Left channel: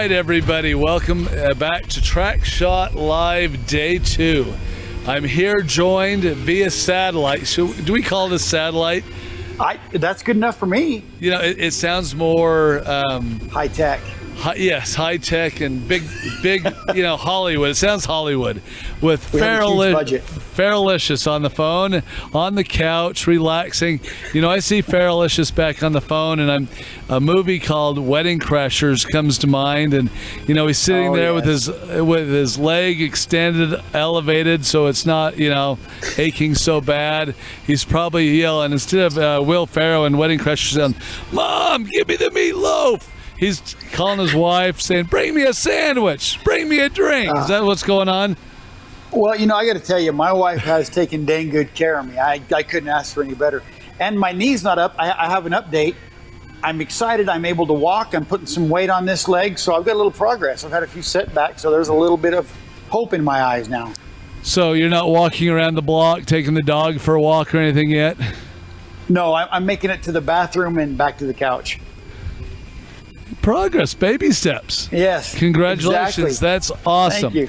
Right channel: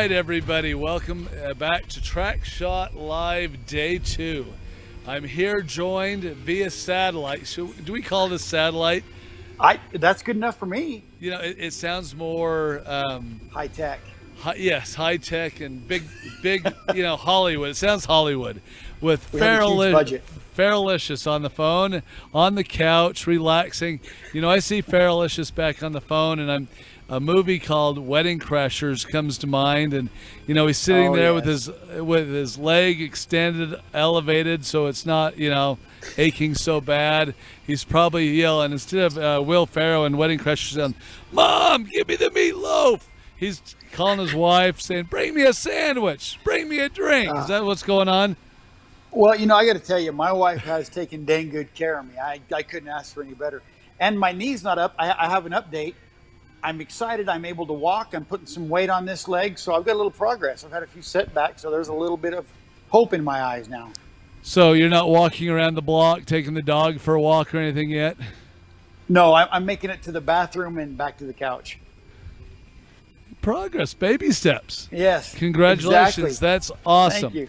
right, everybody. Welcome back to Track Shot Live Day 2. I'm here joined via satellite. Do we call this satellite? That's good enough for me. You know, it sounds more high tech. Yes, high tech and big. You know, Hollywood. It sounds Hollywood. With Ferrylicious on the phone, on the couch, relaxing. You know, I see Ferrylicious back on the phone, and a movie called Wedding Crashers comes to mind, and you know he's sitting there with his leg extended, elevated, so it's not aching so bad. He's probably yelling instead of Will Ferrell and Wedding Crashers, saying, "Mom, give me the meatloaf." He's calling his wife, saying, "Bring me a sandwich, bring me a drink." Is that what's going on? Well, I got to tell you, my wife has taken dang good care of me. I couldn't ask for any better. And my knee's not up. I have an update. I'm excited. I'm able to walk. I'm putting some weight on this leg, so I've got a little progress. I've had a few setbacks, so there's a little bit of hope in my eyes now. So you're not walking around the block, taking the dog for a walk or anything yet? No, I'm making it to the bathroom and back to the couch. Progress, baby steps. Yes. Congratulations. Exactly. That's awesome. Thank you.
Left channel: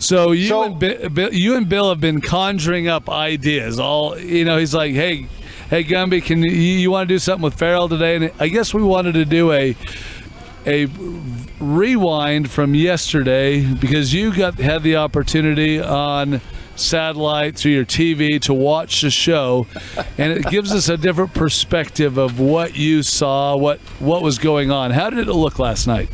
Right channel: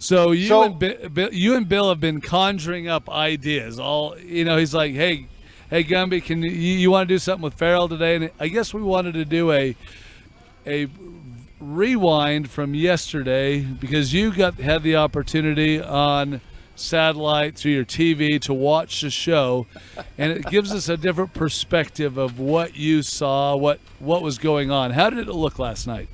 So you and Bill have been conjuring up ideas. He's like, hey, Gumby, can you want to do something with Ferrell today? And I guess we wanted to do a rewind from yesterday because you had the opportunity on satellite through your TV to watch the show, and it gives us a different perspective of what you saw, what was going on. How did it look last night?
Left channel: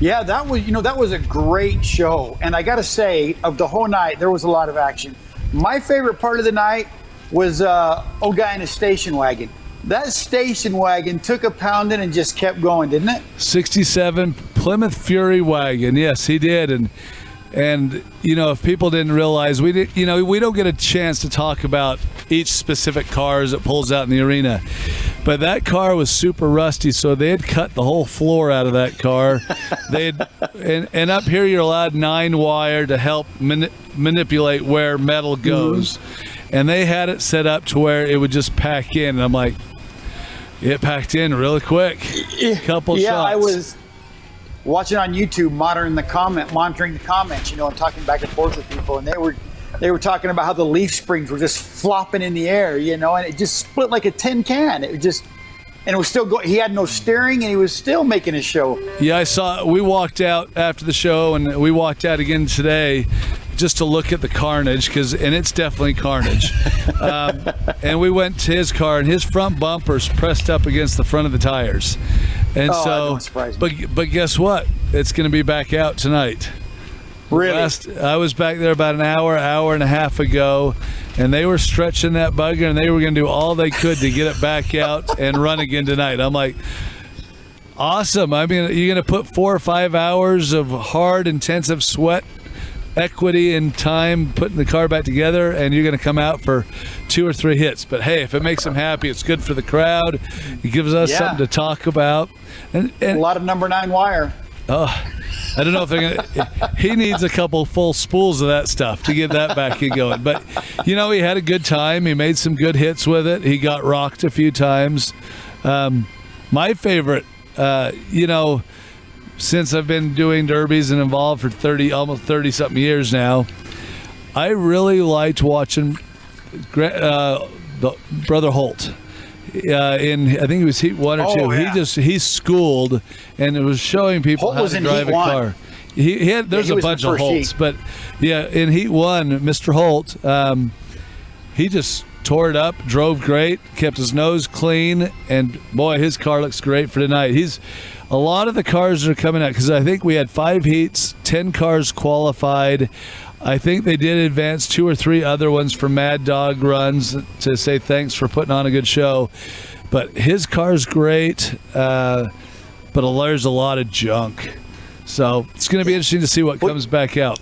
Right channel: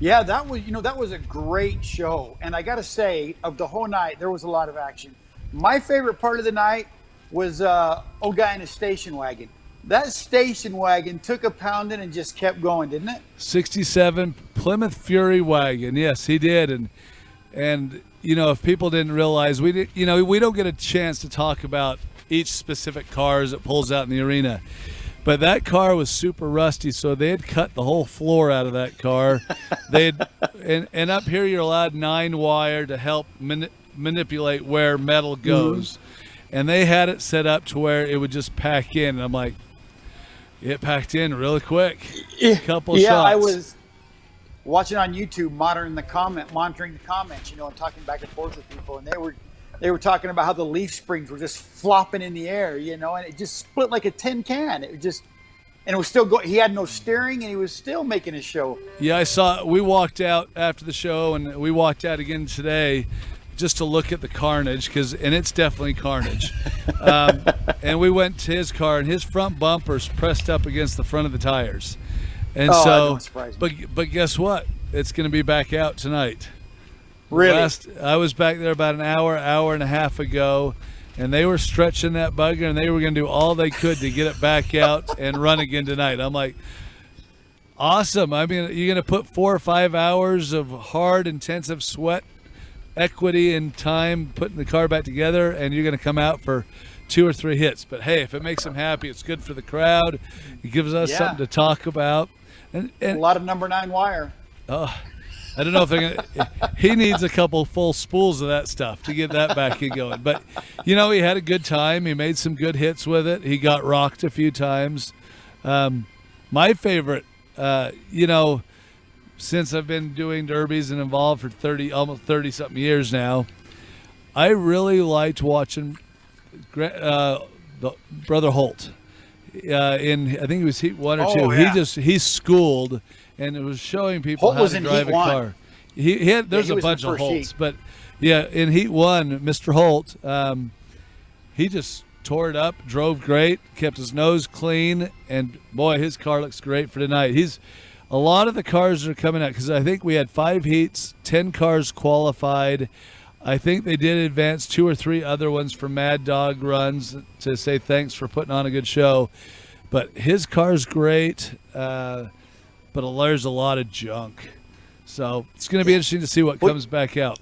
Yeah, that was a great show. And I got to say, of the whole night, there was a lot of action. My favorite part of the night was old guy in a station wagon. That station wagon took a pounding and just kept going, didn't it? 67 Plymouth Fury wagon. Yes, he did. And if people didn't realize, we don't get a chance to talk about each specific car as it pulls out in the arena. But that car was super rusty, so they had cut the whole floor out of that car. And up here you're allowed 9-wire to help manipulate where metal goes. Mm-hmm. And they had it set up to where it would just pack in. And I'm like, it packed in really quick. Couple shots. Yeah, I was watching on YouTube, monitoring the comments, and talking back and forth with people, and they were talking about how the leaf springs were just flopping in the air, and it just split like a tin can. It was still going. He had no steering, and he was still making a show. Yeah, I saw. We walked out after the show, and we walked out again today, just to look at the carnage, and it's definitely carnage. And we went to his car, and his front bumper's pressed up against the front of the tires. And but guess what? It's going to be back out tonight. Really? I was back there about an hour and a half ago, and they were stretching that bugger, and they were going to do all they could to get it back out and run again tonight. I'm like, awesome. I mean, you're going to put 4 or 5 hours of hard, intensive sweat, equity, and time putting the car back together, and you're going to come out for 2 or 3 hits. But hey, if it makes them happy, it's good for the crowd. It gives us something to talk about. And a lot of number 9 wire. Oh, I don't know if they're gonna. He needs a couple full spools of that stuff to get that back and going. But he had a good time. He made some good hits with it. He got rocked a few times. My favorite, since I've been doing derbies and involved for almost 30 something years now, I really liked watching the Brother Holt. I think it was heat 1 or 2. Yeah. He schooled, and it was showing people how to drive a car. There's a bunch of Holts, but in heat 1, Mr. Holt, he just tore it up, drove great, kept his nose clean, and boy, his car looks great for tonight. A lot of the cars that are coming out, because I think we had 5 heats, 10 cars qualified. I think they did advance 2 or 3 other ones for Mad Dog runs to say thanks for putting on a good show. But his car's great, but there's a lot of junk. So it's going to be interesting to see what comes back out.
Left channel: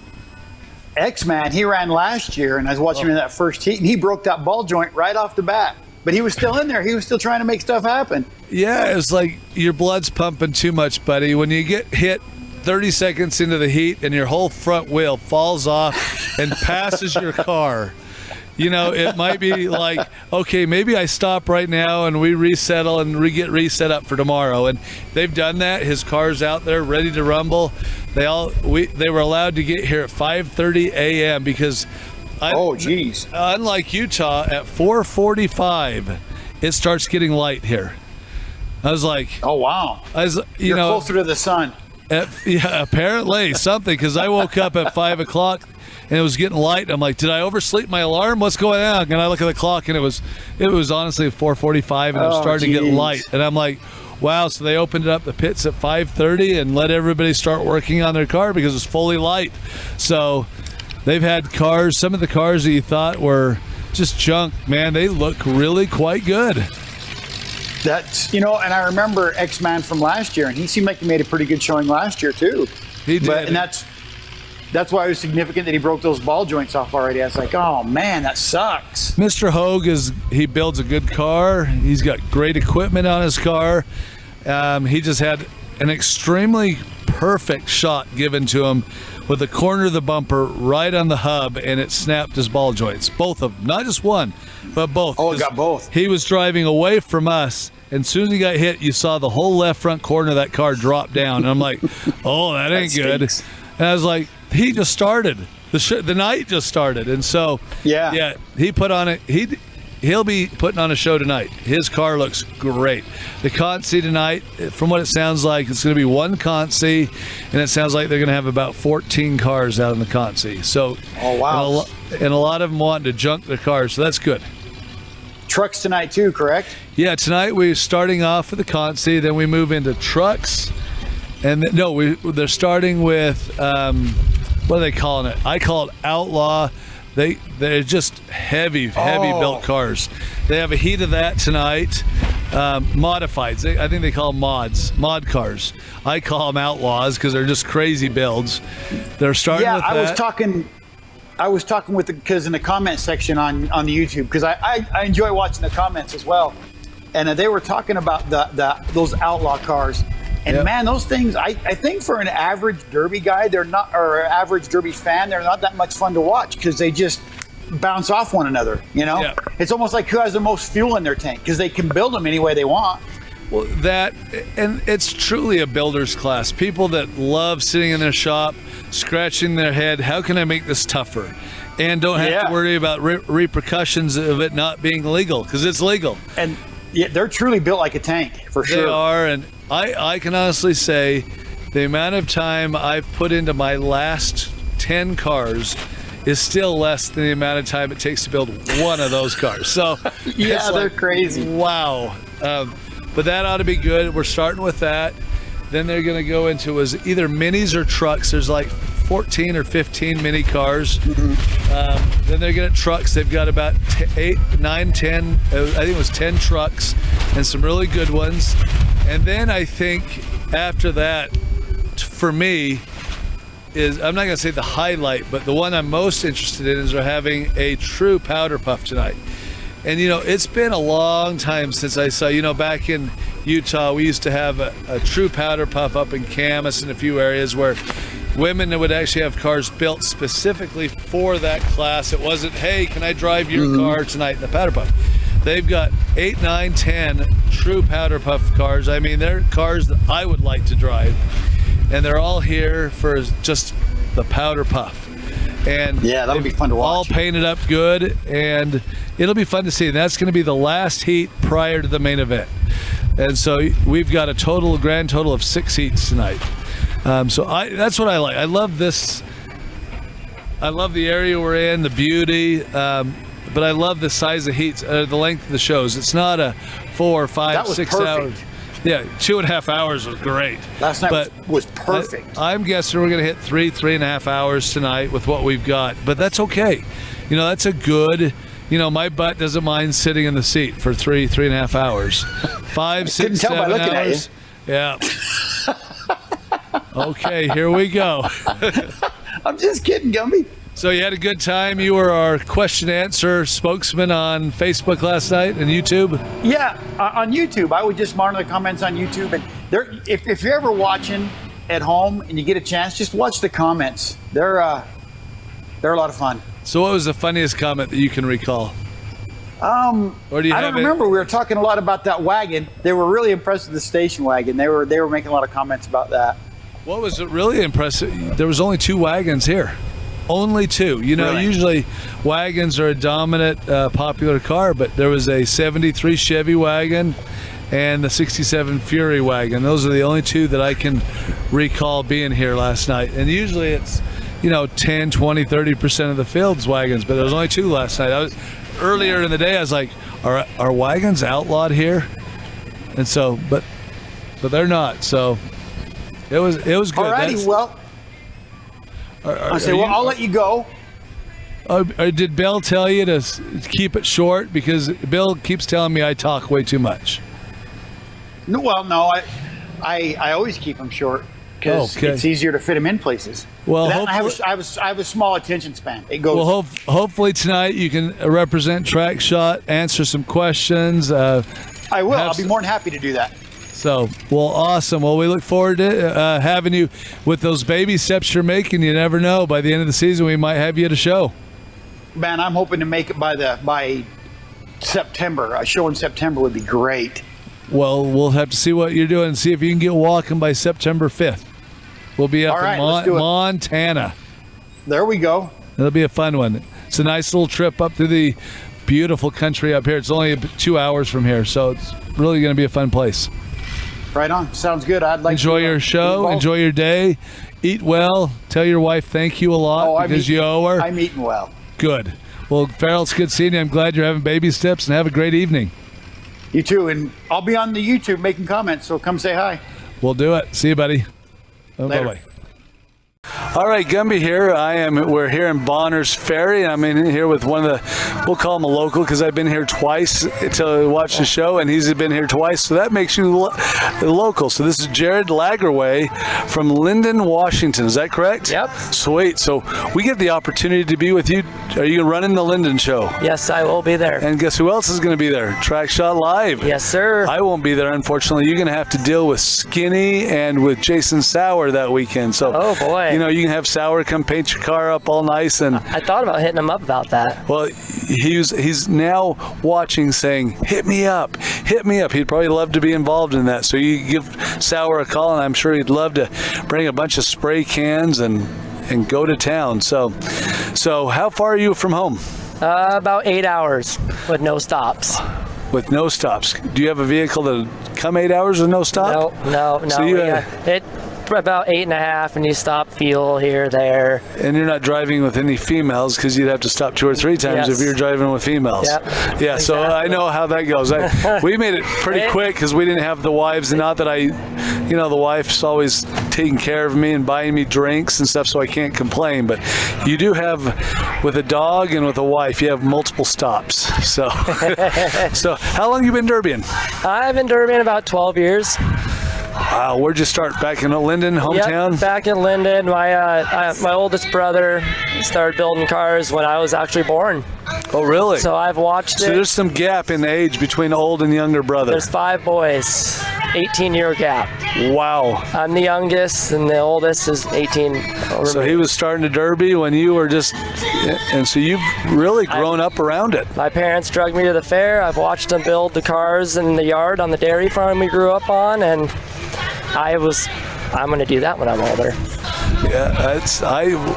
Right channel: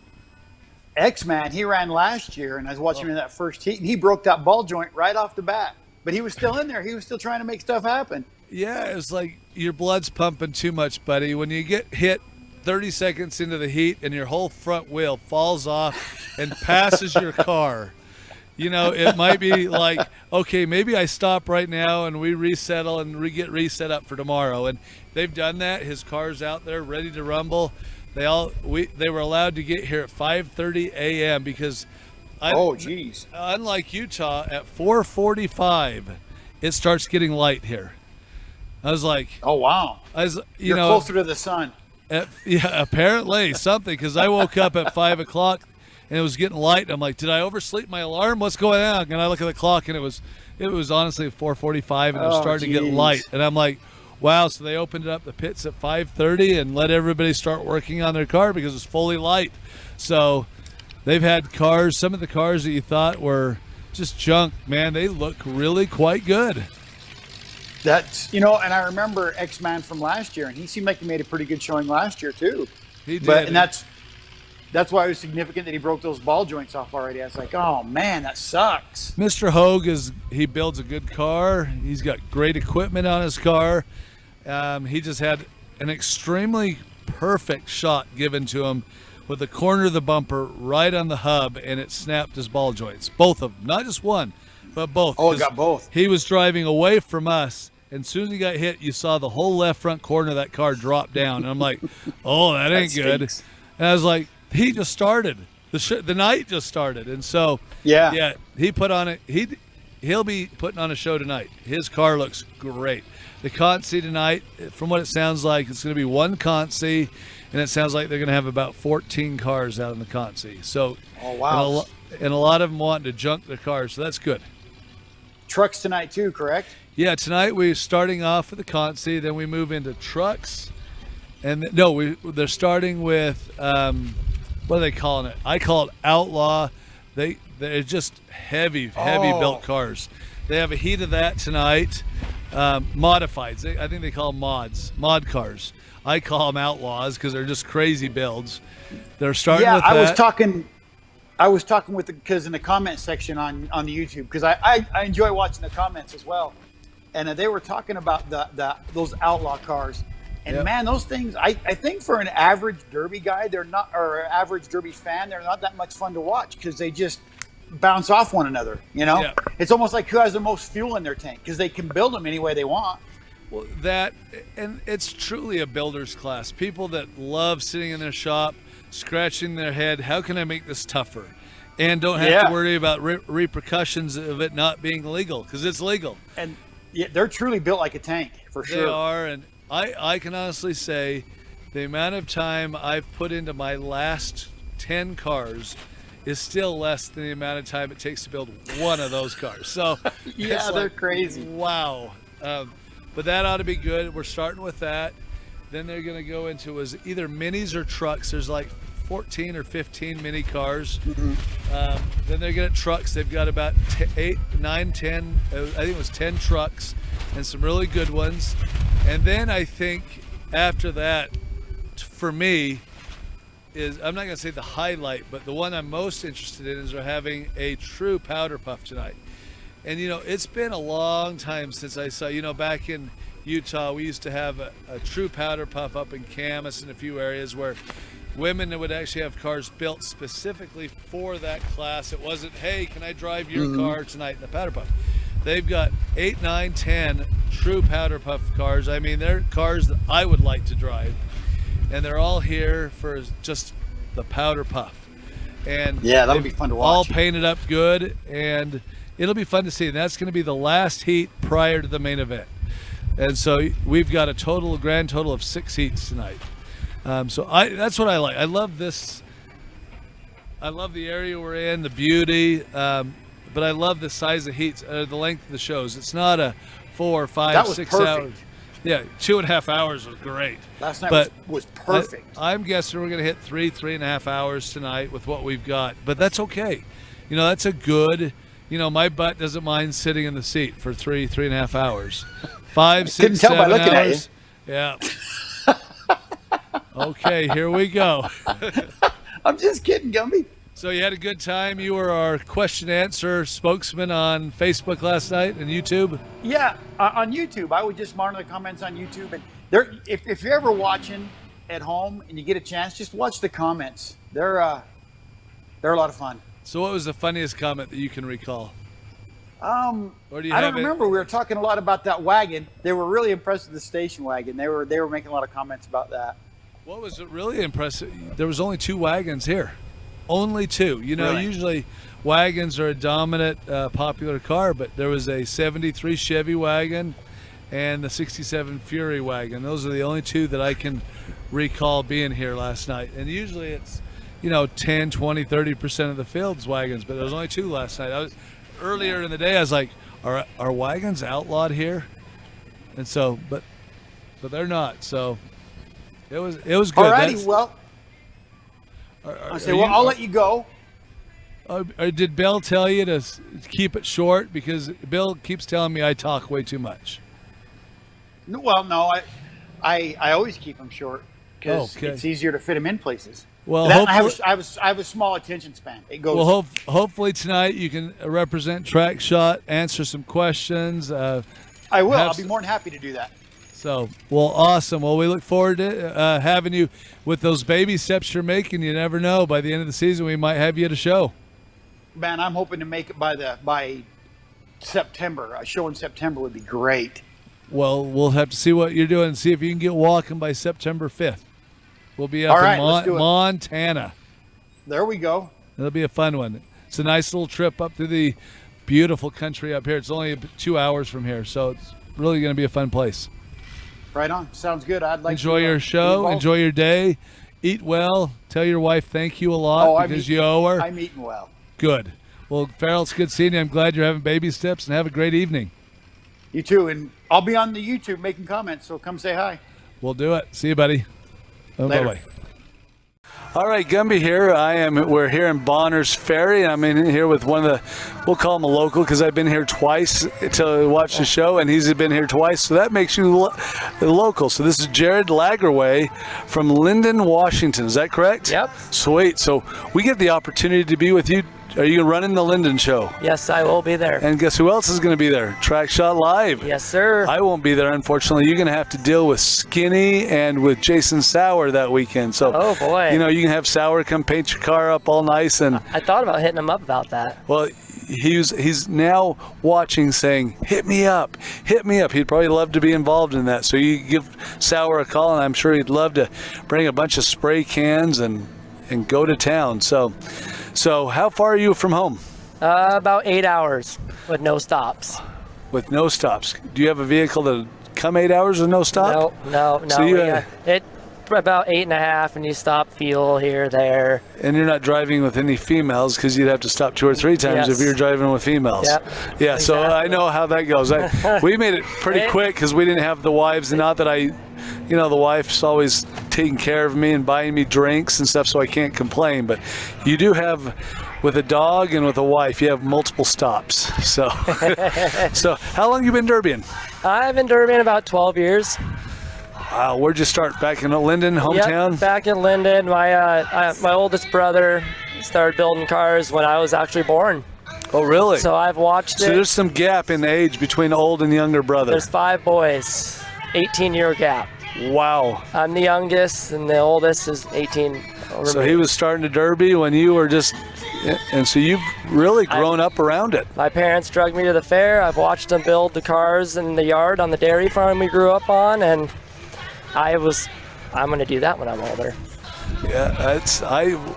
X-Man, he ran last year, and I was watching him in that first heat, and he broke that ball joint right off the bat. But he was still in there. He was still trying to make stuff happen. Yeah, it's like your blood's pumping too much, buddy. When you get hit 30 seconds into the heat and your whole front wheel falls off and passes your car, You know, it might be like, okay, maybe I stop right now and we resettle and get reset up for tomorrow. And they've done that. His car's out there ready to rumble. They were allowed to get here at 5:30 a.m. because unlike Utah, at 4:45 it starts getting light here. I was like, oh wow. You're closer to the sun. Yeah, apparently something, because I woke up at 5 o'clock and it was getting light. I'm like, did I oversleep my alarm? What's going on? And I look at the clock and it was honestly 4:45 and it was starting to get light. And I'm like, wow. So they opened up the pits at 5:30 and let everybody start working on their car because it's fully light. So they've had cars, some of the cars that you thought were just junk, man, they look really quite good. That's, and I remember X-Man from last year, and he seemed like he made a pretty good showing last year too. He did. And that's why it was significant that he broke those ball joints off already. I was like, oh man, that sucks. Mr. Hogue he builds a good car. He's got great equipment on his car. He just had an extremely perfect shot given to him with the corner of the bumper right on the hub, and it snapped his ball joints. Both of them, not just one, but both. Oh, it got both. He was driving away from us, and as soon as he got hit, you saw the whole left front corner of that car drop down. And I'm like, oh, that ain't good. And I was like, he just started. The night just started. And so, yeah, he put on it. He'll be putting on a show tonight. His car looks great. The Consi tonight, from what it sounds like, it's going to be one Consi, and it sounds like they're going to have about 14 cars out in the Consi. So, oh wow, and a lot of them wanting to junk their cars, so that's good. Trucks tonight too, correct? Yeah, tonight we're starting off with the Consi, then we move into trucks, and they're starting with what are they calling it? I call it Outlaw. They're just heavy built cars. They have a heat of that tonight. Modifieds. I think they call them mod cars. I call them Outlaws because they're just crazy builds. They're starting with that. I was talking with because in the comment section on the YouTube, because I enjoy watching the comments as well, and they were talking about those Outlaw cars. And man, those things, I think for an average Derby guy, or an average Derby fan, they're not that much fun to watch because they just bounce off one another, Yeah. It's almost like who has the most fuel in their tank because they can build them any way they want. Well, and it's truly a builder's class. People that love sitting in their shop, scratching their head, how can I make this tougher? And don't have to worry about repercussions of it not being legal, because it's legal. And they're truly built like a tank, for sure. They are, and I can honestly say the amount of time I've put into my last 10 cars is still less than the amount of time it takes to build one of those cars. So yeah, they're crazy. Wow. But that ought to be good. We're starting with that. Then they're going to go into either minis or trucks. There's like 14 or 15 mini cars. Mm-hmm. Then they're going to trucks. They've got about 8, 9, 10, I think it was 10 trucks and some really good ones. And then I think after that, for me, I'm not going to say the highlight, but the one I'm most interested in is they're having a true powder puff tonight. And, it's been a long time since I saw, back in Utah, we used to have a true powder puff up in Camas and a few areas where women would actually have cars built specifically for that class. It wasn't, hey, can I drive your car tonight in the powder puff? They've got 8, 9, 10 true powder puff cars. I mean, they're cars that I would like to drive. And they're all here for just the powder puff. And yeah, that'll be fun to watch. All painted up good, and it'll be fun to see. And that's going to be the last heat prior to the main event. And so we've got a grand total of 6 heats tonight. So that's what I like. I love this. I love the area we're in, the beauty, but I love the size of heats, the length of the shows. It's not a 4, 5, 6 hours. Yeah, 2.5 hours was great. Last night was perfect. I'm guessing we're going to hit 3.5 hours tonight with what we've got, but that's okay. That's a good. My butt doesn't mind sitting in the seat for 3.5 hours. 5, 6, 7 hours. Couldn't tell by looking at you. Yeah. Okay, here we go. I'm just kidding, Gumby. So you had a good time. You were our question answer spokesman on Facebook last night and YouTube. Yeah, on YouTube. I would just monitor the comments on YouTube, and if you're ever watching at home and you get a chance, just watch the comments. They're They're a lot of fun. So what was the funniest comment that you can recall? Or do you I don't remember. We were talking a lot about that wagon. They were really impressed with the station wagon. They were making a lot of comments about that. What was really impressive? There was only 2 wagons here. Only 2. You know, Really? usually wagons are a dominant, popular car, but there was a 73 Chevy wagon and the 67 Fury wagon. Those are the only 2 that I can recall being here last night. And usually it's, 10, 20, 30% of the field's wagons, but there was only 2 last night. Earlier in the day, I was like, are wagons outlawed here? And so, but they're not. So it was good. Alrighty, well, I'll let you go. Did Bill tell you to keep it short? Because Bill keeps telling me I talk way too much. No, I always keep them short because Okay. it's easier to fit them in places. Well, I hopefully- have a small attention span. It goes. Well, hopefully tonight you can represent Track Shot, answer some questions. I will. I'll have be more than happy to do that. So, well, awesome. Well, we look forward to having you with those baby steps you're making. You never know. By the end of the season, we might have you at a show. Man, I'm hoping to make it by September. A show in September would be great. Well, we'll have to see what you're doing and see if you can get walking by September 5th. We'll be up All right, let's in do it. Montana. There we go. It'll be a fun one. It's a nice little trip up through the beautiful country up here. It's only 2 hours from here, so it's really going to be a fun place. Right on. Sounds good. I'd like Enjoy to your get show. involved. Enjoy your day. Eat well. Tell your wife thank you a lot because you owe her. I'm eating well. Good. Well, Farrell, it's good seeing you. I'm glad you're having baby steps, and have a great evening. You too. And I'll be on the YouTube making comments, so come say hi. We'll do it. See you, buddy. Later. Bye-bye. All right, Gumby here. We're here in Bonner's Ferry. I'm in here with one of the, we'll call him a local because I've been here twice to watch the show, and he's been here twice, so that makes you the local. So this is Jared Lagerway from Linden, Washington. Is that correct? Yep. Sweet. So we get the opportunity to be with you. Are you running the Linden show? Yes, I will be there. And guess who else is going to be there? Track Shot Live. Yes, sir. I won't be there, unfortunately. You're going to have to deal with Skinny and with Jason Sauer that weekend. So, Oh, boy. you can have Sauer come paint your car up all nice. And, I thought about hitting him up about that. well, he's now watching saying, hit me up, hit me up. He'd probably love to be involved in that. So you give Sauer a call, and I'm sure he'd love to bring a bunch of spray cans and go to town. So how far are you from home? About 8 hours with no stops. With no stops. Do you have a vehicle to come 8 hours with no stop? No. So you, It about 8.5, and you stop fuel here, there. And you're not driving with any females because you'd have to stop 2 or 3 times Yes. if you're driving with females. Yep. Yeah, so I Exactly. know how that goes. We made it pretty quick because we didn't have the wives. And not that the wife's always taking care of me and buying me drinks and stuff, so I can't complain. But you do have, with a dog and with a wife, you have multiple stops. So, so how long you been derbying? I've been derbying about 12 years. Where'd you start? Back in Linden, hometown? Yep, back in Linden. My oldest brother started building cars when I was actually born. Oh, really? So I've watched So it. there's some gap in age between old and younger brother. There's 5 boys, 18-year gap. Wow. I'm the youngest, and the oldest is 18. So he was starting to derby when you were just, and so you've really grown up around it. My parents drug me to the fair. I've watched them build the cars in the yard on the dairy farm we grew up on, and I'm going to do that when I'm older. Yeah,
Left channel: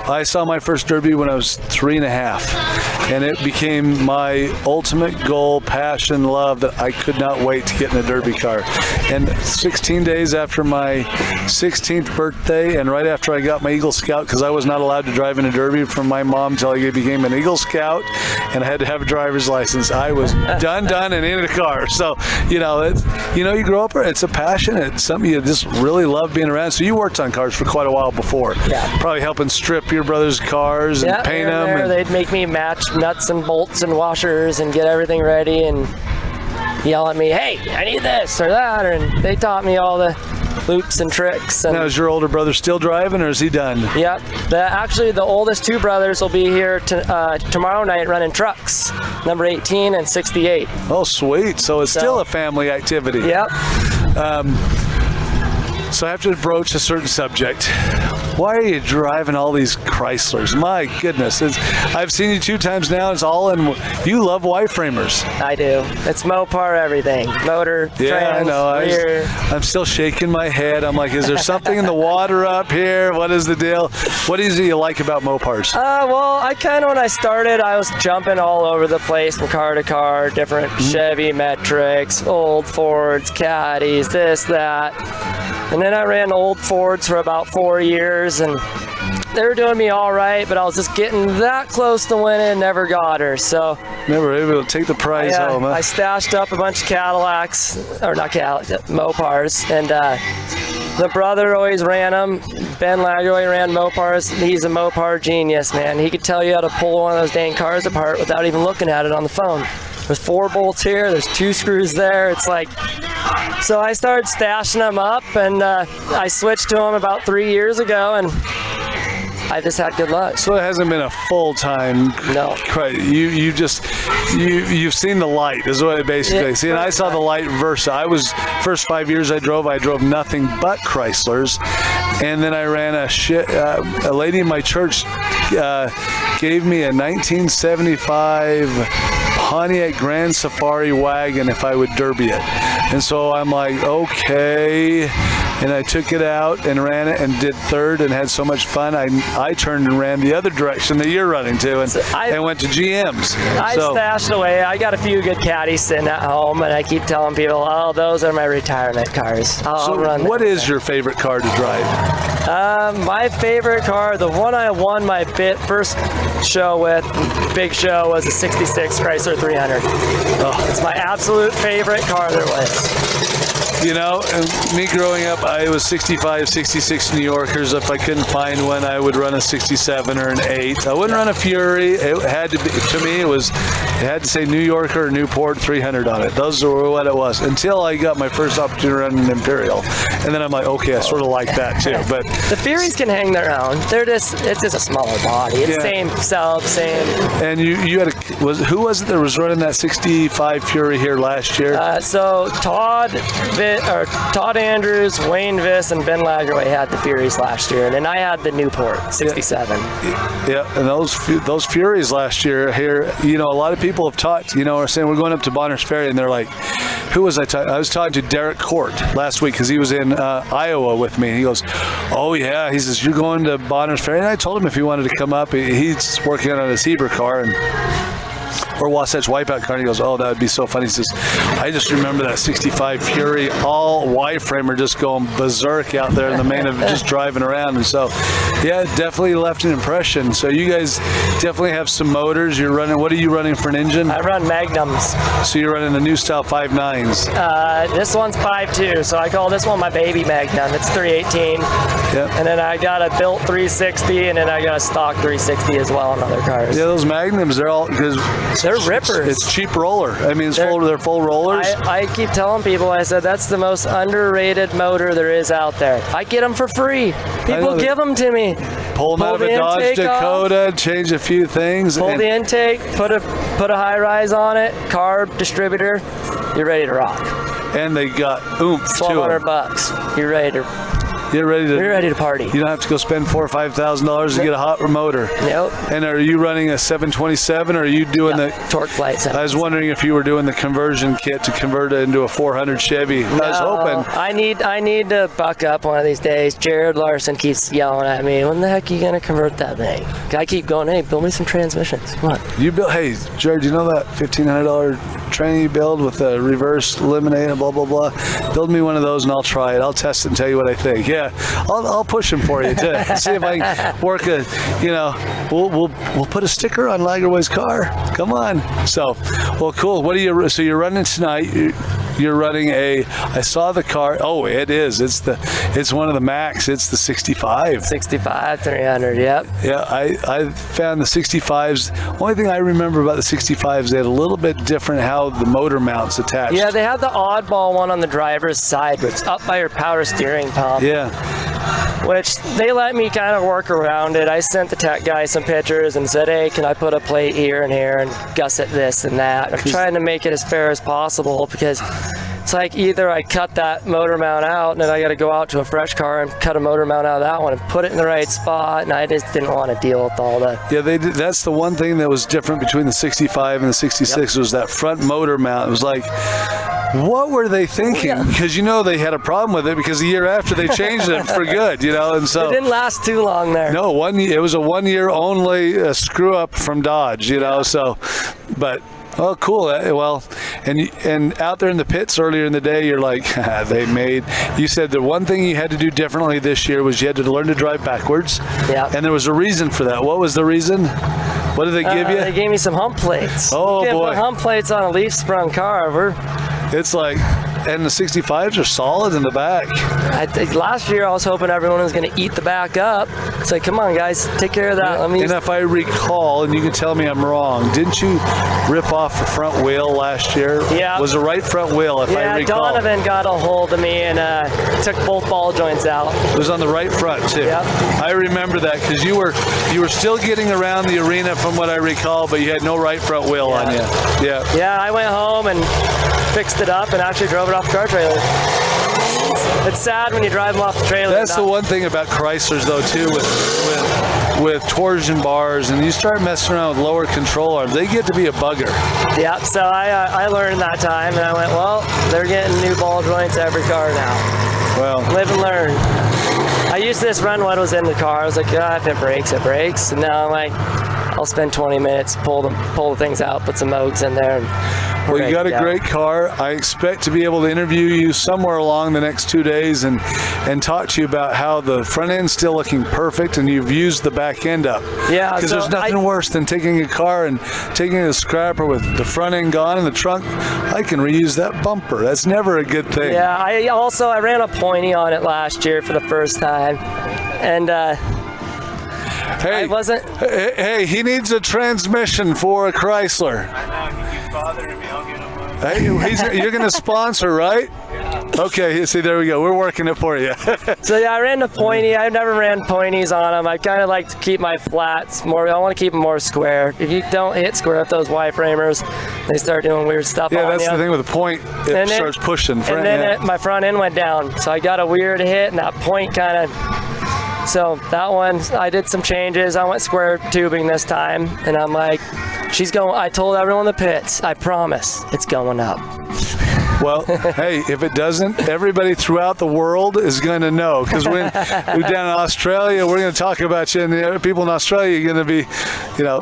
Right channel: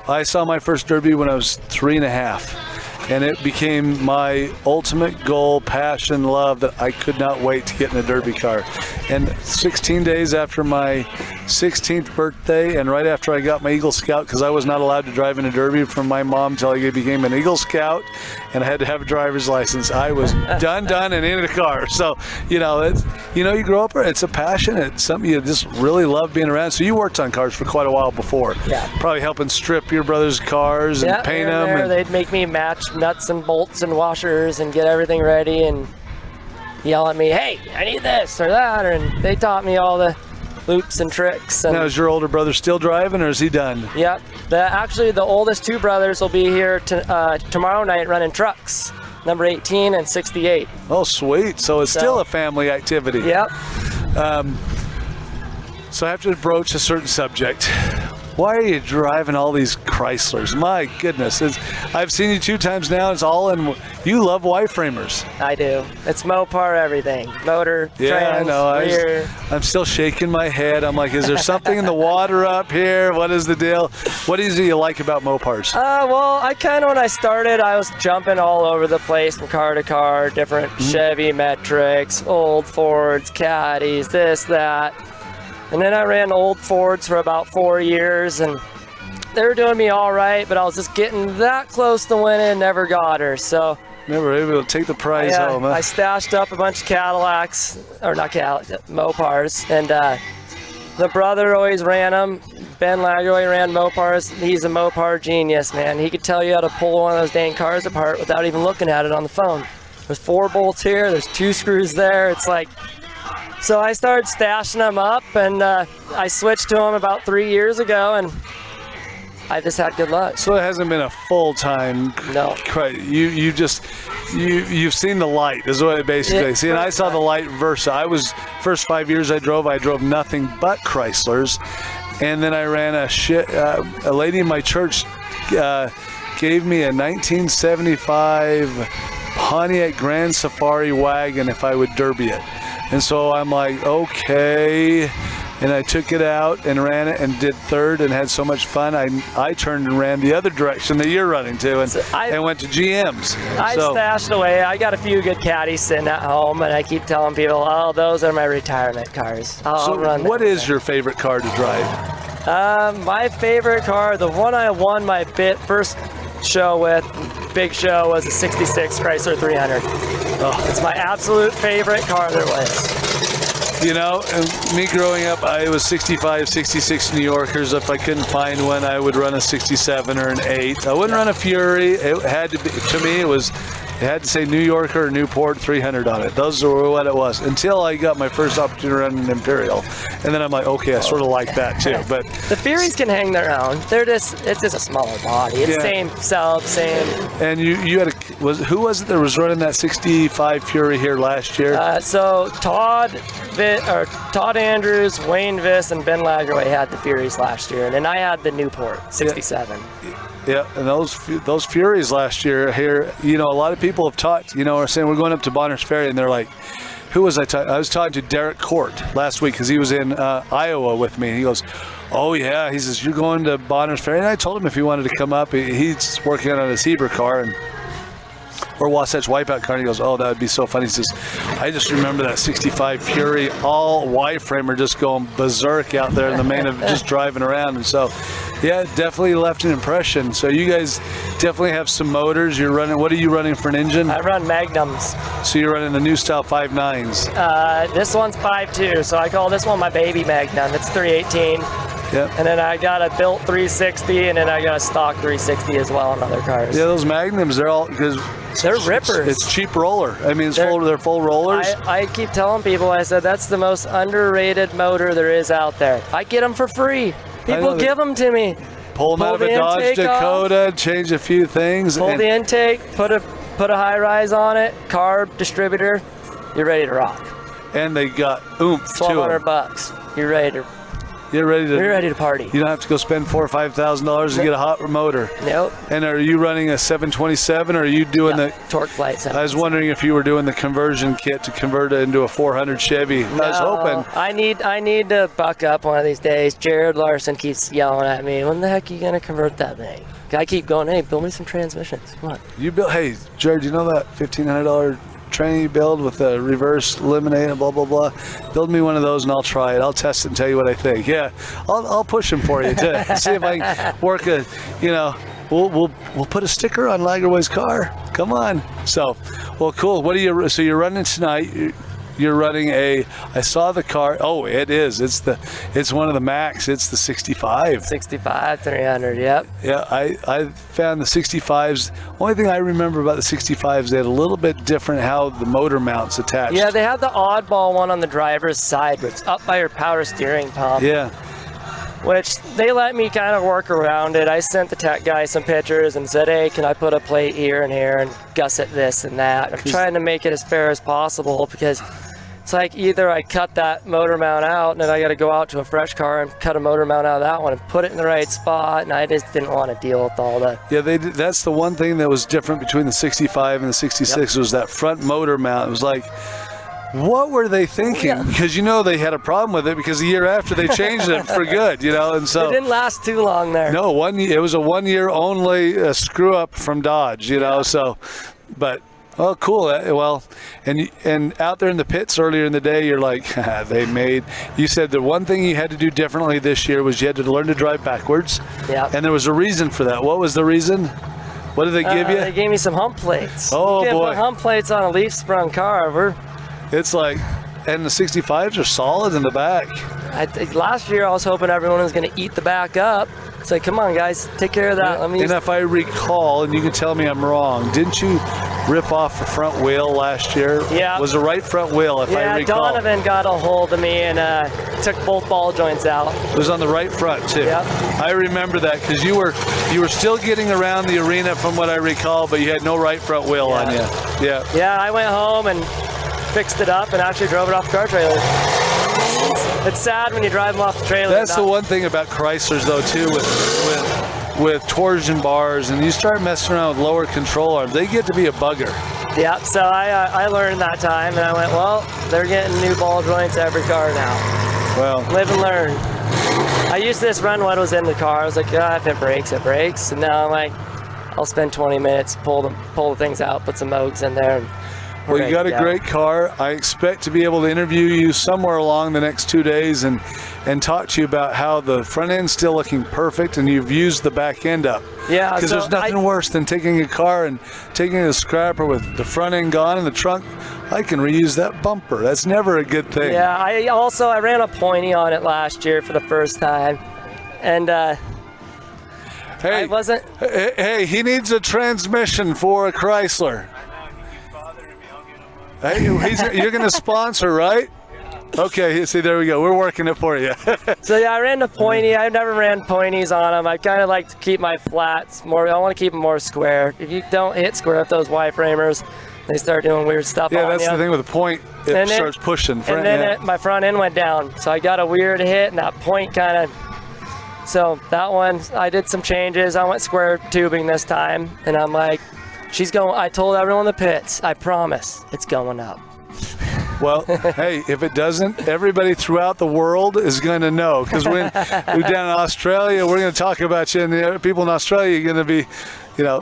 I saw my first derby when I was 3.5, and it became my ultimate goal, passion, love that I could not wait to get in a derby car. And 16 days after my 16th birthday, and right after I got my Eagle Scout, because I was not allowed to drive in a derby from my mom until I became an Eagle Scout, and I had to have a driver's license. I was done, and in a car. So, you you grow up, it's a passion. It's something you just really love being around. So you worked on cars for quite a while before. Yeah. Probably helping strip your brother's cars and paint here and them. there, they'd make me match nuts and bolts and washers and get everything ready and yell at me, hey, I need this or that. And they taught me all the loops and tricks. And Now, is your older brother still driving, or is he done? Yep. Actually, the oldest 2 brothers will be here tomorrow night running trucks, number 18 and 68. Oh, sweet. So it's still a family activity. Yep. So I have to broach a certain subject. why are you driving all these Chryslers? My goodness. I've seen you 2 times now. It's all in. You love Y-framers. I do. It's Mopar everything. Motor, trans, I know. rear. I'm still shaking my head. I'm like, is there something in the water up here? What is the deal? What is it you like about Mopars? Well, I kind of, when I started, I was jumping all over the place from car to car, different Chevy Metrics, old Fords, Caddies, this, that. And then I ran old Fords for about 4 years, and they were doing me all right, but I was just getting that close to winning, never got her. So never able to take the prize home. Huh? I stashed up a bunch of Cadillacs, or not Cadillacs, Mopars, and the brother always ran them. Ben Lagoy ran Mopars. He's a Mopar genius, man. He could tell you how to pull one of those dang cars apart without even looking at it on the phone. There's 4 bolts here, there's 2 screws there. It's like, so I started stashing them up, and I switched to them about 3 years ago, and I just had good luck. So it hasn't been a full-time. No. You've seen the light is what it basically. See, and I saw the light Versa. First 5 years I drove nothing but Chryslers, and then I ran a lady in my church gave me a 1975 Pontiac Grand Safari wagon if I would derby it. And so I'm like, okay. And I took it out and ran it and did third and had so much fun. I turned and ran the other direction that you're running to and went to GM's. I stashed away. I got a few good caddies sitting at home, and I keep telling people, oh, those are my retirement cars. What is your favorite car to drive? My favorite car, the one I won my first show with, big show, was a 66 Chrysler 300. Oh, it's my absolute favorite car there was. You know, me growing up, I was 65, 66 New Yorkers. If I couldn't find one, I would run a 67 or an 8. I wouldn't run a Fury. It had to be, to me, it had to say New Yorker or Newport 300 on it. Those were what it was until I got my first opportunity to run an Imperial. And then I'm like, okay, I sort of like that too. But the Furies can hang their own. It's just a smaller body. It's same sub, same. And you had who was it that was running that 65 Fury here last year? So Todd Andrews, Wayne Viss, and Ben Lagoy had the Furies last year, and then I had the Newport 67. Yeah, and those Furies last year here, you know, a lot of people have talked, you know, are saying we're going up to Bonners Ferry, and they're like, who was I talking? I was talking to Derek Court last week because he was in Iowa with me. He goes, oh yeah, he says, you're going to Bonners Ferry? And I told him if he wanted to come up, he's working on his Heber car, or Wasatch Wipeout car, and he goes, oh, that would be so funny. He says, I just remember that 65 Fury, all Y-framer just going berserk out there in the main of just driving around. And so, yeah, it definitely left an impression. So you guys definitely have some motors. You're running, what are you running for an engine? I run Magnums. So you're running the new style 5.9s. This one's 5.2, so I call this one my baby Magnum. It's 318. Yep. And then I got a built 360, and then I got a stock 360 as well on other cars. Yeah, those Magnums, they're all, because they're rippers. It's cheap roller. I mean, they're full rollers. I keep telling people, I said, that's the most underrated motor there is out there. I get them for free. People give them to me. Pull them out of a Dodge Dakota, change a few things. Pull the intake, put a high rise on it, carb, distributor, you're ready to rock. And they got oomph to them. $1,200. You're ready to party. You don't have to go spend $4,000 or $5,000 to get a hot motor. Nope. And are you running a 727, or are you doing the torque flight? I was wondering if you were doing the conversion kit to convert it into a 400 Chevy. I was hoping. I need to buck up one of these days. Jared Larson keeps yelling at me, when the heck are you gonna convert that thing? I keep going, hey, build me some transmissions. Come on. Hey, Jared, you know that $1,500 train you build with a reverse lemonade and blah blah blah? Build me one of those and I'll try it. I'll test it and tell you what I think. Yeah, I'll push them for you to see if I can work a. You know, we'll put a sticker on Lagerway's car. Come on. So, well, cool. What are you? So you're running tonight. You're running I saw the car. Oh, it is. It's one of the Max. It's the 65. 65 300. Yep. Yeah, I found the 65s. Only thing I remember about the 65s, they had a little bit different how the motor mounts attached. Yeah, they had the oddball one on the driver's side, where it's up by your power steering pump. Yeah. Which they let me kind of work around it. I sent the tech guy some pictures and said, hey, can I put a plate here and here and gusset this and that? I'm trying to make it as fair as possible because it's like either I cut that motor mount out and then I got to go out to a fresh car and cut a motor mount out of that one and put it in the right spot, and I just didn't want to deal with all that. Yeah, that's the one thing that was different between the 65 and the 66 was that front motor mount. It was like, what were they thinking? Because they had a problem with it because the year after they changed it for good, and so it didn't last too long there. No, it was a 1 year only screw up from Dodge, so, but. Oh, cool. Well, and out there in the pits earlier in the day, you're like, you said the one thing you had to do differently this year was you had to learn to drive backwards. Yeah. And there was a reason for that. What was the reason? What did they give you? They gave me some hump plates. Oh, you boy. Put hump plates on a leaf sprung car. It's like, and the 65s are solid in the back. I think last year I was hoping everyone was going to eat the back up. It's like, come on, guys, take care of that. And if I recall, and you can tell me I'm wrong, didn't you rip off the front wheel last year? Yeah. Was the right front wheel, if I recall? Yeah, Donovan got a hold of me and took both ball joints out. It was on the right front, too. Yep. I remember that because you were still getting around the arena from what I recall, but you had no right front wheel on you. Yeah. Yeah, I went home and fixed it up and actually drove it off the car trailer. It's sad when you drive them off the trailer. That's the one thing about Chryslers, though, too, with torsion bars, and you start messing around with lower control arms, they get to be a bugger. Yeah, so I learned that time, and I went, well, they're getting new ball joints every car now. Well, live and learn. I used to just run what was in the car. I was like, if it breaks, it breaks. And now I'm like, I'll spend 20 minutes, pull the things out, put some Mogs in there. Well, you got a great car. I expect to be able to interview you somewhere along the next 2 days and talk to you about how the front end's still looking perfect and you've used the back end up. Yeah. Because there's nothing worse than taking a car and taking a scrapper with the front end gone in the trunk. I can reuse that bumper. That's never a good thing. Yeah. I ran a pointy on it last year for the first time. And Hey, I wasn't. Hey, he needs a transmission for a Chrysler. I know, he keeps bothering me. I'll get him one. Hey, you're going to sponsor, right? Okay, see, there we go. We're working it for you. So yeah, I ran the pointy. I've never ran pointies on them. I kind of like to keep my flats more. I want to keep them more square. If you don't hit square with those Y-framers, they start doing weird stuff. Yeah, on that's you. the thing with the point. It starts pushing. And then my front end went down, so I got a weird hit, and that point kind of. So that one, I did some changes. I went square tubing this time, and I'm like, she's going. I told everyone in the pits, I promise, it's going up. Well, hey, if it doesn't, everybody throughout the world is going to know. Because we're down in Australia, we're going to talk about you, and the other people in Australia are going to be,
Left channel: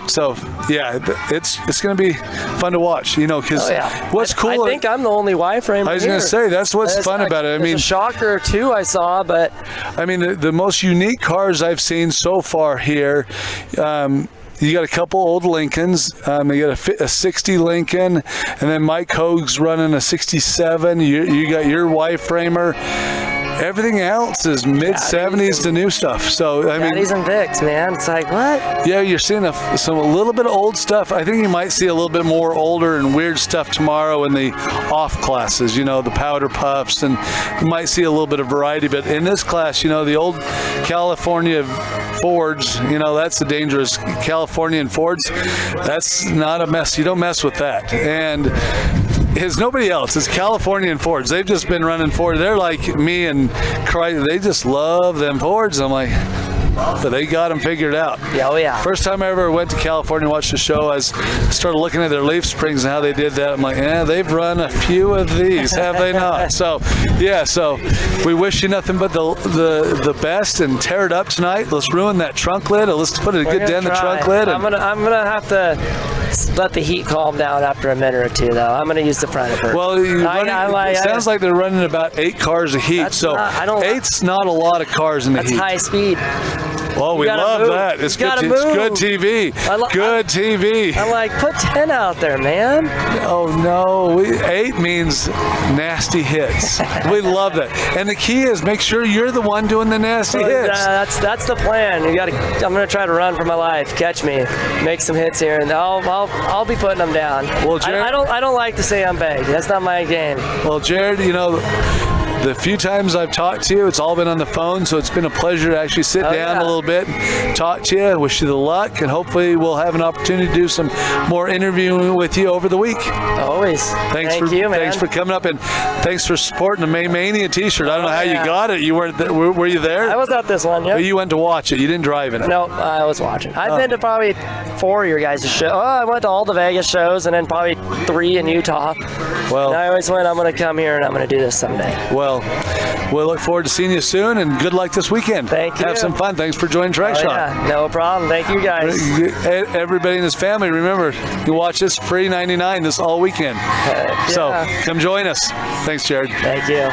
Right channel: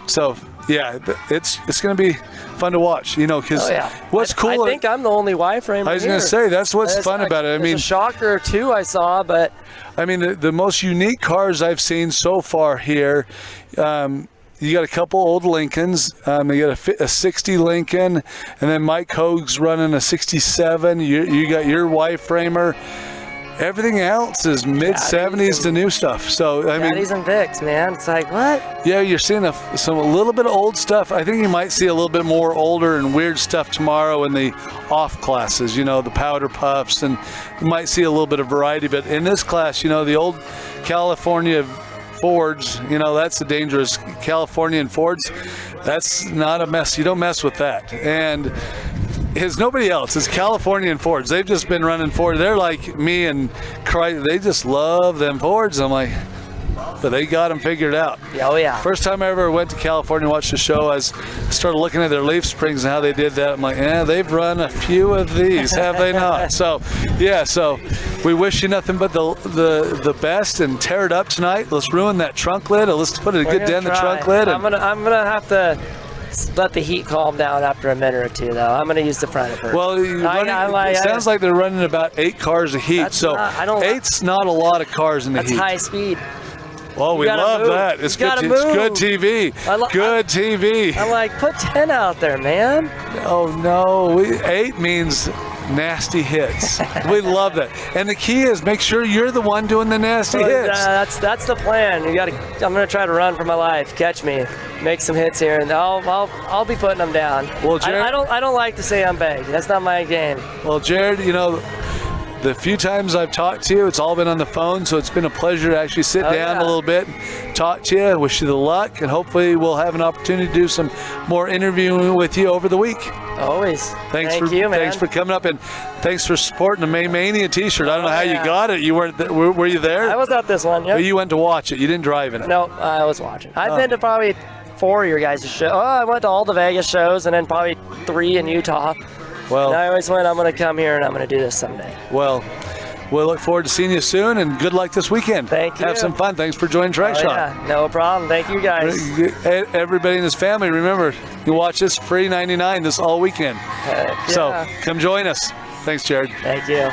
so yeah, it's going to be fun to watch, because what's cool. I think I'm the only Y-frame. I was going to say, that's what's fun about it. I mean, a shocker or two I saw, but. I mean, the most unique cars I've seen so far here, you got a couple old Lincolns. You got a 60 Lincoln, and then Mike Hoag's running a 67. You got your Y-framer. Everything else is mid-70s to new stuff. So I mean, Daddies and Vicks, man. It's like, what? Yeah, you're seeing a little bit of old stuff. I think you might see a little bit more older and weird stuff tomorrow in the off classes. The powder puffs, and you might see a little bit of variety. But in this class, the old California Fords, that's the dangerous Californian Fords. That's not a mess. You don't mess with that. And it's nobody else. It's Californian Fords. They've just been running Ford. They're like me and Chrysler. They just love them Fords. I'm like, but they got them figured out. Yeah, oh yeah. First time I ever went to California and watched the show, I started looking at their leaf springs and how they did that. I'm like, they've run a few of these, have they not? So, yeah, so we wish you nothing but the best, and tear it up tonight. Let's ruin that trunk lid. Let's put a good dent in the trunk lid. I'm gonna have to let the heat calm down after a minute or two, though. I'm gonna use the front of it. Well, it sounds like they're running about 8 cars of heat. Eight's not a lot of cars in the heat. That's high speed. Well, we love that. It's good TV. Good TV. I'm like, put 10 out there, man. Oh, no. 8 means nasty hits. We love that. And the key is make sure you're the one doing the nasty hits. That's the plan. I'm going to try to run for my life. Catch me. Make some hits here, and I'll be putting them down. Well, Jared, I don't like to say I'm big. That's not my game. Well, Jared, the few times I've talked to you, it's all been on the phone, so it's been a pleasure to actually sit down a little bit and talk to you. Wish you the luck, and hopefully we'll have an opportunity to do some more interviewing with you over the week. Always. Thank you, man. Thanks for coming up, and thanks for supporting the May Mania t-shirt. I don't know how you got it. You weren't there. Were you there? I was at this one, yeah. But you went to watch it. You didn't drive in it. No, I was watching. I've been to probably 4 of your guys' shows. I went to all the Vegas shows and then probably 3 in Utah. Well, and I always went, I'm going to come here and I'm going to do this someday. Well, we'll look forward to seeing you soon, and good luck this weekend. Thank you. Have some fun. Thanks for joining Track Shot. Yeah, no problem. Thank you, guys. Everybody in this family, remember, you can watch this free 99 this all weekend. So come join us. Thanks, Jared. Thank you.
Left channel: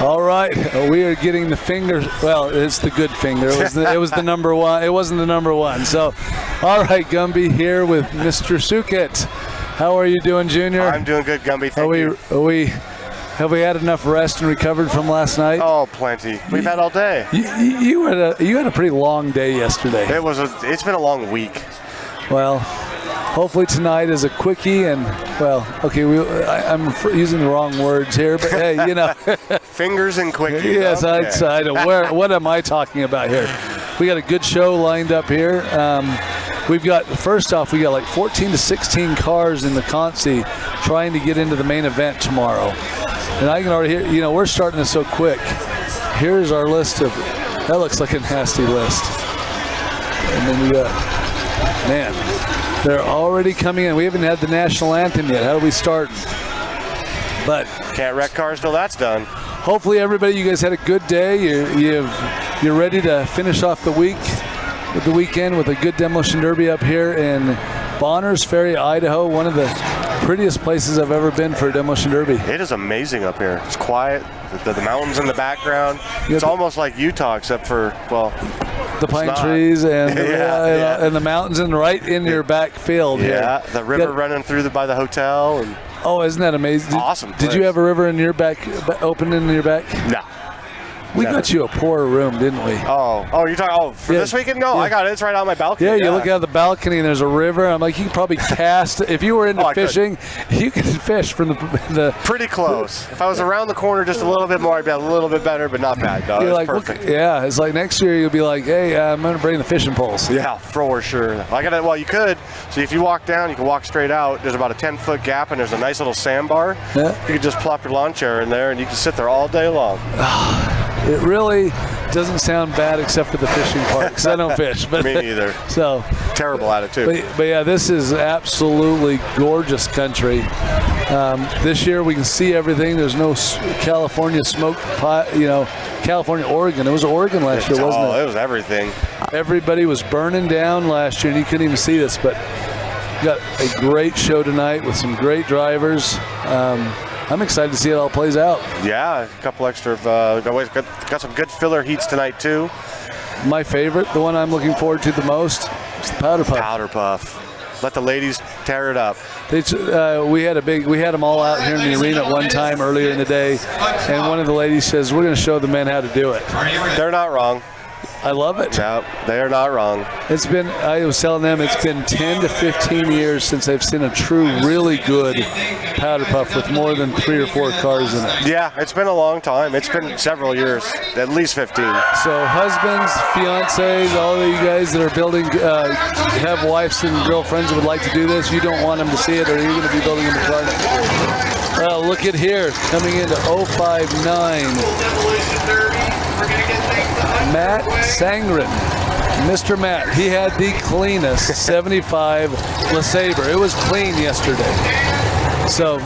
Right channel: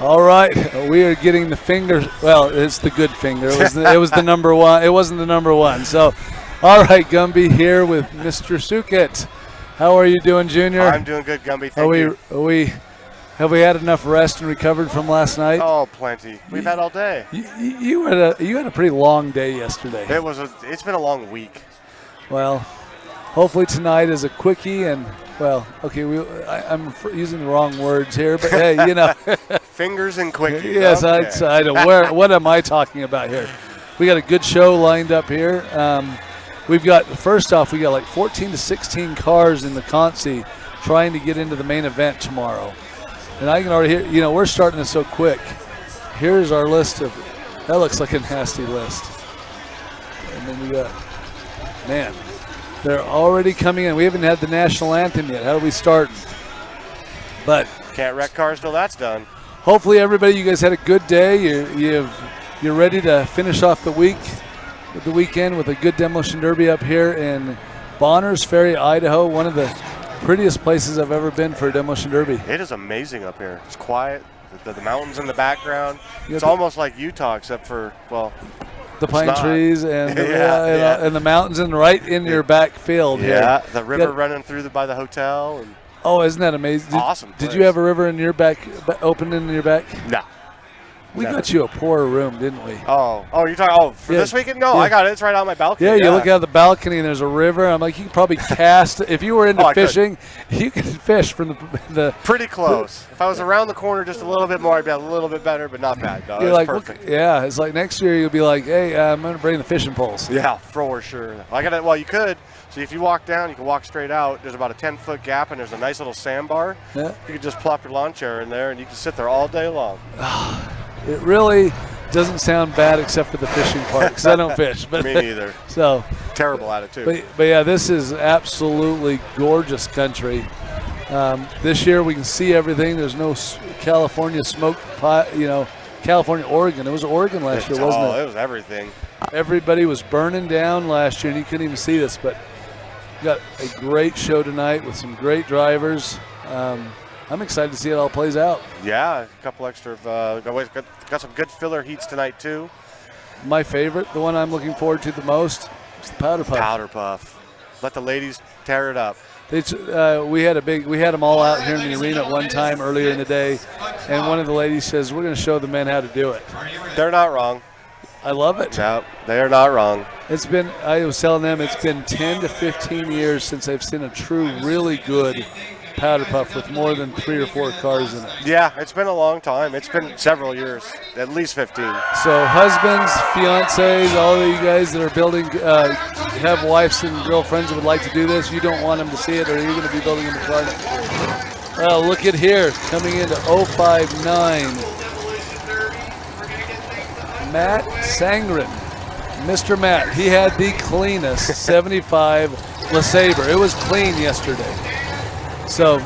All right, we are getting the finger. Well, it's the good finger. It was the number one. It wasn't the number one. So, all right, Gumby here with Mr. Sukit. How are you doing, Junior? I'm doing good, Gumby. Thank you. Have we had enough rest and recovered from last night? Oh, plenty. We've had all day. You had a pretty long day yesterday. It's been a long week. Well, hopefully tonight is a quickie, and I'm using the wrong words here, but hey, you know. Fingers and quickies. Yes, okay. I know. What am I talking about here? We got a good show lined up here. First off, we got like 14 to 16 cars in the Consi trying to get into the main event tomorrow. And I can already hear, we're starting this so quick. Here's our list that looks like a nasty list. And then we got, man, they're already coming in. We haven't had the national anthem yet. How do we start? But can't wreck cars till that's done. Hopefully everybody, you guys had a good day. You're ready to finish off the weekend with a good demolition derby up here in Bonners Ferry, Idaho, one of the prettiest places I've ever been for a demolition derby. It is amazing up here. It's quiet. The mountains in the background. It's almost like Utah, except for, well, the pine trees and and the mountains and right in your back field. Yeah, the river running through by the hotel. And oh, isn't that amazing? Awesome. Did you have a river in your back, open in your back? No. We got you a poorer room, didn't we? Oh, you're talking, for this weekend? No, I got it. It's right out my balcony. Yeah, you look out the balcony and there's a river. I'm like, you could probably cast. If you were into fishing, you could fish from the. Pretty close. If I was around the corner just a little bit more, I'd be a little bit better, but not bad. No, it's perfect. Yeah, it's like next year you'll be like, hey, I'm going to bring the fishing poles. Yeah, for sure. Well, you could. So if you walk down, you can walk straight out. There's about a 10-foot gap, and there's a nice little sandbar. Yeah. You can just plop your lawn chair in there, and you can sit there all day long. It really doesn't sound bad except for the fishing part, because I don't fish. But me neither. So terrible at it too. But yeah, this is absolutely gorgeous country. This year we can see everything. There's no California smoke pot, California, Oregon. It was Oregon last year, wasn't it? It was everything. Everybody was burning down last year, and you couldn't even see this. But we got a great show tonight with some great drivers. I'm excited to see it all plays out. Yeah, a couple extra. Got some good filler heats tonight too. My favorite, the one I'm looking forward to the most, is the Powder Puff. Powder Puff. Let the ladies tear it up. We had them all out here in the arena at one time earlier in the day, and one of the ladies says, "We're going to show the men how to do it." They're not wrong. I love it. No, they are not wrong. I was telling them it's been 10 to 15 years since I've seen a true, really good Powder Puff with more than 3 or 4 cars in it. Yeah, it's been a long time. It's been several years, at least 15. So husbands, fiancés, all of you guys that are building, have wives and girlfriends that would like to do this, you don't want them to see it, or you're going to be building them a car next year. Well, look at here, coming into 059. Matt Sangren, Mr. Matt, he had the cleanest 75 LeSabre. It was clean yesterday. So,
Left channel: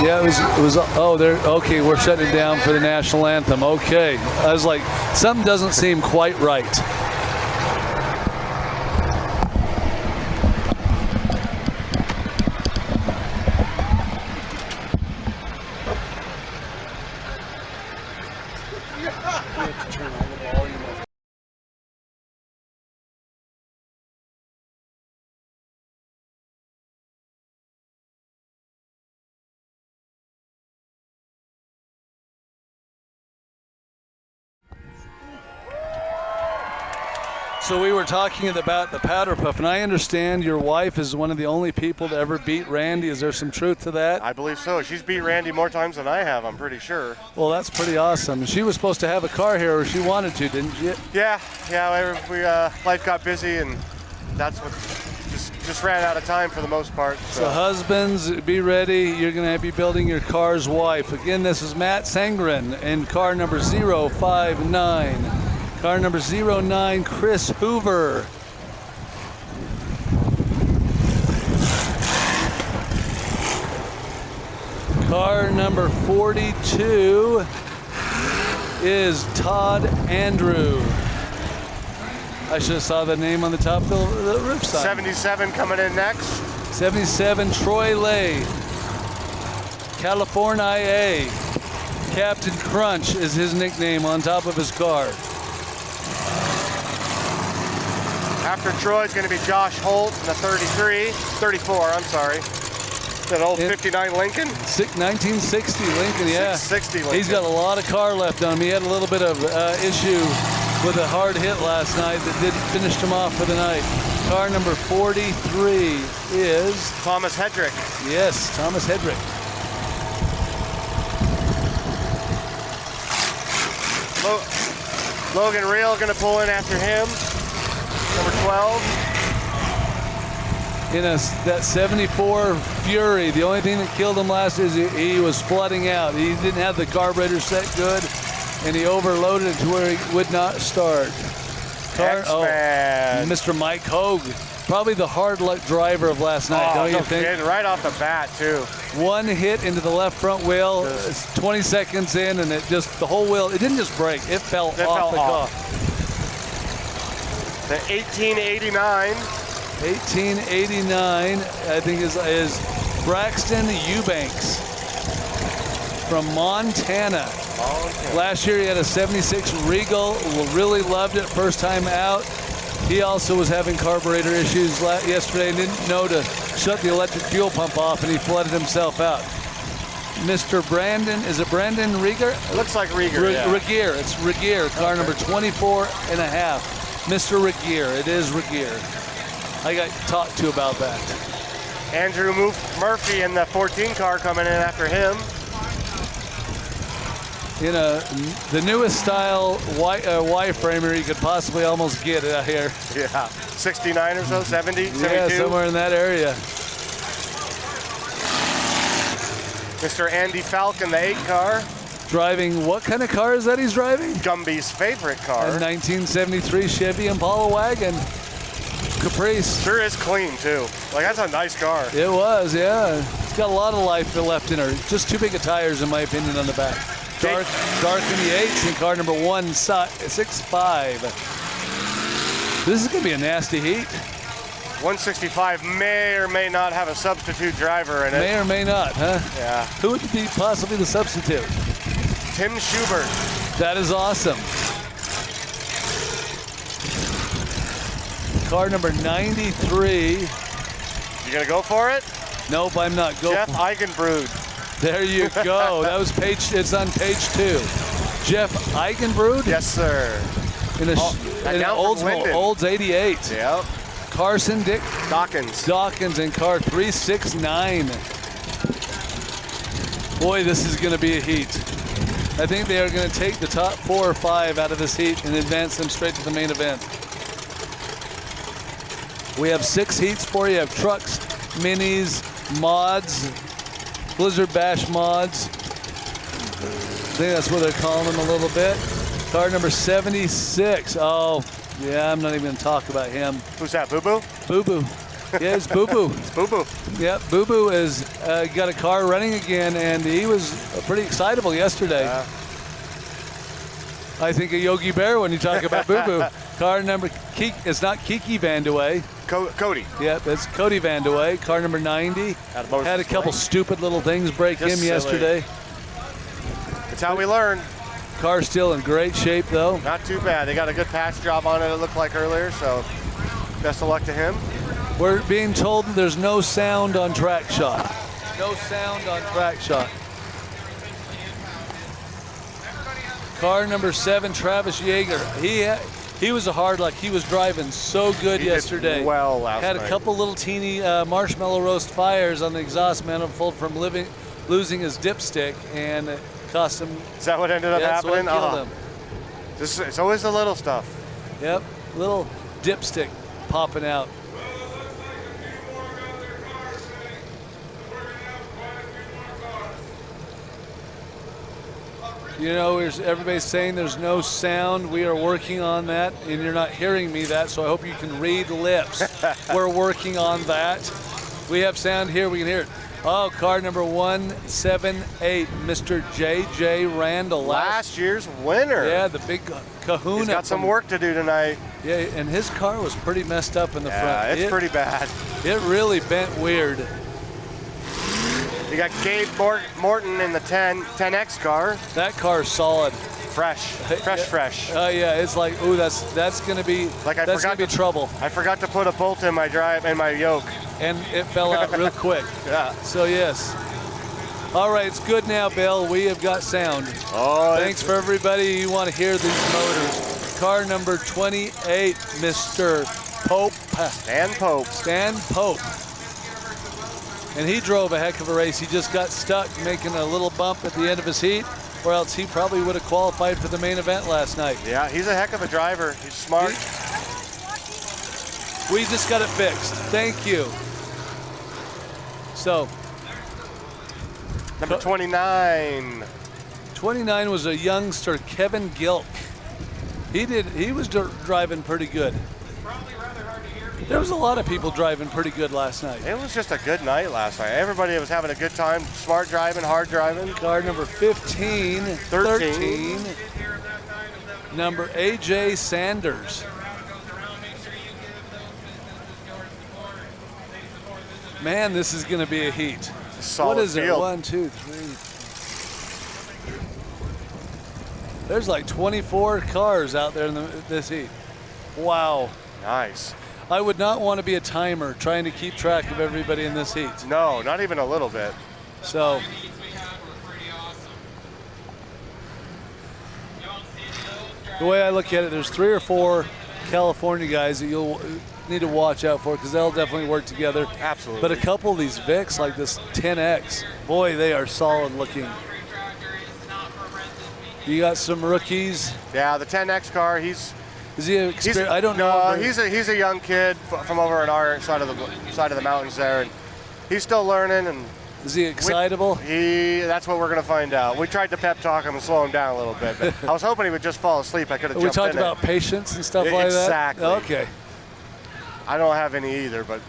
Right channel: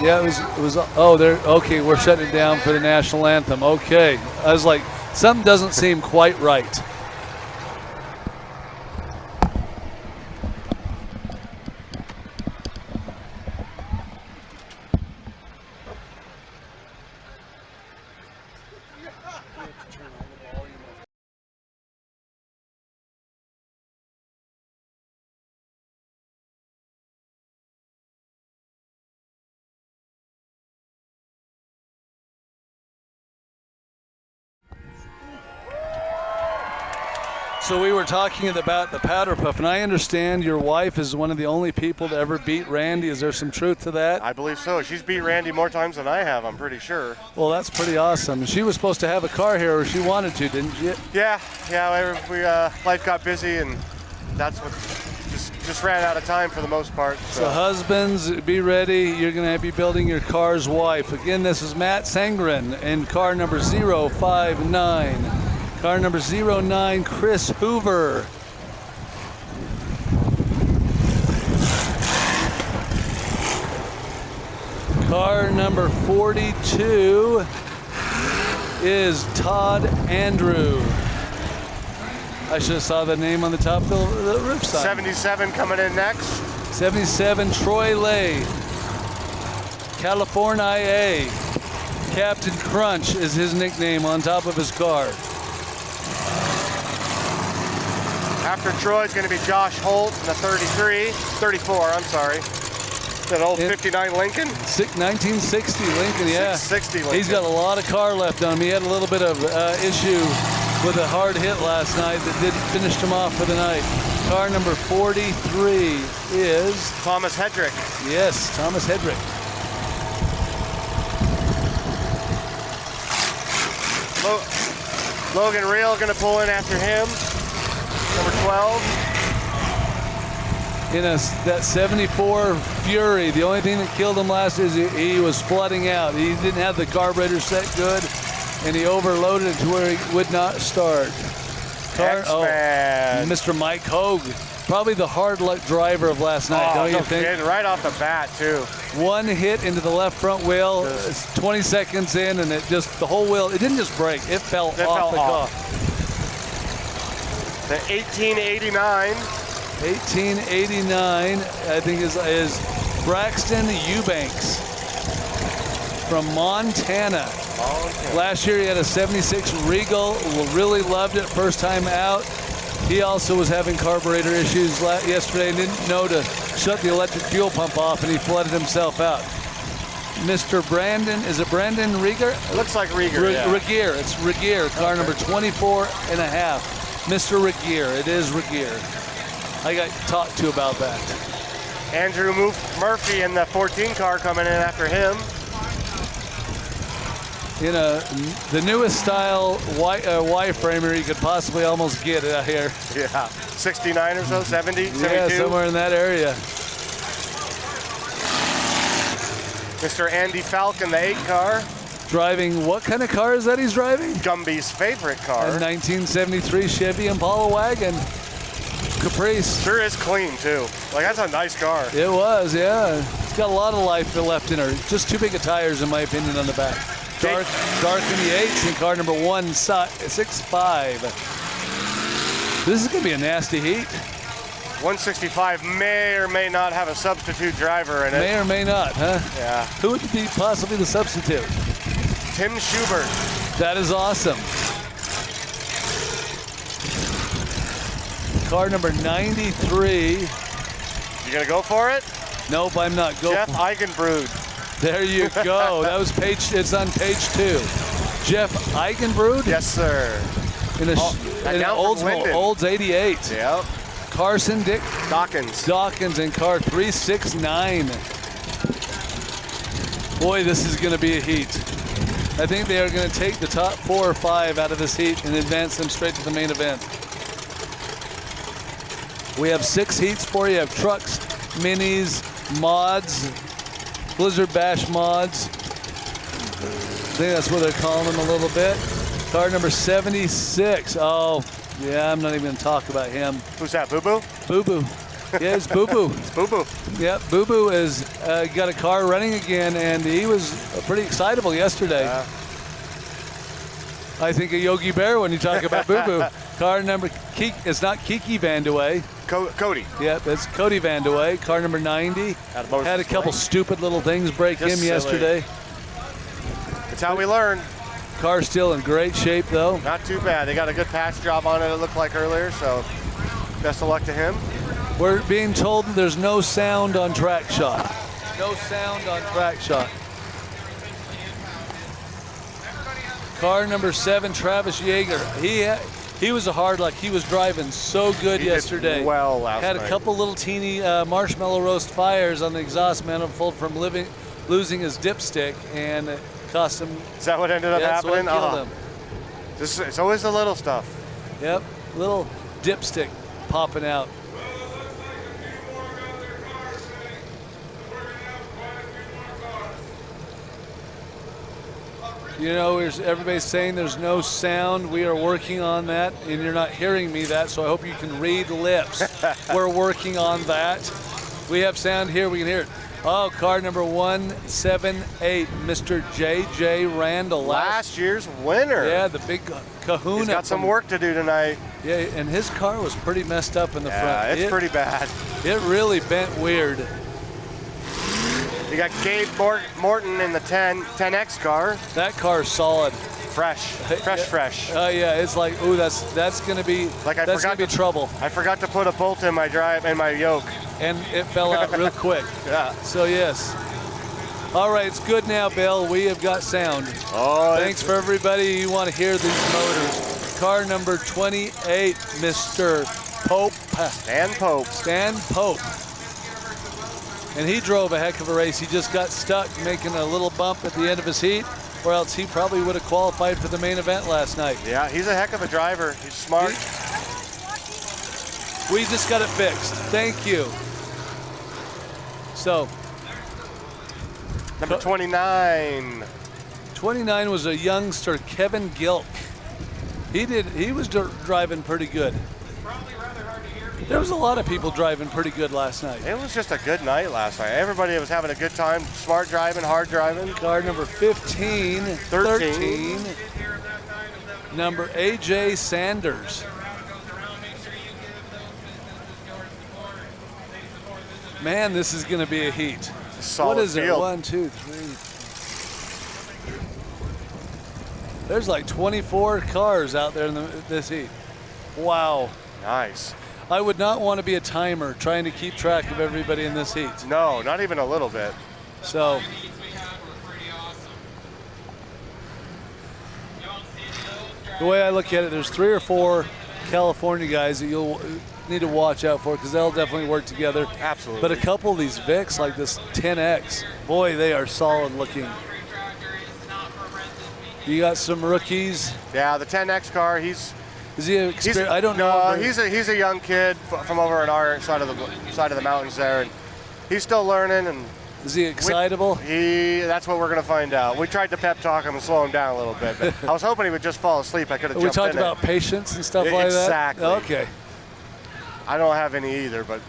yeah, it was. Oh, okay, we're shutting down for the national anthem. Okay, I was like, something doesn't seem quite right. So we were talking about the Powder Puff, and I understand your wife is one of the only people to ever beat Randy. Is there some truth to that? I believe so. She's beat Randy more times than I have, I'm pretty sure. Well, that's pretty awesome. She was supposed to have a car here, or she wanted to, didn't she? Yeah. Life got busy, and that's what just ran out of time for the most part. So husbands, be ready. You're going to be building your car's wife. Again, this is Matt Sangren in car number 059. Car number 09, Chris Hoover. Car number 42 is Todd Andrew. I should have saw the name on the top of the roof sign. 77 coming in next. 77, Troy Lay. California. Captain Crunch is his nickname on top of his car. After Troy is going to be Josh Holt in the 34, I'm sorry. That old 59 Lincoln? 1960 Lincoln, yeah. 60 Lincoln. He's got a lot of car left on him. He had a little bit of issue with a hard hit last night that finished him off for the night. Car number 43 is... Thomas Hedrick. Yes, Thomas Hedrick. Logan Reel going to pull in after him. Number 12. In that 74 Fury, the only thing that killed him last is he was flooding out. He didn't have the carburetor set good, and he overloaded it to where he would not start. Mr. Mike Hogue, probably the hard luck driver of last night, don't you think? Right off the bat, too. One hit into the left front wheel, 20 seconds in, and the whole wheel, it didn't just break, it fell off the car. The 1889. 1889, I think, is Braxton Eubanks from Montana. Last year he had a 76 Regal, really loved it first time out. He also was having carburetor issues yesterday and didn't know to shut the electric fuel pump off, and he flooded himself out. Mr. Brandon, is it Brandon Rieger? It looks like Rieger, yeah. Regier, it's Regier, car number 24 and a half. Mr. Regier, it is Regier. I got talked to about that. Andrew Murphy in the 14 car coming in after him. The newest style Y-framer you could possibly almost get out here. Yeah, 69 or so, 70, 72. Yeah, somewhere in that area. Mr. Andy Falcon, the 8 car. Driving, what kind of car is that he's driving? Gumby's favorite car. A 1973 Chevy Impala wagon. Caprice. Sure is clean too. Like that's a nice car. It was, yeah. It's got a lot of life left in her. Just too big of tires, in my opinion, on the back. Dark in the 8s in car number 165. This is going to be a nasty heat. 165 may or may not have a substitute driver in it. May or may not, huh? Yeah. Who would be possibly the substitute? Tim Schubert. That is awesome. Car number 93. You gonna go for it? Nope, I'm not. Jeff Eigenbrud. There you go. That was page. It's on page 2. Jeff Eigenbrud. Yes, sir. In an Olds 88. Yep. Carson Dick Dawkins in car 369. Boy, this is going to be a heat. I think they are going to take the top 4 or 5 out of this heat and advance them straight to the main event. We have 6 heats for you. You have trucks, minis, mods, Blizzard Bash mods. I think that's what they're calling them a little bit. Car number 76. Oh, yeah, I'm not even going to talk about him. Who's that, Boo Boo? Boo Boo. Yeah, it's Boo Boo. It's Boo Boo. Yep, Boo Boo has got a car running again, and he was pretty excitable yesterday. I think of Yogi Bear when you talk about Boo Boo. Car number, it's not Kiki Vandewey. Cody. Yep, it's Cody Vandewey. Car number 90. Had a couple stupid little things break him yesterday. That's how we learn. Car's still in great shape, though. Not too bad. They got a good patch job on it, it looked like earlier, so best of luck to him. We're being told there's no sound on track shot. No sound on track shot. Car number 7, Travis Yeager. He was a hard luck. He was driving so good yesterday. Did well last night. Had a couple little teeny marshmallow roast fires on the exhaust manifold from losing his dipstick, and it cost him. Is that what ended up happening? That's what killed him. It's always the little stuff. Yep, little dipstick popping out. You know, everybody's saying there's no sound. We are working on that, and you're not hearing me that, so I hope you can read lips. We're working on that. We have sound here. We can hear it. Oh, car number 178, Mr. J.J. Randall. Last year's winner. Yeah, the big kahuna. He's got some work to do tonight. Yeah, and his car was pretty messed up in the front. Yeah, it's pretty bad. It really bent weird. You got Gabe Morton in the 10X car. That car's solid. Fresh. Oh yeah, it's like, ooh, that's gonna be trouble. I forgot to put a bolt in my yoke, and it fell out real quick. Yeah. So yes. All right, it's good now, Bill. We have got sound. Oh. Thanks for everybody who want to hear these motors. Car number 28, Mr. Pope. Stan Pope. And he drove a heck of a race. He just got stuck making a little bump at the end of his heat, or else he probably would have qualified for the main event last night. Yeah, he's a heck of a driver. He's smart. We just got it fixed. Thank you. So. Number 29. 29 was a youngster, Kevin Gilk. He was driving pretty good. There was a lot of people driving pretty good last night. It was just a good night last night. Everybody was having a good time. Smart driving, hard driving. Car number 15, 13. Number AJ Sanders. Man, this is going to be a heat. Solid what is field. it? 1, 2, 3. There's like 24 cars out there in this heat. Wow. Nice. I would not want to be a timer trying to keep track of everybody in this heat. No, not even a little bit. So, the way I look at it, there's 3 or 4 California guys that you'll need to watch out for because they'll definitely work together. Absolutely. But a couple of these Vics, like this 10X, boy, they are solid looking. You got some rookies. Yeah, the 10X car, Is he I don't know. No, he's a young kid from over on our side of the mountains there, and he's still learning. And is he excitable? That's what we're gonna find out. We tried to pep talk him and slow him down a little bit, but I was hoping he would just fall asleep. I could have jumped in. We talked about patience and stuff like that. Exactly. Okay. I don't have any either, but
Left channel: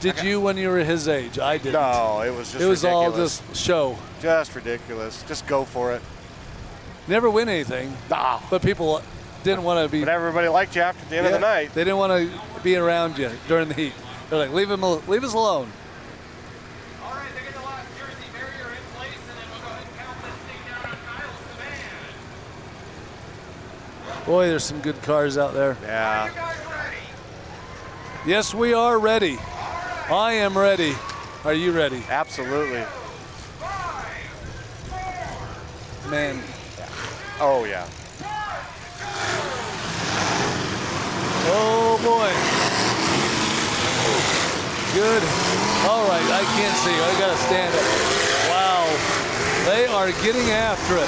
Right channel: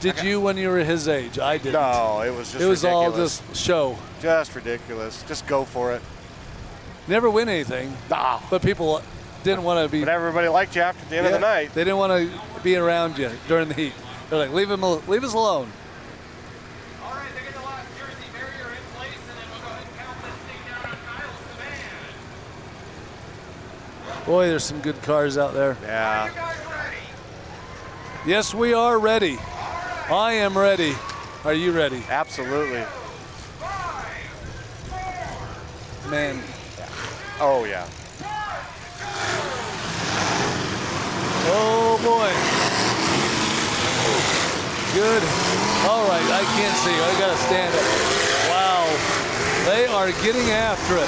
Did you when you were his age? I didn't. no, it was just It was all ridiculous. just show. Just ridiculous. Just go for it. Never win anything, Nah. but people didn't want to be. But everybody liked you after the end of the night. They didn't want to be around you during the heat. They're like, leave us alone. All right, they get the last jersey barrier in place, and then we'll go ahead and count this thing down on Kyle's command. Boy, there's some good cars out there. Yeah. You guys ready? Yes, we are ready. I am ready. Are you ready? Absolutely. Man, Oh, yeah. oh boy. Good. All right, I can't see. I gotta stand up. Wow. They are getting after it.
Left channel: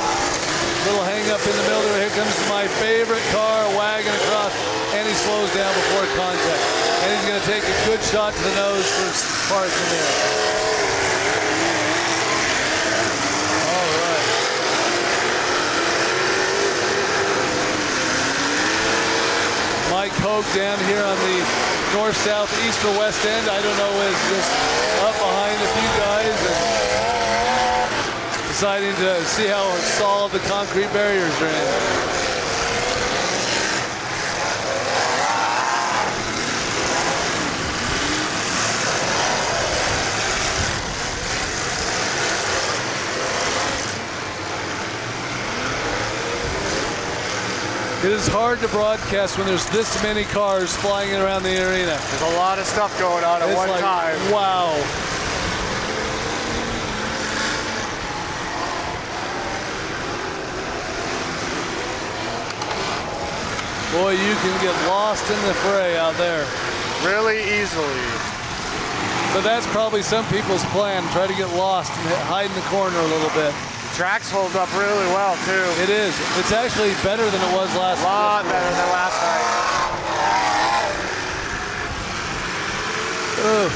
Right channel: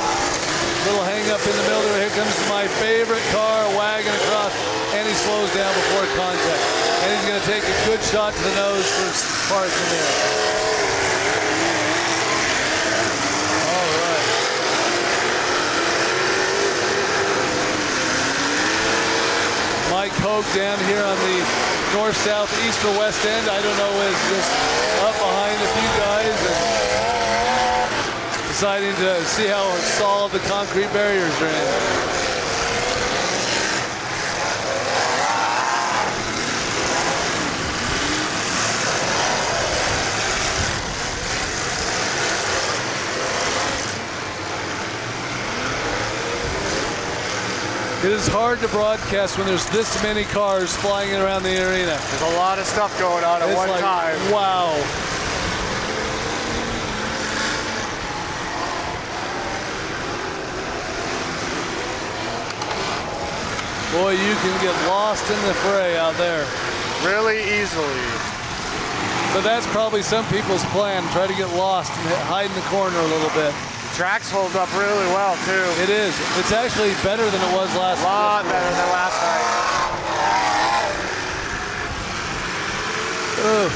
Little hang up in the middle there. Here comes my favorite car wagging across, and he slows down before contact. And he's gonna take a good shot to the nose for parking there. All right. Mike Hogue down here on the north, south, east, or west end. I don't know, is just up behind a few guys and deciding to see how solid the concrete barriers are in. It is hard to broadcast when there's this many cars flying around the arena. There's a lot of stuff going on at It's one like, time. wow. Boy, you can get lost in the fray out there. Really easily. But that's probably some people's plan, try to get lost and hide in the corner a little bit. Tracks hold up really well, too. It is. It's actually better than it was last A lot better than last night. Ugh.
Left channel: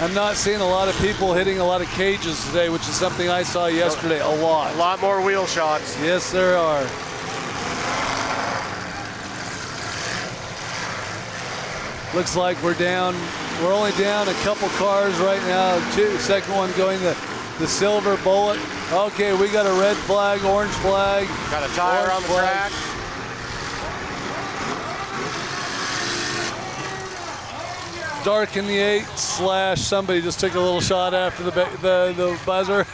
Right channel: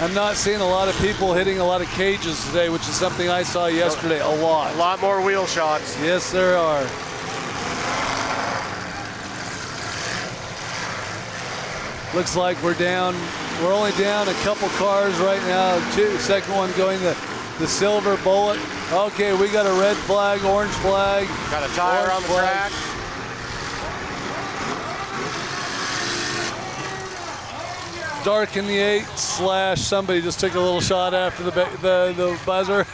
I'm not seeing a lot of people hitting a lot of cages today, which is something I saw yesterday a lot. A lot more wheel shots. Yes, there are. Looks like we're only down a couple cars right now. Second one going the silver bullet. Okay, we got a red flag, orange flag. Got a tire on the track. Dark in the 8 / somebody just took a little shot after the buzzer.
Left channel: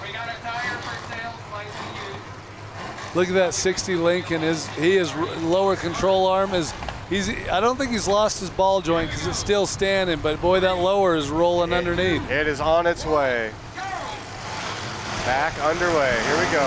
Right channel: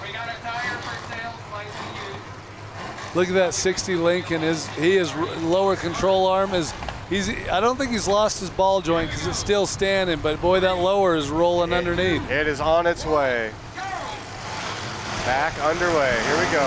We got a tire for sale, slightly used. Look at that 60 Lincoln. His lower control arm is. I don't think he's lost his ball joint because it's still standing, but boy, that lower is rolling underneath. It is on its way. Back underway. Here we go.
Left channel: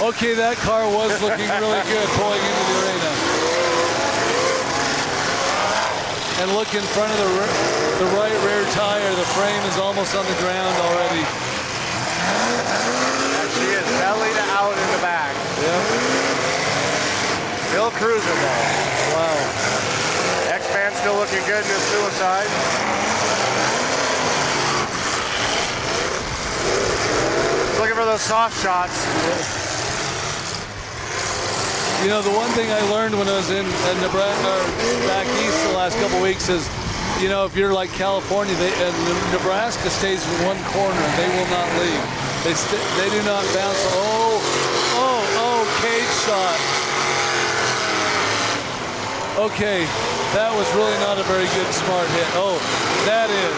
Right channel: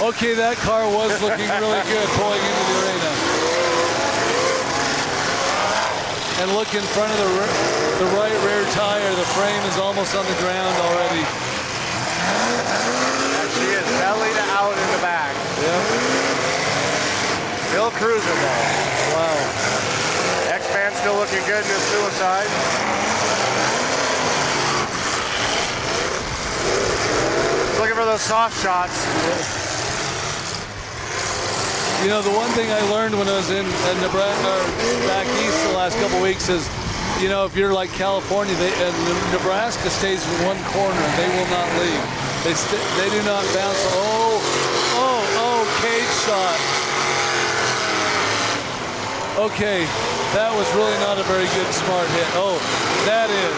Okay, that car was looking really good pulling into the arena. And look in front of the right rear tire. The frame is almost on the ground already. And she is belly to out in the back. Yep. Still cruising though. Wow. X-Man still looking good in his suicide. Looking for those soft shots. You know, the one thing I learned when I was in Nebraska, back east the last couple weeks is, you know, if you're like California, Nebraska stays in one corner. They will not leave. They do not bounce. Oh, shot. Okay, that was really not a very good smart hit. Oh, that is.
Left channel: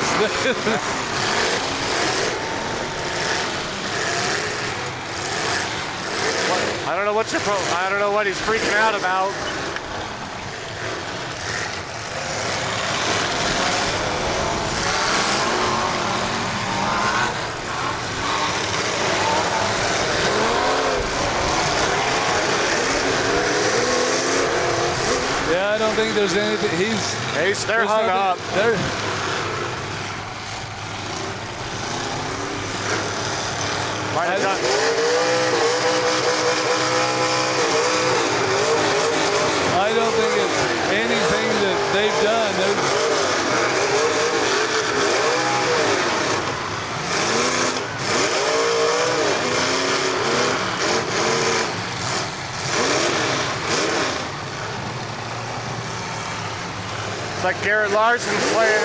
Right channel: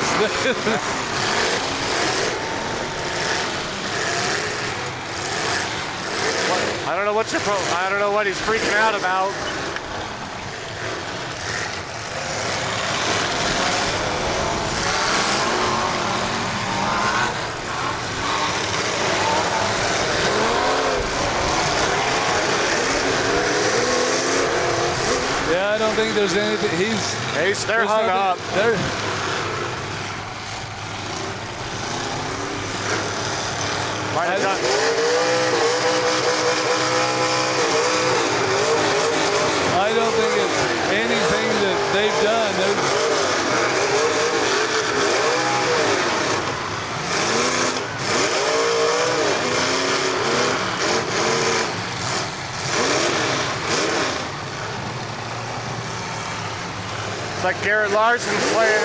I don't know I don't know what he's freaking out about. Yeah, I don't think there's anything. They're hung up. Might have done. I don't think it's anything that they've done. It's like Garrett Larson's playing it.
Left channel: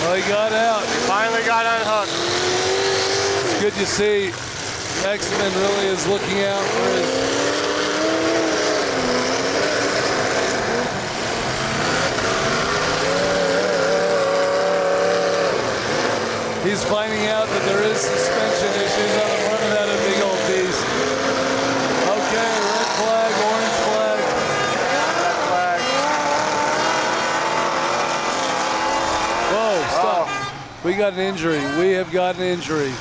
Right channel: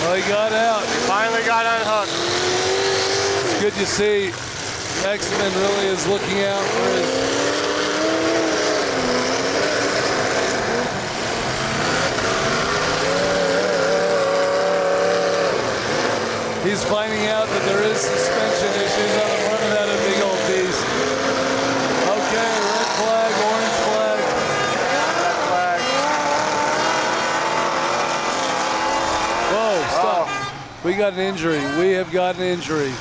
Well, he got out. Finally got unhooked. It's good to see X-Men really is looking out for his. He's finding out that there is suspension issues on the front of that big old beast. Okay, red flag, orange flag. Red flag. Whoa, stop. We got an injury. We have got an injury.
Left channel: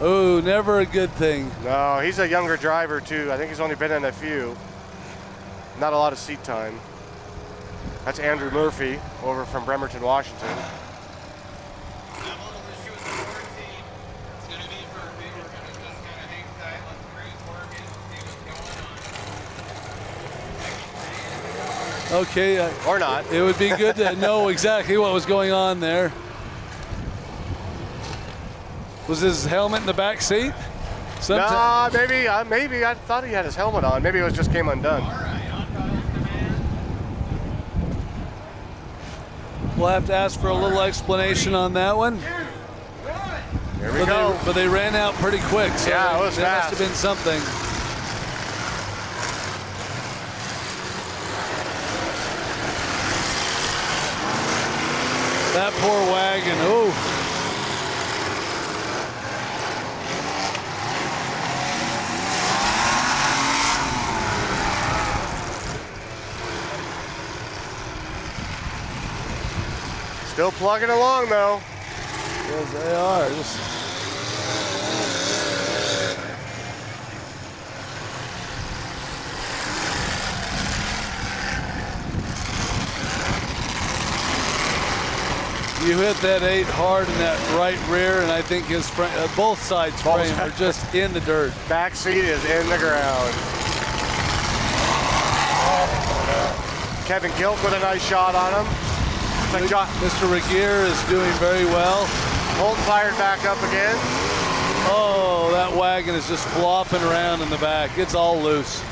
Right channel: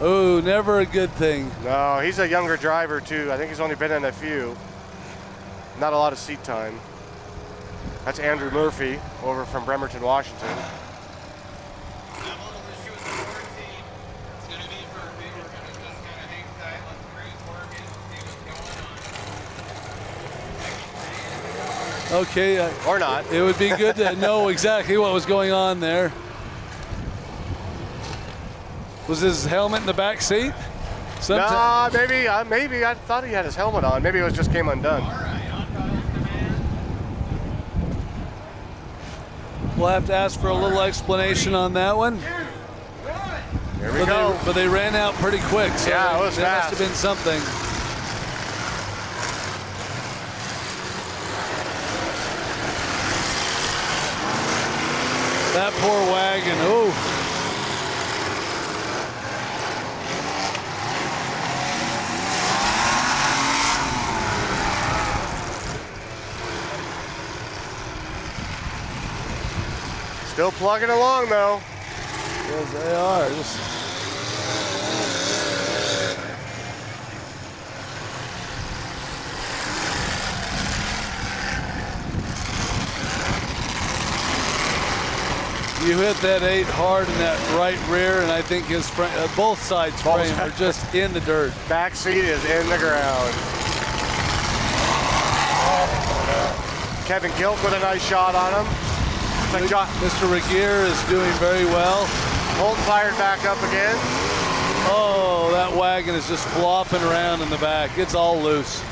Oh, never a good thing. No, he's a younger driver too. I think he's only been in a few. Not a lot of seat time. That's Andrew Murphy over from Bremerton, Washington. Okay. Or not. It would be good to know exactly what was going on there. Was his helmet in the back seat? Nah, maybe. I thought he had his helmet on. Maybe it was just came undone. We'll have to ask for a little explanation on that one. Here we go. But they ran out pretty quick, so yeah, it was there fast. must have been something. That poor wagon. Oh. Still plugging along though. Yes, they are. You hit that 8 hard in that right rear, and I think his front, both sides frame are just in the dirt. Back seat is in the ground. Kevin Gilk with a nice shot on him. Mr. Regier is doing very well. Holt fired back up again. Oh, that wagon is just flopping around in the back. It's all loose.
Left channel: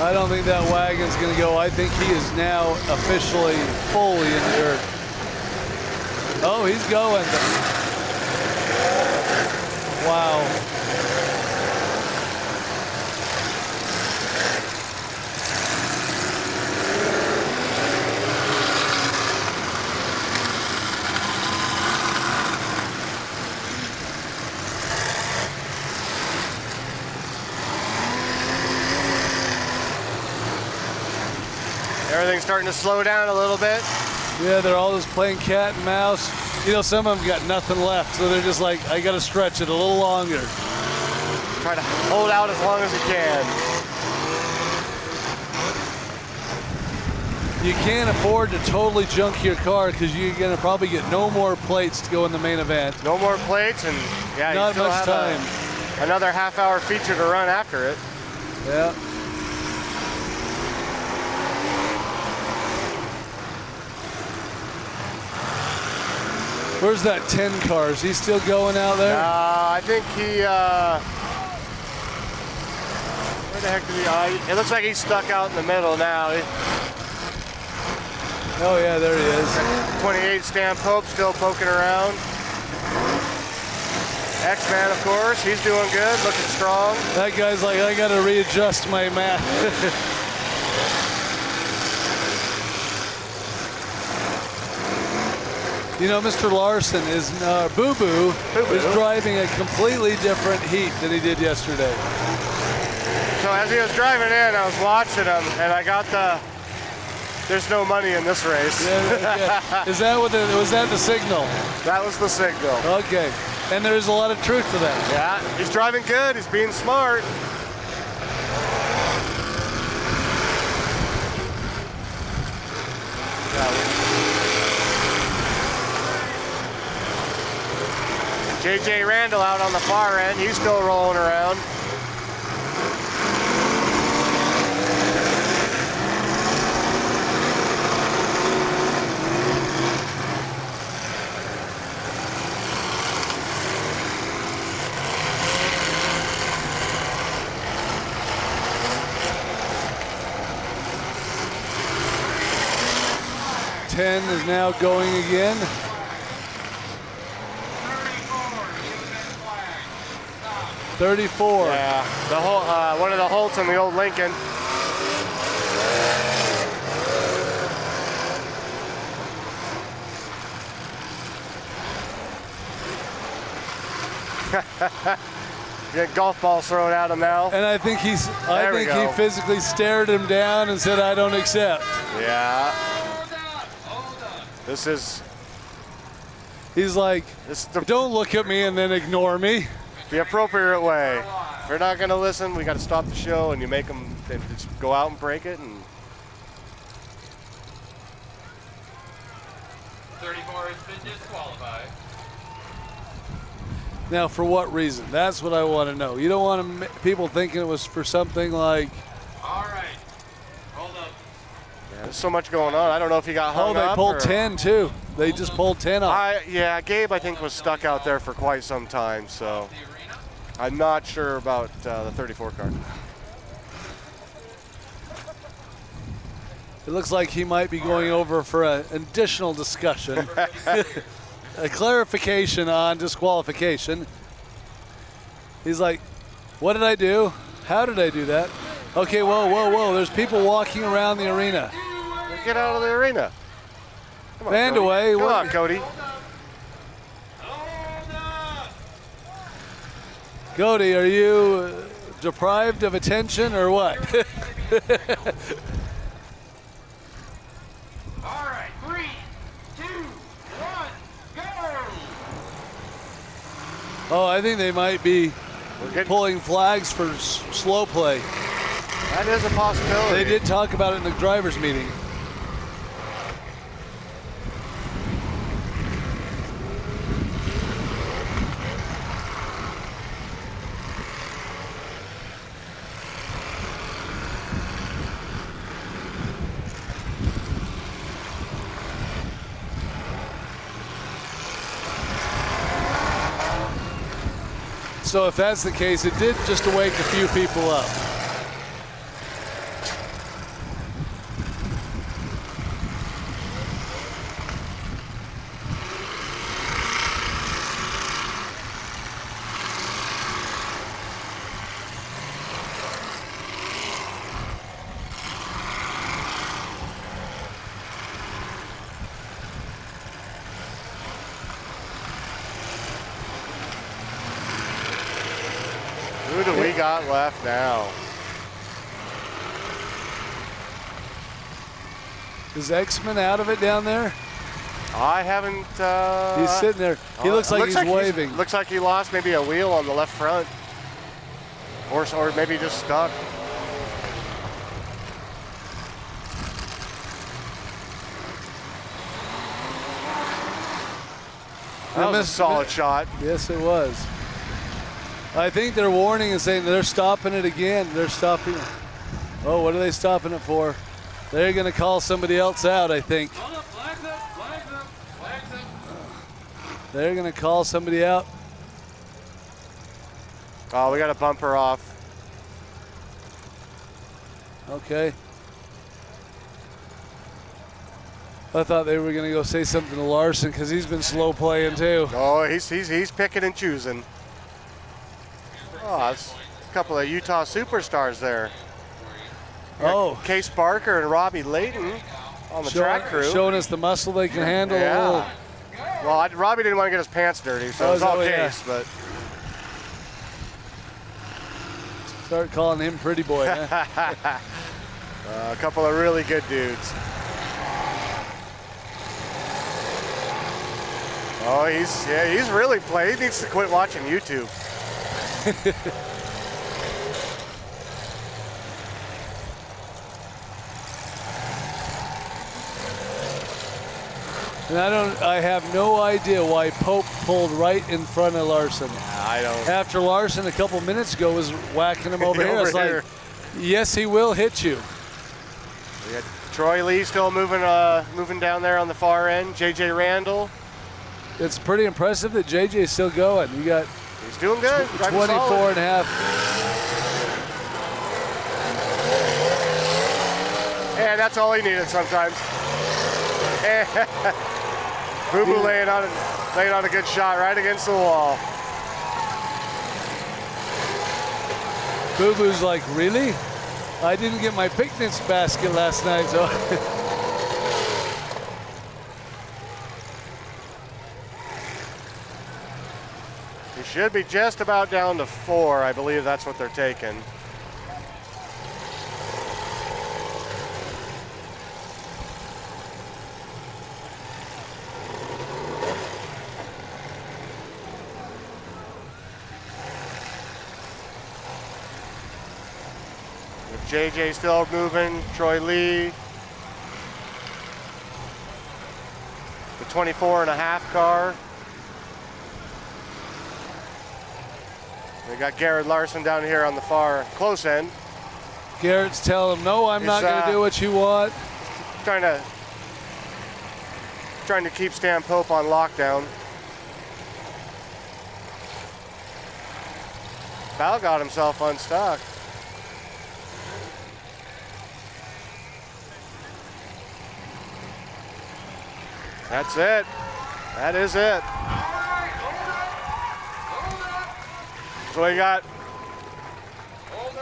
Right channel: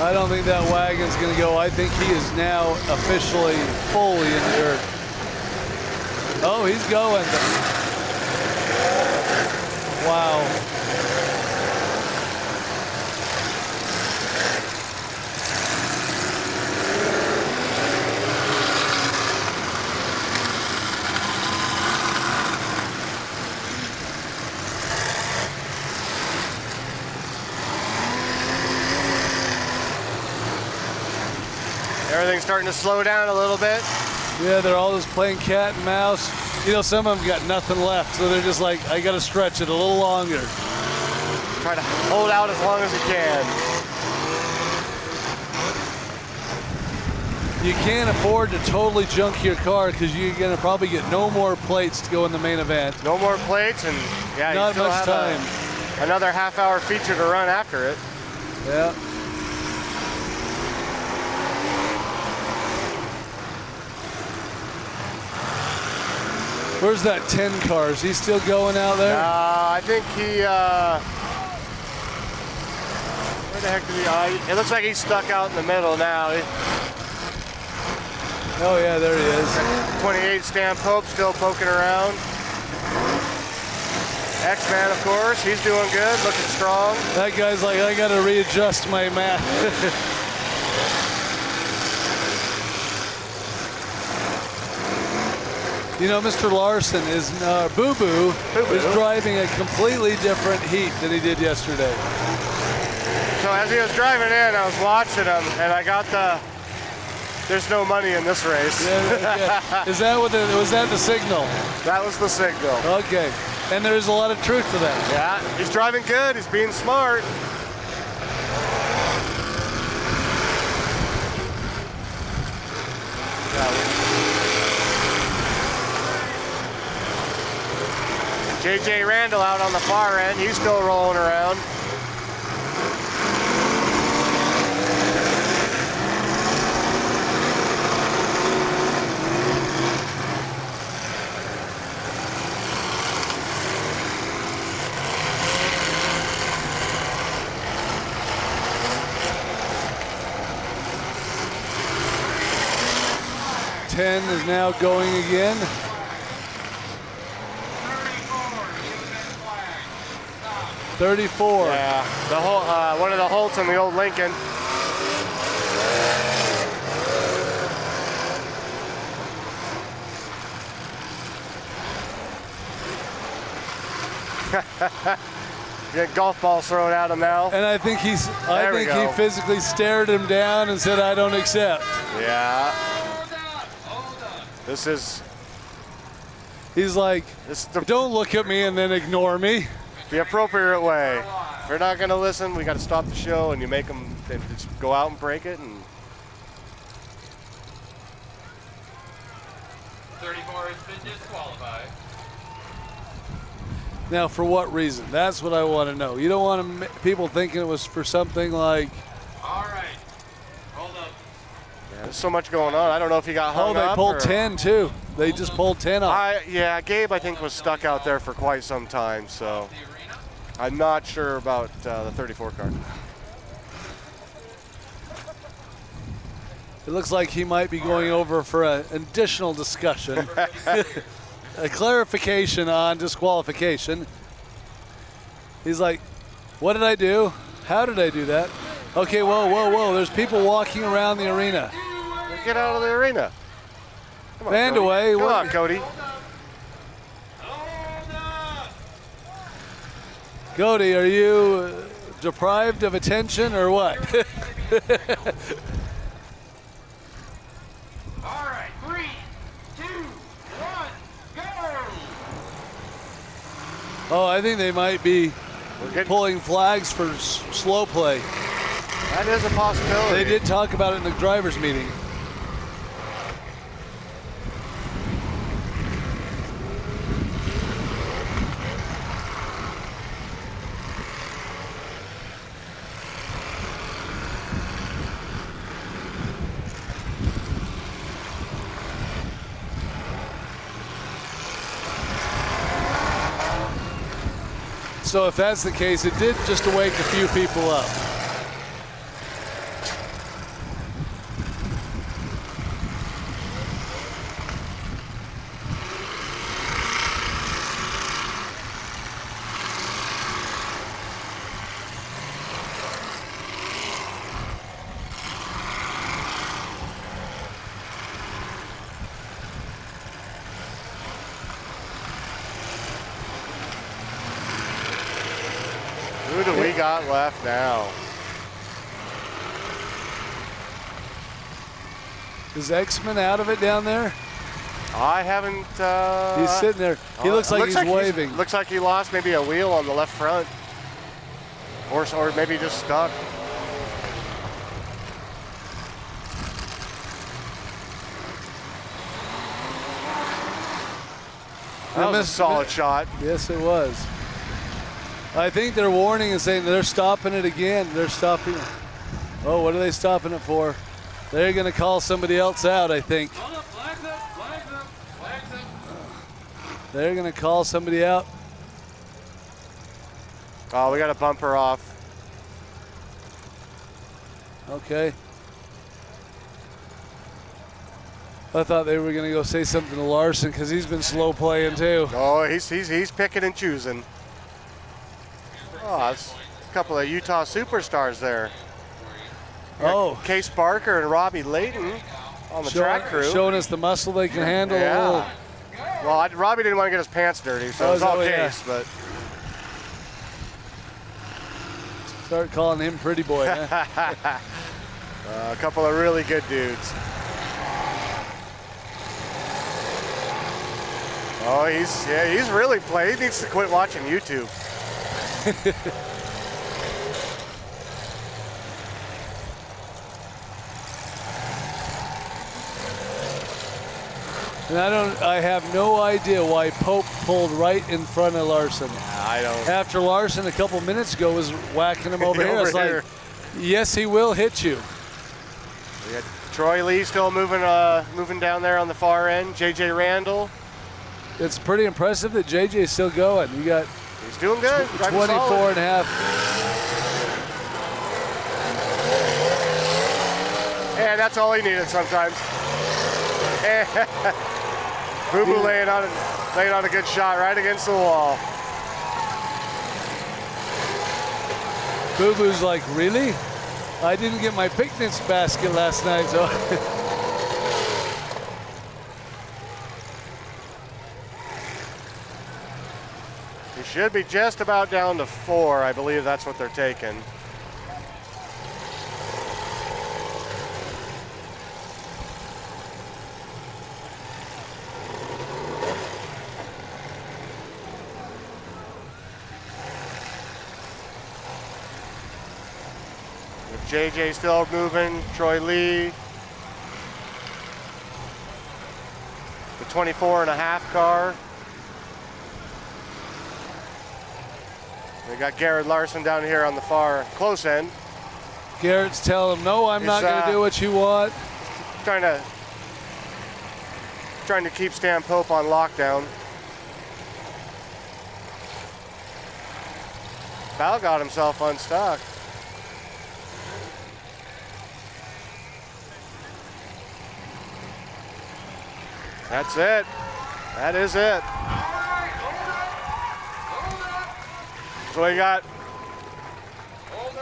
I don't think that wagon's going to go. I think he is now officially fully in the dirt. Oh, he's going. Wow. Everything's starting to slow down a little bit. Yeah, they're all just playing cat and mouse. You know, some of them got nothing left, so they're just like, I got to stretch it a little longer. Try to hold out as long as you can. you can't afford to totally junk your car because you're going to probably get no more plates to go in the main event. No more plates, and yeah, you Not still much have time. another half-hour feature to run after it. Yeah. Where's that 10 car? Is he still going out there? I think he, where the heck did he, it looks like he's stuck out in the middle now. Oh yeah, there he is. 28 Stan Pope still poking around. X-Man, of course, he's doing good, looking strong. That guy's like, I gotta readjust my map. You know, Mr. Larson is, Boo Boo is driving a completely different heat than he did yesterday. So as he was driving in, I was watching him, and I got there's no money in this race. Yeah. Is that was that the signal? That was the signal. Okay, and there's a lot of truth to that. Yeah, he's driving good, he's being smart. JJ Randall out on the far end, he's still rolling around. Ten is now going again. 34. Yeah, the whole one of the Holts in the old Lincoln. Get golf balls thrown at him now. And I think he physically stared him down and said, "I don't accept." Yeah. This is. He's like, "Don't look at me and then ignore me." The appropriate way. If you're not going to listen, we got to stop the show, and you make them just go out and break it. And 34 has been disqualified. Now, for what reason? That's what I want to know. You don't want people thinking it was for something like. All right. Hold up. yeah, there's so much going on. I don't know if he got hung Oh, up. they pulled 10 too. They just pulled 10 off. Yeah, Gabe, I think, was stuck out there for quite some time, so I'm not sure about the 34 car. It looks like he might be going over for an additional discussion. A clarification on disqualification. He's like, what did I do? How did I do that? Okay, whoa. There's people walking around the arena. Get out of the arena. Come on, Vandaway. Cody. Come on, Cody. Cody, are you deprived of attention or what? All right. 3, 2, 1, go. Oh, I think they might be pulling flags for slow play. That is a possibility. They did talk about it in the drivers' meeting. So if that's the case, it did just wake a few people up. Who do we got left now? Is X-Men out of it down there? I haven't. He's sitting there. He looks like he's waving. Looks like he lost maybe a wheel on the left front, or maybe just stuck. That was a solid shot. Yes, it was. I think they're warning and saying they're stopping it again. They're stopping it. Oh, what are they stopping it for? They're going to call somebody else out, I think. Hold up, flags up, flags up, flags up. They're going to call somebody out. Oh, we got a bumper off. Okay. I thought they were going to go say something to Larson because he's been slow playing too. Oh, he's picking and choosing. Oh, that's a couple of Utah superstars there. Oh, Case Barker and Robbie Layton on the track crew. Showing us the muscle they can handle. Yeah. Well, Robbie didn't want to get his pants dirty, so it's all Case, but. Start calling him pretty boy. Huh? A couple of really good dudes. Oh, he's really playing. He needs to quit watching YouTube. And I have no idea why Pope pulled right in front of Larson. I don't. After Larson a couple minutes ago was whacking him over here. It's like, yes, he will hit you. We got Troy Lee still moving down there on the far end. JJ Randall. It's pretty impressive that JJ's still going. You got He's doing good. 24 and a half. And that's all he needed sometimes. Boo Boo laying on a good shot right against the wall. Boo Boo's like, really? I didn't get my picnic basket last night, so. He should be just about down to 4. I believe that's what they're taking. JJ still moving, Troy Lee. The 24 and a half car. We got Garrett Larson down here on the far close end. Garrett's telling him, no, I'm not going to do what you want. Trying to keep Stan Pope on lockdown. Val got himself unstuck. That's it. That is it. So we got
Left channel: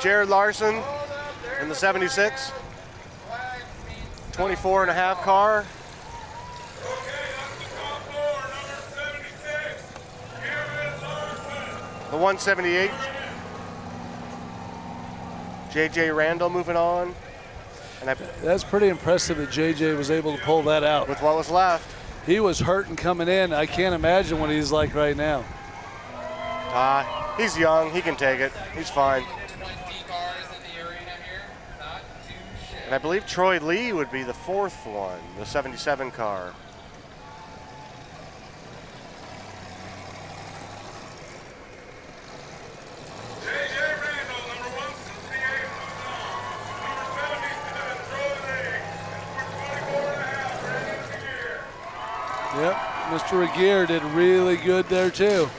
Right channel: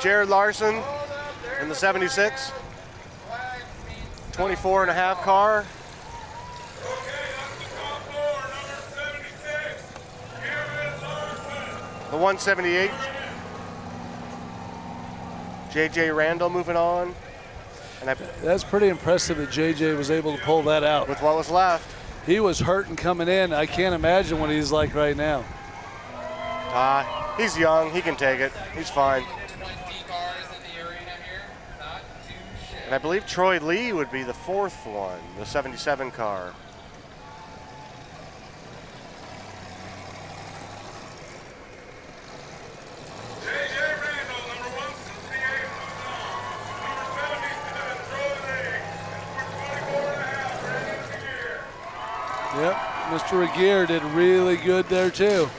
Jared Larson in the 76, 24 and a half car. The 178. JJ Randall moving on. And that's pretty impressive that JJ was able to pull that out. With what was left. He was hurting coming in. I can't imagine what he's like right now. He's young. He can take it. He's fine. And I believe Troy Lee would be the 4th one, the 77 car. Yep, Mr. Regier did really good there too.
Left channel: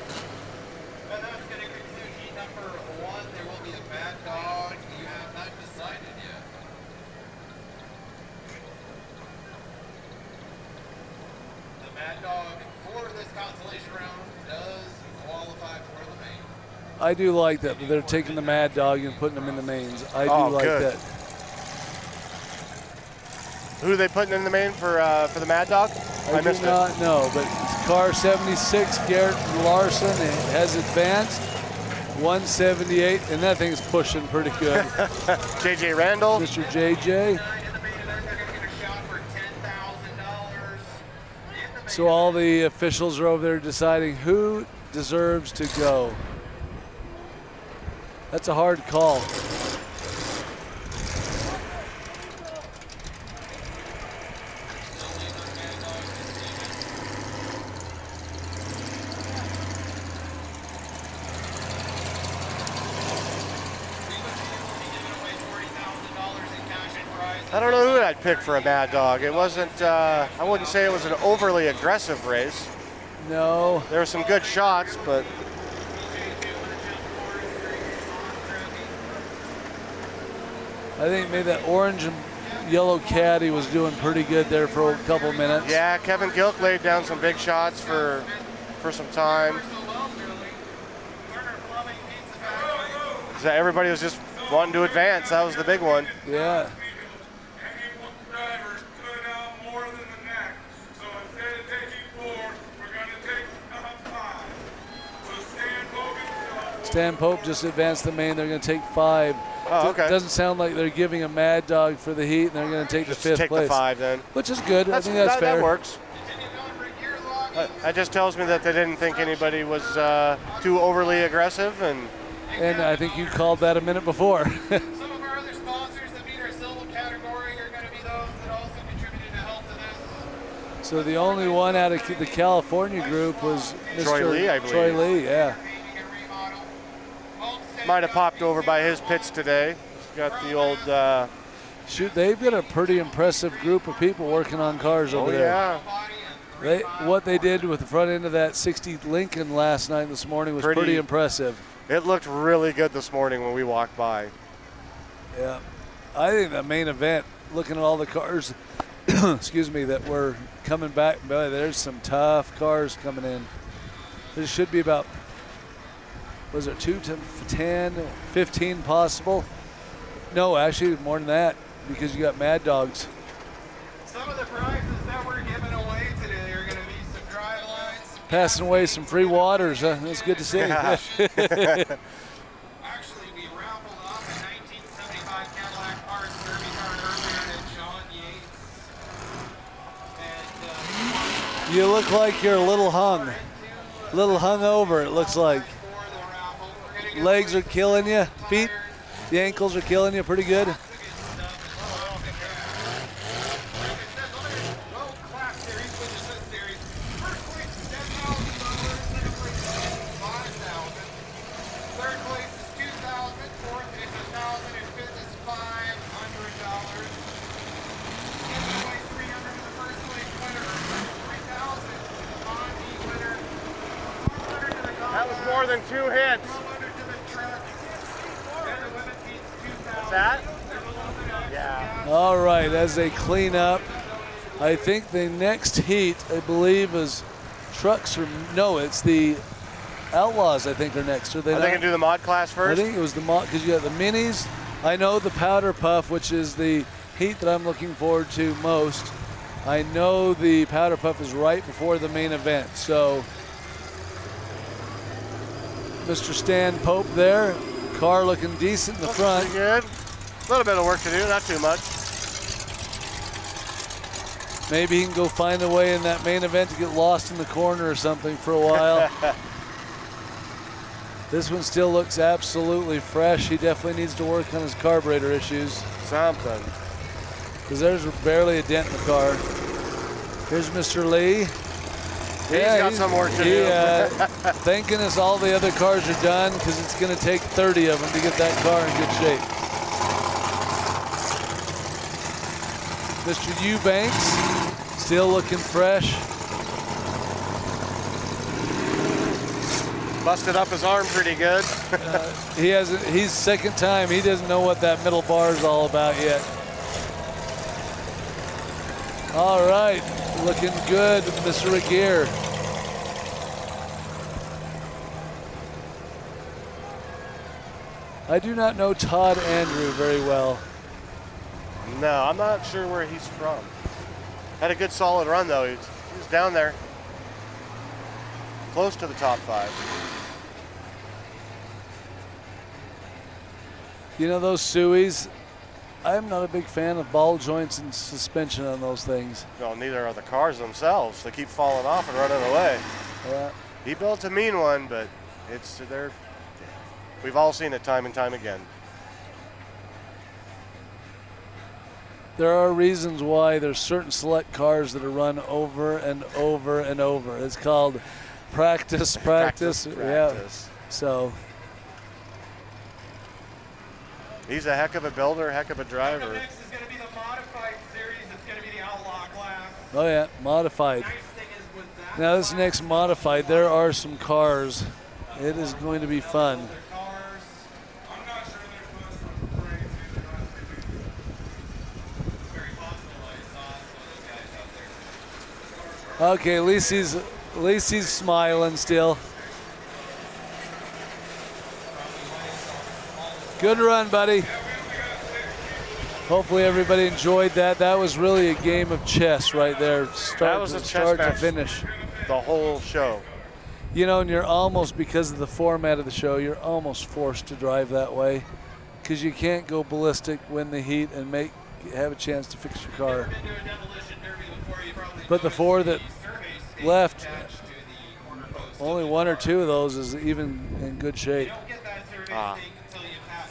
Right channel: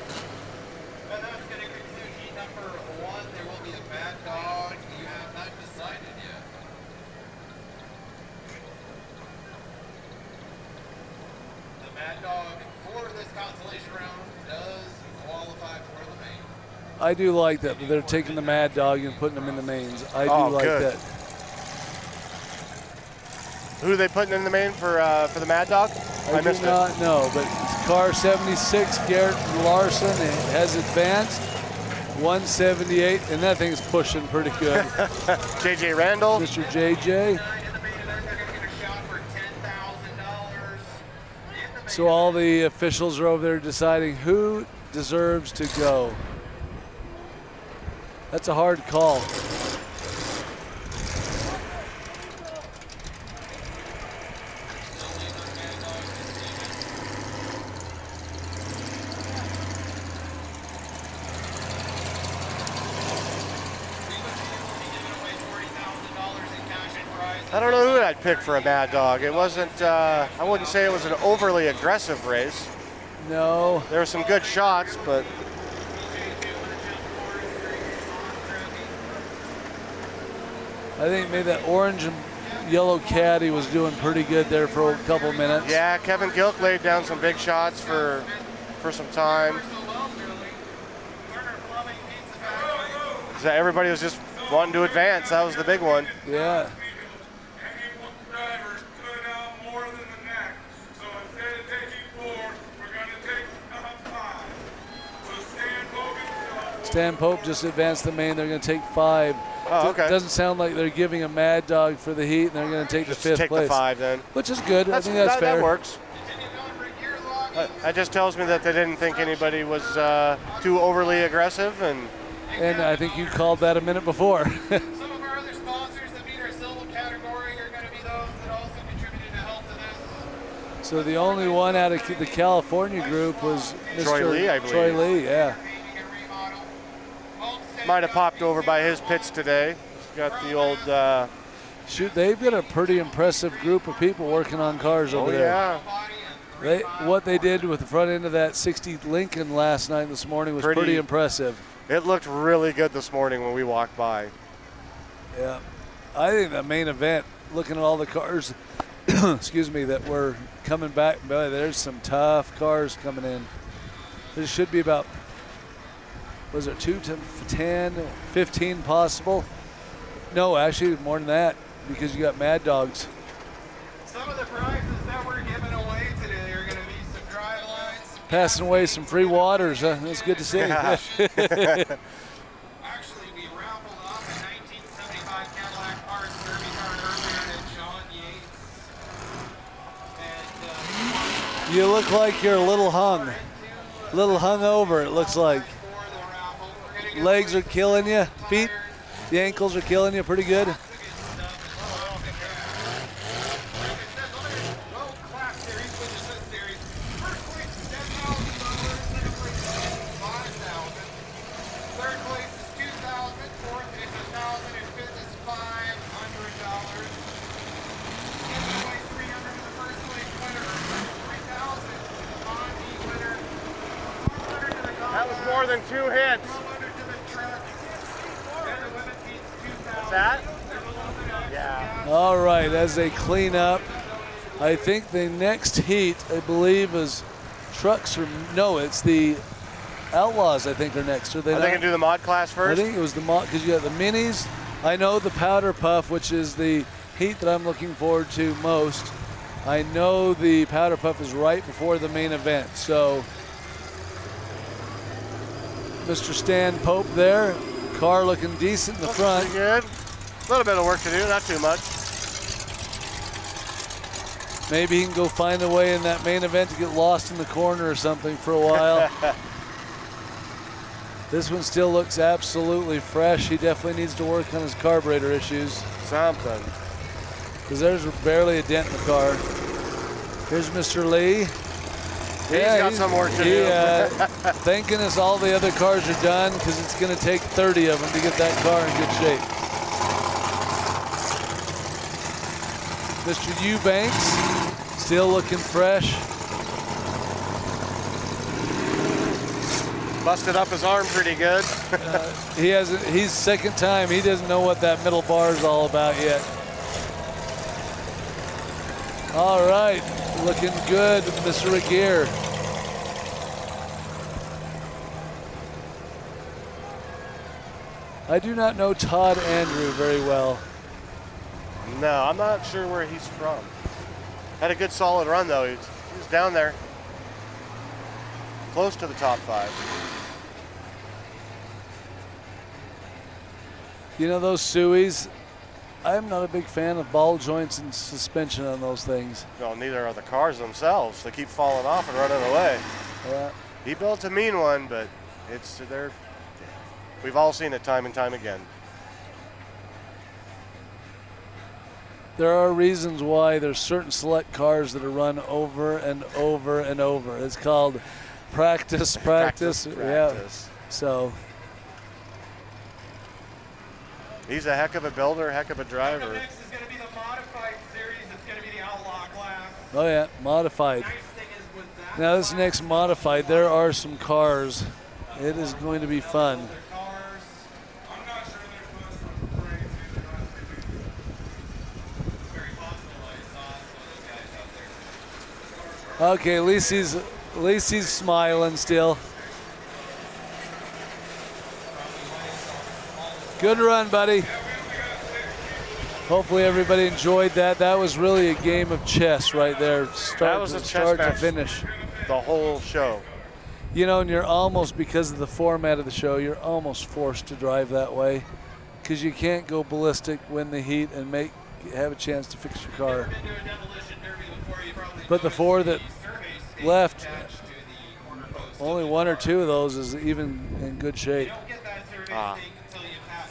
I do like that they're taking the Mad Dog and putting them in the mains. I do like good. that. Who are they putting in the main for the Mad Dog? I do not know, but it's car 76, Garrett Larson, has advanced 178, and that thing's pushing pretty good. JJ Randall. Mr. JJ. So all the officials are over there deciding who deserves to go. That's a hard call. I don't know who I'd pick for a Mad Dog. It wasn't, I wouldn't say it was an overly aggressive race. No. There were some good shots, but I think maybe that orange and yellow caddy was doing pretty good there for a couple minutes. yeah, Kevin Gilk laid down some big shots for some time. So everybody was just wanting to advance. That was the big one. Yeah. Drivers stood out more than the next. So instead of taking 4, we're going to take 5. So Stan Pope just advanced the main. They're going to take 5. Oh, okay. Doesn't sound like they're giving a Mad Dog for the heat, and they're going to take Just the 5th take place. the 5 then. Which is good. I think that's fair. That works. That just tells me that they didn't think anybody was too overly aggressive, And I think you called that a minute before. Some of our other sponsors that meet our silver category are going to be those that also contributed to help to this. So the only one out of the California group was Mr. Troy Lee, I believe. Troy Lee, yeah. Painting and remodel. might have popped over by his pits today. He's got the old. Shoot, they've got a pretty impressive group of people working on cars over there. Yeah. What they did with the front end of that 60 Lincoln last night and this morning was pretty impressive. It looked really good this morning when we walked by. Yeah. I think the main event, looking at all the cars, excuse me, that were coming back, boy, there's some tough cars coming in. There should be about, was it 2 to 10, 15 possible? No, actually more than that, because you got Mad Dogs. Some of the prizes that we're giving away today are going to be some drive lines. Passing away some free waters, huh? That's good to see. Actually, we raffled off a 1975 Cadillac Parts Derby car earlier to John Yates. And You look like you're a little hung over, it looks like. for the raffle, we're going to give Legs are killing you, feet, the ankles are killing you pretty good. World-class series, which is this series. First place is $10,000, second place is $5,000, third place is $2,000, fourth is $1,000, and fifth is $500. Second place, $300 to the first place winner, $3,000 on the winner, $400 to the That was more than 2 hits. $1,200 to the truck, and the women beats $2,000. That? There's a little bit of Yeah. All right, as they clean up, I think the next heat, I believe, is trucks or no, it's the Outlaws. I think are next. Are they? Are they gonna do the mod class I first? think it was the because you got the minis. I know the Powder Puff, which is the heat that I'm looking forward to most. I know the Powder Puff is right before the main event. So, Mr. Stan Pope there, car looking decent in the front. Pretty good. A little bit of work to do, not too much. Maybe he can go find a way in that main event to get lost in the corner or something for a while. This one still looks absolutely fresh. He definitely needs to work on his carburetor issues, Something. because there's barely a dent in the car. Here's Mr. Lee. He's got some work to do. Thank goodness all the other cars are done, because it's going to take 30 of them to get that car in good shape. Mr. Eubanks, still looking fresh. Busted up his arm pretty good. He's second time. He doesn't know what that middle bar is all about yet. All right, looking good, Mr. Regier. I do not know Todd Andrew very well. No, I'm not sure where he's from. Had a good solid run though. He was down there. Close to the top 5. You know those Sueys? I'm not a big fan of ball joints and suspension on those things. No, neither are the cars themselves. They keep falling off and running away. Yeah. He built a mean one, but we've all seen it time and time again. There are reasons why there's certain select cars that are run over and over and over. It's called practice. Yeah. So He's a heck of a builder, heck of a driver. Next is going to be the modified Oh yeah, modified. Now this next modified, there are some cars. It is going to be fun. Okay, at least he's smiling still. Good run, buddy. Hopefully everybody enjoyed that. That was really a game of chess right there. Start to finish. The whole show. You know, and you're almost, because of the format of the show, you're almost forced to drive that way because you can't go ballistic, win the heat, and have a chance to fix your car. But the 4 that left, only 1 or 2 of those is even in good shape.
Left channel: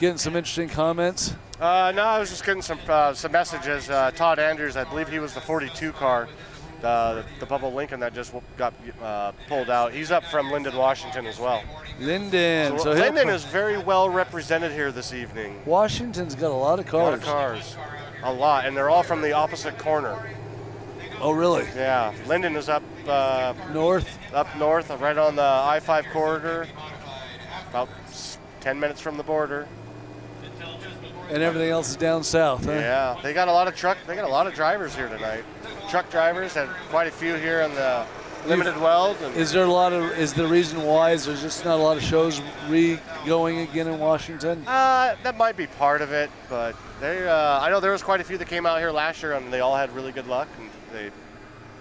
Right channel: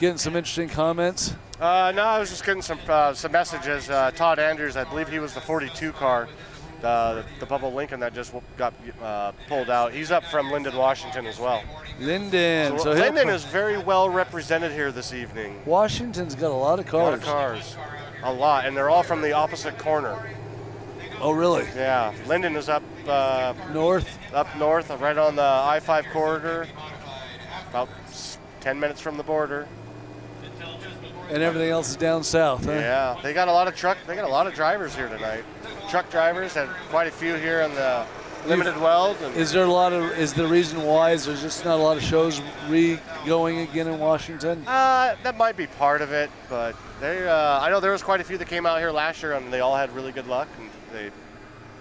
Getting some interesting comments. No, I was just getting some messages. Todd Andrews, I believe he was the 42 car, the Bubba Lincoln that just got pulled out. He's up from Linden, Washington as well. Linden. So Linden is very well represented here this evening. Washington's got a lot of cars. A lot, and they're all from the opposite corner. Oh, really? Yeah. Linden is up north, right on the I-5 corridor, about 10 minutes from the border. And everything else is down south, huh? Yeah, they got a lot of drivers here tonight. Truck drivers, had quite a few here on the limited weld. Is the reason why is there just not a lot of shows going again in Washington? That might be part of it, but I know there was quite a few that came out here last year and they all had really good luck, and they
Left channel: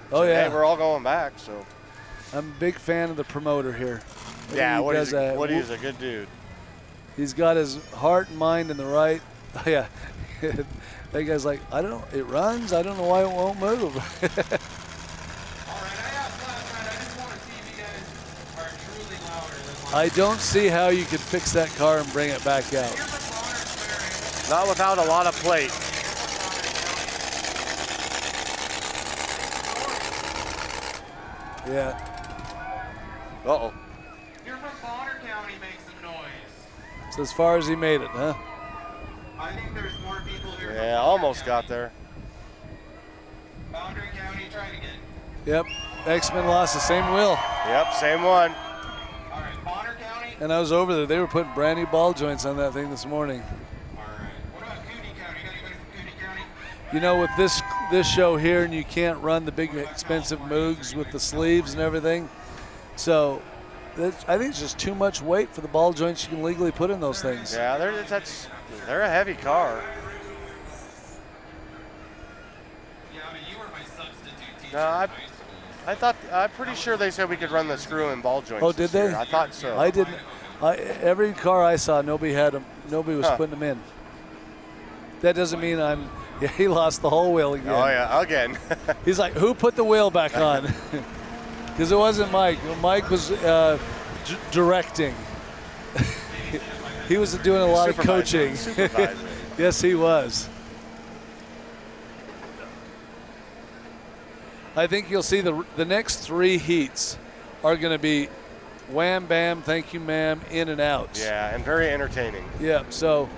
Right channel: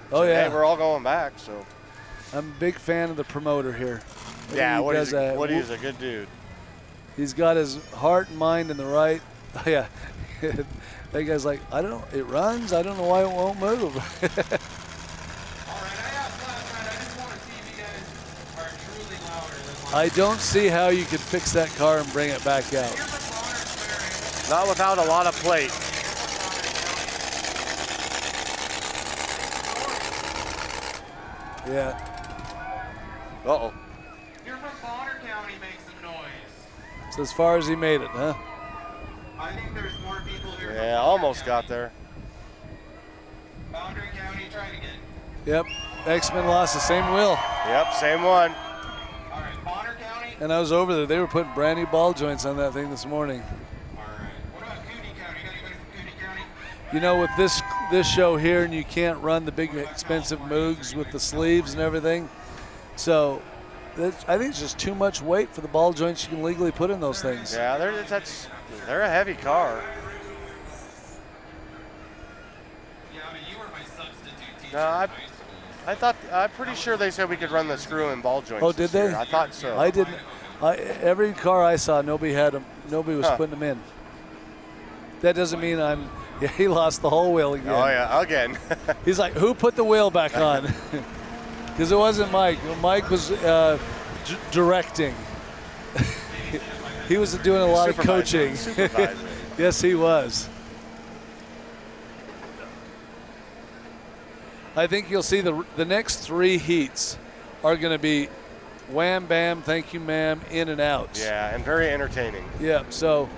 said, hey, we're all going back. So I'm a big fan of the promoter here. Woody's a good dude. He's got his heart and mind in the right. Oh, yeah. That guy's like, I don't know, it runs. I don't know why it won't move. All right, I asked last night. I just want to see if you guys are truly louder than I don't see how you could fix that car and bring it back out. Not without a lot of plate. Yeah. Uh-oh. You're from Bonner County, make some noise. So as far as he made it, huh? I think there's more people here. Yeah, almost got there. Bonner County, try it again. Yep. X-Men lost the same wheel. Yep, same one. All right, Bonner County. And I was over there. They were putting brand new ball joints on that thing this morning. All right. What about Cooney County? Got anybody from Cooney County? You know, with this show here, and you can't run the big expensive Moogs with the sleeves and everything. So I think it's just too much weight for the ball joints you can legally put in those things. Yeah, they're a heavy car. Yeah, I mean, you were my substitute teacher. No, I'm pretty sure they said we could run the screw and ball joints. Oh, did they? Year. I thought so. I didn't. Every car I saw, nobody had them. Nobody was putting them in. That doesn't mean I'm. Yeah, he lost the whole wheel again. Oh yeah, again. He's like, who put the wheel back on? Because it wasn't Mike. Mike was directing. He was doing a lot of coaching. Yes, he was. I think you'll see the next 3 heats are going to be wham, bam, thank you, ma'am, in and out. Yeah, and very entertaining. Yeah, so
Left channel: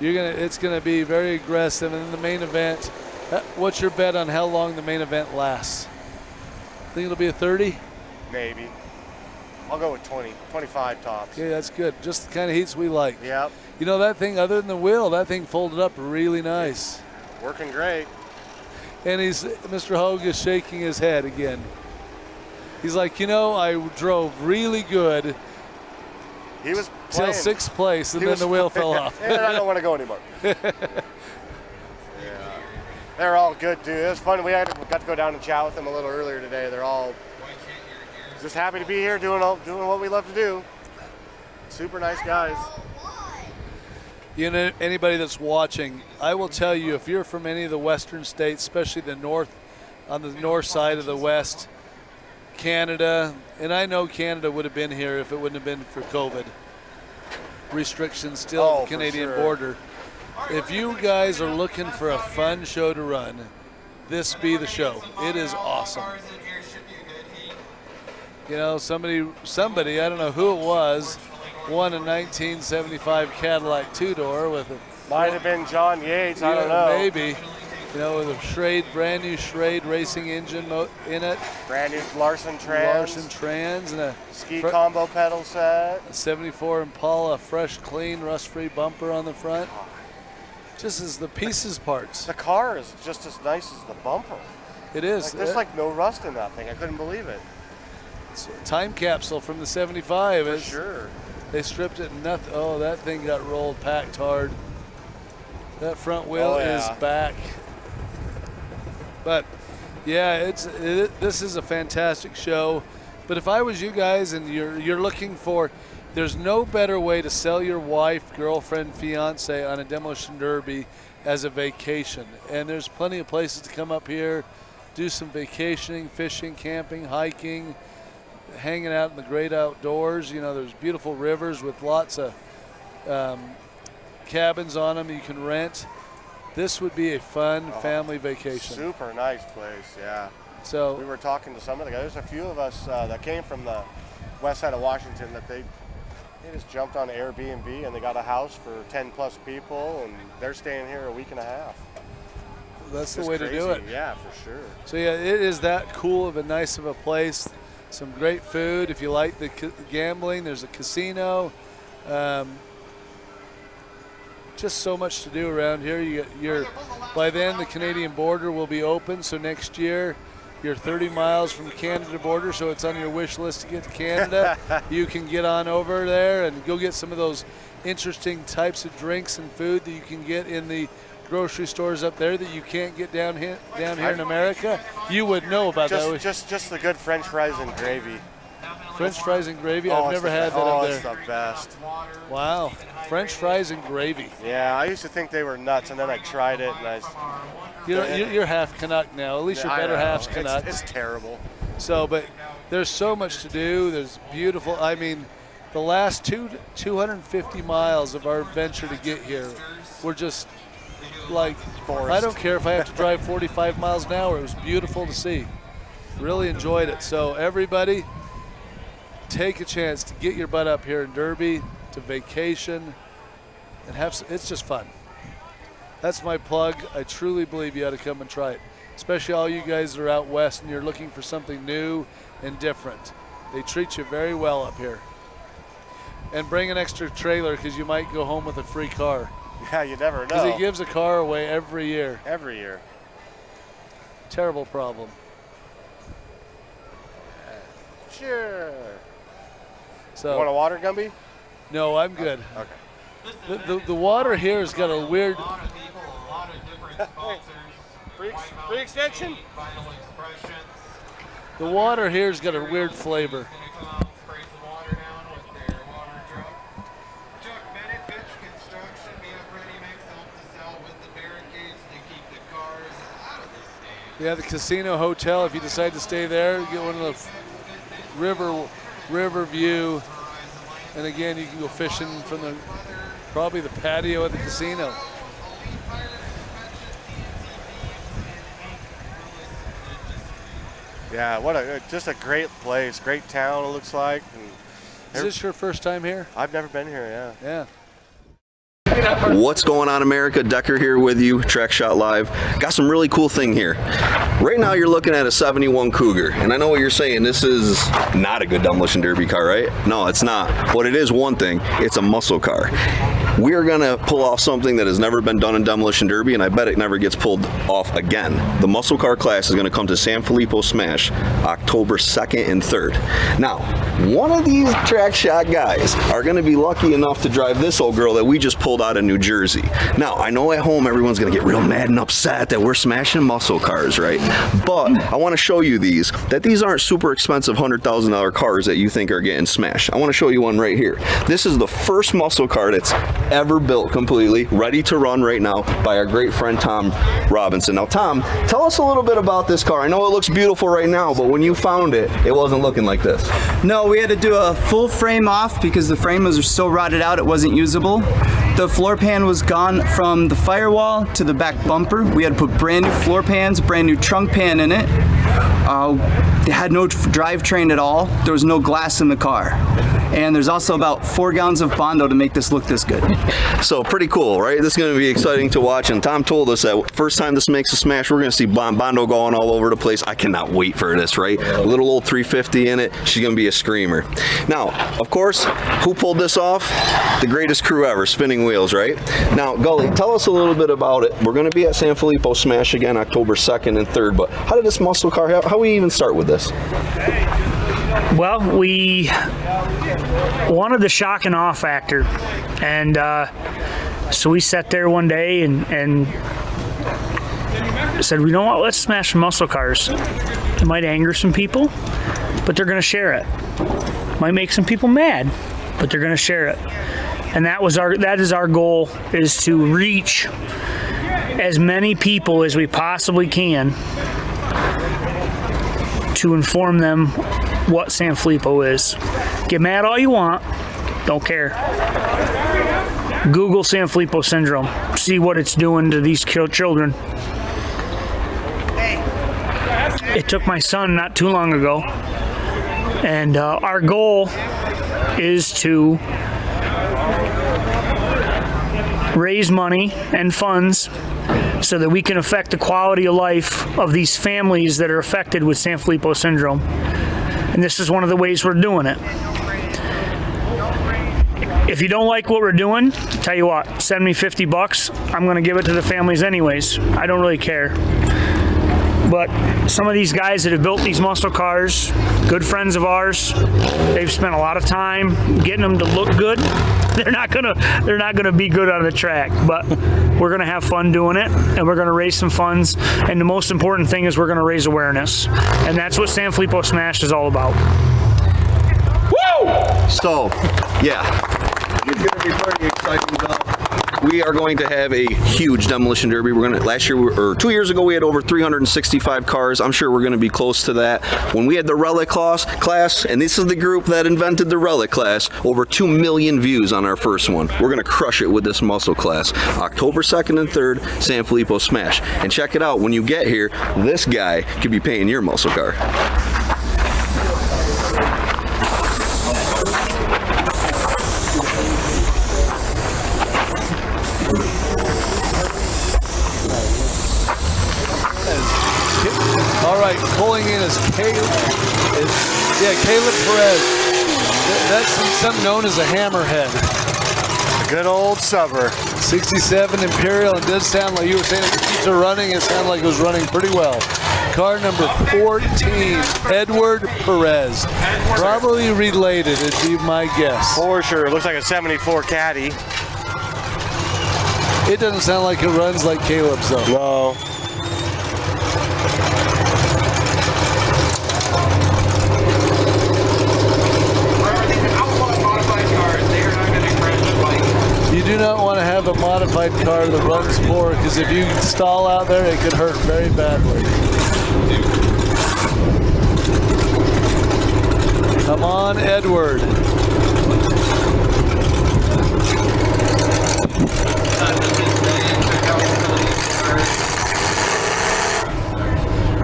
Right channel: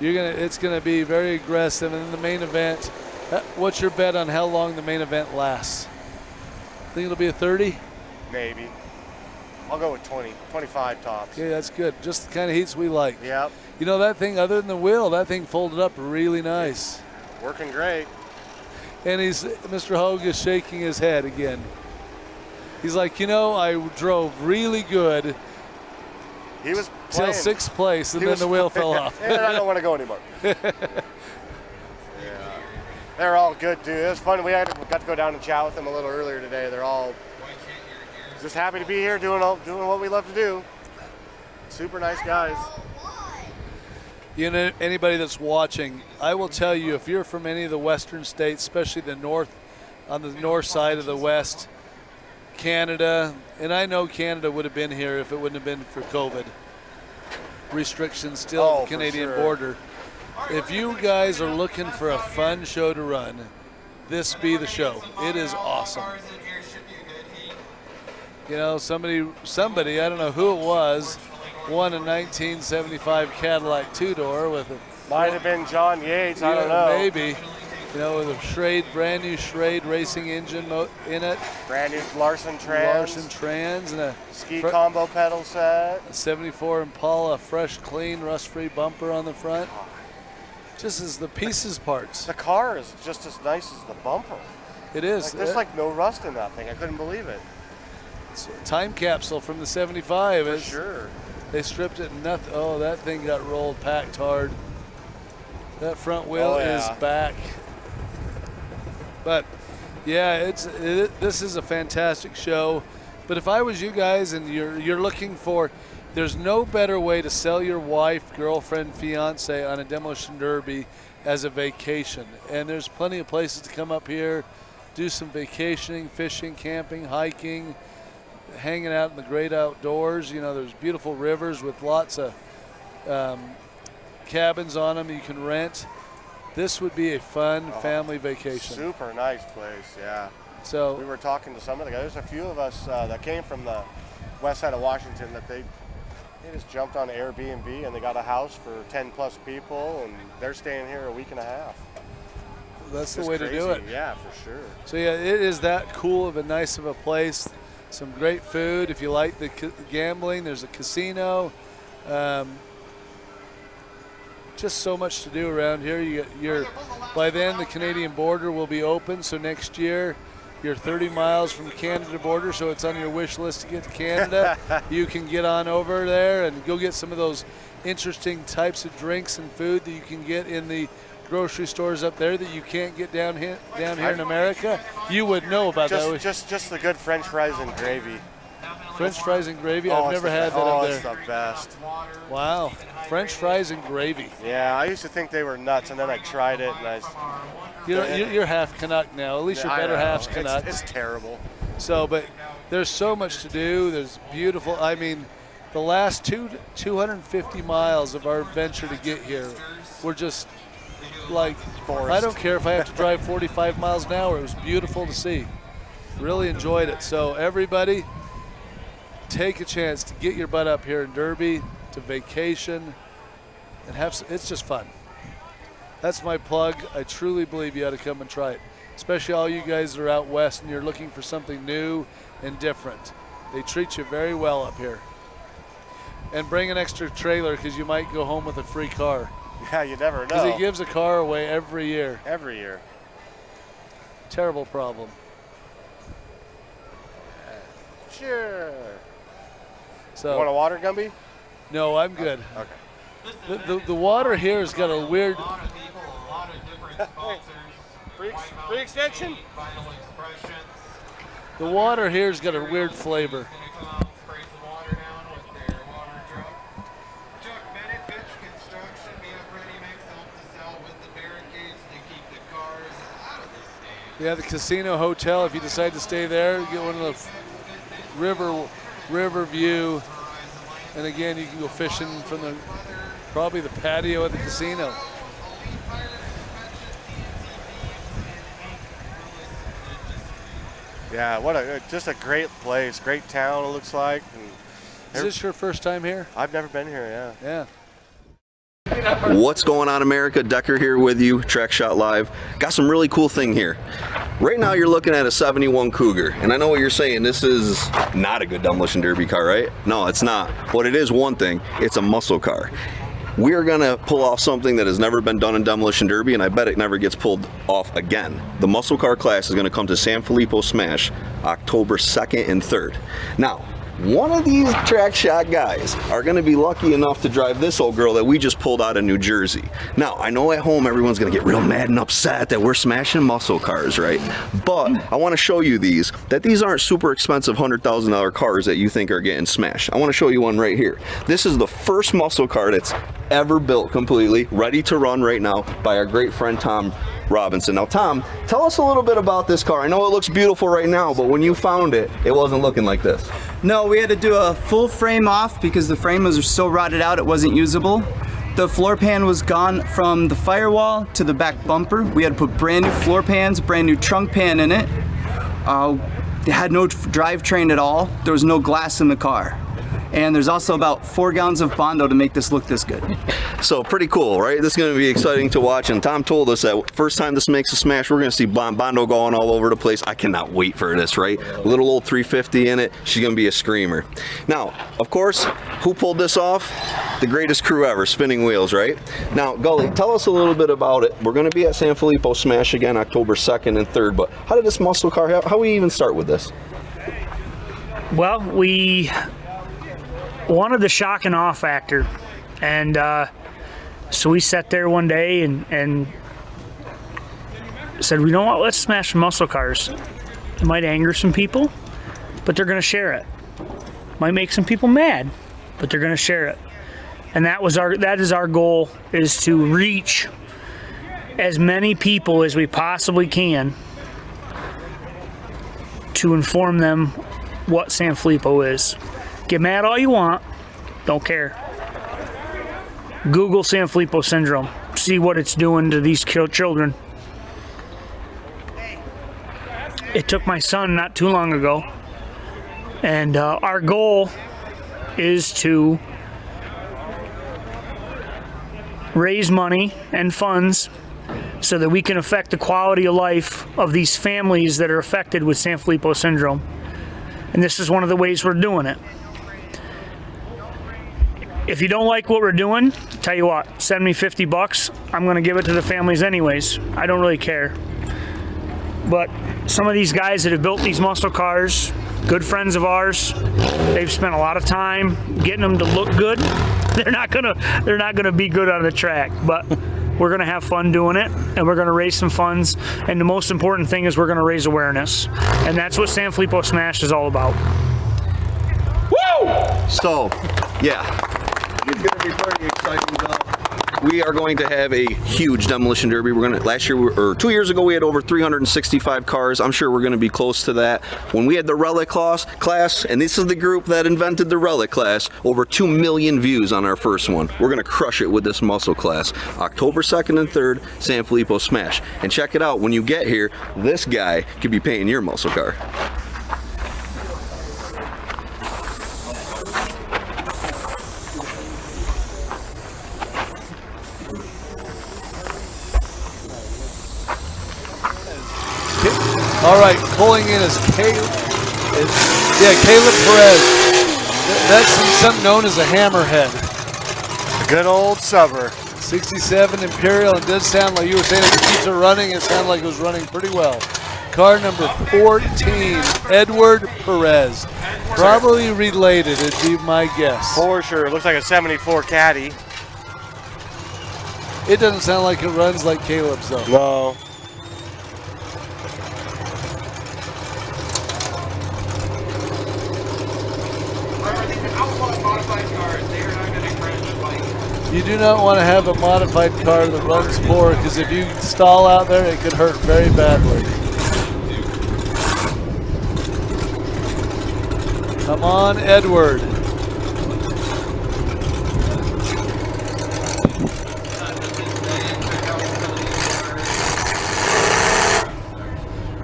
it's going to be very aggressive. And then the main event, what's your bet on how long the main event lasts? Think it'll be a 30? Maybe. I'll go with 20, 25 tops. Yeah, that's good. Just the kind of heats we like. Yep. You know, that thing, other than the wheel, that thing folded up really nice. Working great. And Mr. Hogue is shaking his head again. He's like, you know, I drove really good. He was till 6th place, and then the wheel fell off. And I don't want to go anymore. Yeah. They're all good, dude. It was fun. We got to go down and chat with them a little earlier today. They're all just happy to be here doing what we love to do. Super nice guys. You know, anybody that's watching, I will tell you, if you're from any of the western states, especially on the north side of the West, Canada, and I know Canada would have been here if it wouldn't have been for COVID. Restrictions still at the Canadian border. If you guys are looking for a fun show to run, this be the show. It is awesome. You know, somebody, I don't know who it was, won a 1975 Cadillac two-door with a... Might have been John Yates, I don't know. Maybe. You know, with a brand new Schrade racing engine in it. Brand new Larson trans. Larson trans and a ski combo pedal set. A 74 Impala, fresh, clean, rust-free bumper on the front. Just as the pieces parts. The car is just as nice as the bumper. It is. There's like no rust in that thing. I couldn't believe it. It's a time capsule from the 75. For sure. They stripped it. Nothing. Oh, that thing got rolled, packed hard. That front wheel is back. But yeah, this is a fantastic show. But if I was you guys and you're looking for, there's no better way to sell your wife, girlfriend, fiance on a Demolition Derby as a vacation. And there's plenty of places to come up here, do some vacationing, fishing, camping, hiking, hanging out in the great outdoors. You know, there's beautiful rivers with lots of cabins on them you can rent. This would be a fun family vacation. Super nice place, yeah. So we were talking to some of the guys. There's a few of us that came from the west side of Washington that they just jumped on Airbnb and they got a house for 10 plus people and they're staying here a week and a half. That's the way to do it. Yeah, for sure. So yeah, it is that cool of a nice of a place. Some great food. If you like the gambling, there's a casino. Just so much to do around here. By then the Canadian border will be open, so next year you're 30 miles from Canada border, so it's on your wish list to get to Canada. You can get on over there and go get some of those interesting types of drinks and food that you can get in the grocery stores up there that you can't get down here in America. You would know about that. Just the good French fries and gravy. French fries and gravy? I've never had that up there. It's the best. Wow. French fries and gravy. Yeah, I used to think they were nuts, and then I tried it, and you're half Canuck now. At least your better half's Canuck. It's terrible. So, but there's so much to do. There's beautiful. I mean, the last 250 miles of our venture to get here were just like forest. I don't care if I have to drive 45 miles an hour. It was beautiful to see. Really enjoyed it. So everybody, take a chance to get your butt up here in Derby, to vacation, and it's just fun. That's my plug. I truly believe you ought to come and try it, especially all you guys that are out west and you're looking for something new and different. They treat you very well up here. And bring an extra trailer because you might go home with a free car. Yeah, you never know. Because he gives a car away every year. Every year. Terrible problem. Sure. So, you want a water, Gumby? No, I'm good. Okay. The water here has got a weird. Free extension? The water here's got a weird flavor. Yeah, the casino hotel, if you decide to stay there, get one of the river view. And again, you can go fishing from probably the patio at the casino. Yeah, just a great place, great town it looks like. And is this your first time here? I've never been here, Yeah. What's going on, America? Decker here with you, Track Shot Live. Got some really cool thing here. Right now you're looking at a 71 Cougar, and I know what you're saying, this is not a good Demolition Derby car, right? No, it's not. But it is one thing, it's a muscle car. We are gonna pull off something that has never been done in Demolition Derby, and I bet it never gets pulled off again. The muscle car class is gonna come to San Filippo Smash October 2nd and 3rd. Now, one of these Track Shot guys are gonna be lucky enough to drive this old girl that we just pulled out of New Jersey. Now, I know at home everyone's gonna get real mad and upset that we're smashing muscle cars, right? But I wanna show you that these aren't super expensive $100,000 cars that you think are getting smashed. I wanna show you one right here. This is the first muscle car that's ever built completely, ready to run right now by our great friend Tom Robinson. Now, Tom, tell us a little bit about this car. I know it looks beautiful right now, but when you found it, it wasn't looking like this. No, we had to do a full frame off because the frame was so rotted out it wasn't usable. The floor pan was gone from the firewall to the back bumper. We had to put brand new floor pans, brand new trunk pan in it. It had no drivetrain at all. There was no glass in the car. And there's also about 4 gallons of Bondo to make this look this good. So pretty cool, right? This is going to be exciting to watch. And Tom told us that first time this makes a smash, we're going to see Bondo going all over the place. I cannot wait for this, right? A little old 350 in it. She's going to be a screamer. Now, of course, who pulled this off? The greatest crew ever, Spinning Wheels, right? Now, Gully, tell us a little bit about it. We're going to be at San Filippo Smash again, October 2nd and 3rd. But how did this muscle car, how we even start with this? Well, we wanted the shock and awe factor, and so we sat there one day and said, you know what, let's smash some muscle cars. It might anger some people, but they're going to share it. Might make some people mad, but they're going to share it. And that is our goal, is to reach as many people as we possibly can to inform them what San Filippo is. Get mad all you want, don't care. Google San Filippo syndrome, see what it's doing to these children. It took my son not too long ago, and our goal is to raise money and funds so that we can affect the quality of life of these families that are affected with San Filippo syndrome. And this is one of the ways we're doing it. If you don't like what we're doing, tell you what, send me $50. I'm going to give it to the families anyways. I don't really care. But some of these guys that have built these muscle cars, good friends of ours, they've spent a lot of time getting them to look good. They're not gonna be good on the track, but we're gonna have fun doing it, and we're gonna raise some funds. And the most important thing is we're gonna raise awareness, and that's what San Filippo Smash is all about. Woo! So, yeah, it's gonna be pretty exciting stuff. We are going to have a huge demolition derby. Last year or 2 years ago, we had over 365 cars. I'm sure we're going to be close to that. When we had the relic class, and this is the group that invented the relic class, over 2 million views on our first one. We're going to crush it with this muscle class. October 2nd and 3rd, San Filippo Smash. And check it out, when you get here, this guy could be painting your muscle car. All right, pulling in is Caleb Perez. That's something known as a hammerhead. Good old subber. 67 Imperial. It does sound like you were saying if it keeps running, it sounded like it was running pretty well. Car number 14, Edward Perez. Probably related, would be my guess. For sure. It looks like a 74 Caddy. It doesn't sound like it runs like Caleb's, though. No. You do not want to have a modified car that runs poor, because if you stall out there, it could hurt very badly. Come on, Edward.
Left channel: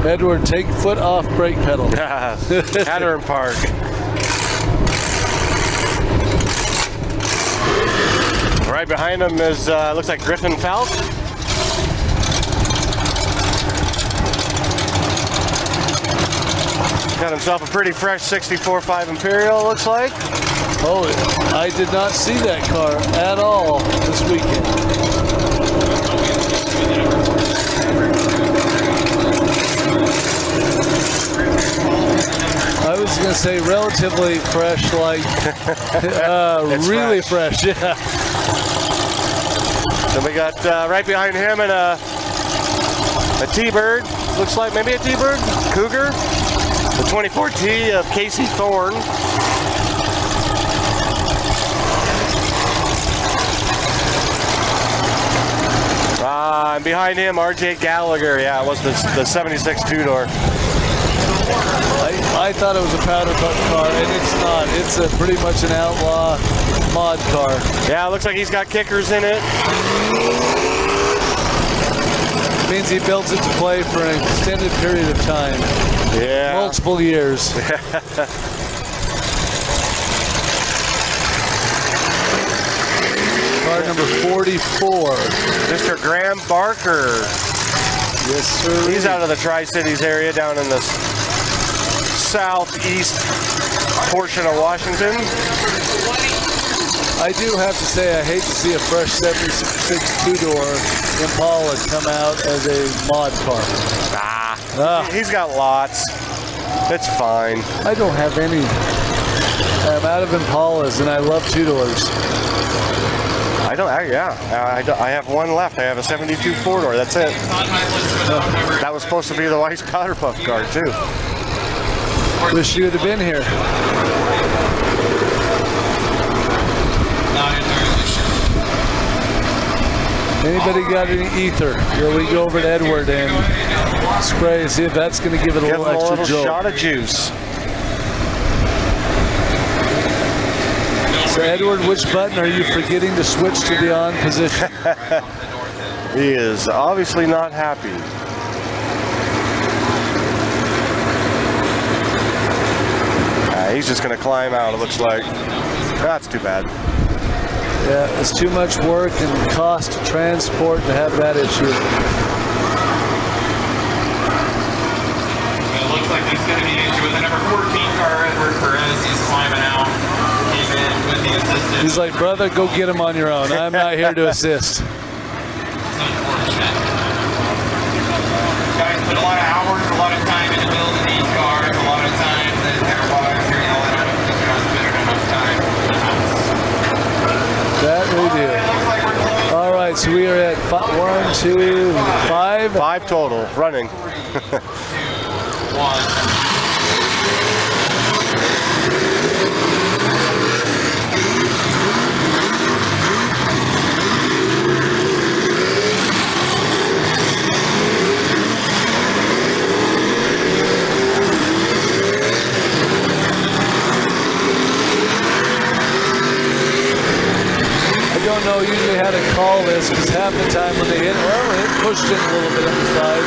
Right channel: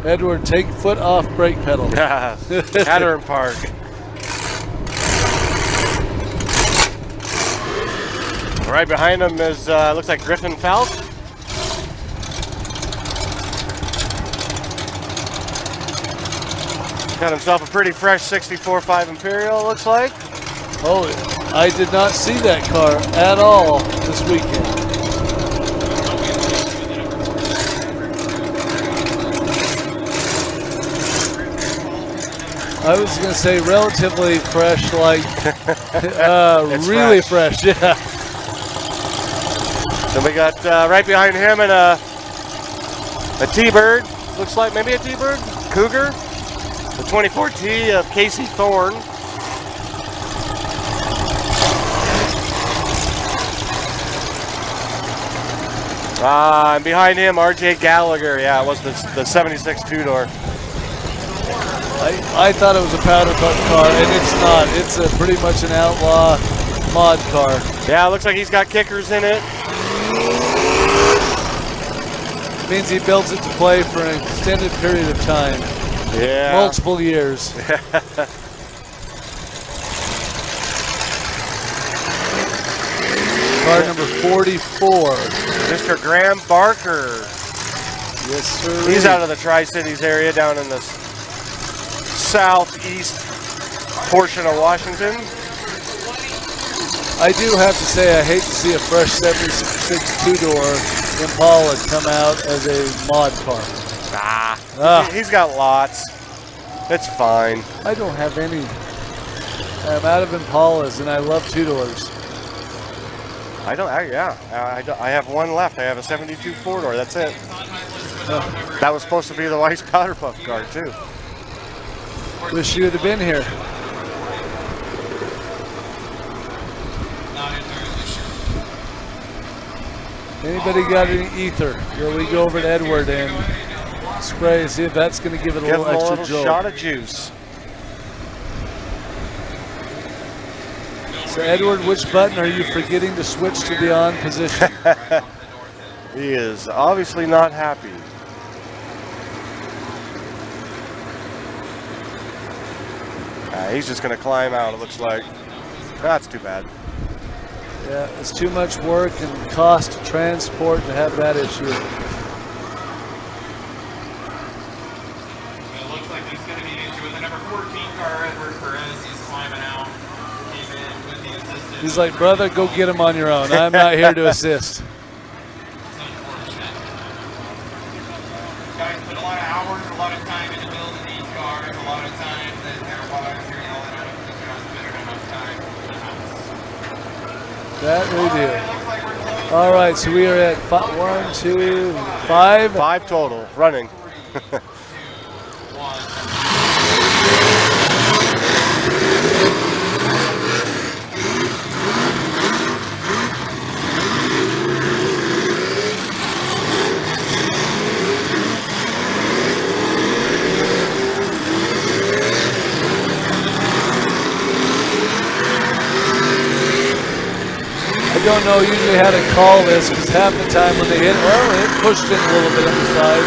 Edward, take foot off brake pedal. Hatter Park. Right behind him is, looks like Griffin Falk. Got himself a pretty fresh 64.5 Imperial, looks like. Oh, I did not see that car at all this weekend. I was going to say relatively fresh, like really fresh, yeah. Then we got right behind him and a T-Bird. Looks like maybe a T-Bird? Cougar? The 24 T of Casey Thorne. Behind him, RJ Gallagher. Yeah, it was the 76 two-door. I thought it was a powder puff car, and it's not. It's pretty much an outlaw mod car. Yeah, it looks like he's got kickers in it. Means he built it to play for an extended period of time. Yeah. Multiple years. car number 44. Mr. Graham Barker. Yes, sir. He's out of the Tri-Cities area down in the southeast portion of Washington. I do have to say I hate to see a fresh 76 two-door Impala come out as a mod car. He's got lots. It's fine. I don't have any. I'm out of Impalas, and I love two-doors. I have one left. I have a 72 four-door. That's it. That was supposed to be the Weiss Powder Puff car, too. Wish you would have been here. Anybody got any ether? Here we go over to Edward and spray and see if that's going to give it a little extra jolt. Shot of juice. So Edward, which button are you forgetting to switch to the on position? He is obviously not happy. He's just going to climb out, it looks like. That's too bad. Yeah, it's too much work and cost to transport to have that issue. It looks like there's going to be an issue with the number 14 car, Edward Perez. He's climbing out. Came in with the assistant. He's like, brother, go get him on your own. I'm not here to assist. It's unfortunate. Guys put a lot of hours, a lot of time into building these cars. A lot of time that their wives are yelling at them because they're not spending enough time in the house. That we do. All right, so we are at 1, 2, 5. 5 total, running. 1. I don't know usually how to call this because half the time when they hit, well, it pushed in a little bit on the side.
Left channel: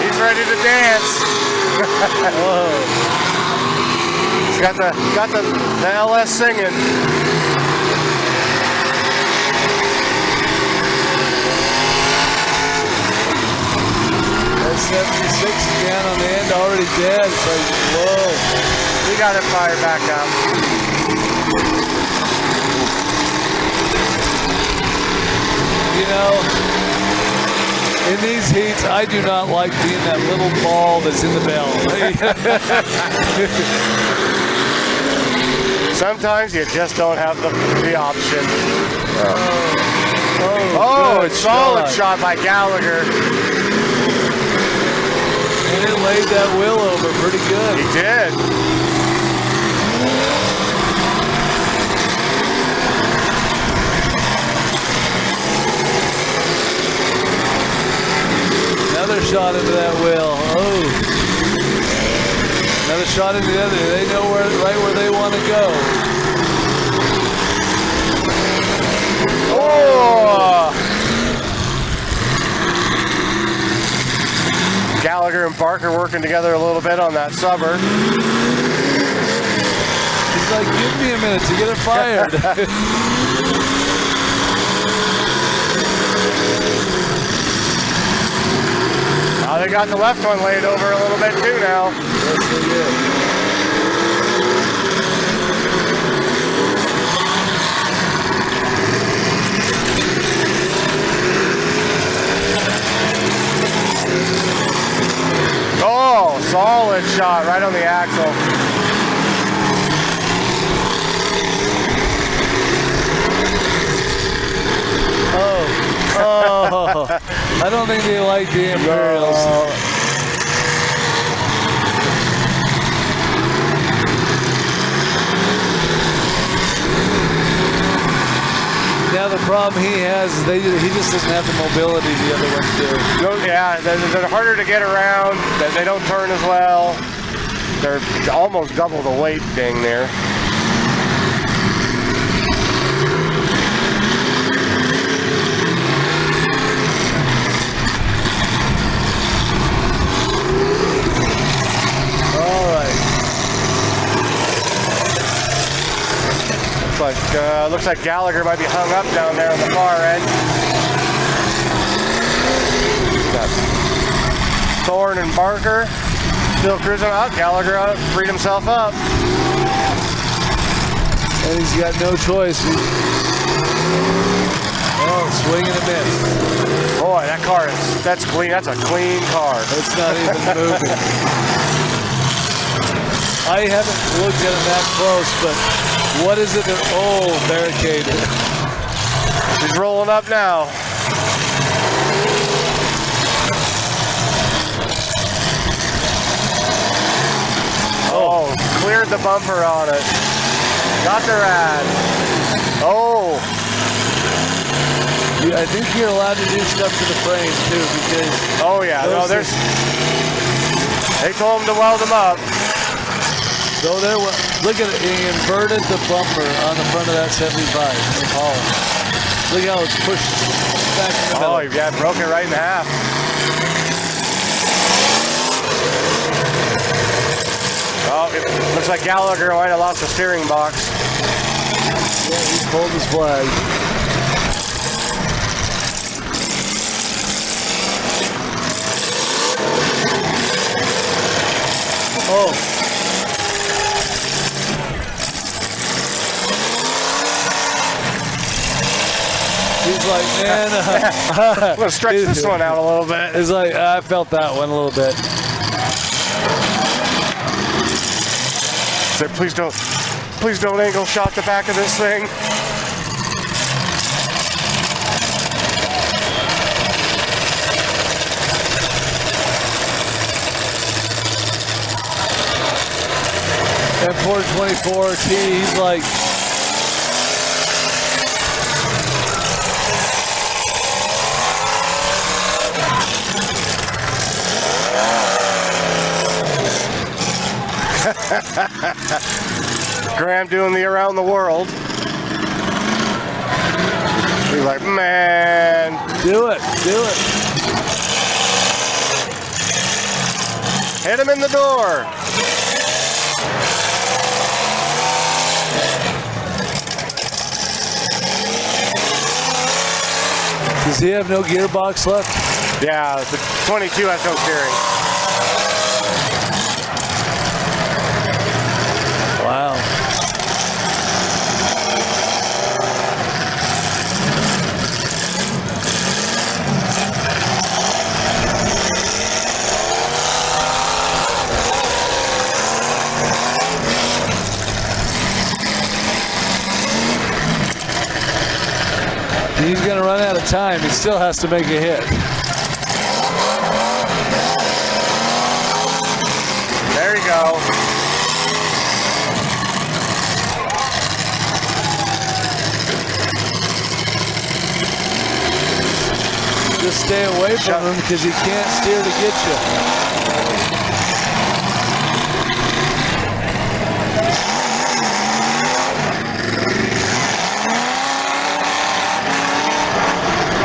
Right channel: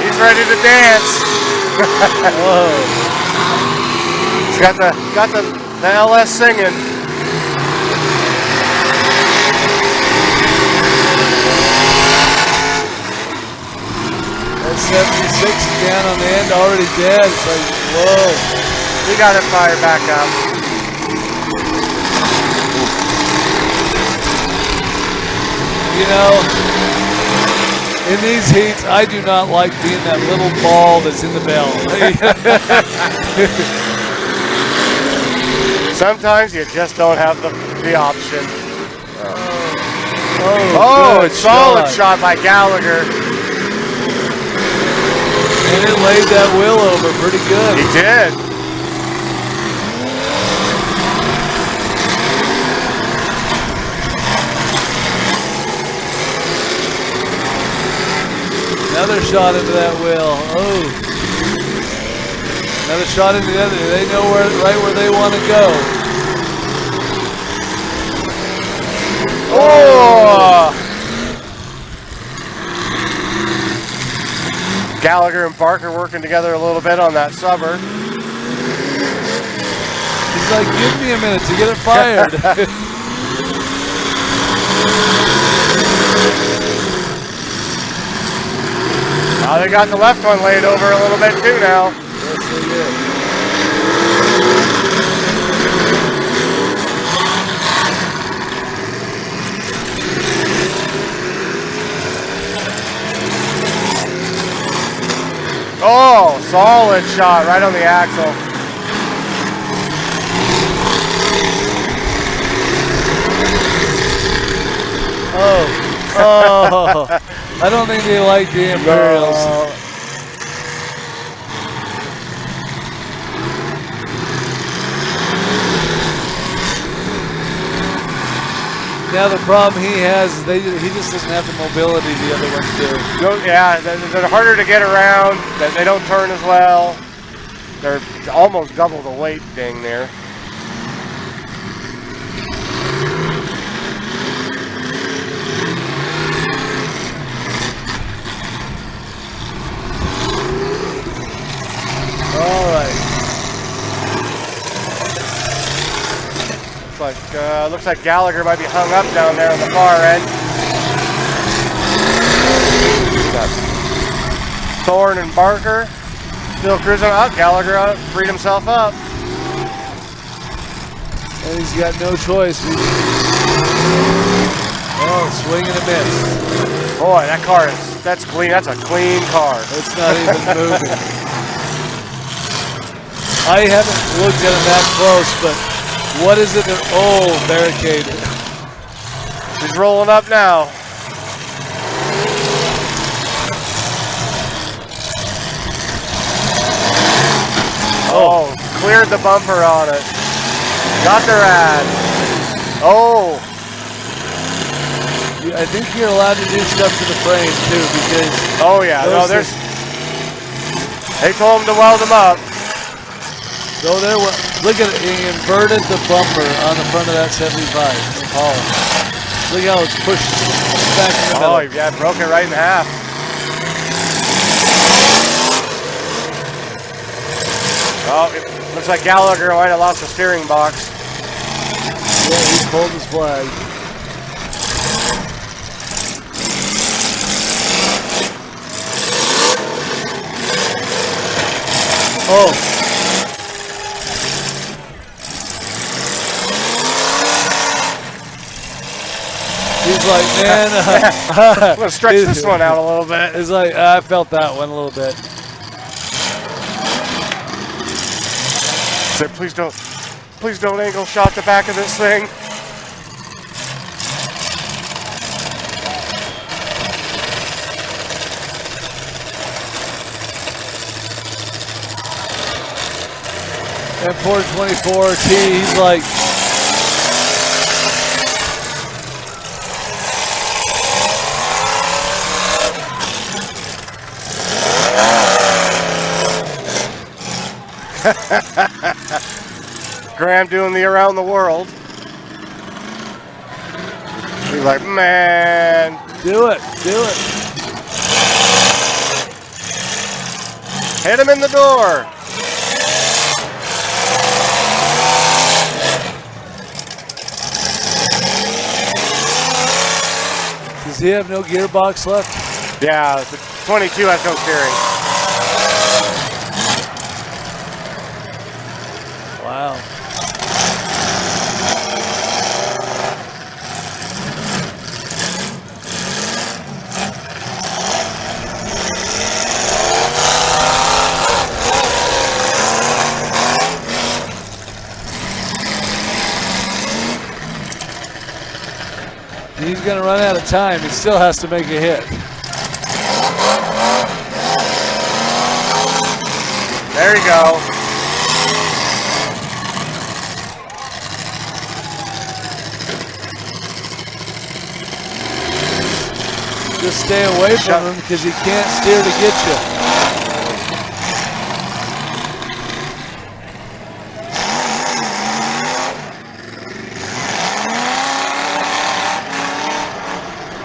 He's ready to dance. Oh. He's got the LS singing. That 76 is down on the end, already dead. It's like, whoa. We got it fired back up. You know, in these heats, I do not like being that little ball that's in the bell. Sometimes you just don't have the option. Oh, it's solid shot by Gallagher. And it laid that wheel over pretty good. He did. Another shot into that wheel. Oh. Another shot into the other. They know right where they want to go. Oh! Gallagher and Barker working together a little bit on that summer. He's like, give me a minute to get it fired. Now they got the left one laid over a little bit too now. Yes, they did. Oh, solid shot right on the axle. Oh, I don't think they like the Imperials. Now the problem he has is he just doesn't have the mobility the other ones do. Yeah, they're harder to get around. They don't turn as well. They're almost double the weight thing there. All right. Looks like Gallagher might be hung up down there on the far end. Got Thorne and Barker still cruising up. Gallagher freed himself up. And he's got no choice. Oh, swing and a miss. Boy, that's clean. That's a clean car. It's not even moving. I haven't looked at it that close, but what is it? Oh, barricaded. He's rolling up now. Oh, cleared the bumper on it. Got the rad. Oh. I think you're allowed to do stuff to the frame too, because oh yeah, no, they told him to weld them up. So there, look at it, he inverted the bumper on the front of that 75. Oh, look how it's pushed back in the middle. Oh yeah, broke it right in half. Oh, it looks like Gallagher might have lost the steering box. Yeah, he pulled his flag. Oh. He's like, man, I'm gonna stretch this one out a little bit. It's like, I felt that one a little bit. So please don't angle shot the back of this thing. And poor 24T, he's like, Graham doing the around the world. He's like, man. Do it. Hit him in the door. Does he have no gearbox left? Yeah, the 22 has no steering. Wow. He's going to run out of time. He still has to make a hit. There you go. Just stay away from him because he can't steer to get you.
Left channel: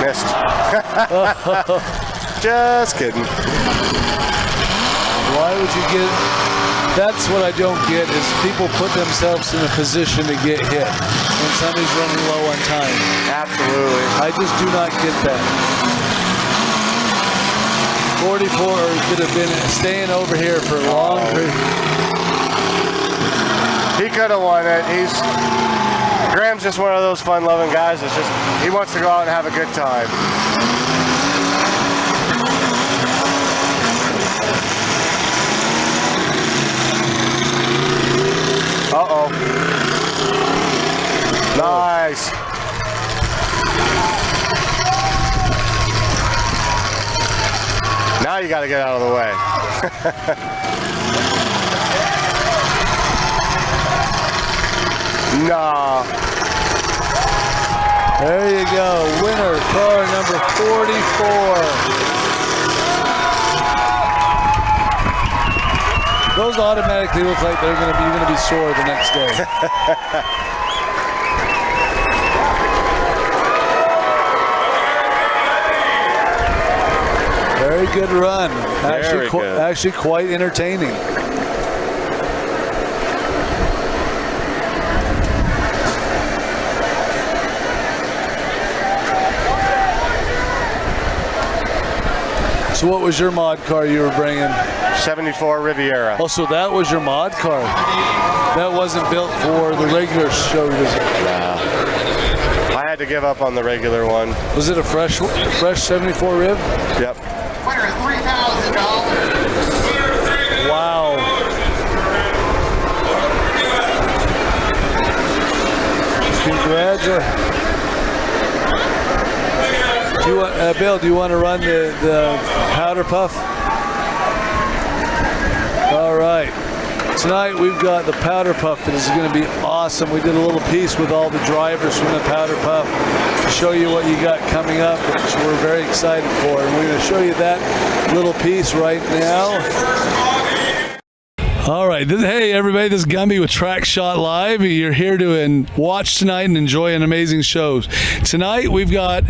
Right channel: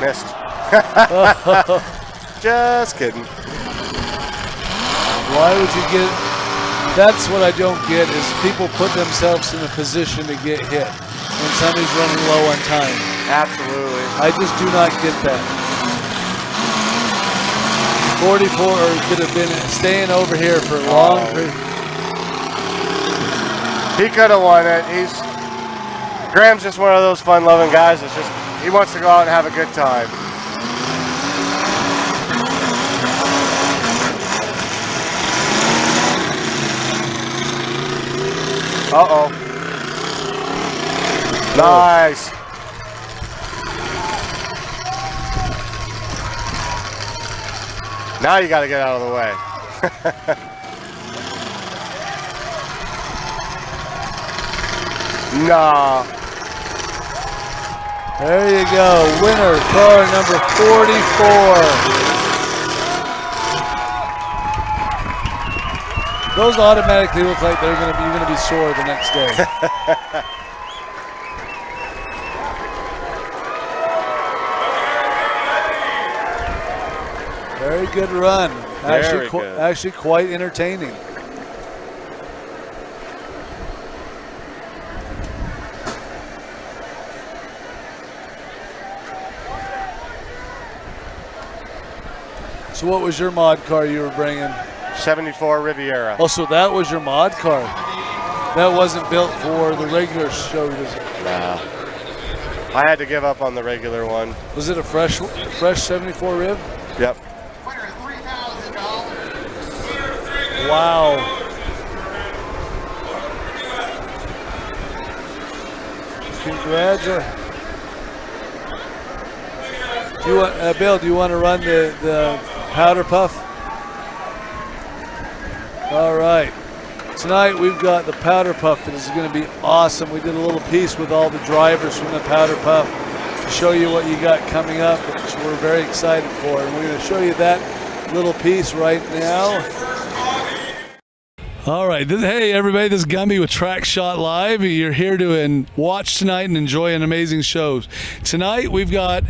Missed. Just kidding. Why would you get... That's what I don't get, is people put themselves in a position to get hit when somebody's running low on time. Absolutely. I just do not get that. 44 could have been staying over here for a long period. He could have won it. Graham's just one of those fun-loving guys. It's just he wants to go out and have a good time. Uh-oh. Nice. Now you got to get out of the way. Nah. There you go. Winner, car number 44. Those automatically look like you're going to be sore the next day. Very good run. Actually quite entertaining. So what was your mod car you were bringing? 74 Riviera. Oh, so that was your mod car. That wasn't built for the regular show, was it? I had to give up on the regular one. Was it a fresh 74 Riv? Yep. Winner, $3,000. Wow. Congratulations. Bill, do you want to run the powder puff? All right. Tonight we've got the powder puff that is going to be awesome. We did a little piece with all the drivers from the powder puff to show you what you got coming up, which we're very excited for. And we're going to show you that little piece right now. All right. Hey, everybody. This is Gumby with Track Shot Live. You're here to watch tonight and enjoy an amazing show. Tonight we've got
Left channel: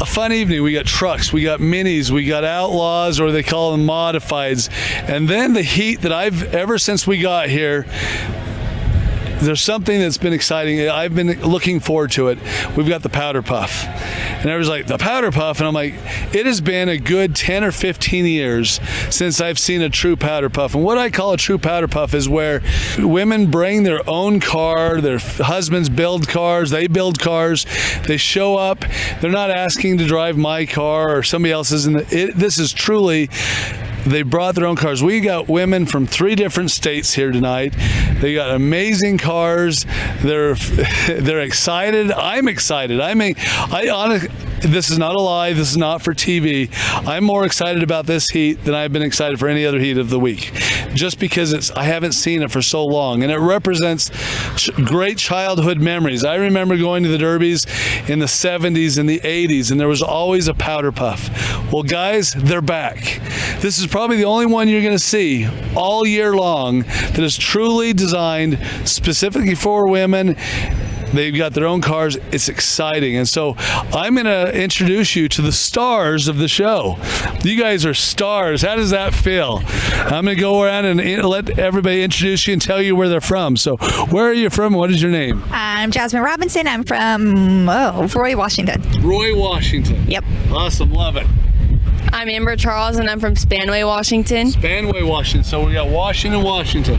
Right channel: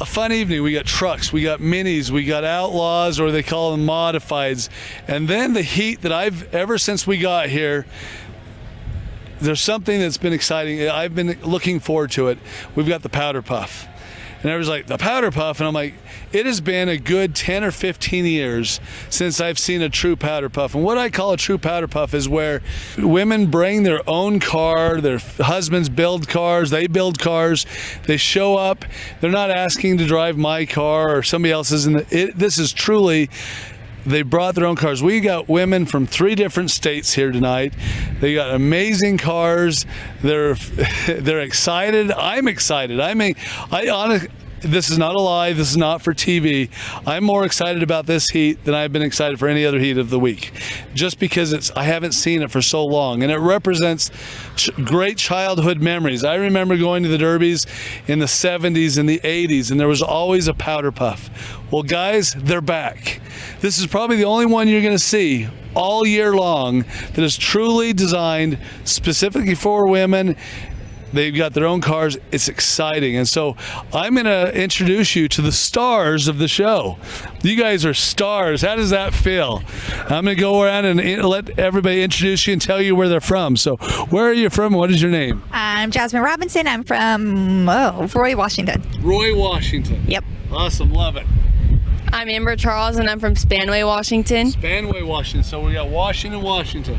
a fun evening. We got trucks, we got minis, we got outlaws, or they call them modifieds. And then the heat that ever since we got here, there's something that's been exciting. I've been looking forward to it. We've got the powder puff. And I was like, the powder puff? And I'm like, it has been a good 10 or 15 years since I've seen a true powder puff. And what I call a true powder puff is where women bring their own car, their husbands build cars, they build cars, they show up, they're not asking to drive my car or somebody else's. This is truly, they brought their own cars. We got women from 3 different states here tonight. They got amazing cars. They're excited. I'm excited. I mean, honestly, this is not a lie. This is not for TV. I'm more excited about this heat than I've been excited for any other heat of the week, just because I haven't seen it for so long, and it represents great childhood memories. I remember going to the derbies in the 70s and the 80s, and there was always a powder puff. Well, guys, they're back. This is probably the only one you're going to see all year long that is truly designed specifically for women. They've got their own cars. It's exciting. And so I'm going to introduce you to the stars of the show. You guys are stars. How does that feel? I'm going to go around and let everybody introduce you and tell you where they're from. So where are you from? What is your name? I'm Jasmine Robinson. I'm from Roy, Washington. Roy, Washington. Yep. Awesome. Love it. I'm Amber Charles, and I'm from Spanway, Washington. Spanway, Washington. So we got Washington.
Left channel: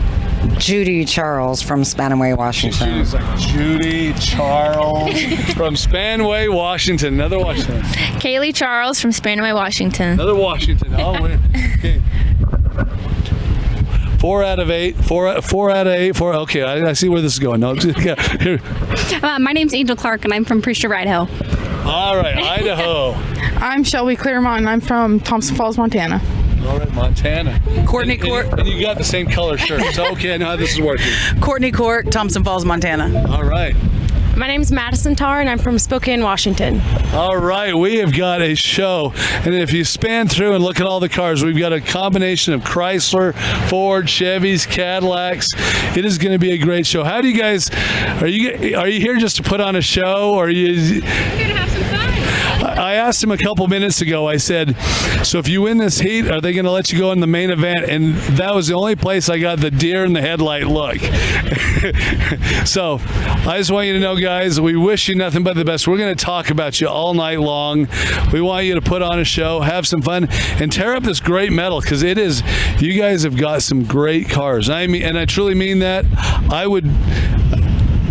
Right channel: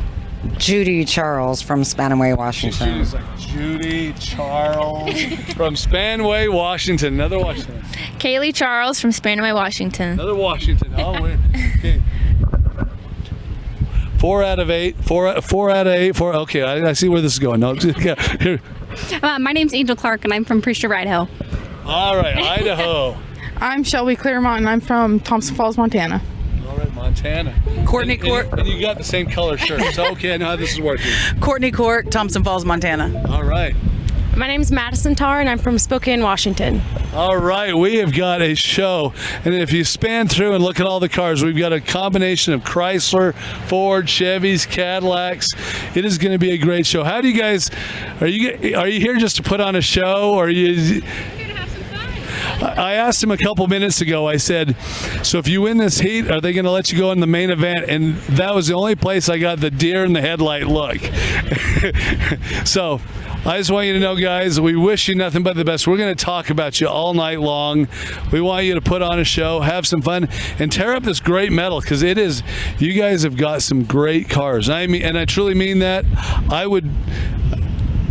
Judy Charles from Spanaway, Washington. Judy Charles from Spanway, Washington. Another Washington. Kaylee Charles from Spanaway, Washington. Another Washington. Oh, okay. 4 out of 8. 4 out of 8. Okay, I see where this is going. No, here. My name's Angel Clark, and I'm from Priest of Idaho. All right, Idaho. I'm Shelby Claremont, and I'm from Thompson Falls, Montana. All right, Montana. Courtney Court. And you got the same color shirt. So, okay, I know how this is working. Courtney Court, Thompson Falls, Montana. All right. My name's Madison Tarr, and I'm from Spokane, Washington. All right, we have got a show, and if you span through and look at all the cars, we've got a combination of Chrysler, Ford, Chevys, Cadillacs. It is going to be a great show. How do you guys? Are you here just to put on a show, or are you? I asked him a couple minutes ago, I said, so if you win this heat, are they going to let you go in the main event? And that was the only place I got the deer in the headlight look. So I just want you to know, guys, we wish you nothing but the best. We're going to talk about you all night long. We want you to put on a show, have some fun, and tear up this great metal, because it is, you guys have got some great cars. I mean, and I truly mean that.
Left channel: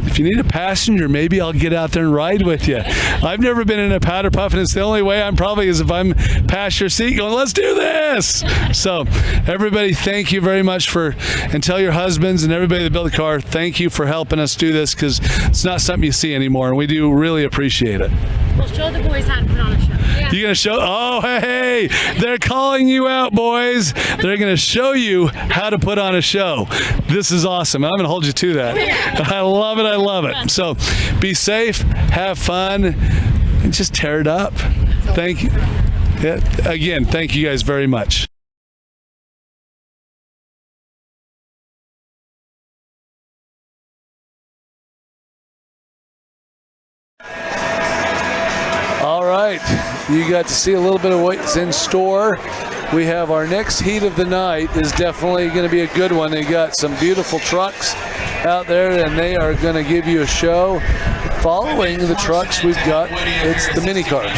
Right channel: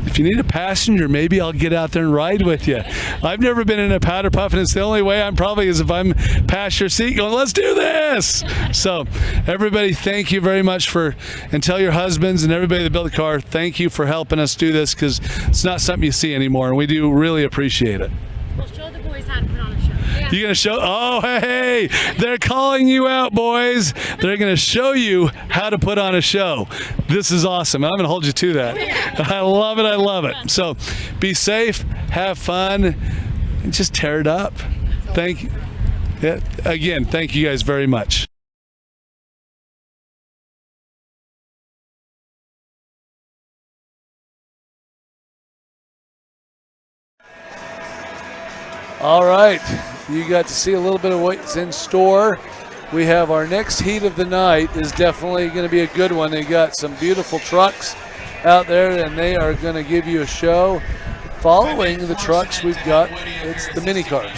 If you need a passenger, maybe I'll get out there and ride with you. I've never been in a powder puff, and it's the only way I'm probably is if I'm past your seat going, let's do this. So everybody, thank you very much and tell your husbands and everybody that built the car, thank you for helping us do this, because it's not something you see anymore, and we do really appreciate it. We'll show the boys how to put on a show. Yeah. You gonna show? Oh, hey, they're calling you out, boys. They're gonna show you how to put on a show. This is awesome. I'm gonna hold you to that. I love it. I love it. So, be safe, have fun, and just tear it up. Thank you. Yeah, again, thank you guys very much. All right, you got to see a little bit of what's in store. We have our next heat of the night is definitely going to be a good one. They got some beautiful trucks out there, and they are going to give you a show. Following the trucks we've got, it's the mini cars.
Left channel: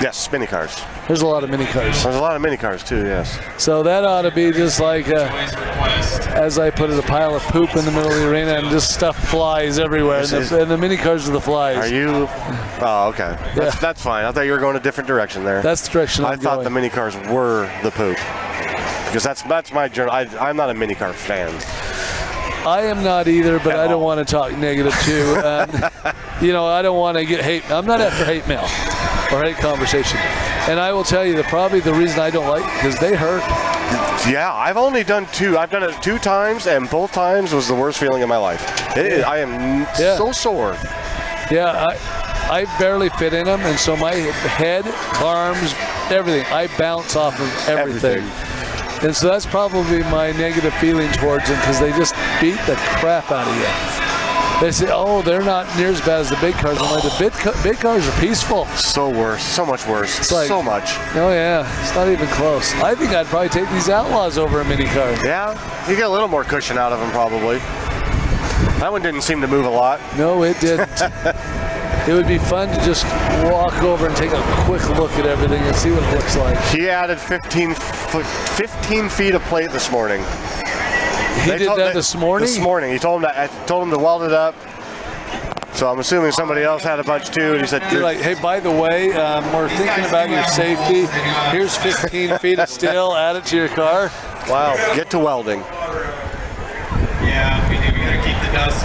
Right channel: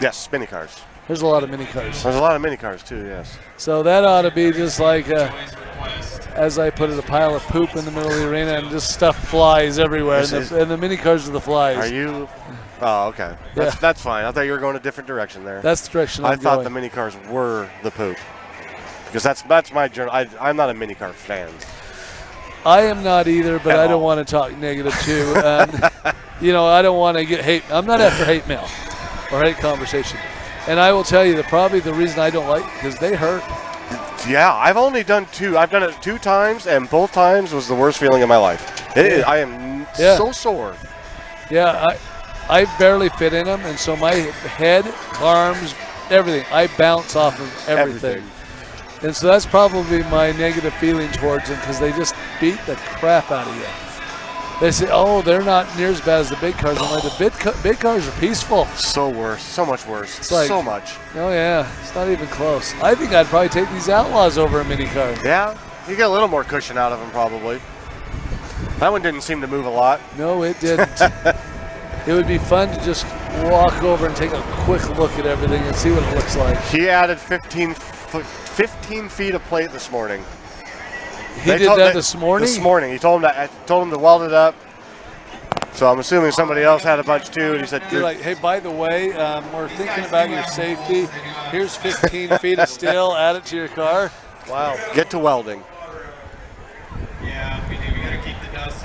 Yes, mini cars. There's a lot of mini cars. There's a lot of mini cars too, yes. So that ought to be just like, as I put it, a pile of poop in the middle of the arena, and just stuff flies everywhere. And the mini cars are the flies. Are you? Oh, okay. That's fine. I thought you were going a different direction there. That's the direction I thought the mini cars were the poop. Because that's my journey. I'm not a mini car fan. I am not either, but I don't want to talk negative too. I don't want to get hate. I'm not after hate mail or hate conversation. And I will tell you that probably the reason I don't like it because they hurt. Yeah, I've only done 2. I've done it 2 times, and both times was the worst feeling of my life. I am so sore. Yeah, I barely fit in them, and so my head, arms, everything, I bounce off of everything. And so that's probably my negative feeling towards them because they just beat the crap out of you. They say, oh, they're not near as bad as the big cars. I'm like, the big cars are peaceful. So worse. So much worse. It's like, so much. Oh, yeah. It's not even close. I think I'd probably take these Outlaws over a mini car. Yeah. You get a little more cushion out of them, probably. That one didn't seem to move a lot. No, it didn't. It would be fun to just walk over and take a quick look at everything and see what it looks like. He added 15 feet of plate this morning. He did that this morning? This morning. I told him to weld it up. So I'm assuming somebody else had a bunch too. And he said, "You're like, hey, by the way, we're thinking about your safety. Here's 15 feet of steel. Add it to your car." Wow. Get to welding.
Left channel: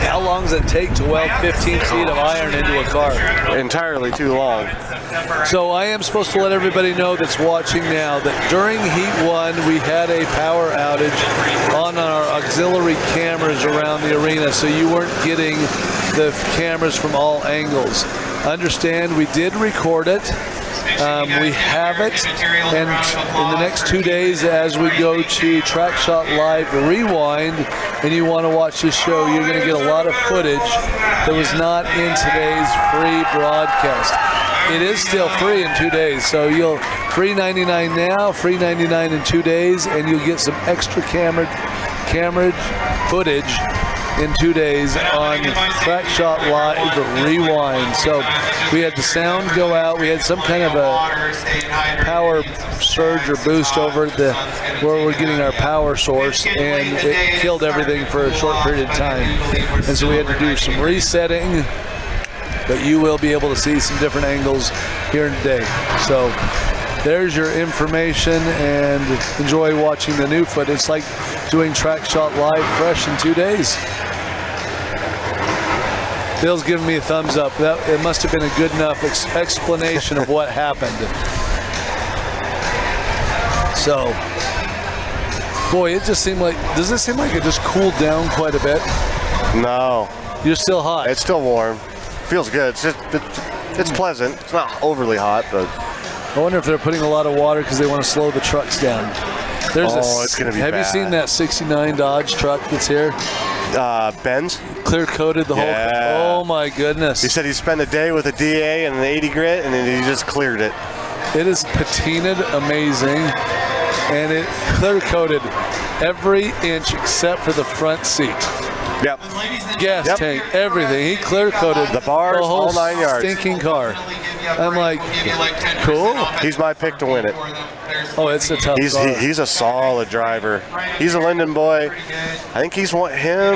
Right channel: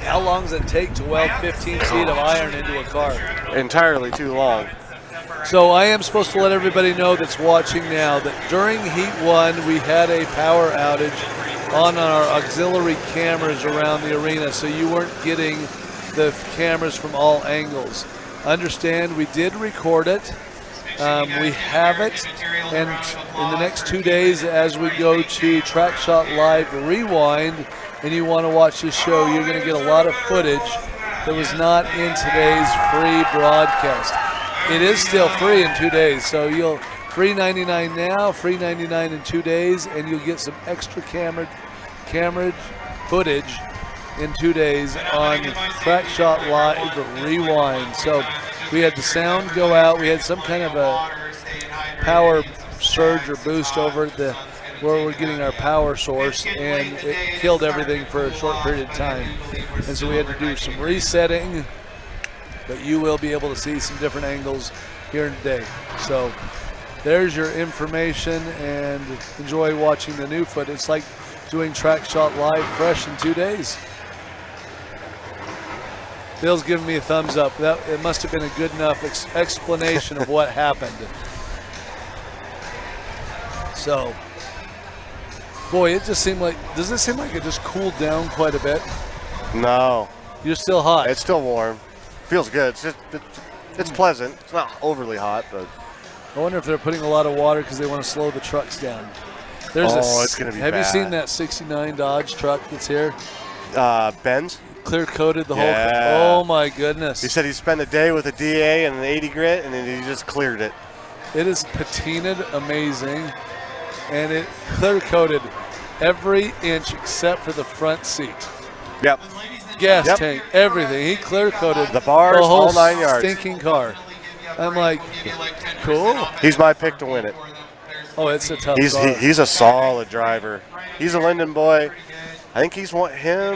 How long does it take to weld 15 feet of iron into a car? Entirely too long. So I am supposed to let everybody know that's watching now that during Heat 1, we had a power outage on our auxiliary cameras around the arena, so you weren't getting the cameras from all angles. Understand, we did record it. We have it, and in the next 2 days, as we go to Track Shot Live Rewind, and you want to watch this show, you're going to get a lot of footage that was not in today's free broadcast. It is still free in 2 days, so you'll free $99 now, free $99 in 2 days, and you'll get some extra camera footage in 2 days on Track Shot Live Rewind. So we had the sound go out. We had some kind of a power surge or boost over where we're getting our power source, and it killed everything for a short period of time. And so we had to do some resetting, but you will be able to see some different angles here today. So there's your information, and enjoy watching the new footage. It's like doing Track Shot Live fresh in 2 days. Bill's giving me a thumbs up. It must have been a good enough explanation of what happened. So, boy, it just seemed like, does it seem like it just cooled down quite a bit? No. You're still hot. It's still warm. Feels good. It's pleasant. It's not overly hot, but. I wonder if they're putting a lot of water because they want to slow the trucks down. It's going to be Have bad. you seen that 69 Dodge truck that's here? Benz? Clear coated the whole thing. Oh my goodness. He said he spent a day with a DA and an 80 grit, and then he just cleared it. It is patinaed amazing, and it clear coated every inch except for the front seat. Yep. Gas tank, everything. He clear coated the bars, the whole all 9 yards. Stinking car. I'm like, cool. He's my pick to win it. Oh, it's a tough car. He's a solid driver. He's a Linden boy. I think he's won him.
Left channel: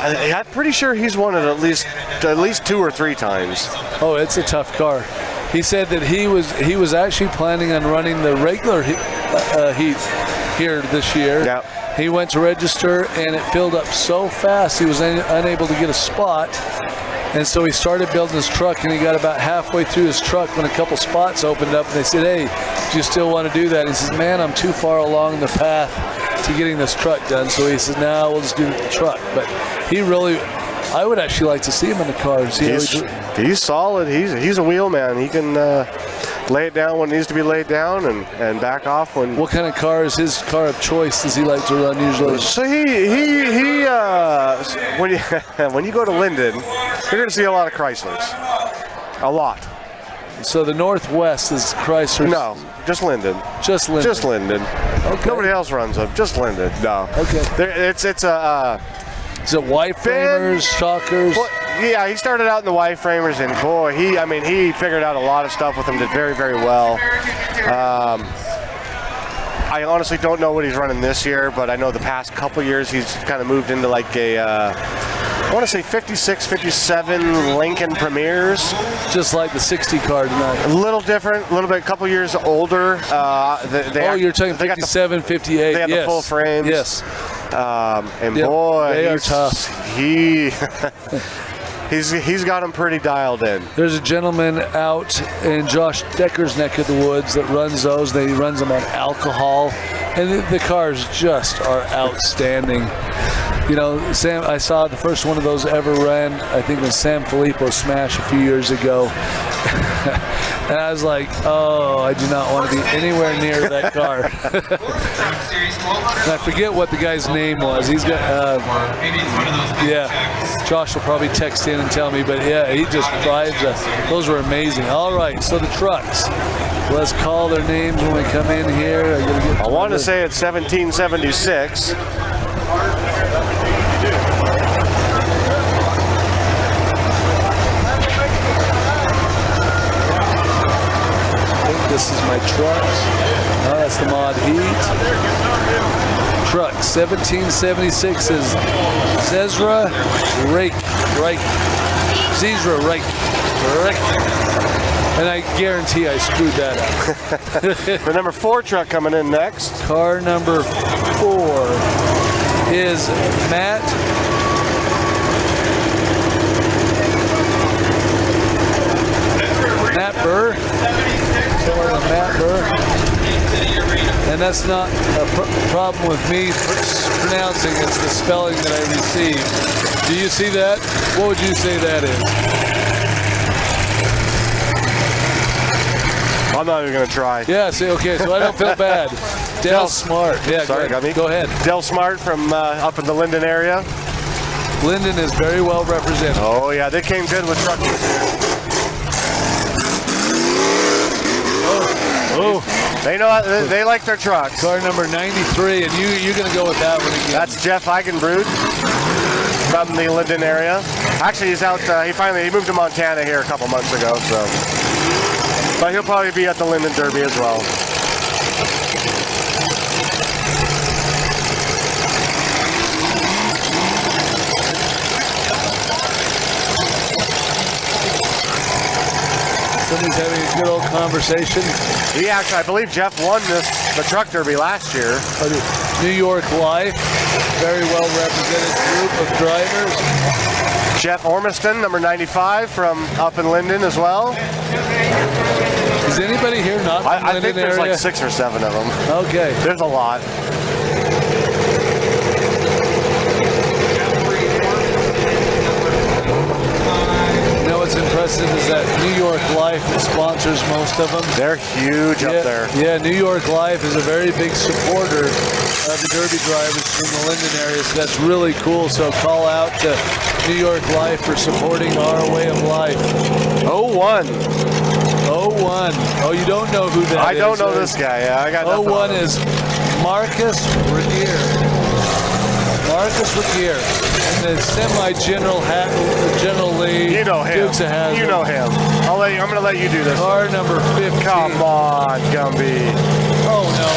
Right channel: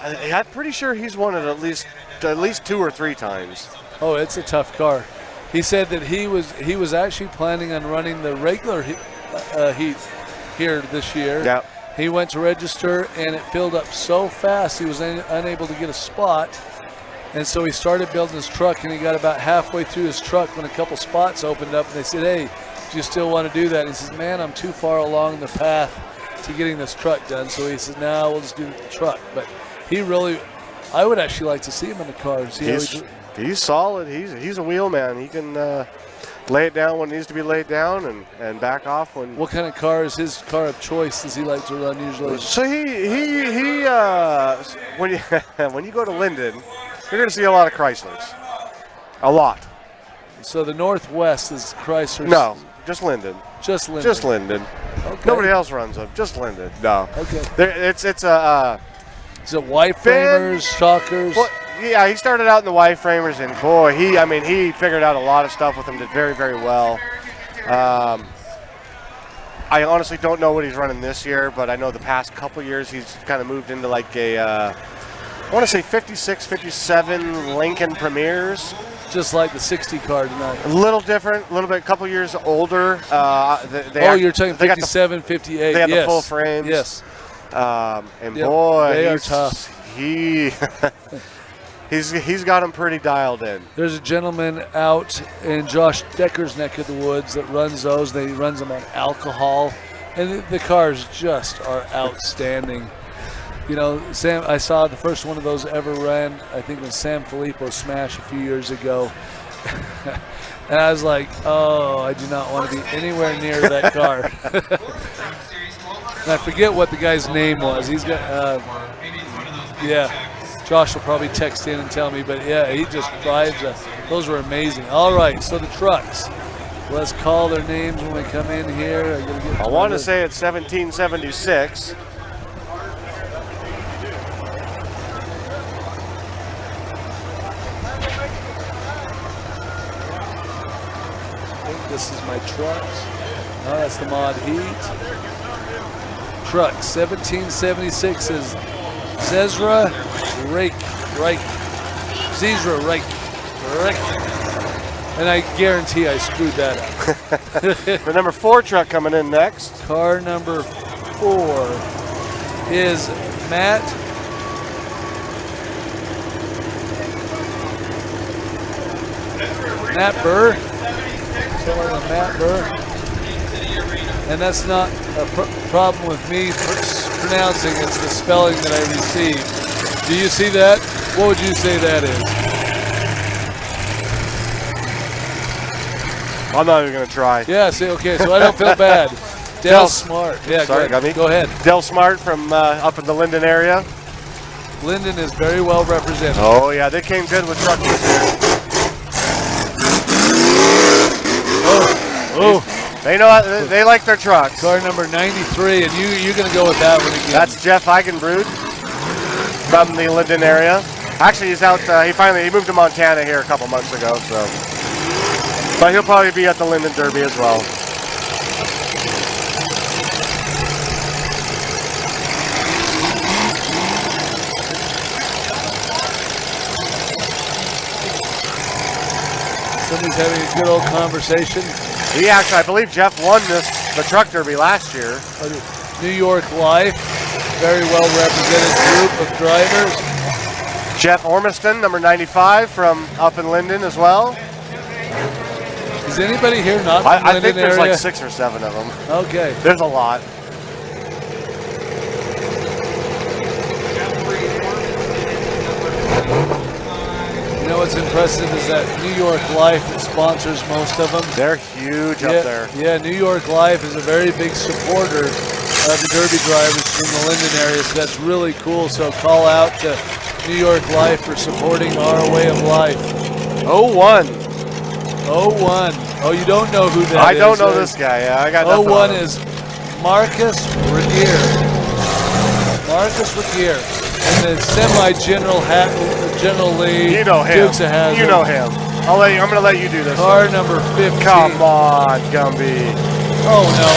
I'm pretty sure he's won it at least 2 or 3 times. Oh, it's a tough car. He said that he was actually planning on running the regular heat here this year. Yep. He went to register, and it filled up so fast he was unable to get a spot. And so he started building his truck, and he got about halfway through his truck when a couple spots opened up, and they said, "Hey, do you still want to do that?" He says, "Man, I'm too far along the path to getting this truck done." So he says, "Now we'll just do the truck." But he really, I would actually like to see him in the cars. He's solid. He's a wheel man. He can lay it down when it needs to be laid down and back off when. What kind of car is his car of choice? Does he like to run usually? So when you go to Linden, you're going to see a lot of Chryslers. A lot. So the Northwest is Chrysler. No, just Linden. Just Linden. Just Linden. Okay. Nobody else runs them. Just Linden. No. Okay. It's a. Is it Y-framers, shockers? Well, yeah, he started out in the Y-framers, and boy, he figured out a lot of stuff with them. Did very, very well. I honestly don't know what he's running this year, but I know the past couple years he's kind of moved into like a, I want to say 56, 57 Lincoln Premiers. Just like the 60 car tonight. A little different, a little bit, a couple years older. You're talking 57, 58. They have the full frames. Yes. And Yep, boy, they are tough. He's got him pretty dialed in. There's a gentleman out in Josh Decker's neck of the woods that runs those. He runs them on alcohol, and the cars just are outstanding. You know, Sam, I saw the first one of those ever ran, I think, was Sam Filippo's Smash a few years ago. And I was like, oh, I do not want to be anywhere near that car. And I forget what the guy's name was. He's got, Josh will probably text in and tell me, but yeah, he just drives. Those were amazing. All right, so the trucks. Let's call their names when we come in here. I want to say it's 1776. This is my trucks. No, that's the Mod Heat. Truck 1776 is Zezra Rake. Zezra Rake. And I guarantee I screwed that up. The number 4 truck coming in next. Car number 4 is Matt Burr. Matt Burr. And that's not a problem with me pronouncing, it's the spelling that I received. Do you see that? What would you say that is? I'm not even going to try. Yeah, see, okay, so I don't feel bad. Del Smart. Yeah, sorry, go ahead. Del Smart from up in the Linden area. Linden is very well represented. Oh, yeah, they came good with trucks this year. Oh. They know they like their trucks. Car number 93, and you're going to go with that one again. That's Jeff Eigenbrud from the Linden area. Actually, he's out. He moved to Montana here a couple months ago, so. But he'll probably be at the Linden Derby as well. Someone's having a good old conversation. He actually, I believe Jeff won the truck derby last year. New York Life, very well represented group of drivers. Jeff Ormiston, number 95 from up in Linden as well. Is anybody here not from I think there's area? like 6 or 7 of them. Okay. There's a lot. What's impressive is that New York Life sponsors most of them. They're huge up there. Yeah, New York Life is a very big supporter of the Derby drivers from the Linden area, so that's really cool. So call out to New York Life for supporting our way of life. 01. Oh, you don't know who that is? I don't know this guy. Yeah, I got nothing 01 on him. is Marcus Renier. And the semi-general General Lee. You know him. Dukes of Hazzard. You know him. I'm going to let you do this. Car number 15. Come on, Gumby. Oh, no.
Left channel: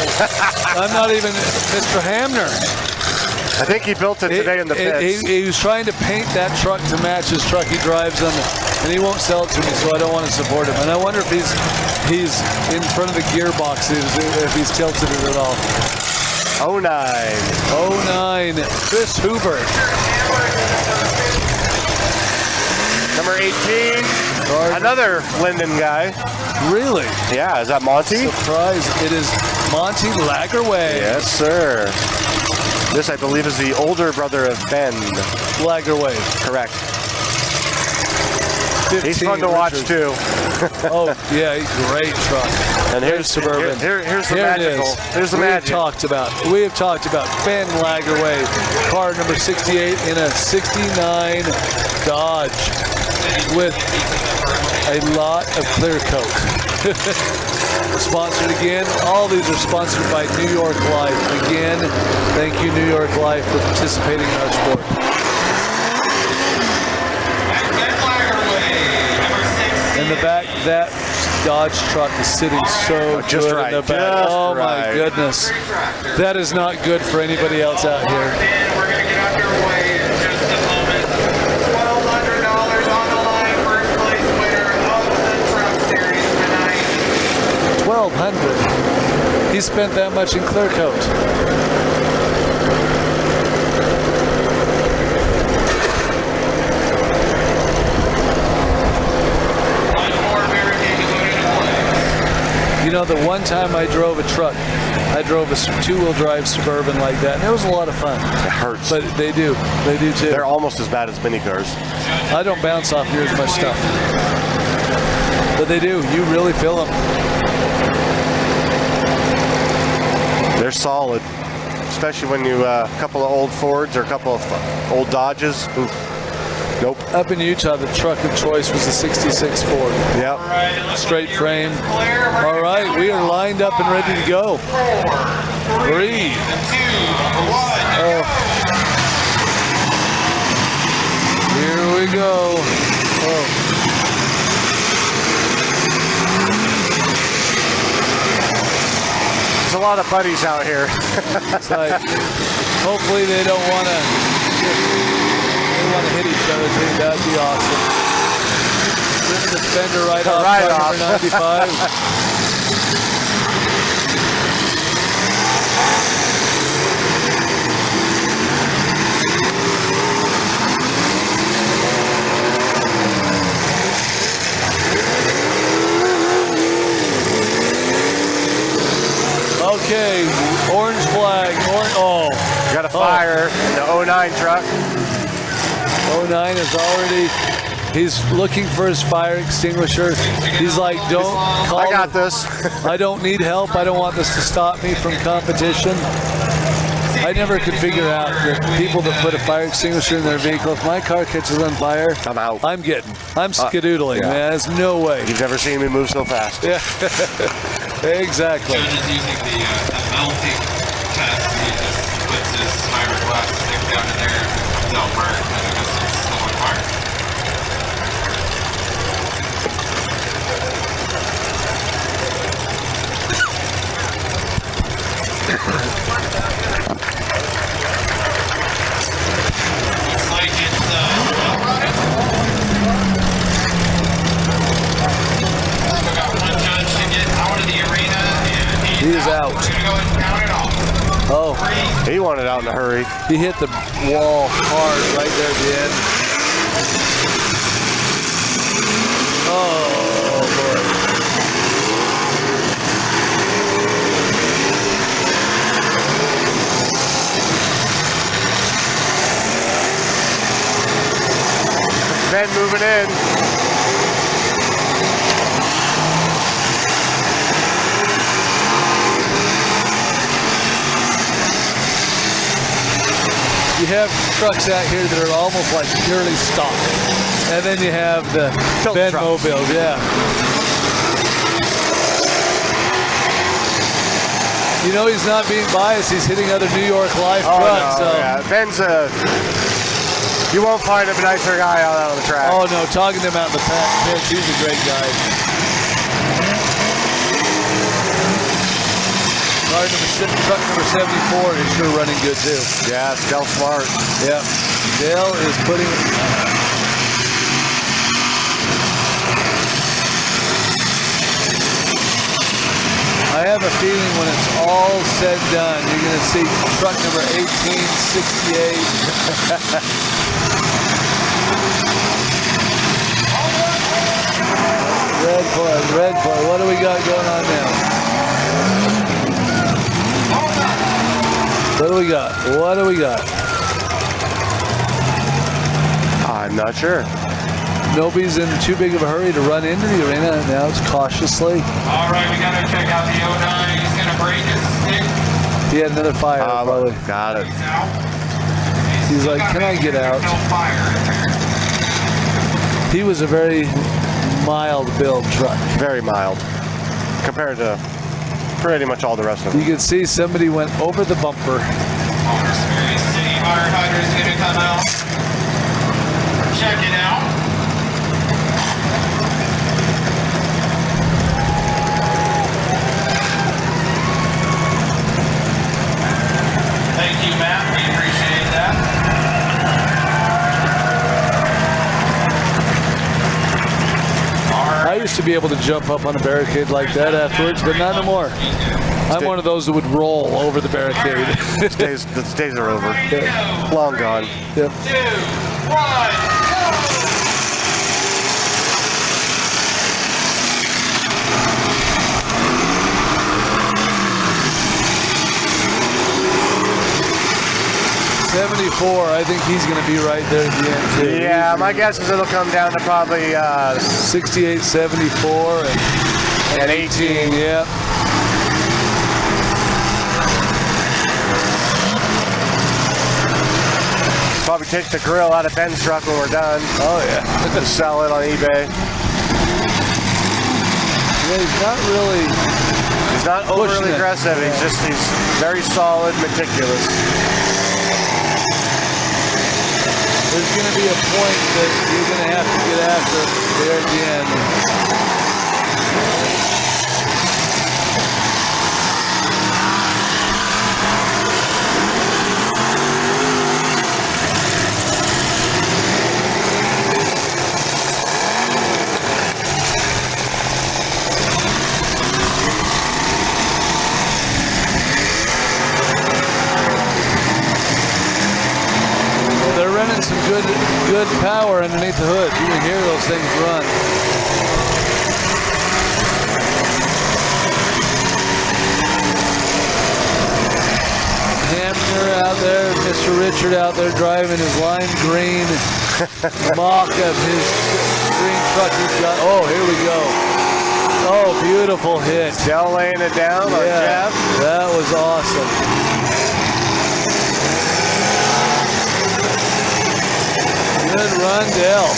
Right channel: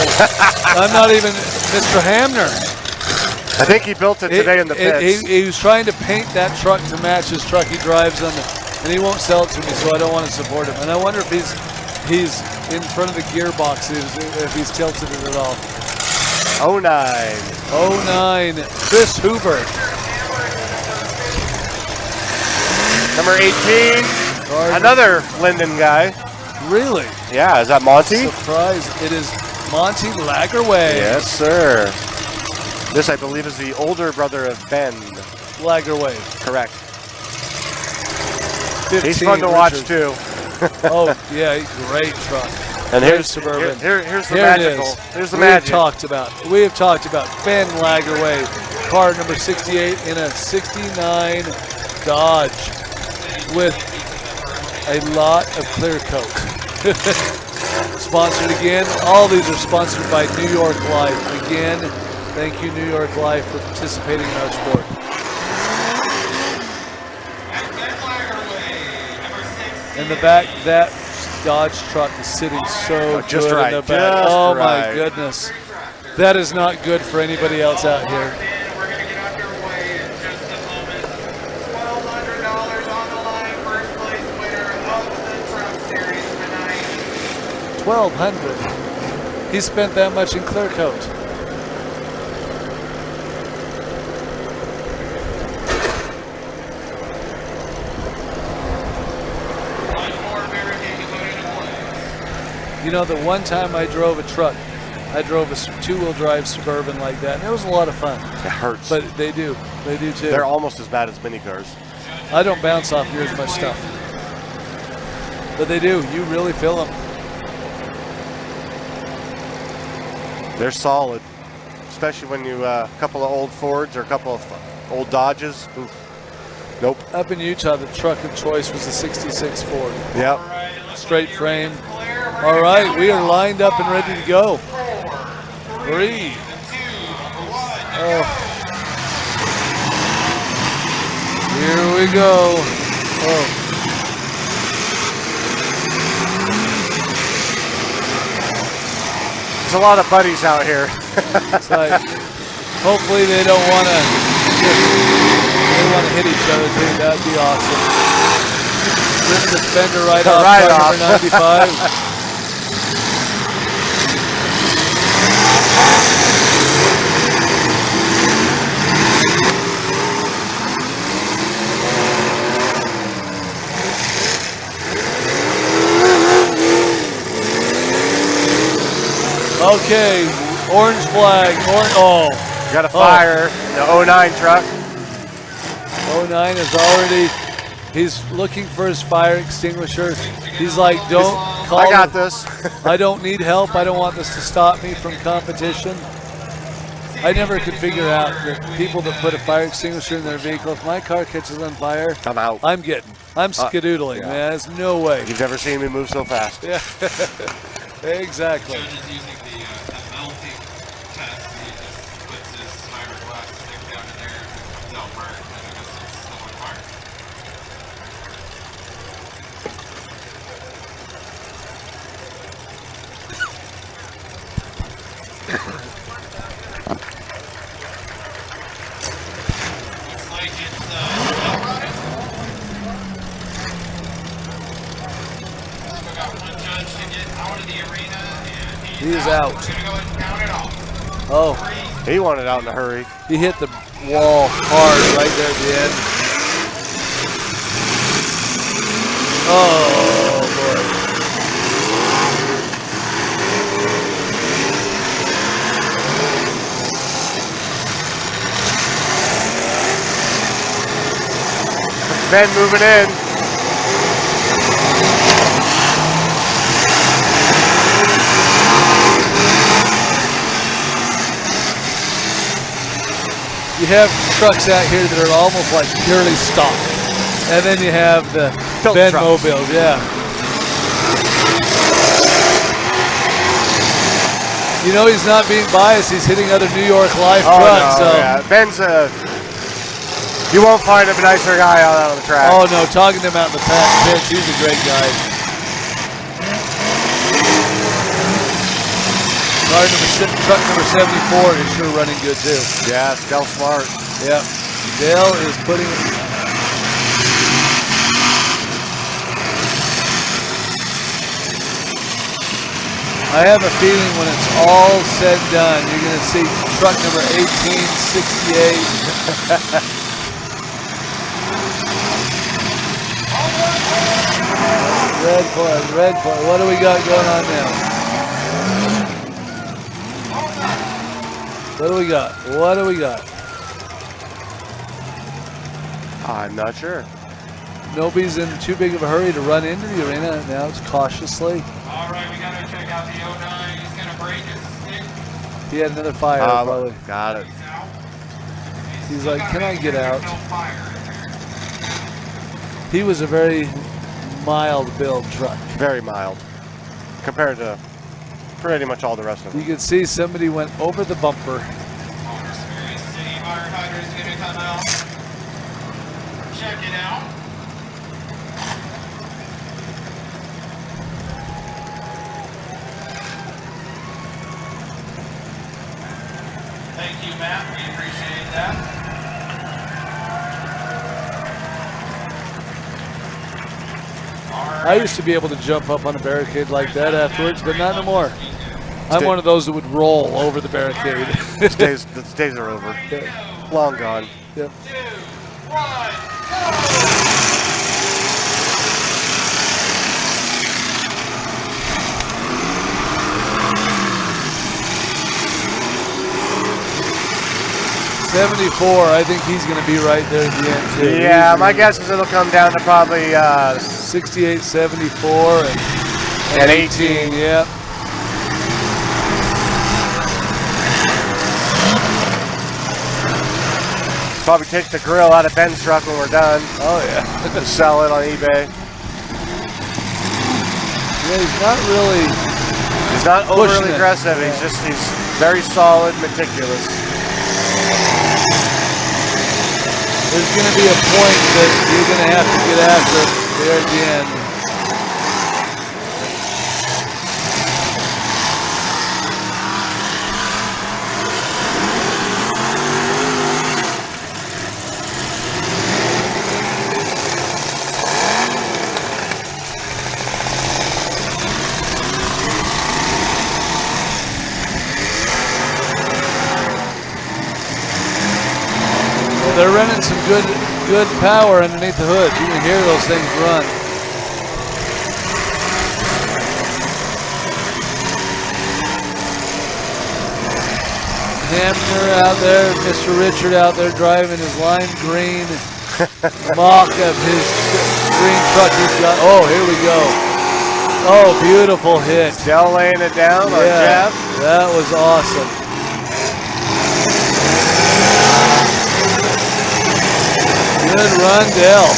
I'm not even Mr. Hamner. I think he built it today in the pits. He was trying to paint that truck to match his truck he drives on, and he won't sell it to me, so I don't want to support him. And I wonder if he's in front of the gearboxes, if he's tilted it at all. 09. Chris Hoover. Number 18. Another Linden guy. Really? Yeah, is that Monty? Surprise. It is Monty Lagerway. Yes, sir. This, I believe, is the older brother of Ben. Lagerway. Correct. He's fun to watch, too. Oh, yeah, great truck. And here's Suburban. Here's the magical. Here's the magic. We have talked about Ben Lagerway, car number 68 in a 69 Dodge with a lot of clear coat. Sponsored again. All these are sponsored by New York Life. Again, thank you, New York Life, for participating in our sport. In the back, that Dodge truck is sitting so just good right, in the back. just Oh right. my goodness. That is not good for anybody else out here. We're going to get underway in just a moment. $1,200 on the line, first place winner of the Truck Series tonight. $1,200. He spent that much in clear coat. You know, the one time I drove a truck, I drove a two-wheel drive Suburban like that, and it was a lot of fun. It hurts. But they do too. They're almost as bad as mini cars. I don't bounce off near as much stuff. But they do. You really feel them. They're solid, especially when you a couple of old Fords or a couple of old Dodges. Oof. Nope. Up in Utah, the truck of choice was the 66 Ford. Yep. Straight frame. All right, we are lined up and ready to go. 3, 2, 1. Oh. Here we go. Oh. There's a lot of buddies out here. It's like, hopefully they don't want to hit each other. That'd be awesome. Rip the fender right off truck number 95. Okay, orange flag. Oh, got a fire. The 09 truck. 09 is already. He's looking for his fire extinguisher. He's like, don't call. I got this. I don't need help. I don't want this to stop me from competition. I never could figure out that people that put a fire extinguisher in their vehicle, if my car catches on fire, I'm out. I'm skedoodling, yeah. man. There's no way. You've never seen me move so fast. Yeah, exactly. So just using the melting test, he just puts his fiberglass stick down in there, don't burn, and it just still on fire. Looks like it's still got one judge to get out of the arena, and He's out. We're gonna go and count it off. Oh, He wanted out in a hurry. he hit the wall hard right there at the end. Oh, boy. Ben moving in. You have trucks out here that are almost like purely stock. And then you have the Ben Mobile, yeah. You know he's not being biased. He's hitting other New York Life trucks. No, so. yeah. Ben's you won't find a nicer guy out on the track. Oh no, talking to him out in the pits, he's a great guy. Truck number 74 is sure running good too. Yeah, it's Dale Smart. Yep. Dale is putting. I have a feeling when it's all said and done, you're going to see truck number 1868. Red flag. What do we got going on now? What do we got? I'm not sure. Nobody's in too big of a hurry to run into the arena. Now it's cautiously. All right, we got to check out the 09. He's going to break his stick. He had another fire. Probably. Got it. He's like, can I get out? He was a very mild build truck. Very mild. Compared to pretty much all the rest of them. You can see somebody went over the bumper. Ferry City firefighter is going to come out. Check it out. used to be able to jump up on a barricade like that afterwards, but not anymore. I'm one of those that would roll over the barricade. The days are over. Long gone. Yep. 2, 1, 74, I think he's going to be right there at the end, too. Yeah, my guess is it'll come down to probably 68, 74, and 18, yep. Probably take the grill out of Ben's truck when we're done. Oh, yeah. Sell it on eBay. Yeah, he's not really... He's not overly aggressive. He's very solid, meticulous. There's going to be a point that you're going to have to get after there at the end. They're running some good power underneath the hood. You can hear those things run. Hammer out there, Mr. Richard out there driving his lime green mock of his green truck he's got. Oh, here we go. Oh, beautiful hit. Dell laying it down on Jeff. That was awesome. Good run, Dell.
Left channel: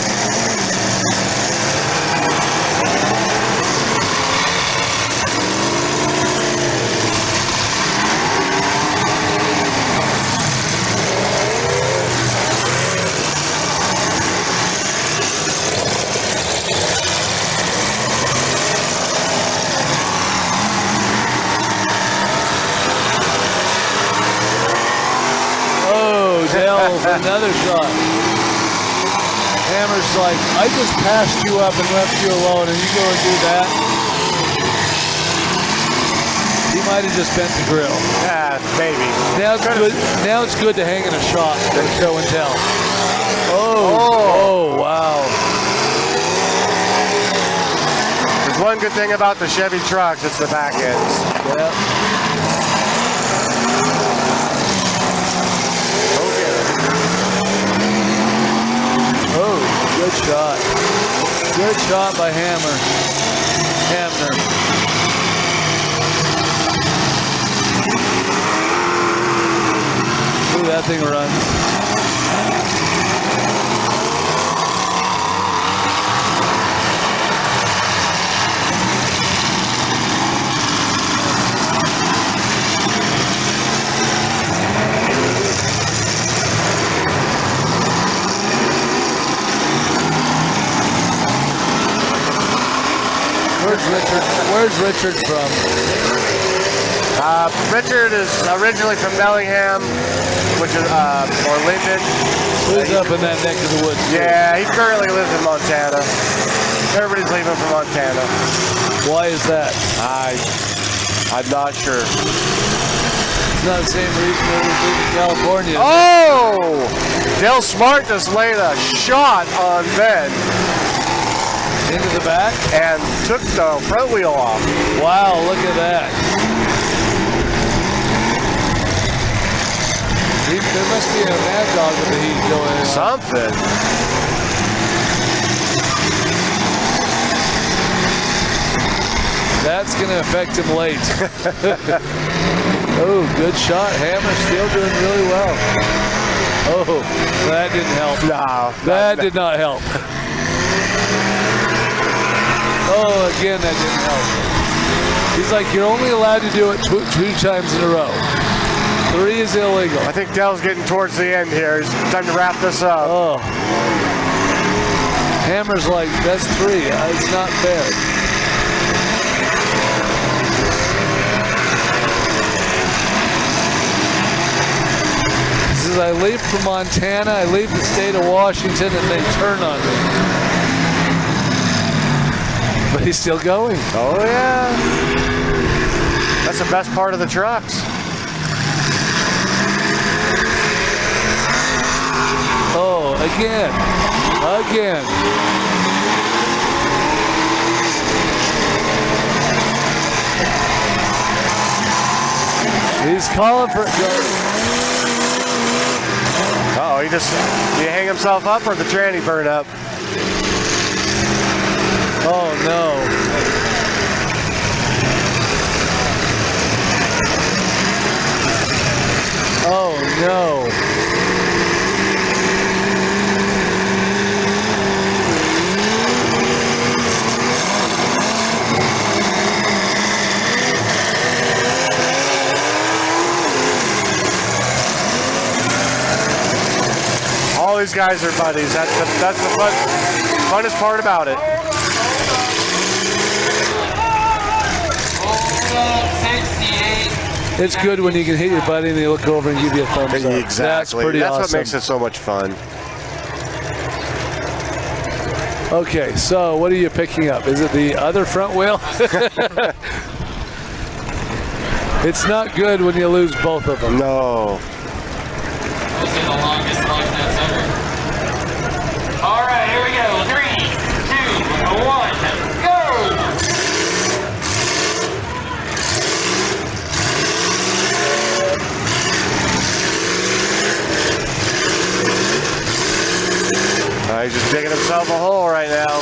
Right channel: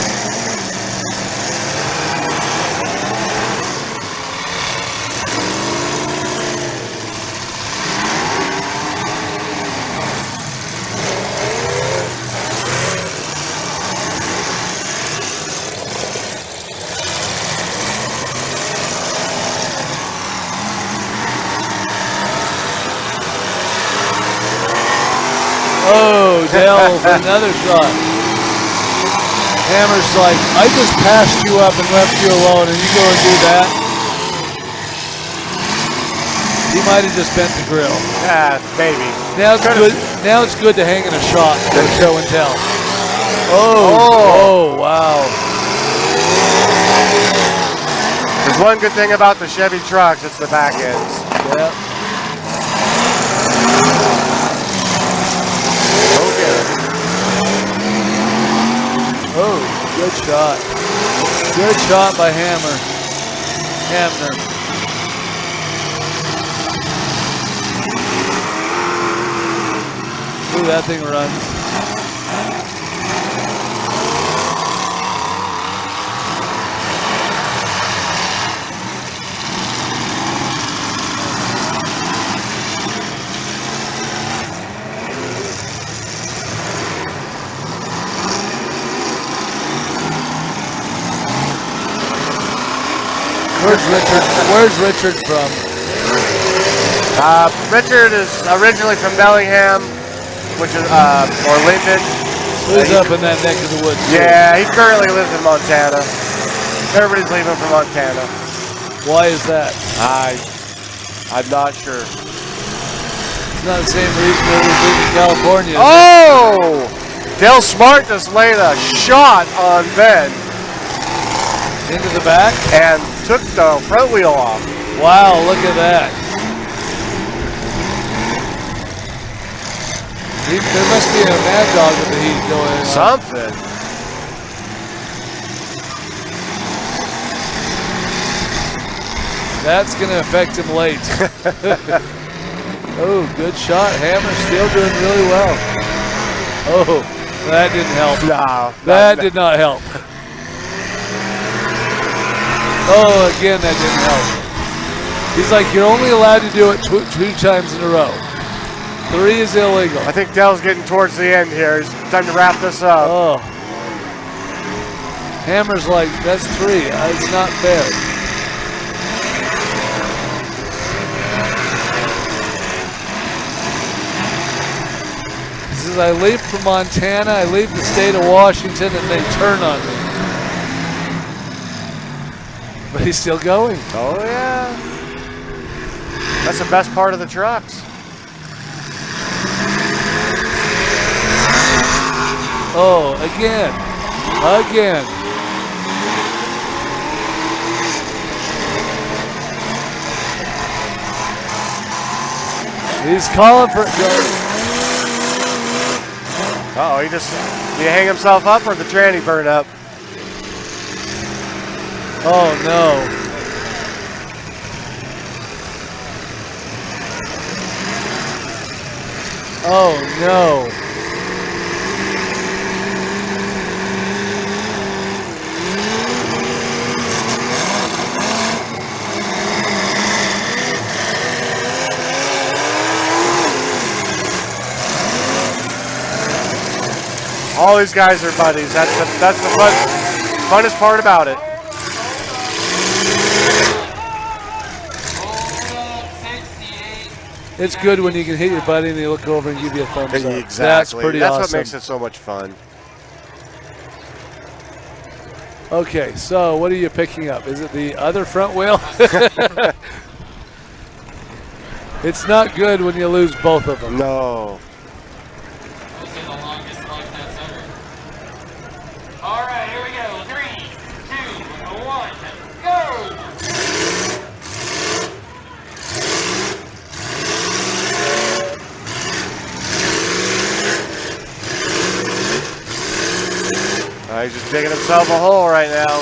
Oh, Dell, another shot. Hammer's like, I just passed you up and left you alone, and you go and do that. He might have just bent the grill. Yeah, maybe. Now it's good. Now it's good to hang in a shot for show and tell. Oh, wow. There's one good thing about the Chevy trucks, it's the back ends. Yep. Oh, good shot. Good shot by Hammer. Ooh, that thing runs. Where's Richard from? Richard is originally from Bellingham, which is or Linden. So he's up in that neck of the woods. Yeah, he currently lives in Montana. Everybody's leaving for Montana. Why is that? I'm not sure. It's not the same reason that we live in California. Oh! Dale Smart just laid a shot on Ben. Into the back? And took the front wheel off. Wow, look at that. There must be a mad dog with the heat going on. Something. That's going to affect him late. Oh, good shot. Hammer's still doing really well. Oh, that didn't help. No. That did not help. Oh, again, that didn't help. He's like, you're only allowed to do it two times in a row. 3 is illegal. I think Dell's getting towards the end here. It's time to wrap this up. Oh. Hammer's like, that's 3. It's not fair. He says, I leave from Montana, I leave the state of Washington, and they turn on me. But he's still going. Oh, yeah. That's the best part of the trucks. Oh, again. He's calling for Uh-oh, did he hang himself up or the tranny burn up? Oh, no. Oh, no. All these guys are buddies. That's the funnest part about it. It's good when you can hit your buddy and they look over and give you a thumbs up. Exactly. That's pretty awesome. What makes it so much fun. Okay, so what are you picking up? Is it the other front wheel? It's not good when you lose both of them. No. All right, here we go. 3, 2, 1, go! He's just digging himself a hole right now.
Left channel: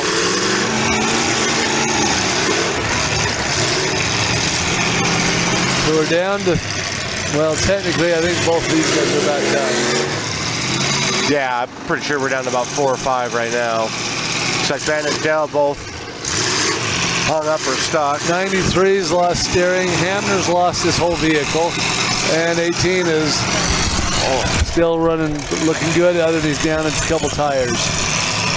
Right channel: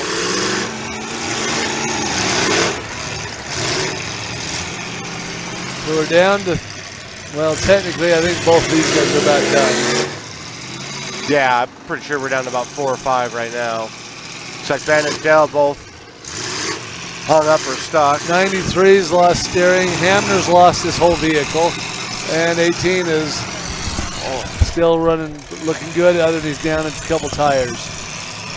So we're down to, well, technically, I think both these guys are back down. Yeah, I'm pretty sure we're down to about 4 or 5 right now. Looks like Ben and Dell both hung up or stuck. 93's lost steering. Hamner's lost his whole vehicle. And 18 is still running, looking good. Other than he's down a couple tires.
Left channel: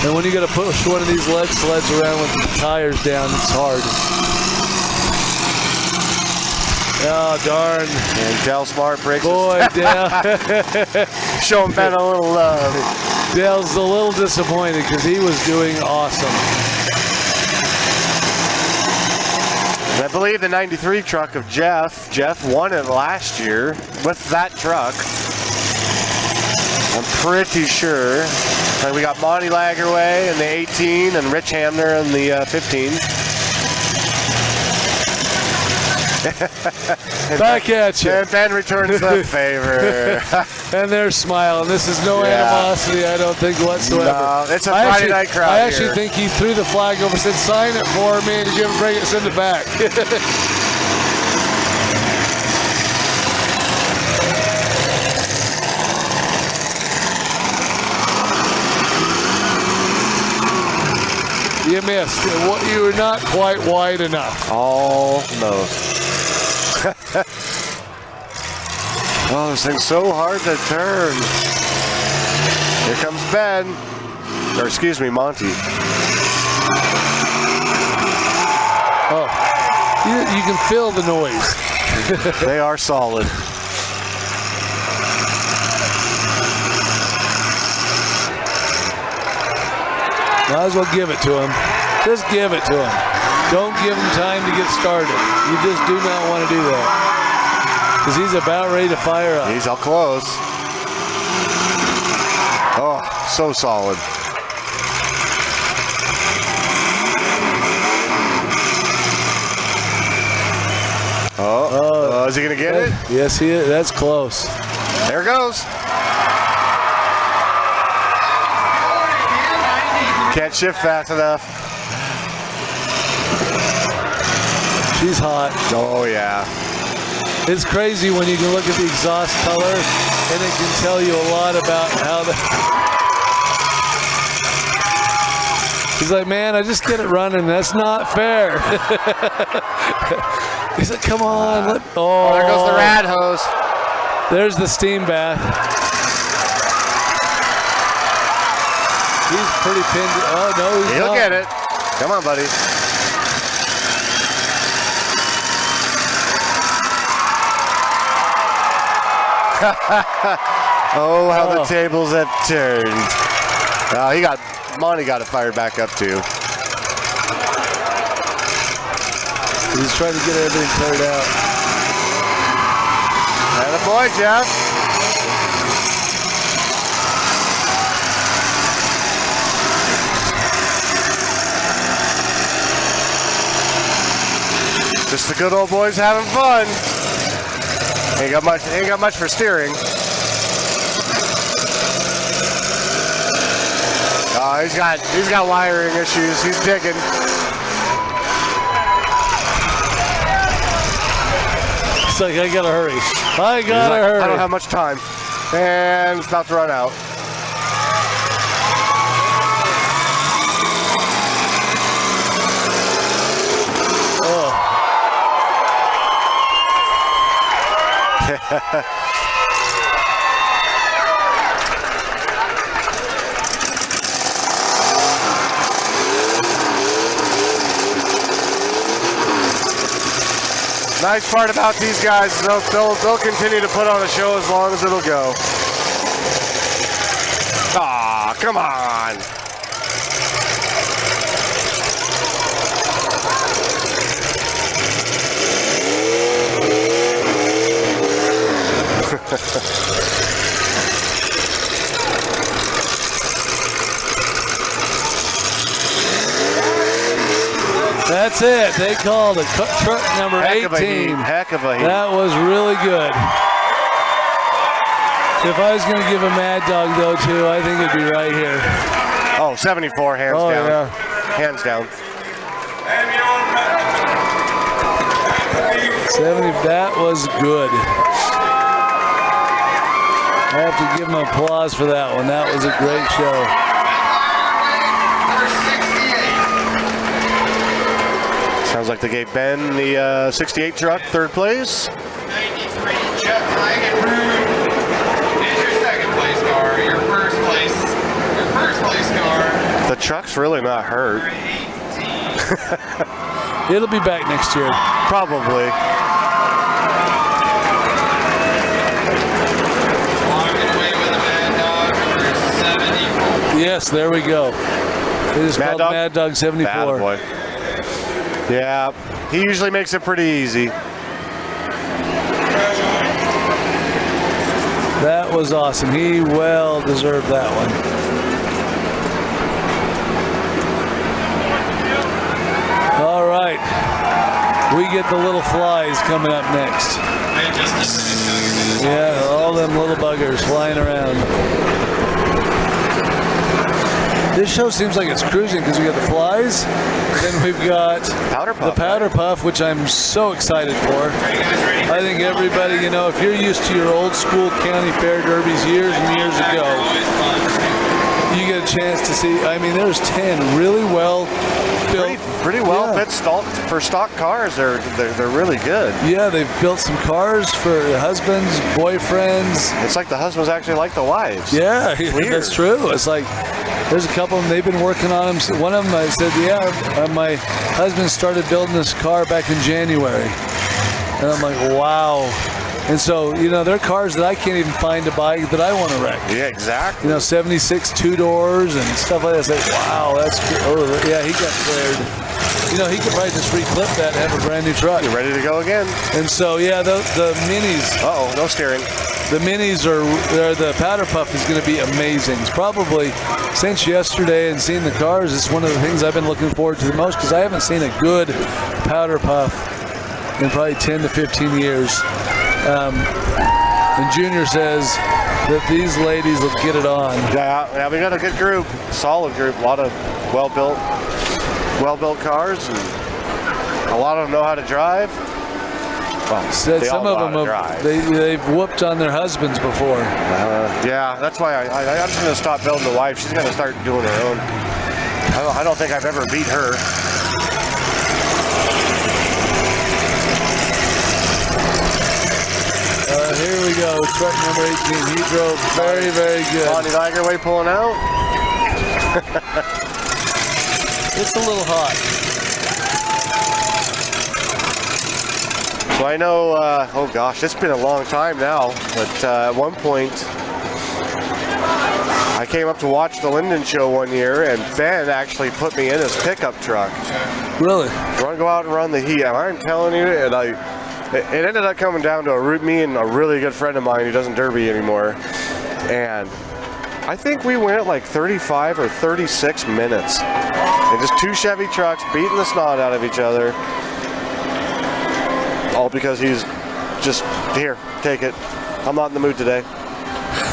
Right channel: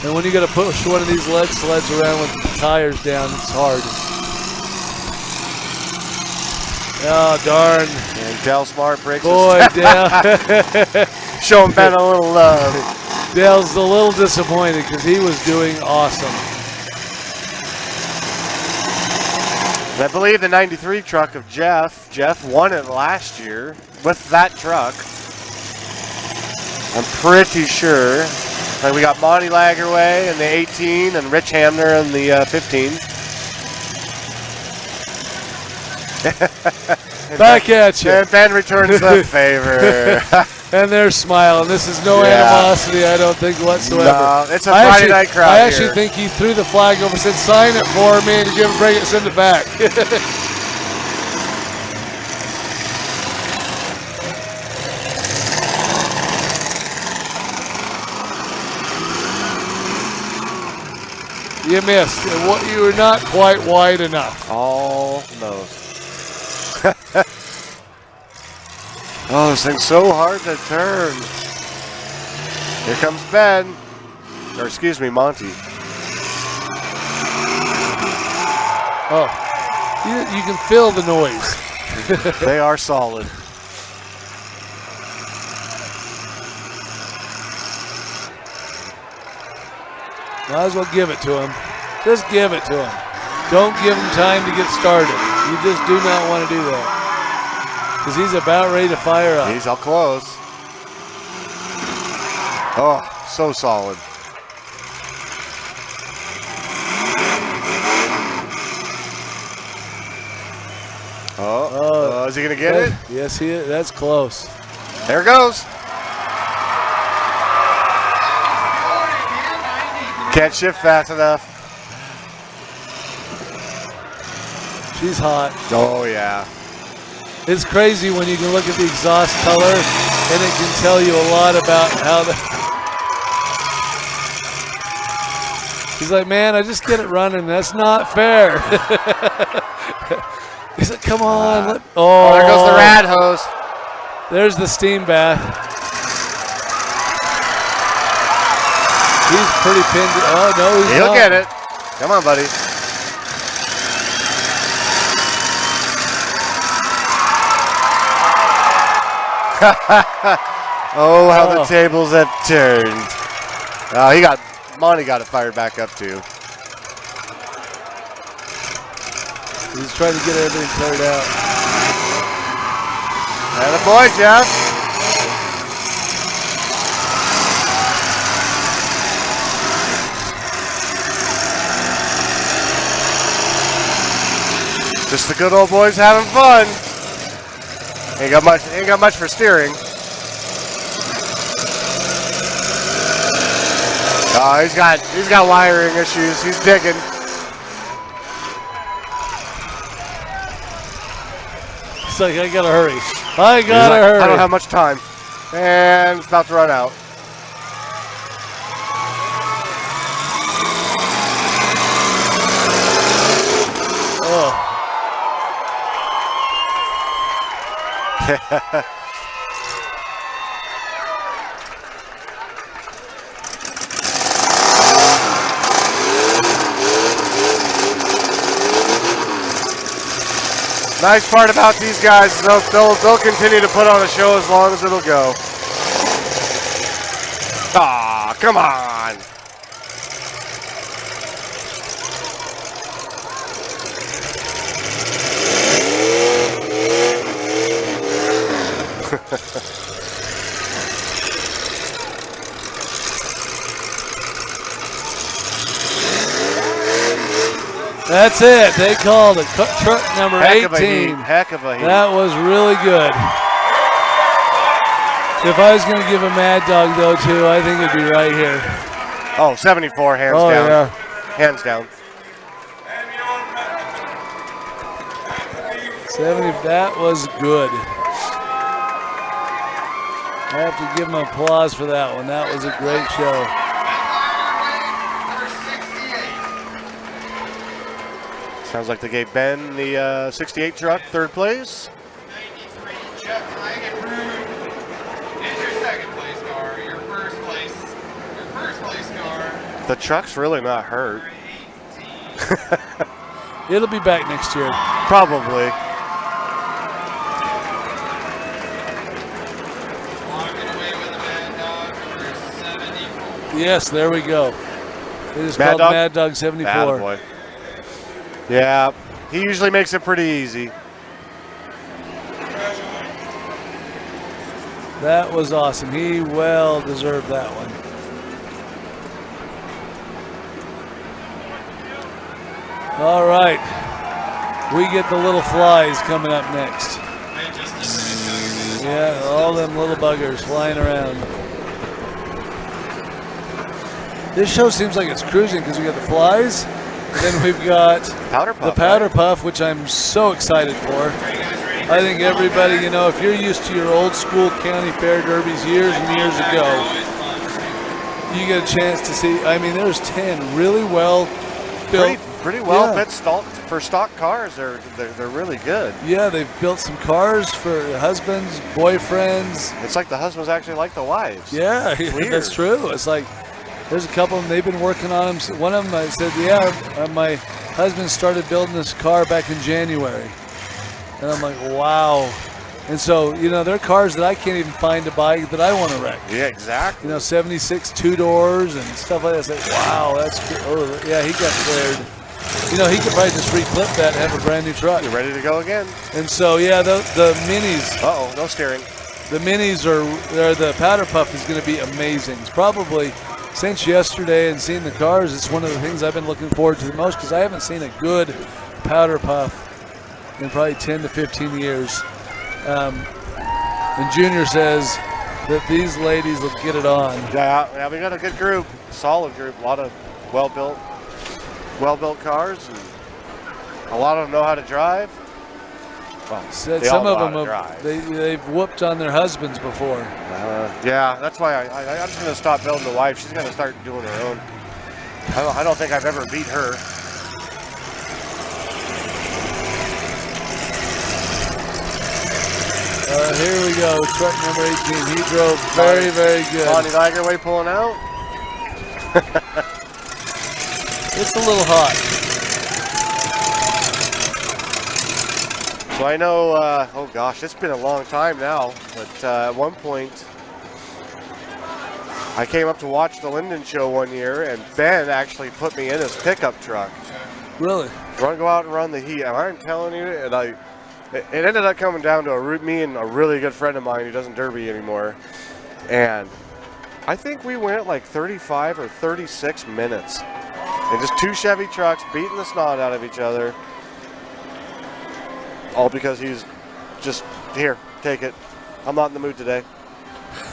And when you got to push one of these lead sleds around with the tires down, it's hard. Oh, darn. And Dell Smart breaks Boy, Dell. Showing Ben a little love. Dell's a little disappointed because he was doing awesome. And I believe the 93 truck of Jeff won it last year with that truck. I'm pretty sure. And we got Bonnie Lagerway in the 18 and Rich Hamner in the 15. Back at you. And Ben returns the favor. And they're smiling. This is no animosity, I don't think, whatsoever. No, it's a Friday night crowd I actually here. think he threw the flag over and said, sign it for me and send it back. You missed. You were not quite wide enough. Almost. Oh, this thing's so hard to turn. Here comes Ben. Or excuse me, Monty. Oh, you can feel the noise. They are solid. Might as well give it to him. Just give it to him. Don't give him time to get started. You just do not want to do that. Because he's about ready to fire up. He's all close. Oh, so solid. Oh, is he going to get it? Yes, he is. That's close. There it goes. Can't shift fast enough. She's hot. Oh, yeah. It's crazy when you can look at the exhaust color and it can tell you a lot about how the... He's like, man, I just get it running. That's not fair. He's like, come on. Oh, there goes the rad hose. There's the steam bath. He's pretty pinned. Oh, no, he's He'll not. get it. Come on, buddy. Oh, how the tables have turned. Monty got it fired back up too. He's trying to get everything cleared out. And a boy, Jeff. Just the good old boys having fun. Ain't got much for steering. Oh, he's got wiring issues. He's digging. It's like, I gotta hurry. I gotta hurry. I don't have much time. And it's about to run out. Oh. Nice part about these guys is they'll continue to put on a show as long as it'll go. Ah, come on. That's it. They called it truck number 18. Heck of a heat. That was really good. If I was going to give a Mad Dog, though, too, I think it'd be right here. Oh, 74, hands down. Yeah. Hands down. 70, that was good. I have to give him applause for that one. That was a great show. Sounds like they gave Ben the 68 truck third place. 93, Jeff Langenbrun is your second place car. Your first place car. The truck's really not hurt. It'll be back next year. Probably. Walking away with a Mad Dog number 74. Yes, there we go. It is called Mad Dog 74. Attaboy. Yeah, he usually makes it pretty easy. That was awesome. He well deserved that one. All right. We get the little flies coming up next. Yeah, all them little buggers flying around. This show seems like it's cruising because we got the flies and we've got the powder puff, which I'm so excited for. I think everybody, you know, if you're used to your old school county fair derbies years and years ago, you get a chance to see. I mean, there's 10 really well built, pretty well fit for stock cars. They're really good. Yeah, they've built some cars for husbands, boyfriends. It's like the husbands actually like the wives. Yeah, that's true. It's like there's a couple of them, they've been working on them. One of them, I said, my husband started building this car back in January. And I'm like, wow. And so, you know, they're cars that I can't even find to buy that I want to wreck. Yeah, exactly. You know, 76 two-doors and stuff like that. It's like, wow, that's good. Oh, yeah, he got scared. You know, he could probably just re-clip that and have a brand new truck. You're ready to go again. And so, yeah, the minis. Uh-oh, no steering. The minis the powder puff is going to be amazing. It's probably, since yesterday and seeing the cars, it's one of the things I've been looking forward to the most because I haven't seen a good powder puff in probably 10 to 15 years. And Junior says that these ladies will get it on. Yeah, we got a good group, solid group, a lot of well-built cars, and a lot of them know how to drive. Well, some of them they've whooped on their husbands before. Yeah, that's why I'm just going to stop building the wife. She's going to start doing her own. I don't think I've ever beat her. Here we go, truck number 18. He drove very, very good. Bonnie Nigerway pulling out. It's a little hot. So I know, oh gosh, it's been a long time now, but at one point, I came up to watch the Linden show one year, and Ben actually put me in his pickup truck. Really? Go out and run the heat. And I'm telling you, and it ended up coming down to me and a really good friend of mine who doesn't derby anymore. And I think we went like 35 or 36 minutes. And just two Chevy trucks beating the snot out of each other. All because he's just, here, take it. I'm not in the mood today.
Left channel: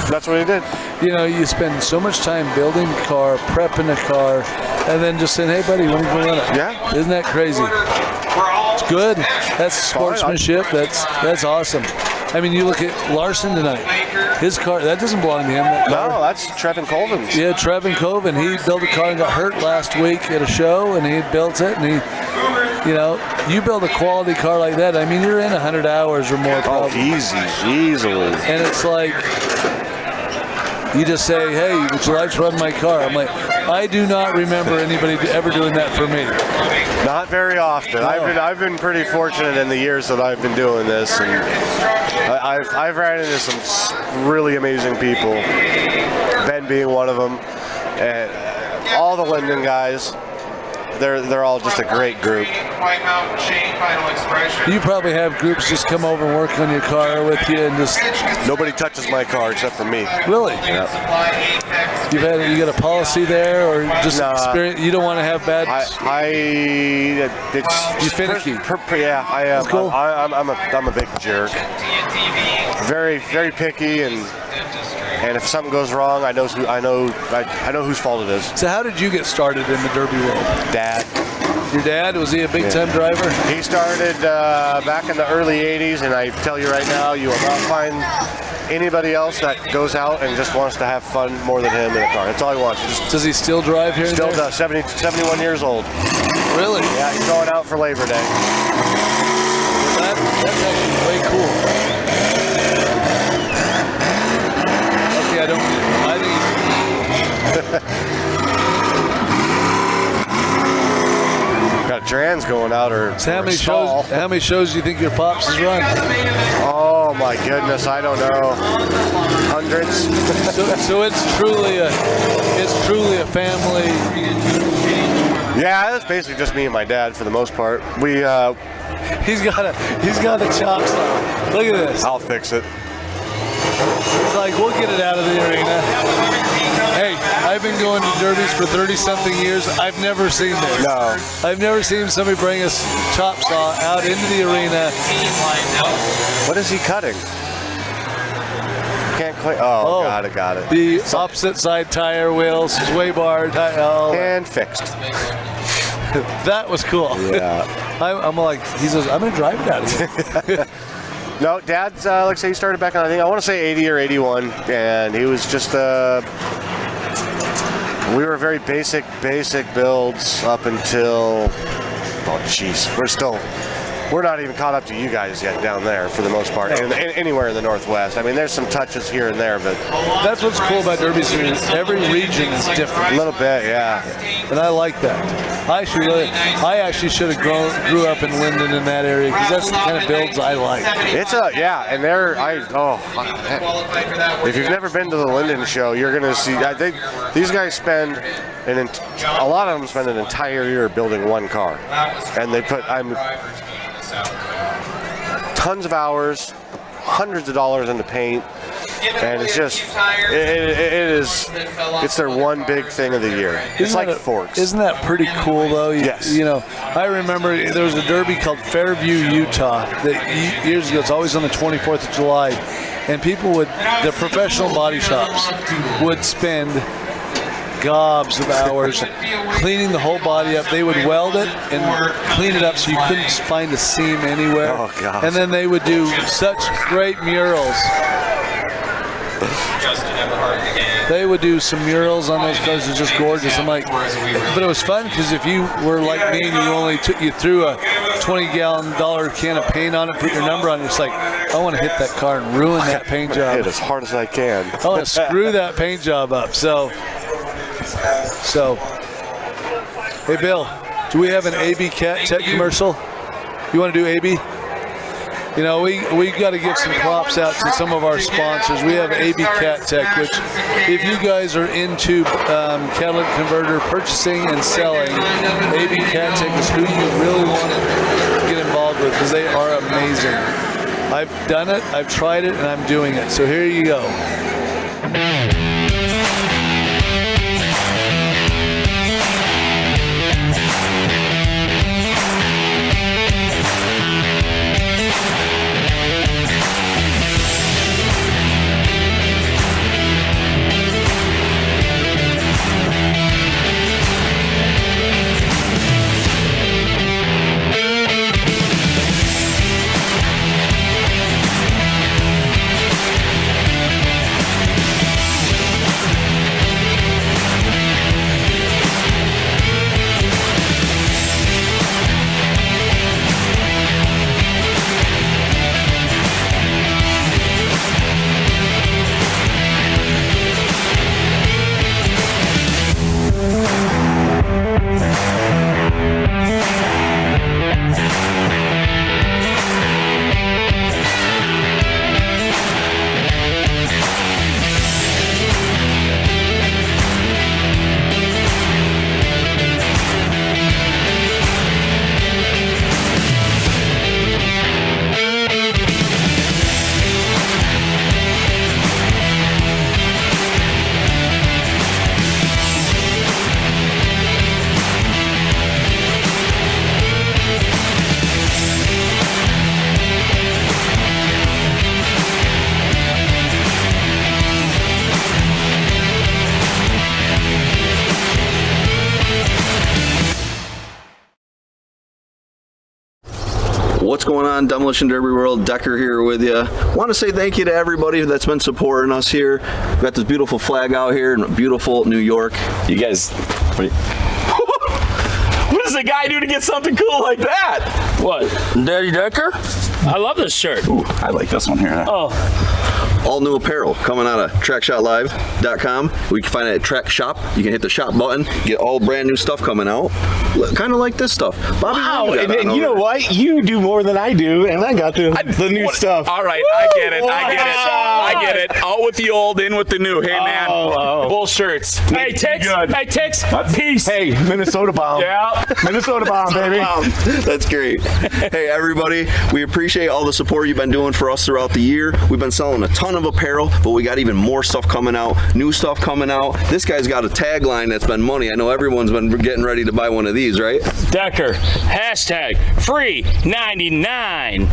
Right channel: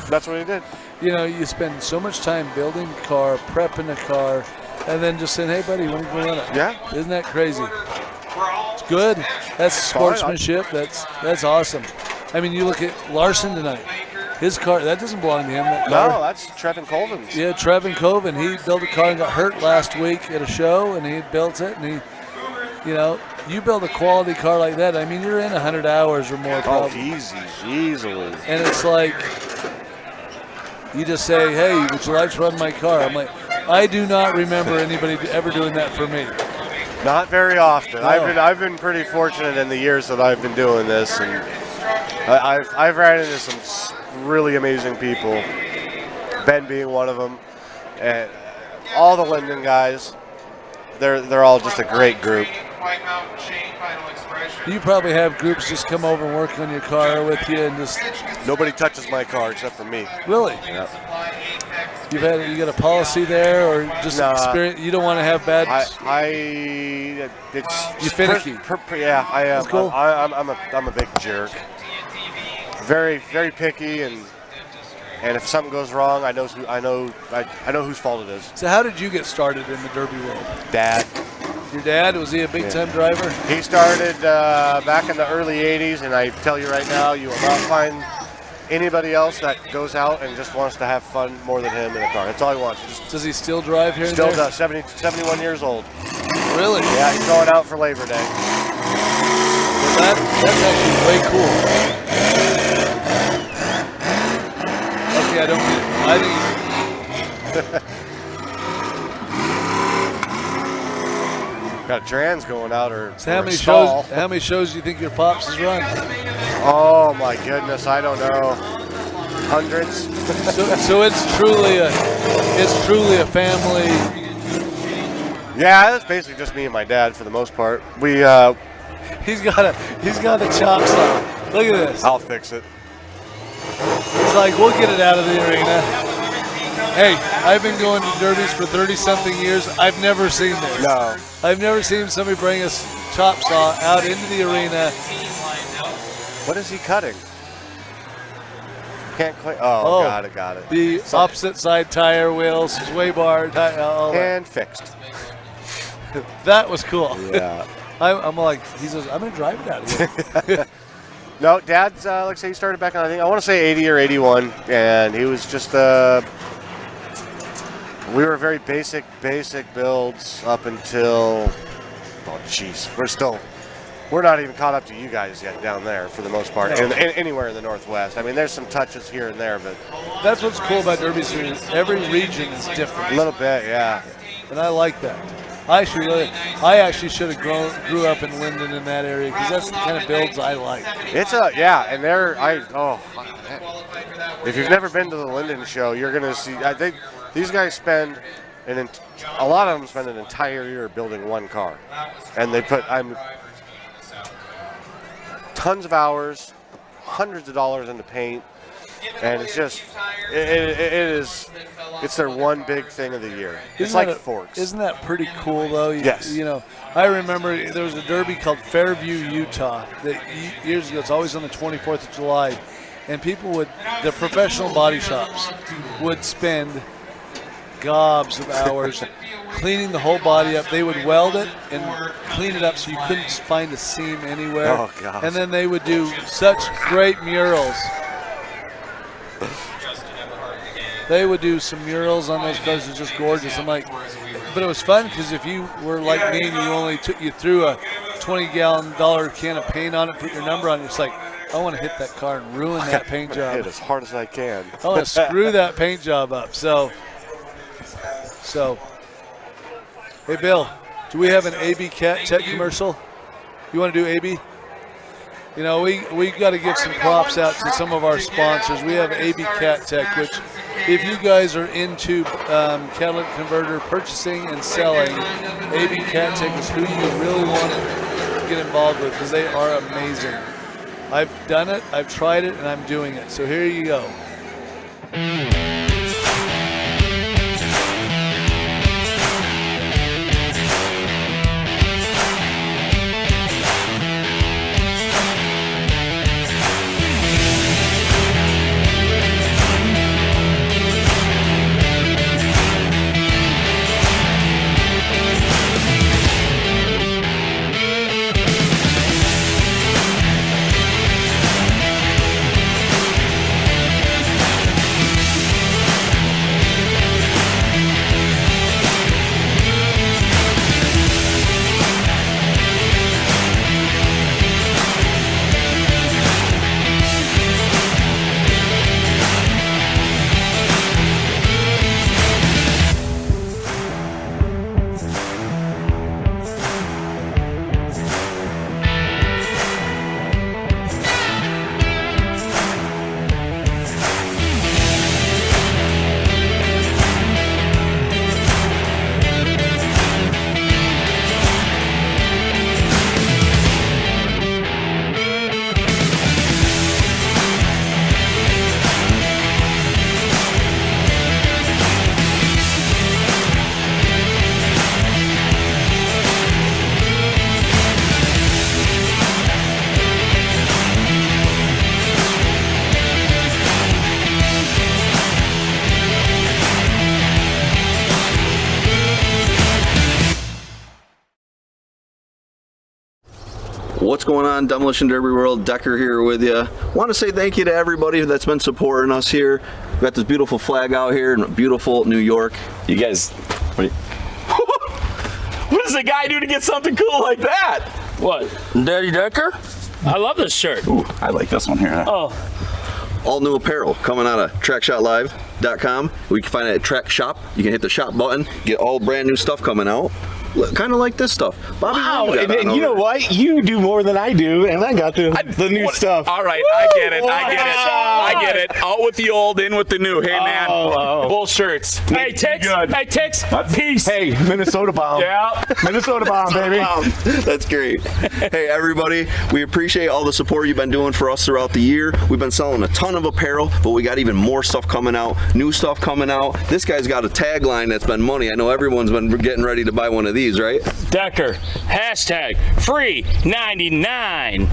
That's what he did. You know, you spend so much time building a car, prepping a car, and then just saying, hey, buddy, when are you going to run it? Yeah. Isn't that crazy? It's good. That's sportsmanship. That's awesome. I mean, you look at Larson tonight. His car, that doesn't belong to him, that car. No, that's Trevin Colvin's. Yeah, Trevin Colvin. He built a car and got hurt last week at a show, and he built it, and he, you know, you build a quality car like that, I mean, you're in 100 hours or more probably. Easily. And it's like, you just say, hey, would you like to run my car? I'm like, I do not remember anybody ever doing that for me. Not very often. No. I've been pretty fortunate in the years that I've been doing this, and I've ran into some really amazing people. Ben being one of them, and all the Linden guys. They're all just a great group. You probably have groups just come over and work on your car with you, and just nobody touches my car except for me. Really? Yeah. You got a policy there, or just experience? You don't want to have bad. It's finicky. Yeah, I am. That's cool. I'm a big jerk. Very, very picky, and if something goes wrong, I know whose fault it is. So how did you get started in the derby world? Dad. Your dad, was he a big-time driver? He started back in the early 80s, and I tell you right now, you will not find anybody else that goes out and just wants to have fun more than him in a car. That's all he wants. Does he still drive here? Still does. 71 years old. Really? Yeah, he's going out for Labor Day. Well, that's actually way cool. I think got trans going out or so how many shows do you think your pops has run? Oh my goodness, I don't know. Hundreds. so it's truly a family. Yeah, it's basically just me and my dad for the most part. He's got a chop saw. Look at this. I'll fix it. It's like, we'll get it out of the arena. Hey, I've been going to derbies for 30-something years. I've never seen this. No. I've never seen somebody bring a chop saw out into the arena. What is he cutting? Can't quite. Oh, got it. The opposite side tire wheel, sway bar, and fixed. That was cool. Yeah. I'm like, he says, I'm going to drive it out of here. No, Dad's, like I say, he started back in, I want to say 80 or 81, and he was just, we were very basic builds up until, we're not even caught up to you guys yet down there for the most part, anywhere in the Northwest. I mean, there's some touches here and there, but that's what's cool about derbies. Every region is different. A little bit, yeah. And I like that. I actually should have grew up in Linden in that area, because that's the kind of builds I like. And if you've never been to the Linden show, you're gonna see. I think these guys spend a lot of them spend an entire year building one car, and they put tons of hours, hundreds of dollars into paint, and it's just it's their one big thing of the year. It's like forks. Isn't that pretty cool though? Yes. You know, I remember there was a derby called Fairview, Utah, that years ago. It's always on the 24th of July, and the professional body shops would spend gobs of hours cleaning the whole body up. They would weld it and clean it up so you couldn't find a seam anywhere. Oh, God. And then they would do such great murals. They would do some murals on those cars. It was just gorgeous. I'm like, but it was fun because if you were like me and you threw a $20-gallon can of paint on it, put your number on it, it's like, I want to hit that car and ruin that paint job. Hit as hard as I can. I want to screw that paint job up. So, hey Bill, do we have an AB Cat Tech commercial? You want to do AB? You know, we got to give some props out to some of our sponsors. We have AB Cat Tech, which if you guys are into catalytic converter purchasing and selling, AB Cat Tech is who you really want to get involved with because they are amazing. I've done it, I've tried it, and I'm doing it. So here you go. What's going on, Demolition Derby World? Decker here with you. Want to say thank you to everybody that's been supporting us here. We've got this beautiful flag out here in beautiful New York. You guys, what does a guy do to get something cool like that? What, Daddy Decker? I love this shirt. Ooh, I like this one here. Oh. All new apparel coming out of TrackShotLive.com. We can find it at Track Shop. You can hit the shop button, get all brand new stuff coming out. Kind of like this stuff. Bobby, wow, and you know what? You do more than I do, and I got the new stuff. All right, I get it. I get it. Out with the old, in with the new. Hey, man. Bull shirts. Hey, Tix. Hey, Tix. Peace. Hey, Minnesota bomb. Yeah. Minnesota bomb, baby. That's great. Hey, everybody. We appreciate all the support you've been doing for us throughout the year. We've been selling a ton of apparel, but we got even more stuff coming out, new stuff coming out. This guy's got a tagline that's been money. I know everyone's been getting ready to buy one of these, right? Decker, hashtag free 99.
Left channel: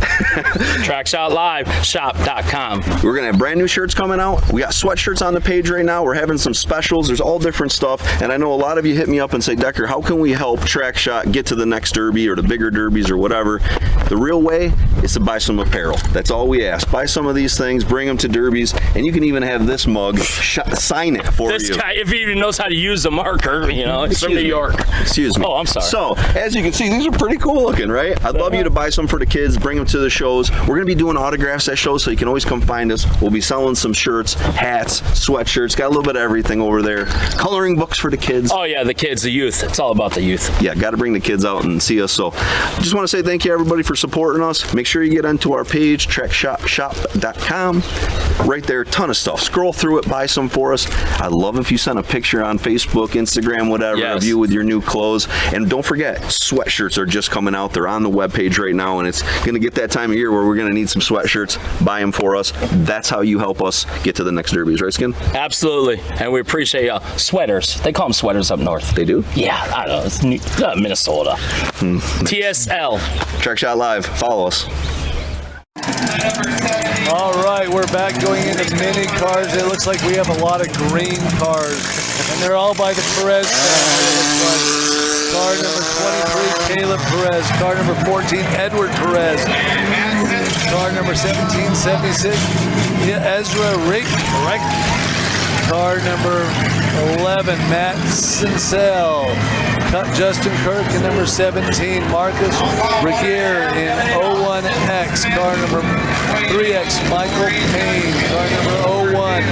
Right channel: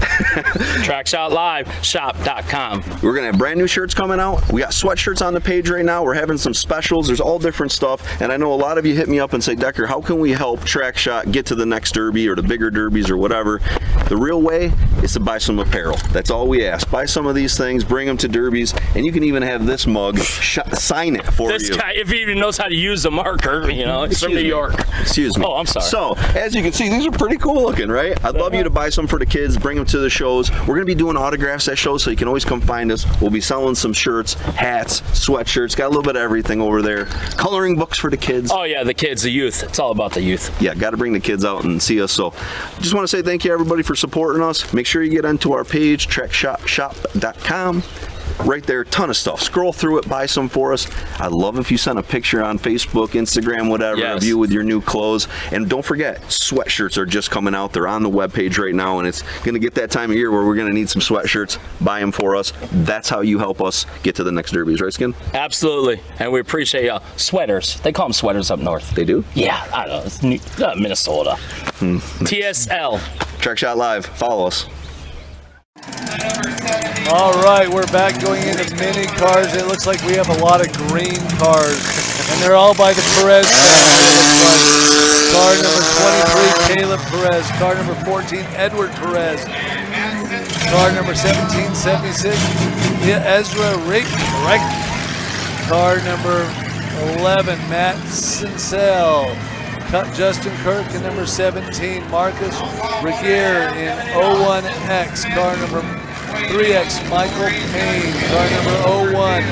TrackShotLiveShop.com. We're gonna have brand new shirts coming out. We got sweatshirts on the page right now. We're having some specials. There's all different stuff. And I know a lot of you hit me up and say, Decker, how can we help Track Shot get to the next derby or the bigger derbies or whatever? The real way is to buy some apparel. That's all we ask. Buy some of these things, bring them to derbies, and you can even have this mug sign it for this you. This guy, if he even knows how to use a marker, you know, it's from New York. Excuse me. Oh, I'm sorry. So, as you can see, these are pretty cool looking, right? I'd love you to buy some for the kids, bring them to the shows. We're going to be doing autographs at shows, so you can always come find us. We'll be selling some shirts, hats, sweatshirts, got a little bit of everything over there. Coloring books for the kids. Oh, yeah, the kids, the youth. It's all about the youth. Yeah, got to bring the kids out and see us. So, just want to say thank you, everybody, for supporting us. Make sure you get onto our page, TrackShotShop.com. Right there, ton of stuff. Scroll through it, buy some for us. I'd love if you send a picture on Facebook, Instagram, whatever, of you with your new clothes. And don't forget, sweatshirts are just coming out. They're on the webpage right now, and it's going to get that time of year where we're going to need some sweatshirts. Buy them for us. That's how you help us get to the next derbies, right, Skin? Absolutely. And we appreciate sweaters. They call them sweaters up north. They do? Yeah, I don't know. It's Minnesota. TSL. Track Shot Live. Follow us. All right, we're back going into mini cars. It looks like we have a lot of green cars, and they're all by the Perez family. It looks like car number 23, Caleb Perez. Car number 14, Edward Perez. Car number 1776, Ezra Rick. Car number 11, Matt Sincel. Justin Kirk in number 17, Marcus Regier in 01X, car number 3X, Michael Payne, car number 01,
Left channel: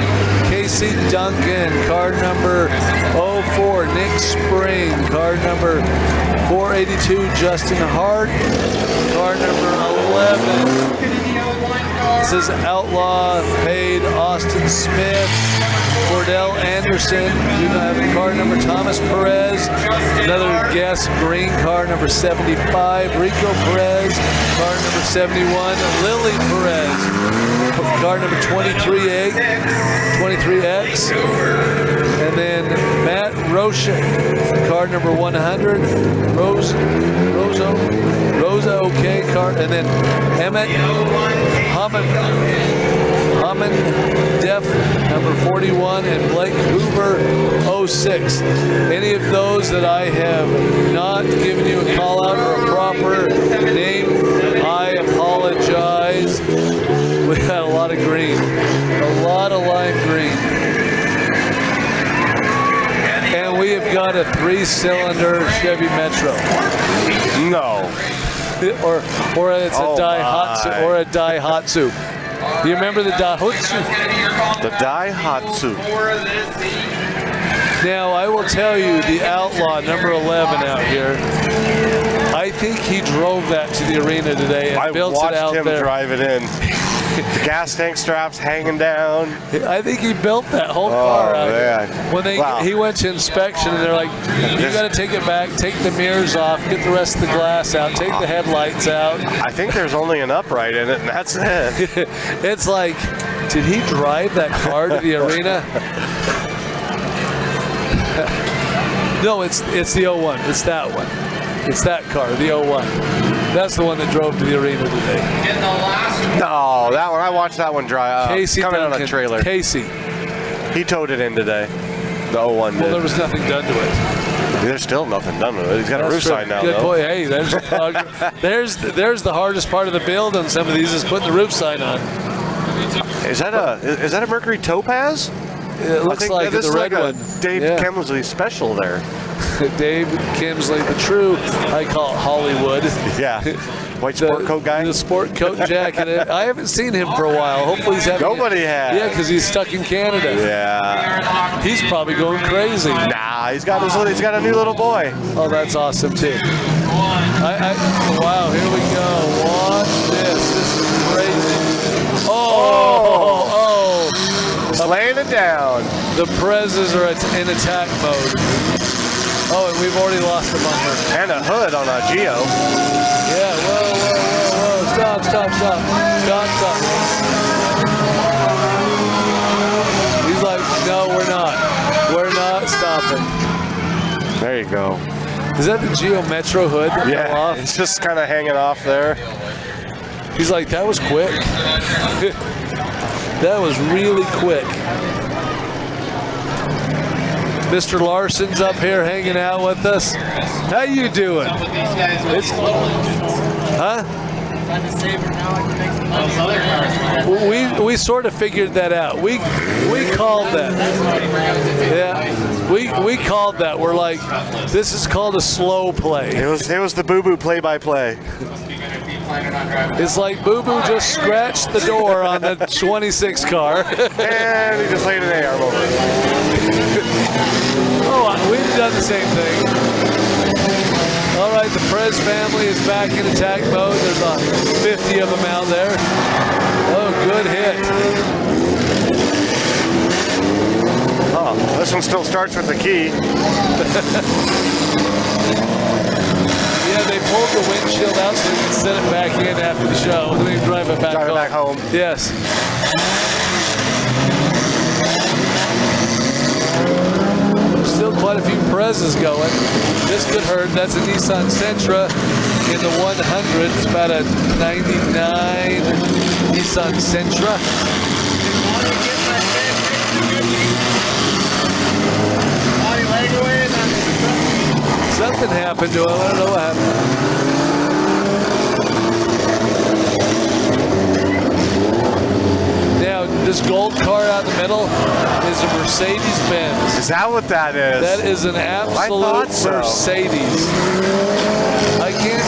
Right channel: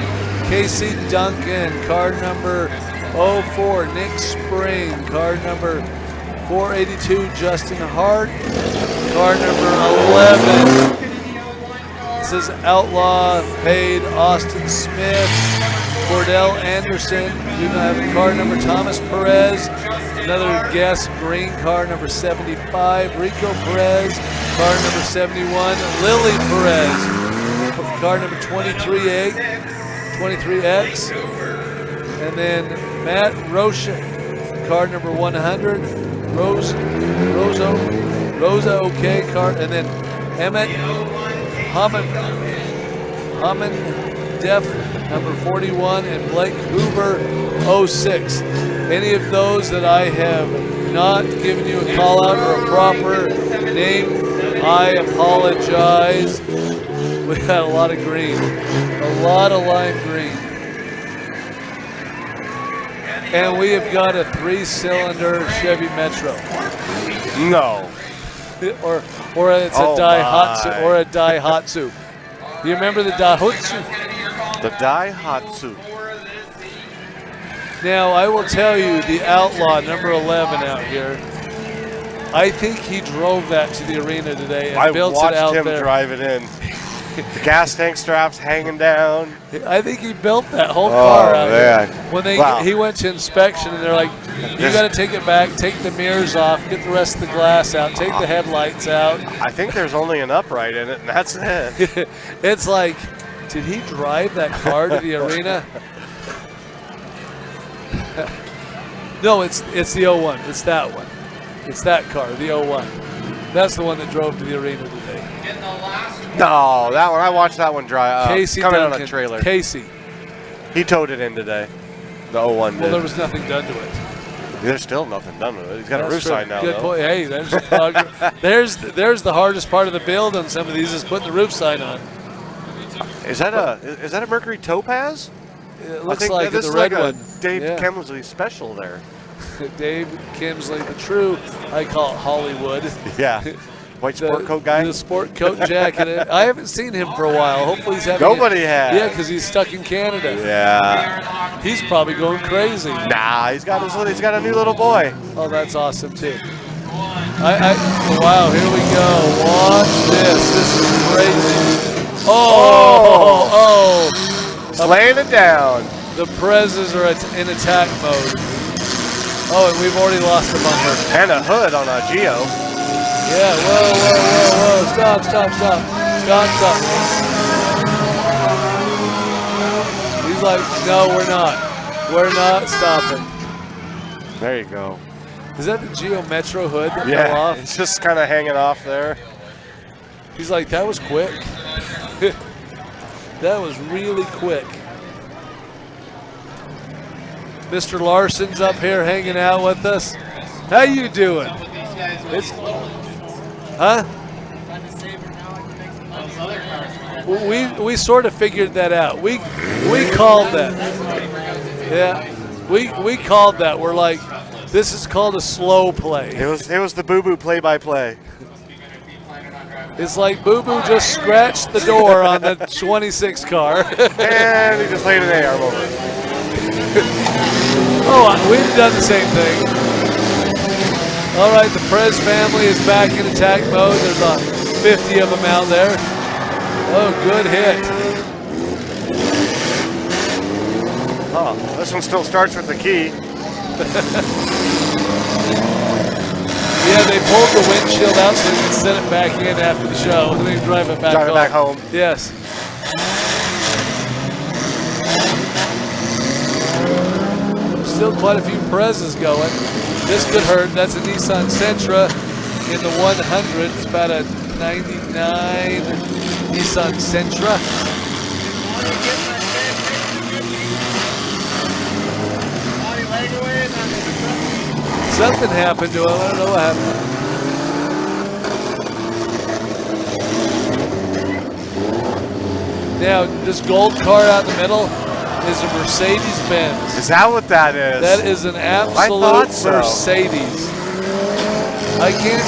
Casey Duncan, car number 04, Nick Spring, car number 482, Justin Hart, car number 11, says Outlaw paid Austin Smith, Cordell Anderson, do not have a car number, Thomas Perez, another guest, green car number 75, Rico Perez, car number 71, Lily Perez, car number 23X, and then Matt Roshan, car number 100, Rosa OK car, and then Emmett Hammond Def number 41, and Blake Hoover 06. Any of those that I have not given you a call out or a proper name, I apologize. We had a lot of green, a lot of lime green. And we have got a 3-cylinder Chevy Metro. No. Or it's a Daihatsu or a Daihatsu. You remember the Daihatsu? The Daihatsu. Now I will tell you, the Outlaw number 11 out here. I think he drove that to the arena today and built it out there. I watched him drive it in. The gas tank straps hanging down. I think he built that whole car out yeah. here. When he went to inspection, and they're like, you got to take it back, take the mirrors off, get the rest of the glass out, take the headlights out. I think there's only an upright in it, and that's it. It's like, did he drive that car to the arena? No, it's the 01. It's that one. It's that car, the 01. That's the one that drove to the arena today. No, that one. I watched that one drive. Casey coming Duncan, on a trailer. Casey. He towed it in today. The 01 did. Well, there was nothing done to it. There's still nothing done with it. He's got a roof sign now, Good though. boy. Hey, there's the progress. there's the hardest part of the build on some of these is putting the roof sign on. Is that a Mercury Topaz? It looks I think like this the is red like one. a Dave Kemsley special there. Dave Kemsley, the true, I call it Hollywood. Yeah. White sport coat guy? The sport coat jacket. I haven't seen him for a while. Hopefully he's having Nobody has. Yeah, because he's stuck in Canada. Yeah. He's probably going crazy. Nah, he's got a new little boy. Oh, that's awesome too. Wow, here we go. Watch this. This is crazy. Oh. Just laying it down. The Prezes are in attack mode. Oh, and we've already lost the bumper. And a hood on a Geo. Yeah, whoa. Stop. He's like, no, we're not. We're not stopping. There you go. Is that the Geo Metro hood that fell Yeah, off? it's just kind of hanging off there. He's like, that was quick. That was really quick. Mr. Larson's up here hanging out with us. How you doing? We sort of figured that out. We called that. Yeah. We called that. We're like, this is called a slow play. It was the Boo Boo play-by-play. It's like Boo Boo just scratched the door on the 26 car. And he just laid an arm over it. Oh, we've done the same thing. All right, the Prez family is back in attack mode. There's about 50 of them out there. Oh, good hit. Oh, this one still starts with the key. Yeah, they pulled the windshield out so they can set it back in after the show and then drive it back home. Yes. Still quite a few Prezes going. This could hurt. That's a Nissan Sentra in the 100. It's about a 99 Nissan Sentra. Something happened to him. I don't know what happened. Now, this gold car out in the middle is a Mercedes-Benz. Is that what that is? That is an absolute Mercedes. I can't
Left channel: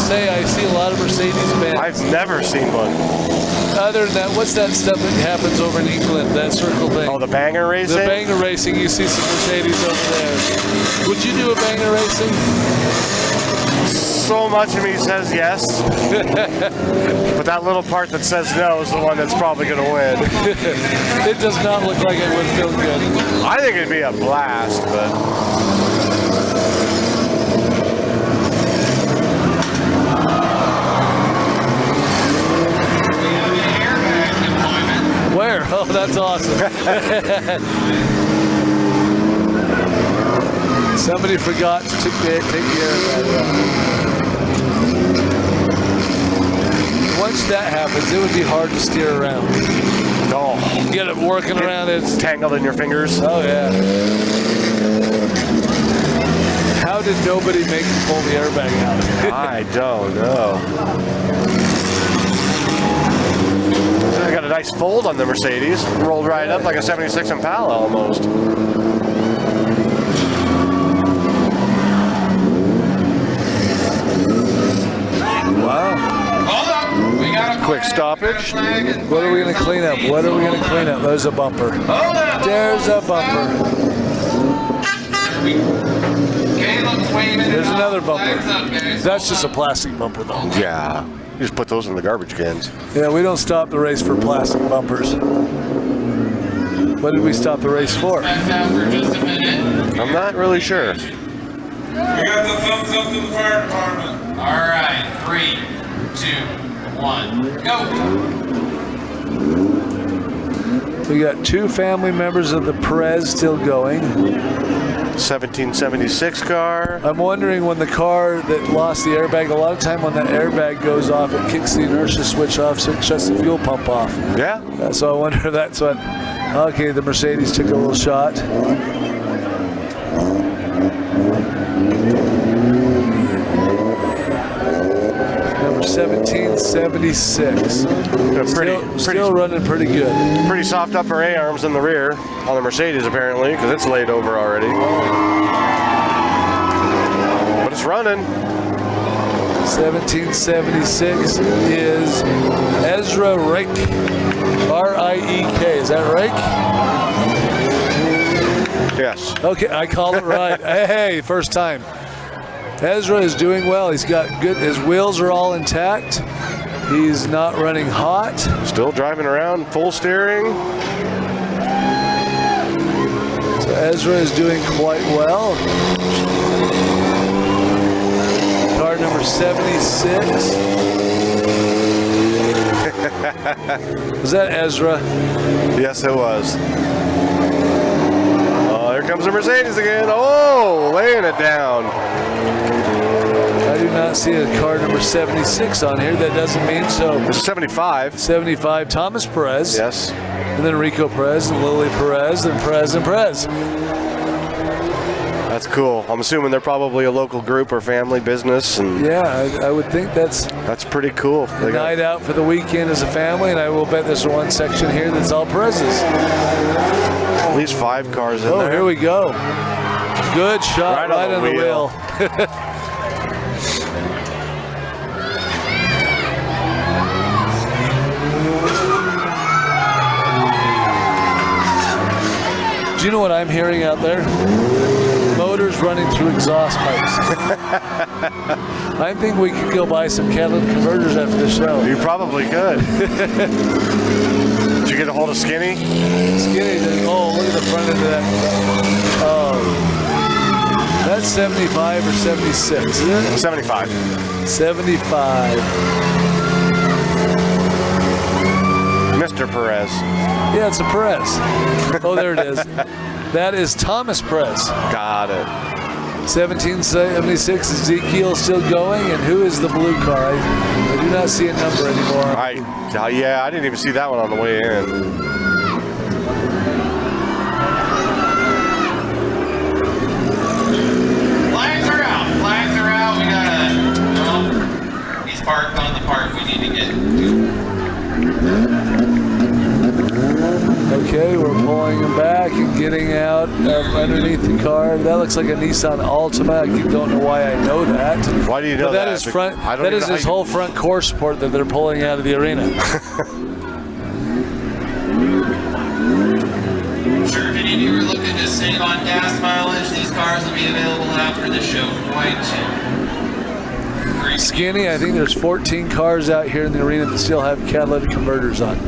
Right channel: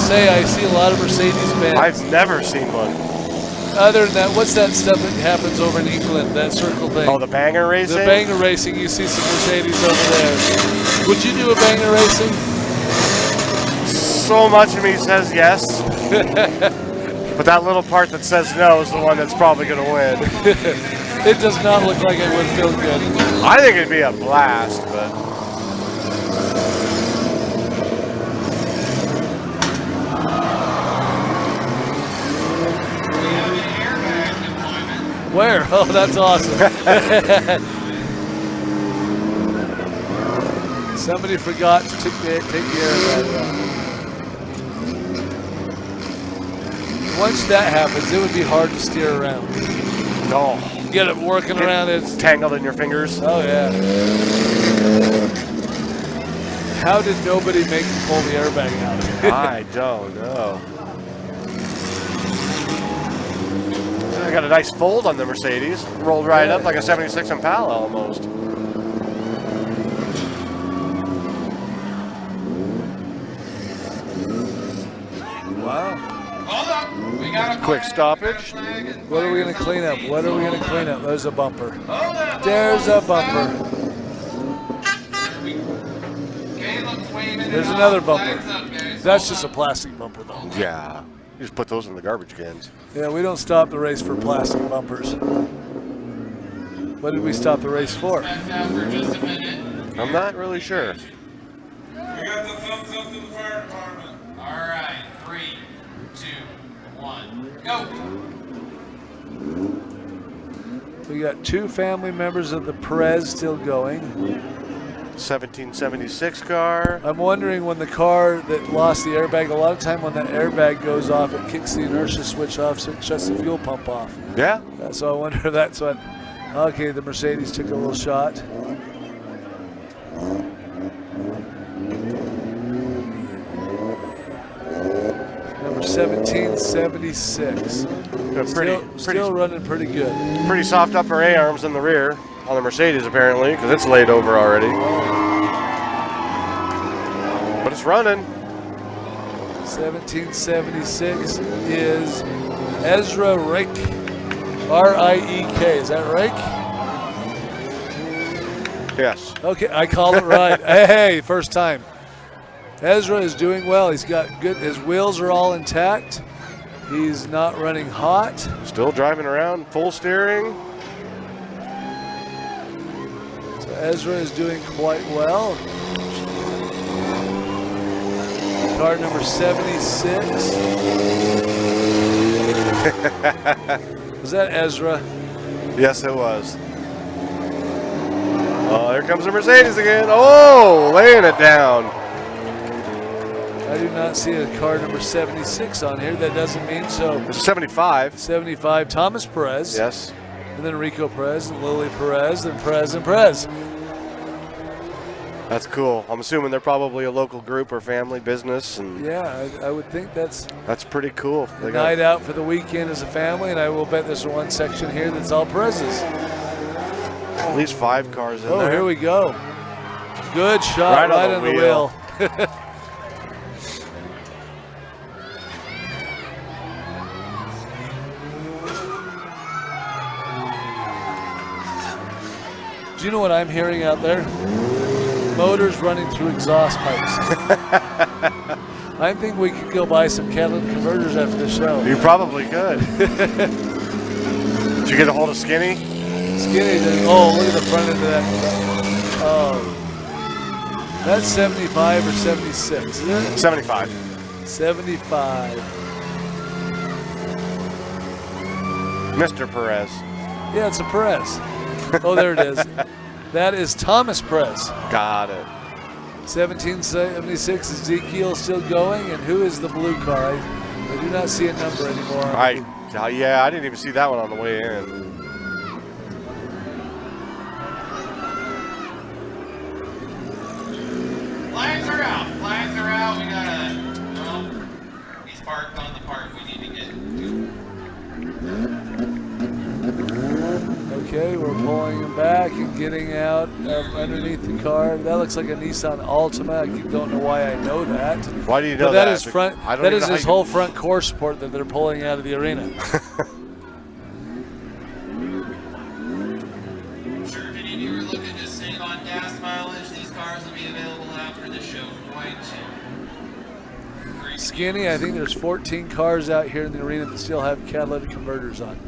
say I see a lot of Mercedes-Benz. I've never seen one. Other than that, what's that stuff that happens over in England, that circle thing? Oh, the banger racing? The banger racing, you see some Mercedes over there. Would you do a banger racing? So much of me says yes. But that little part that says no is the one that's probably going to win. It does not look like it would feel good. I think it'd be a blast, but... Where? Oh, that's awesome. Somebody forgot to take care of that. Once that happens, it would be hard to steer around. Oh. Get it working around. It's tangled in your fingers. Oh, yeah. How did nobody make you pull the airbag out? I don't know. I got a nice fold on the Mercedes. Rolled right up like a 76 Impala almost. Wow. Quick stoppage. What are we going to clean up? What are we going to clean up? There's a bumper. There's a bumper. There's another bumper. That's just a plastic bumper, though. Yeah. You just put those in the garbage cans. Yeah, we don't stop the race for plastic bumpers. What did we stop the race for? I'm not really sure. We got the thumbs up to the fire department. All right, 3, 2, 1, go. We got 2 family members of the Perez still going. 1776 car. I'm wondering when the car that lost the airbag, a lot of time when that airbag goes off, it kicks the inertia switch off, so it shuts the fuel pump off. Yeah. So I wonder if that's what. Okay, the Mercedes took a little shot. Number 1776. Still running pretty good. Pretty soft upper A-arms in the rear on the Mercedes apparently, because it's laid over already. But it's running. 1776 is Ezra Rick. R-I-E-K. Is that right? Yes. Okay, I called it right. Hey, first time. Ezra is doing well. He's got good. His wheels are all intact. He's not running hot. Still driving around, full steering. So Ezra is doing quite well. Car number 76. Was that Ezra? Yes, it was. Oh, here comes the Mercedes again. Oh, laying it down. I do not see a car number 76 on here. That doesn't mean so. It's 75. 75, Thomas Perez. Yes. And then Rico Perez and Lily Perez and Perez and Perez. That's cool. I'm assuming they're probably a local group or family business. And yeah, I would think that's pretty cool. A night out for the weekend as a family, and I will bet there's one section here that's all Perez's. At least 5 cars in there. Oh, here we go. Good shot right on the wheel. Do you know what I'm hearing out there? Motors running through exhaust pipes. I think we could go buy some catalytic converters after the show. You probably could. Did you get a hold of Skinny? Skinny, oh, look at the front end of that. Oh, that's 75 or 76, isn't it? 75. 75. Mr. Perez. Yeah, it's a Perez. Oh, there it is. That is Thomas Perez. Got it. 1776, Ezekiel still going, and who is the blue car? I do not see a number anymore. Yeah, I didn't even see that one on the way in. Flags are out. Flags are out. We got he's parked on the park we need to get to. Okay, we're pulling him back and getting out of underneath the car. That looks like a Nissan Altima. I don't know why I know that. Why do you know but that? That is front. That is his whole front core support that they're pulling out of the arena. Sure, if any of you are looking to save on gas mileage, these cars will be available after the show quite soon. Skinny, I think there's 14 cars out here in the arena that still have catalytic converters on.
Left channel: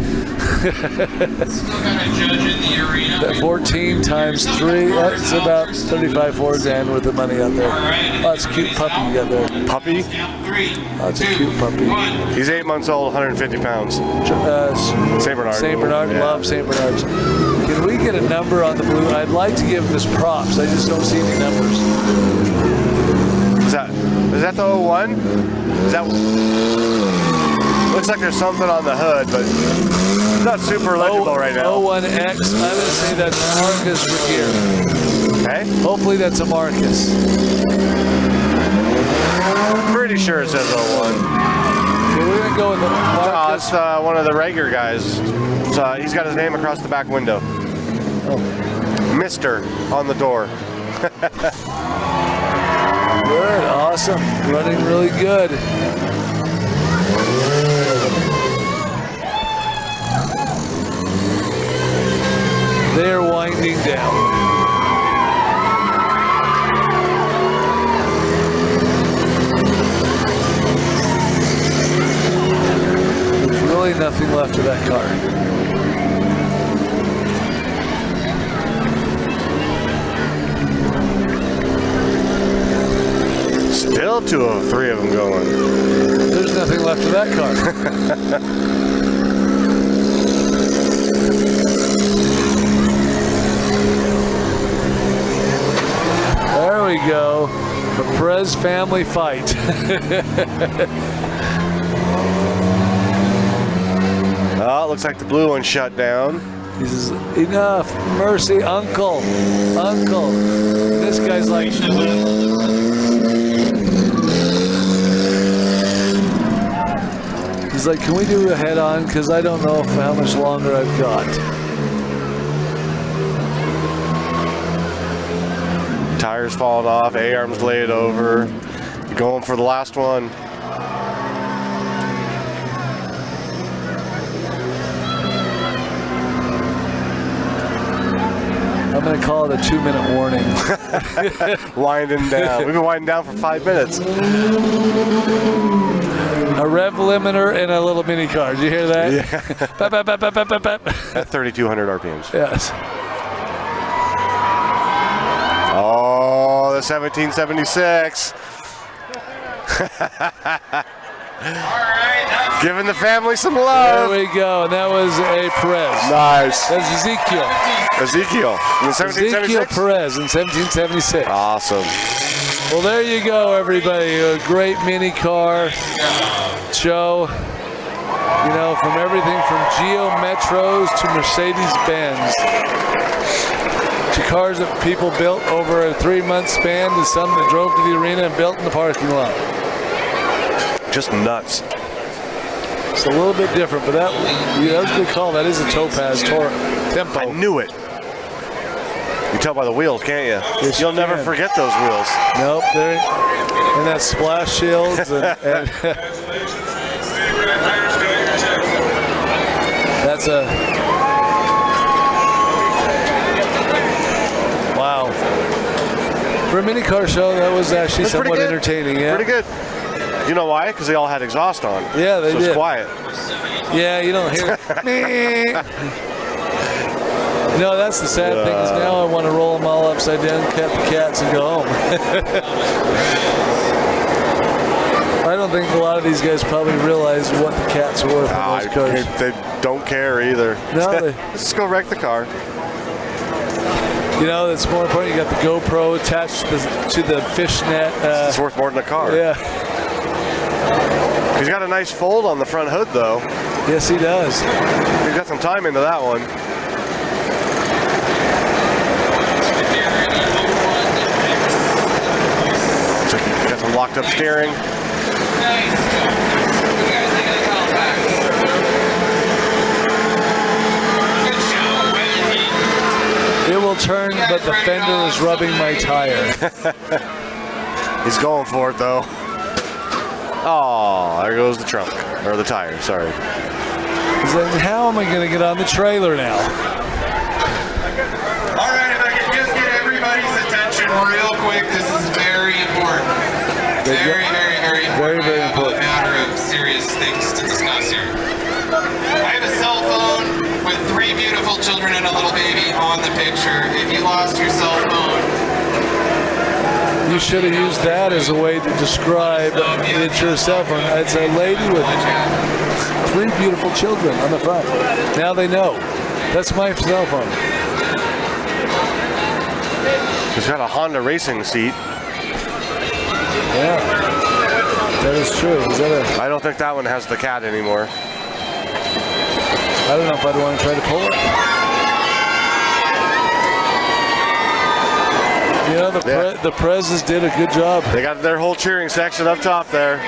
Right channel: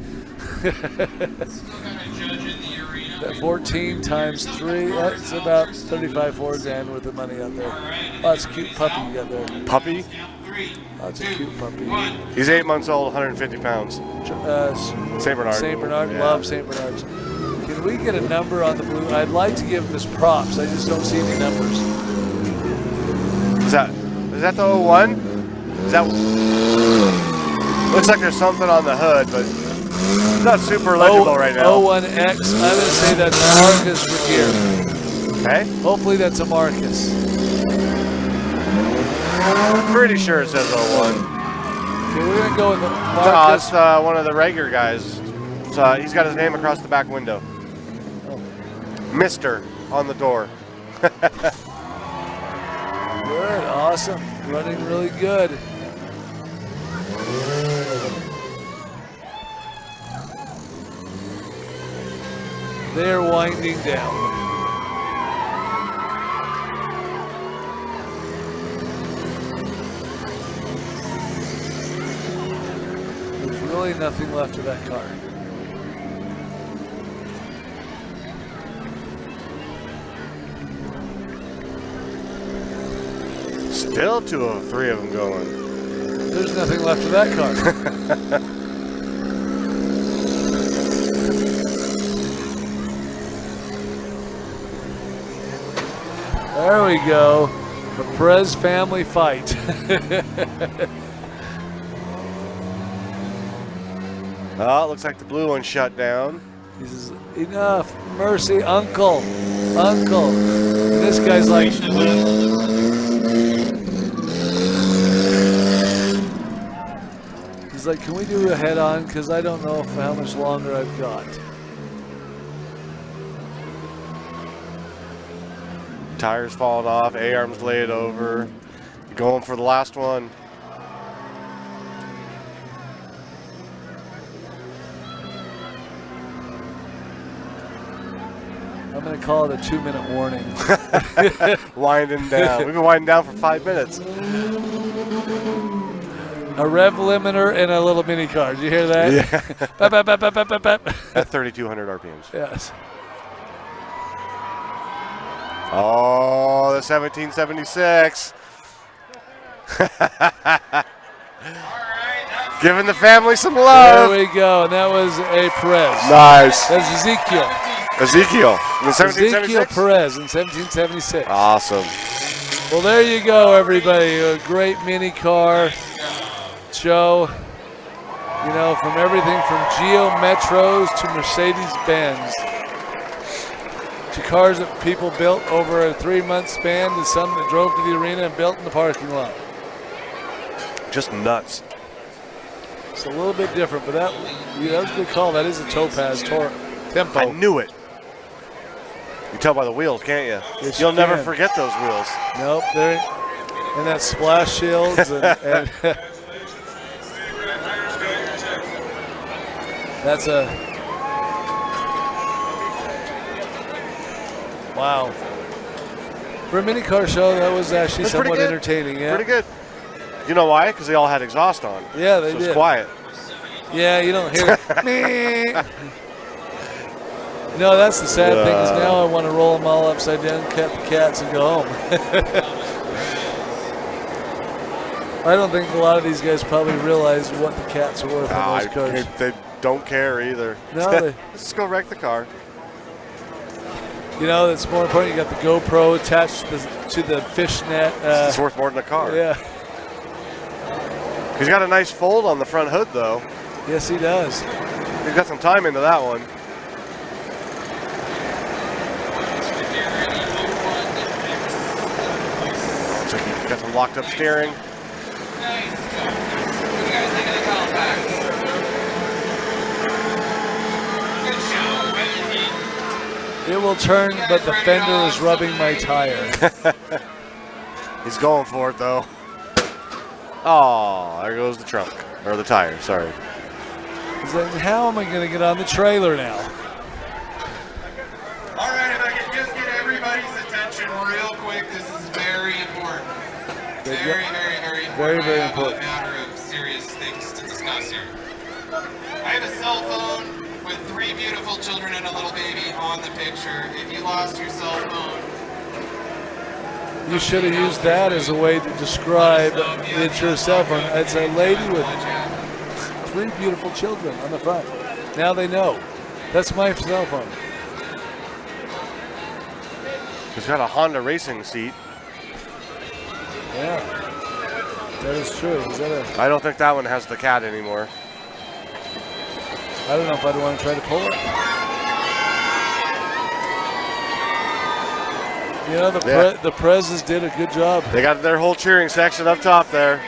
That 14 times 3, that's about 35 Fords and with the money out there. Oh, that's a cute puppy you got there. Puppy? Oh, that's a cute puppy. He's 8 months old, 150 pounds. St. Bernard. St. Bernard, Yeah. love St. Bernards. Can we get a number on the blue? I'd like to give this props. I just don't see any numbers. Is that the 01? Is that? Looks like there's something on the hood, but it's not super legible right now. 01X, I would say that's a Marcus from here. Okay. Hopefully that's a Marcus. I'm pretty sure it says 01. Okay, we're gonna go with the Marcus. No, it's one of the regular guys. He's got his name across the back window. Oh. Mr. on the door. Good, awesome. Running really good. They're winding down. There's really nothing left of that car. Still 2 of 3 of them going. There's nothing left of that car. There we go. The Perez family fight. Oh, it looks like the blue one shut down. He says, enough, mercy, uncle. Uncle. And this guy's like, he's like, can we do a head-on? Because I don't know how much longer I've got. Tires falling off, A-arms laid over. You're going for the last one. I'm going to call it a 2-minute warning. Winding down. We've been winding down for 5 minutes. A rev limiter and a little mini car. Did you hear that? Yeah. Bap, bap, bap, bap, bap, bap. At 3,200 RPMs. Yes. Oh, the 1776. Giving the family some love. There we go. And that was a Perez. Nice. That's Ezekiel. Ezekiel in the 1776? Ezekiel Perez in 1776. Awesome. Well, there you go, everybody. A great mini car show. You know, from everything from Geo Metros to Mercedes-Benz. To cars that people built over a 3-month span to some that drove to the arena and built in the parking lot. Just nuts. It's a little bit different, but that was a good call. That is a Topaz Tempo. I knew it. You can tell by the wheels, can't you? Yes, You'll you never can. forget those wheels. Nope, they're and that splash shields and that's a wow. For a mini car show, that was actually That's somewhat pretty good. entertaining. Yeah, Pretty good. You know why? Because they all had exhaust on. Yeah, they so did. it's quiet. Yeah, you don't hear it. No, that's the sad thing is now I want to roll them all upside down, cut the cats, and go home. I don't think a lot of these guys probably realize what the cats are worth on those cars. They don't care either. No, just go wreck the car. You know, it's more important. You got the GoPro attached to the fishnet. It's worth more than a car. Yeah. He's got a nice fold on the front hood, though. Yes, he does. He's got some time into that one. Looks like he's got some locked up steering. It will turn, but the fender is rubbing my tire. He's going for it, though. Oh, there goes the trunk. Or the tire, sorry. He's like, how am I going to get on the trailer now? All right, if I could just get everybody's attention real quick, this is very important. Very, very, very important. Very, very You should have used that as a way to describe it's your cell phone. It's a lady with 3 beautiful children on the front. Now they know. That's my cell phone. He's got a Honda racing seat. Yeah, that is true. I don't think that one has the cat anymore. I don't know if I'd want to try to pull it. You know, the Prezes did a good job. They got their whole cheering section up top there.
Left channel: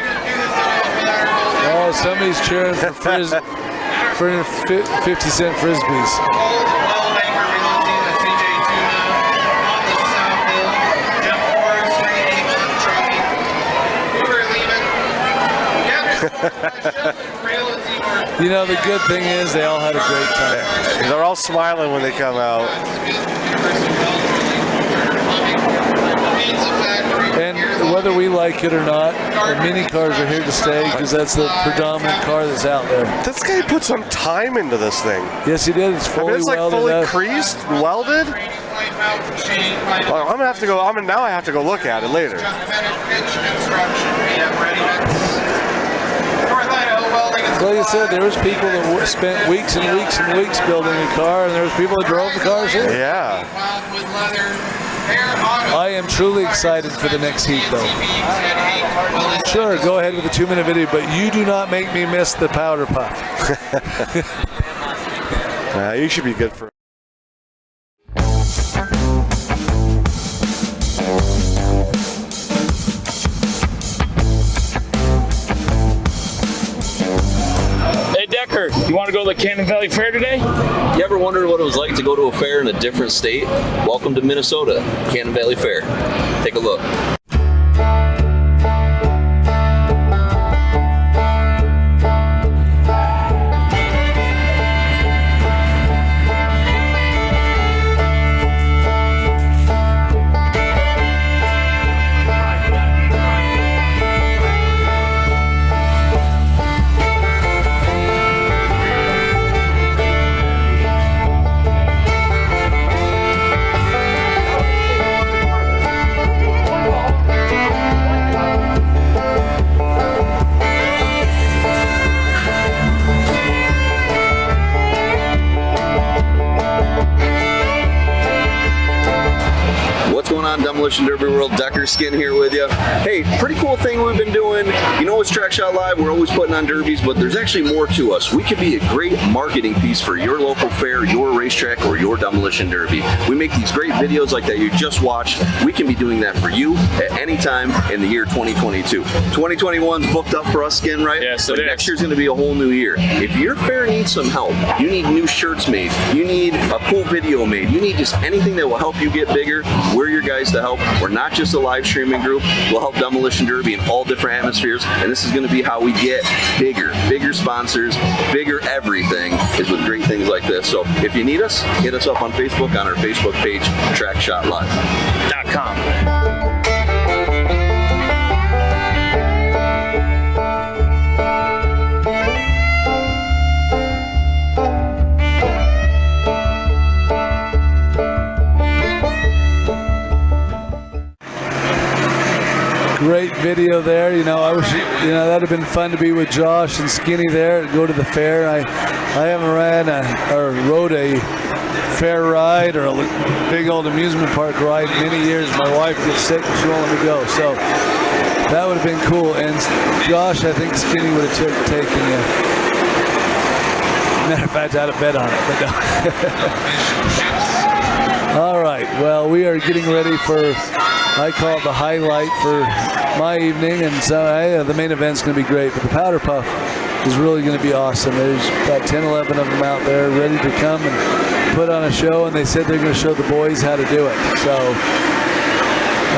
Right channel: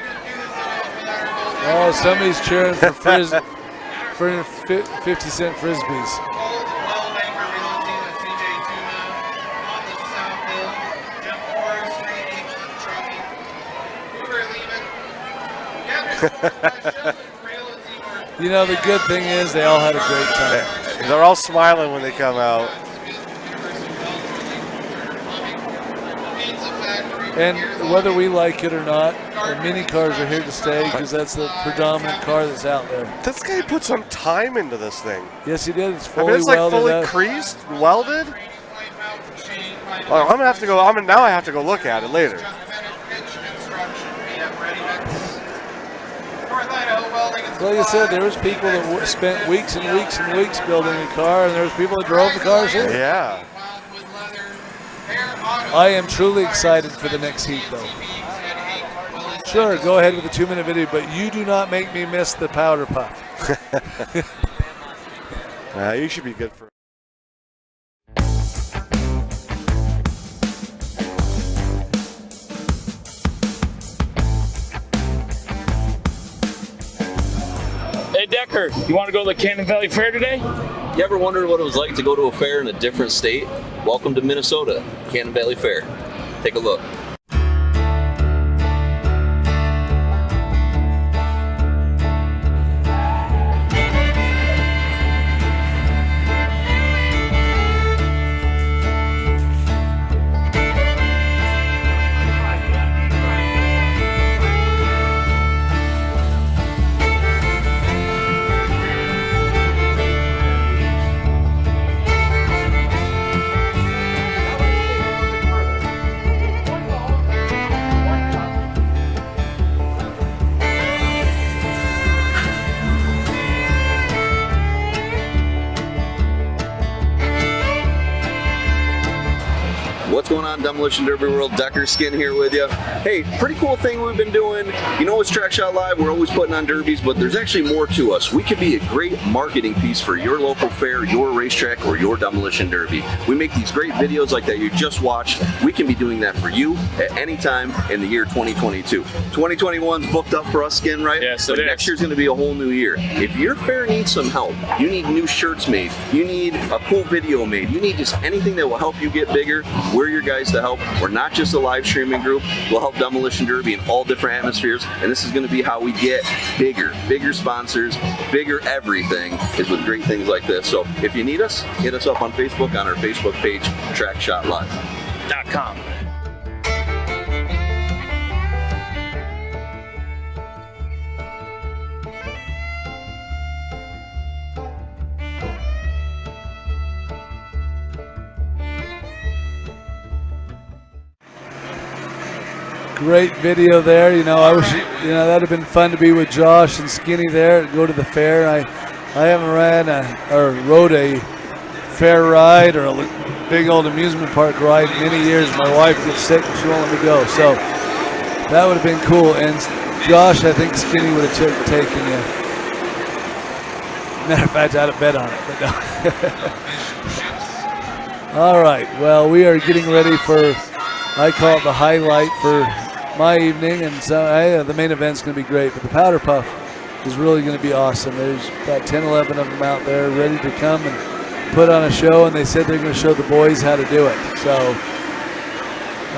Oh, somebody's cheering for 50-cent Frisbees. You know, the good thing is they all had a great time. They're all smiling when they come out. And whether we like it or not, the mini cars are here to stay because that's the predominant car that's out there. This guy put some time into this thing. Yes, he did. It's fully it's like welded fully up. creased, welded. Well, I'm gonna have to go. Now I have to go look at it later. Like I said, there was people that spent weeks and weeks and weeks building a car, and there was people that drove the cars here. Yeah. I am truly excited for the next heat, though. Sure, go ahead with the 2-minute video, but you do not make me miss the powder puff. You should be good for. Hey Decker, you want to go to the Cannon Valley Fair today? You ever wondered what it was like to go to a fair in a different state? Welcome to Minnesota, Cannon Valley Fair. Take a look. Demolition Derby World, Decker Skin here with you. Hey, pretty cool thing we've been doing. You know, it's Track Shot Live, we're always putting on derbies, but there's actually more to us. We could be a great marketing piece for your local fair, your racetrack, or your demolition derby. We make these great videos like that you just watched. We can be doing that for you at any time in the year 2022. 2021's booked up for us, Skin, right? Yes, but it next is. year's going to be a whole new year. If your fair needs some help, you need new shirts made, you need a cool video made, you need just anything that will help you get bigger, we're your guys to help. We're not just a live streaming group. We'll help Demolition Derby in all different atmospheres, and this is going to be how we get bigger sponsors, bigger everything is with great things like this. So if you need us, hit us up on Facebook on our Facebook page, TrackShotLive.com. Great video there. You know, I wish, you know, that'd have been fun to be with Josh and Skinny there, go to the fair. I haven't rode a fair ride or a big old amusement park ride in many years. My wife gets sick and she won't let me go. So that would have been cool. And Josh, I think Skinny would have taken you. Matter of fact, I'd have bet on it, but no. All right. Well, we are getting ready for, I call it the highlight for my evening, and so the main event's going to be great, but the powder puff is really going to be awesome. There's about 10, 11 of them out there ready to come and put on a show, and they said they're going to show the boys how to do it. So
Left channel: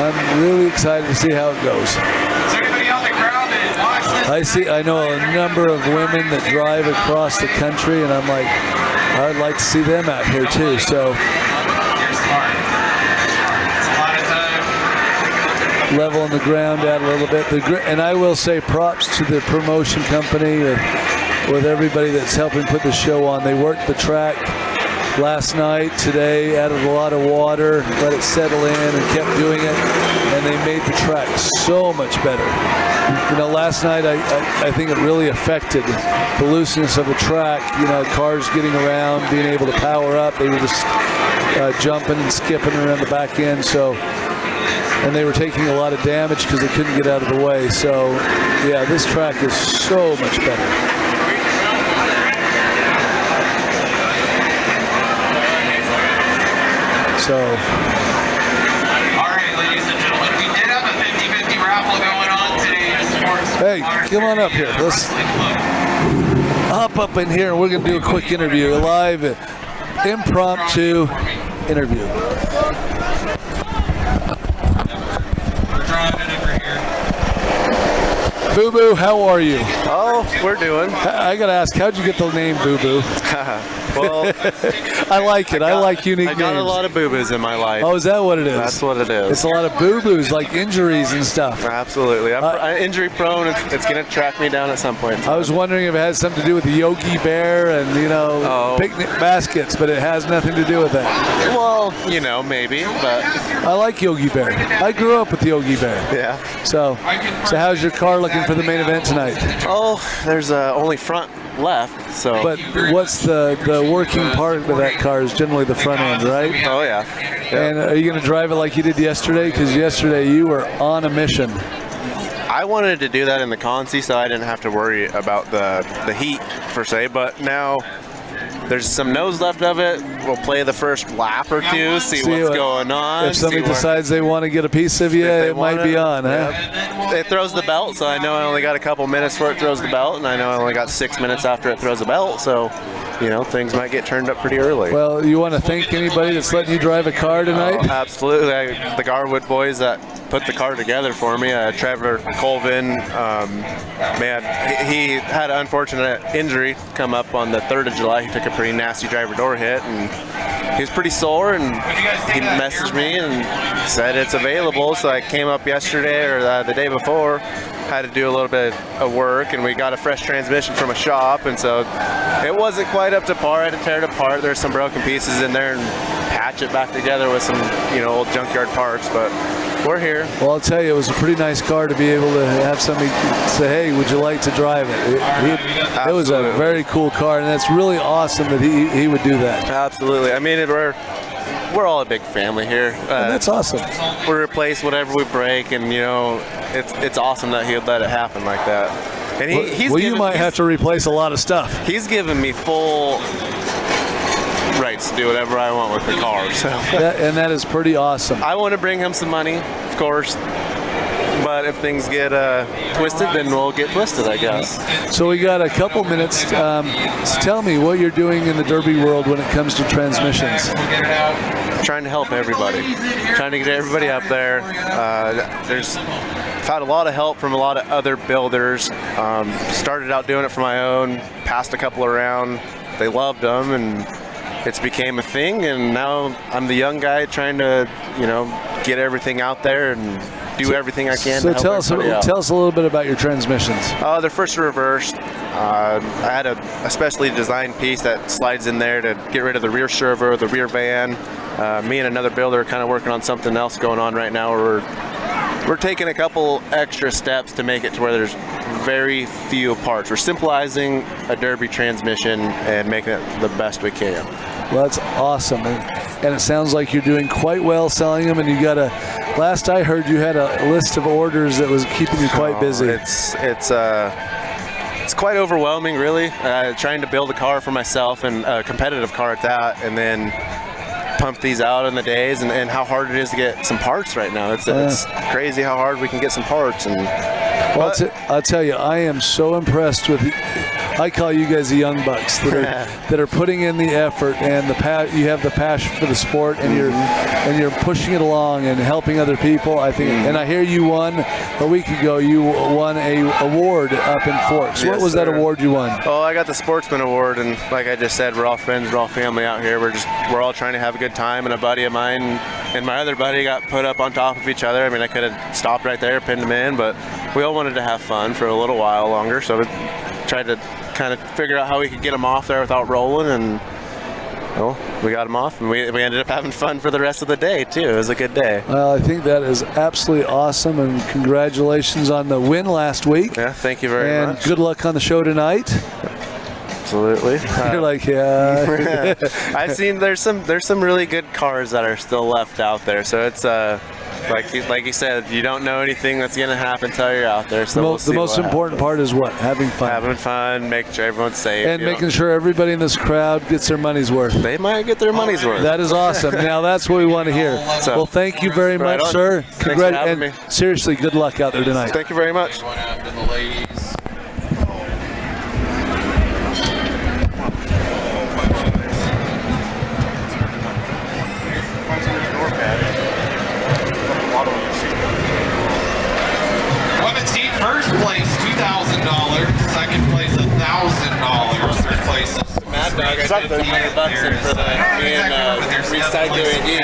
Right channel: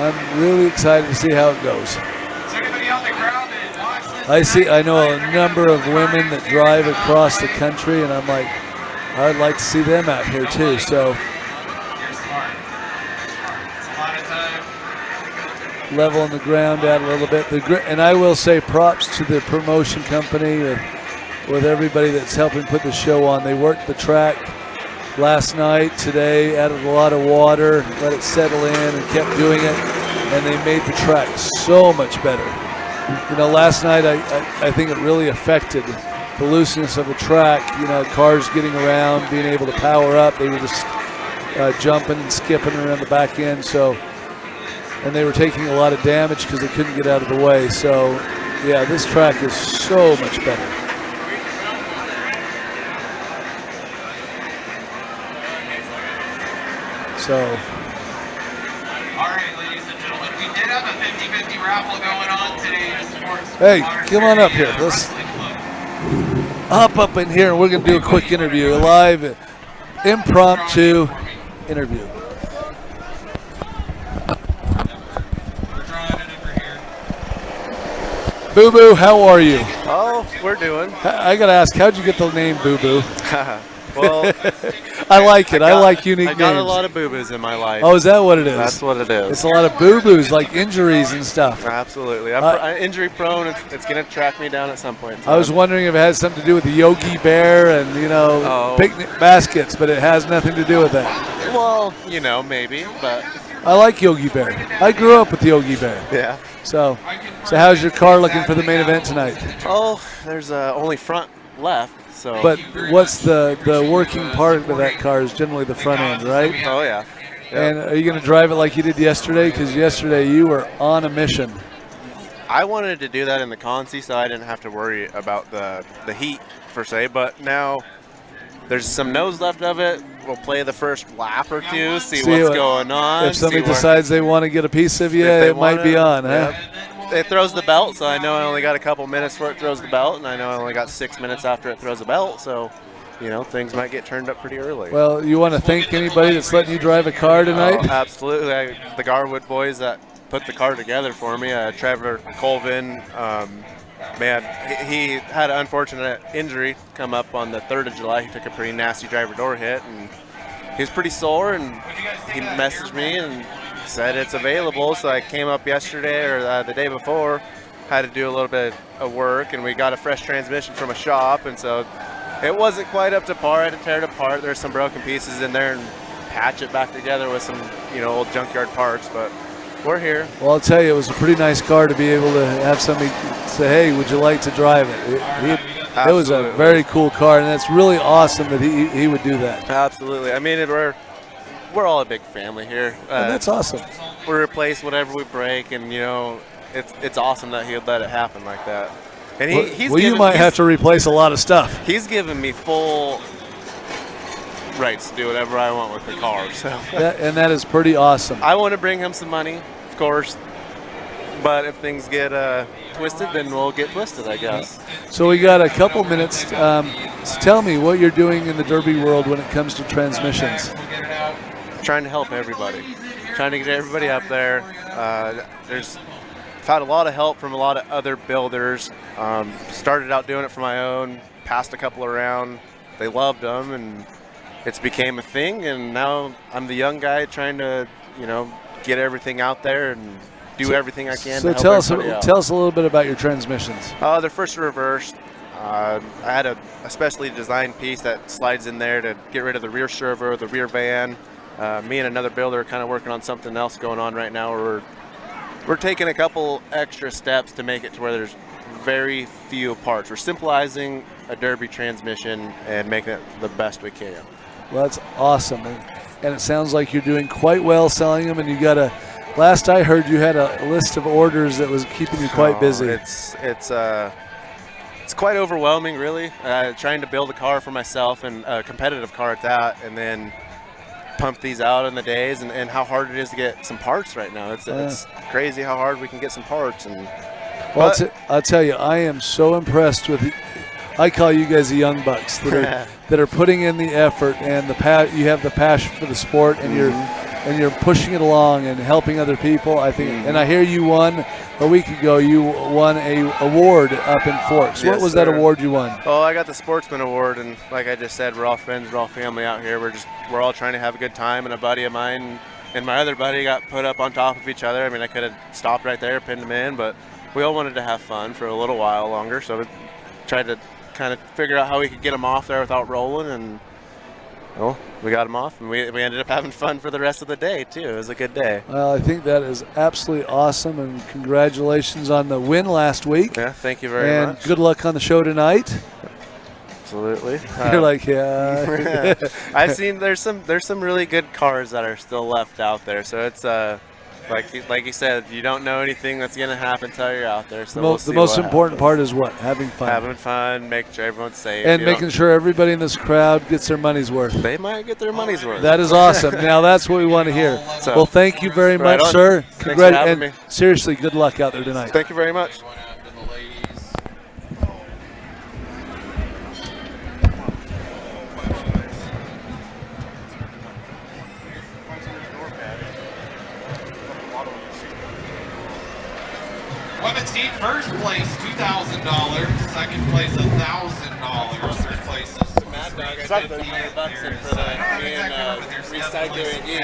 I'm really excited to see how it goes. I know a number of women that drive across the country, and I'm like, I'd like to see them out here too. So leveling the ground out a little bit. And I will say props to the promotion company with everybody that's helping put the show on. They worked the track last night, today, added a lot of water, let it settle in, and kept doing it. And they made the track so much better. You know, last night I think it really affected the looseness of the track. You know, cars getting around, being able to power up. They were just jumping and skipping around the back end. So, and they were taking a lot of damage because they couldn't get out of the way. So, yeah, this track is so much better. So, all right, ladies and gentlemen, we did have a 50-50 raffle going on today. hey, come on up here. Let's hop up in here and we're going to do a quick interview, a live impromptu interview. Boo Boo, how are you? Oh, we're doing. I got to ask, how'd you get the name Boo Boo? Well, I like it. I like unique names. I got a lot of boo-boos in my life. Oh, is that what it is? That's what it is. It's a lot of boo-boos, like injuries and stuff. Absolutely. I'm injury prone. It's going to track me down at some point. I was wondering if it has something to do with the Yogi Bear and, you know, picnic baskets, but it has nothing to do with that. Well, you know, maybe, but... I like Yogi Bear. I grew up with Yogi Bear. Yeah. So how's your car looking for the main event tonight? Oh, there's only front left, so... But what's the working part of that car is generally the front end, right? Oh, yeah. And are you going to drive it like you did yesterday? Because yesterday you were on a mission. I wanted to do that in the Consi, so I didn't have to worry about the heat, per se, but now... There's some nose left of it. We'll play the first lap or two, see what's going on. If somebody decides they want to get a piece of you, it might be on, huh? It throws the belt, so I know I only got a couple minutes before it throws the belt, and I know I only got 6 minutes after it throws the belt, so, you know, things might get turned up pretty early. Well, you want to thank anybody that's letting you drive a car tonight? Oh, absolutely. The Garwood boys that put the car together for me, Trevor Colvin, man, he had an unfortunate injury come up on the 3rd of July. He took a pretty nasty driver door hit, and he was pretty sore, and he messaged me and said it's available. So I came up yesterday or the day before, had to do a little bit of work, and we got a fresh transmission from a shop, and so it wasn't quite up to par. I had to tear it apart. There's some broken pieces in there and patch it back together with some, you know, old junkyard parts, but we're here. Well, I'll tell you, it was a pretty nice car to be able to have somebody say, hey, would you like to drive it? It was a very cool car, and it's really awesome that he would do that. Absolutely. I mean, we're all a big family here. That's awesome. We replace whatever we break, and, you know, it's awesome that he would let it happen like that. And you might have to replace a lot of stuff. He's given me full rights to do whatever I want with the car. So. And that is pretty awesome. I want to bring him some money, of course. But if things get twisted, then we'll get twisted, I guess. So we got a couple minutes. So tell me what you're doing in the Derby world when it comes to transmissions. Trying to help everybody. Trying to get everybody up there. I've had a lot of help from a lot of other builders. Started out doing it for my own. Passed a couple around. They loved them, and it's became a thing. And now I'm the young guy trying to, you know, get everything out there and do everything I can to help everybody out. Tell us a little bit about your transmissions. They're first reversed. I had a specially designed piece that slides in there to get rid of the rear servo, the rear van. Me and another builder are kind of working on something else going on right now. We're taking a couple extra steps to make it to where there's very few parts. We're simplifying a Derby transmission and making it the best we can. Well, that's awesome, and it sounds like you're doing quite well selling them. And you got last I heard, you had a list of orders that was keeping you quite busy. It's quite overwhelming, really. Trying to build a car for myself, and a competitive car at that, and then pump these out in the days, and how hard it is to get some parts right now. It's crazy how hard we can get some parts. And well, I'll tell you, I am so impressed with. I call you guys the young bucks that are putting in the effort, and you have the passion for the sport, and you're pushing it along and helping other people. I think, and I hear you won a week ago. You won a award up in Forks. What was that award you won? Oh, I got the Sportsman Award, and like I just said, we're all friends, we're all family out here. We're all trying to have a good time, and a buddy of mine and my other buddy got put up on top of each other. I mean, I could have stopped right there, pinned him in, but we all wanted to have fun for a little while longer, so we tried to kind of figure out how we could get them off there without rolling, and well, we got them off, and we ended up having fun for the rest of the day, too. It was a good day. I think that is absolutely awesome, and congratulations on the win last week. Yeah, thank you very much. And good luck on the show tonight. Absolutely. You're like, yeah. I've seen there's some really good cars that are still left out there, so it's like you said, you don't know anything that's going to happen until you're out there. So we'll see the most what important part is what? Having fun. Having fun, making sure everyone's safe. And making sure everybody in this crowd gets their money's worth. They might get their money's worth. That is awesome. Now that's what we want to hear. So, well, thank you very much, on. sir. Thanks for having me. Seriously, good luck out there tonight. Thank you very much. Women's team first place $2,000, second place $1,000, third place Mad Dog, I paid $100 in for the recycling each.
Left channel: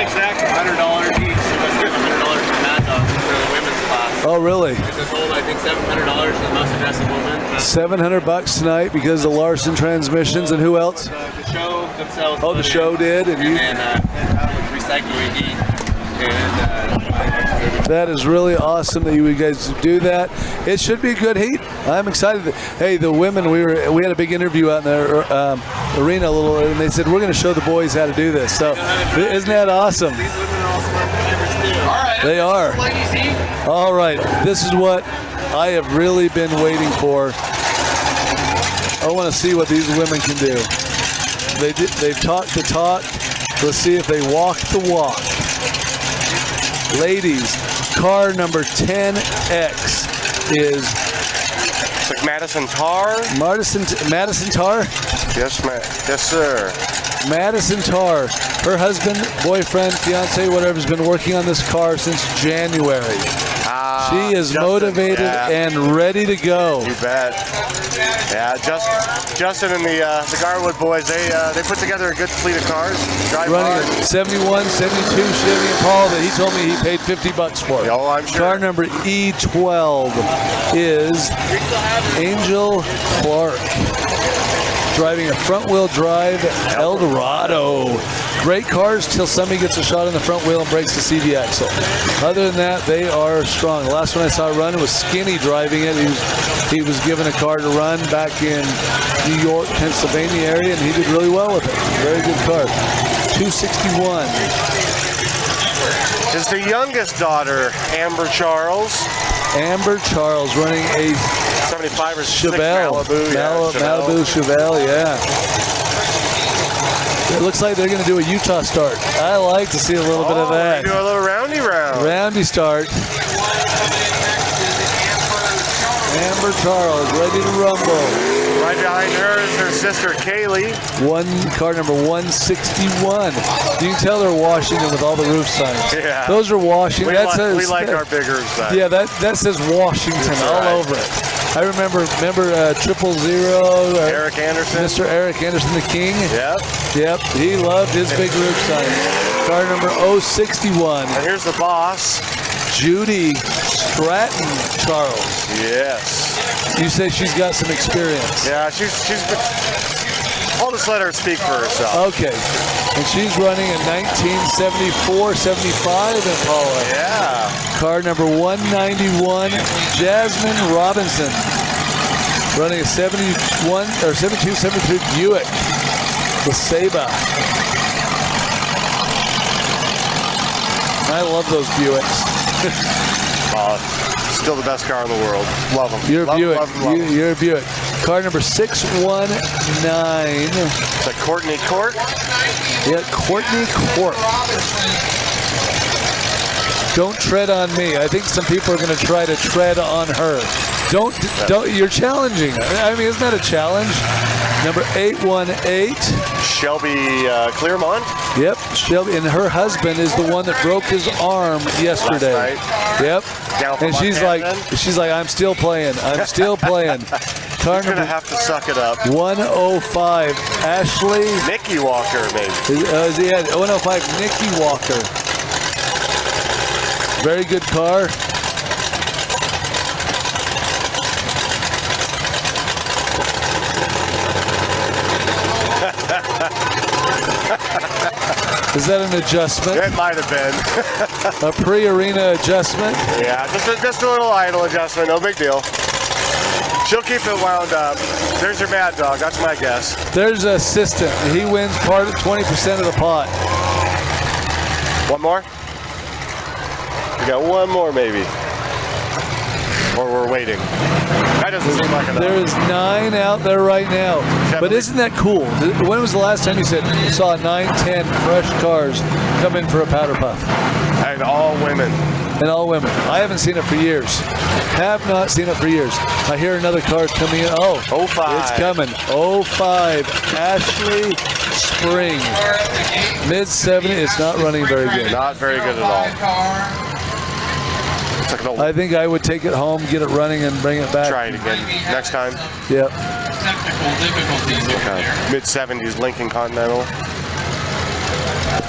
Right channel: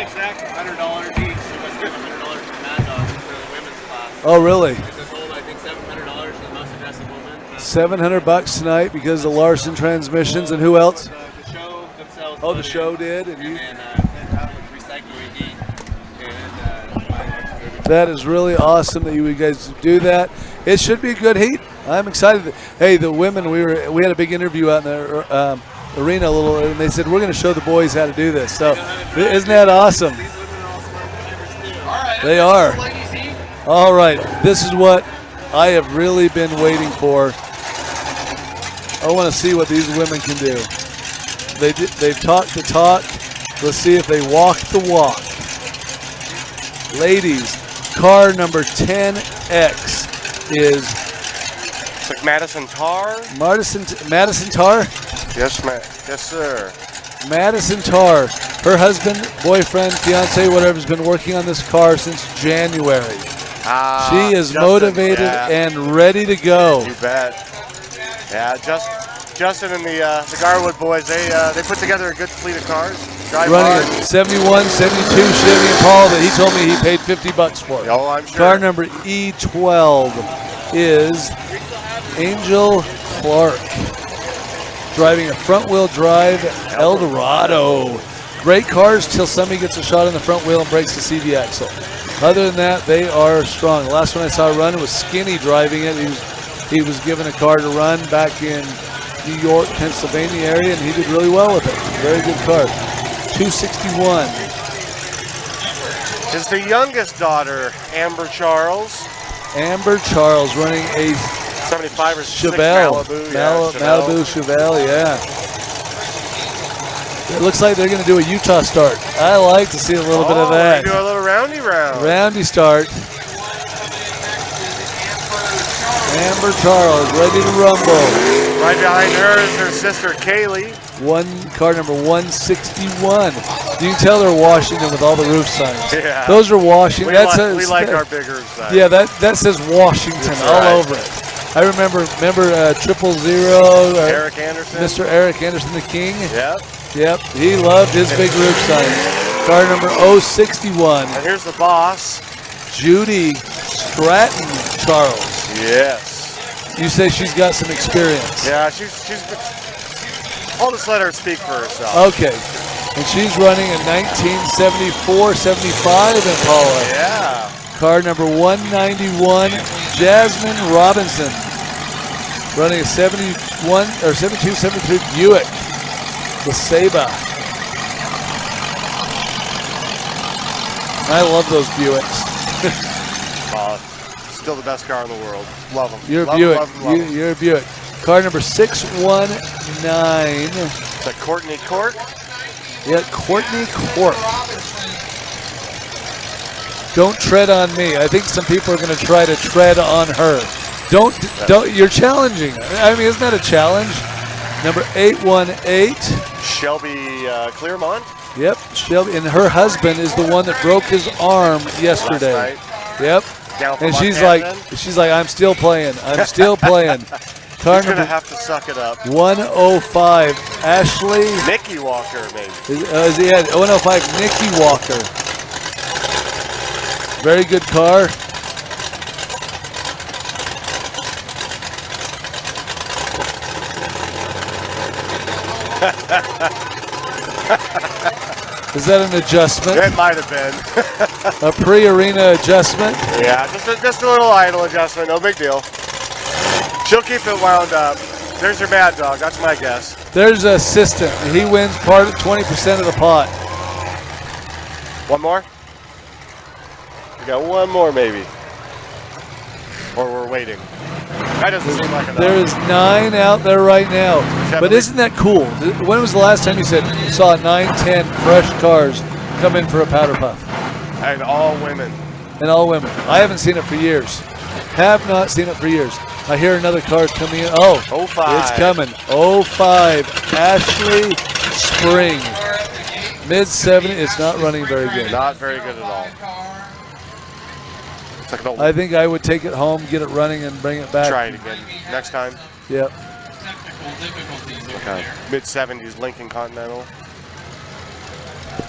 Exactly $100 each. Let's get $100 from Mad Dog for the women's class. Oh, really? It's a total, I think, $700 for the most aggressive woman. $700 tonight because of Larson Transmissions, and who else? The show themselves. Oh, the show did, and recycling each. That is really awesome that you guys do that. It should be a good heat. I'm excited. Hey, the women, we had a big interview out in the arena a little, and they said we're going to show the boys how to do this. So isn't that awesome? They are. All right, this is what I have really been waiting for. I want to see what these women can do. They've talked the talk. Let's see if they walk the walk. Ladies, car number 10X is It's like Madison Tar. Madison Tar? Yes, ma'am. Yes, sir. Madison Tar. Her husband, boyfriend, fiance, whatever, has been working on this car since January. She is motivated and ready to go. You bet. Yeah, Justin and the Garwood boys, they put together a good fleet of cars. Running a 71, 72 Chevy Impala that he told me he paid $50 for. Oh, I'm sure. Car number E12 is Angel Clark, driving a front-wheel drive Eldorado. Great cars till somebody gets a shot in the front wheel and breaks the CV axle. Other than that, they are strong. The last one I saw run was Skinny driving it. He was given a car to run back in New York, Pennsylvania area, and he did really well with it. Very good car. 261. Is the youngest daughter Amber Charles. Amber Charles running a 75 or 6 Chevelle. Malibu Chevelle, yeah. It looks like they're going to do a Utah start. I like to see a little bit of that. Do a little roundy round. Roundy start. Amber Charles ready to rumble. Right behind her is her sister Kaylee. Car number 161. You can tell they're Washington with all the roof signs. Yeah. Those are Washington. We like our big roof signs. Yeah, that says Washington all over it. I remember 000. Eric Anderson. Mr. Eric Anderson, the King. Yep. He loved his big roof sign. Car number 061. And here's the boss. Judy Stratton Charles. Yes. You say she's got some experience. Yeah, she's been, I'll just let her speak for herself. Okay. And she's running a 1974-75 Impala. Yeah. Car number 191, Jasmine Robinson. Running a 72-73 Buick. The Saba. I love those Buicks. Still the best car in the world. Love them. You're a Buick. You're a Buick. Car number 619. Is that Courtney Court? Yeah, Courtney Court. Don't tread on me. I think some people are going to try to tread on her. Don't. You're challenging. I mean, isn't that a challenge? Number 818. Shelby Clearmont. Yep, Shelby, and her husband is the one that broke his arm yesterday. Yep. And she's like, I'm still playing. I'm still playing. Car You're gonna have to suck it up. 105, Ashley. Nikki Walker, maybe. Yeah, 105, Nikki Walker. Very good car. Is that an adjustment? It might have been. A pre-arena adjustment? Yeah, just a little idle adjustment, no big deal. She'll keep it wound up. There's your mad dog, that's my guess. There's an assistant. He wins 20% of the pot. One more? We got one more, maybe. Or we're waiting. That doesn't seem like enough. There's 9 out there right now. But isn't that cool? When was the last time you saw 9, 10 fresh cars come in for a powder puff? And all women. And all women. I haven't seen it for years. Have not seen it for years. I hear another car's coming in. Oh, 05. It's coming. 05. Ashley Spring. Mid-70. It's not running very good. Not very good at all. I think I would take it home, get it running, and bring it back. Try it again next time. Yep. Okay. Mid-70s Lincoln Continental.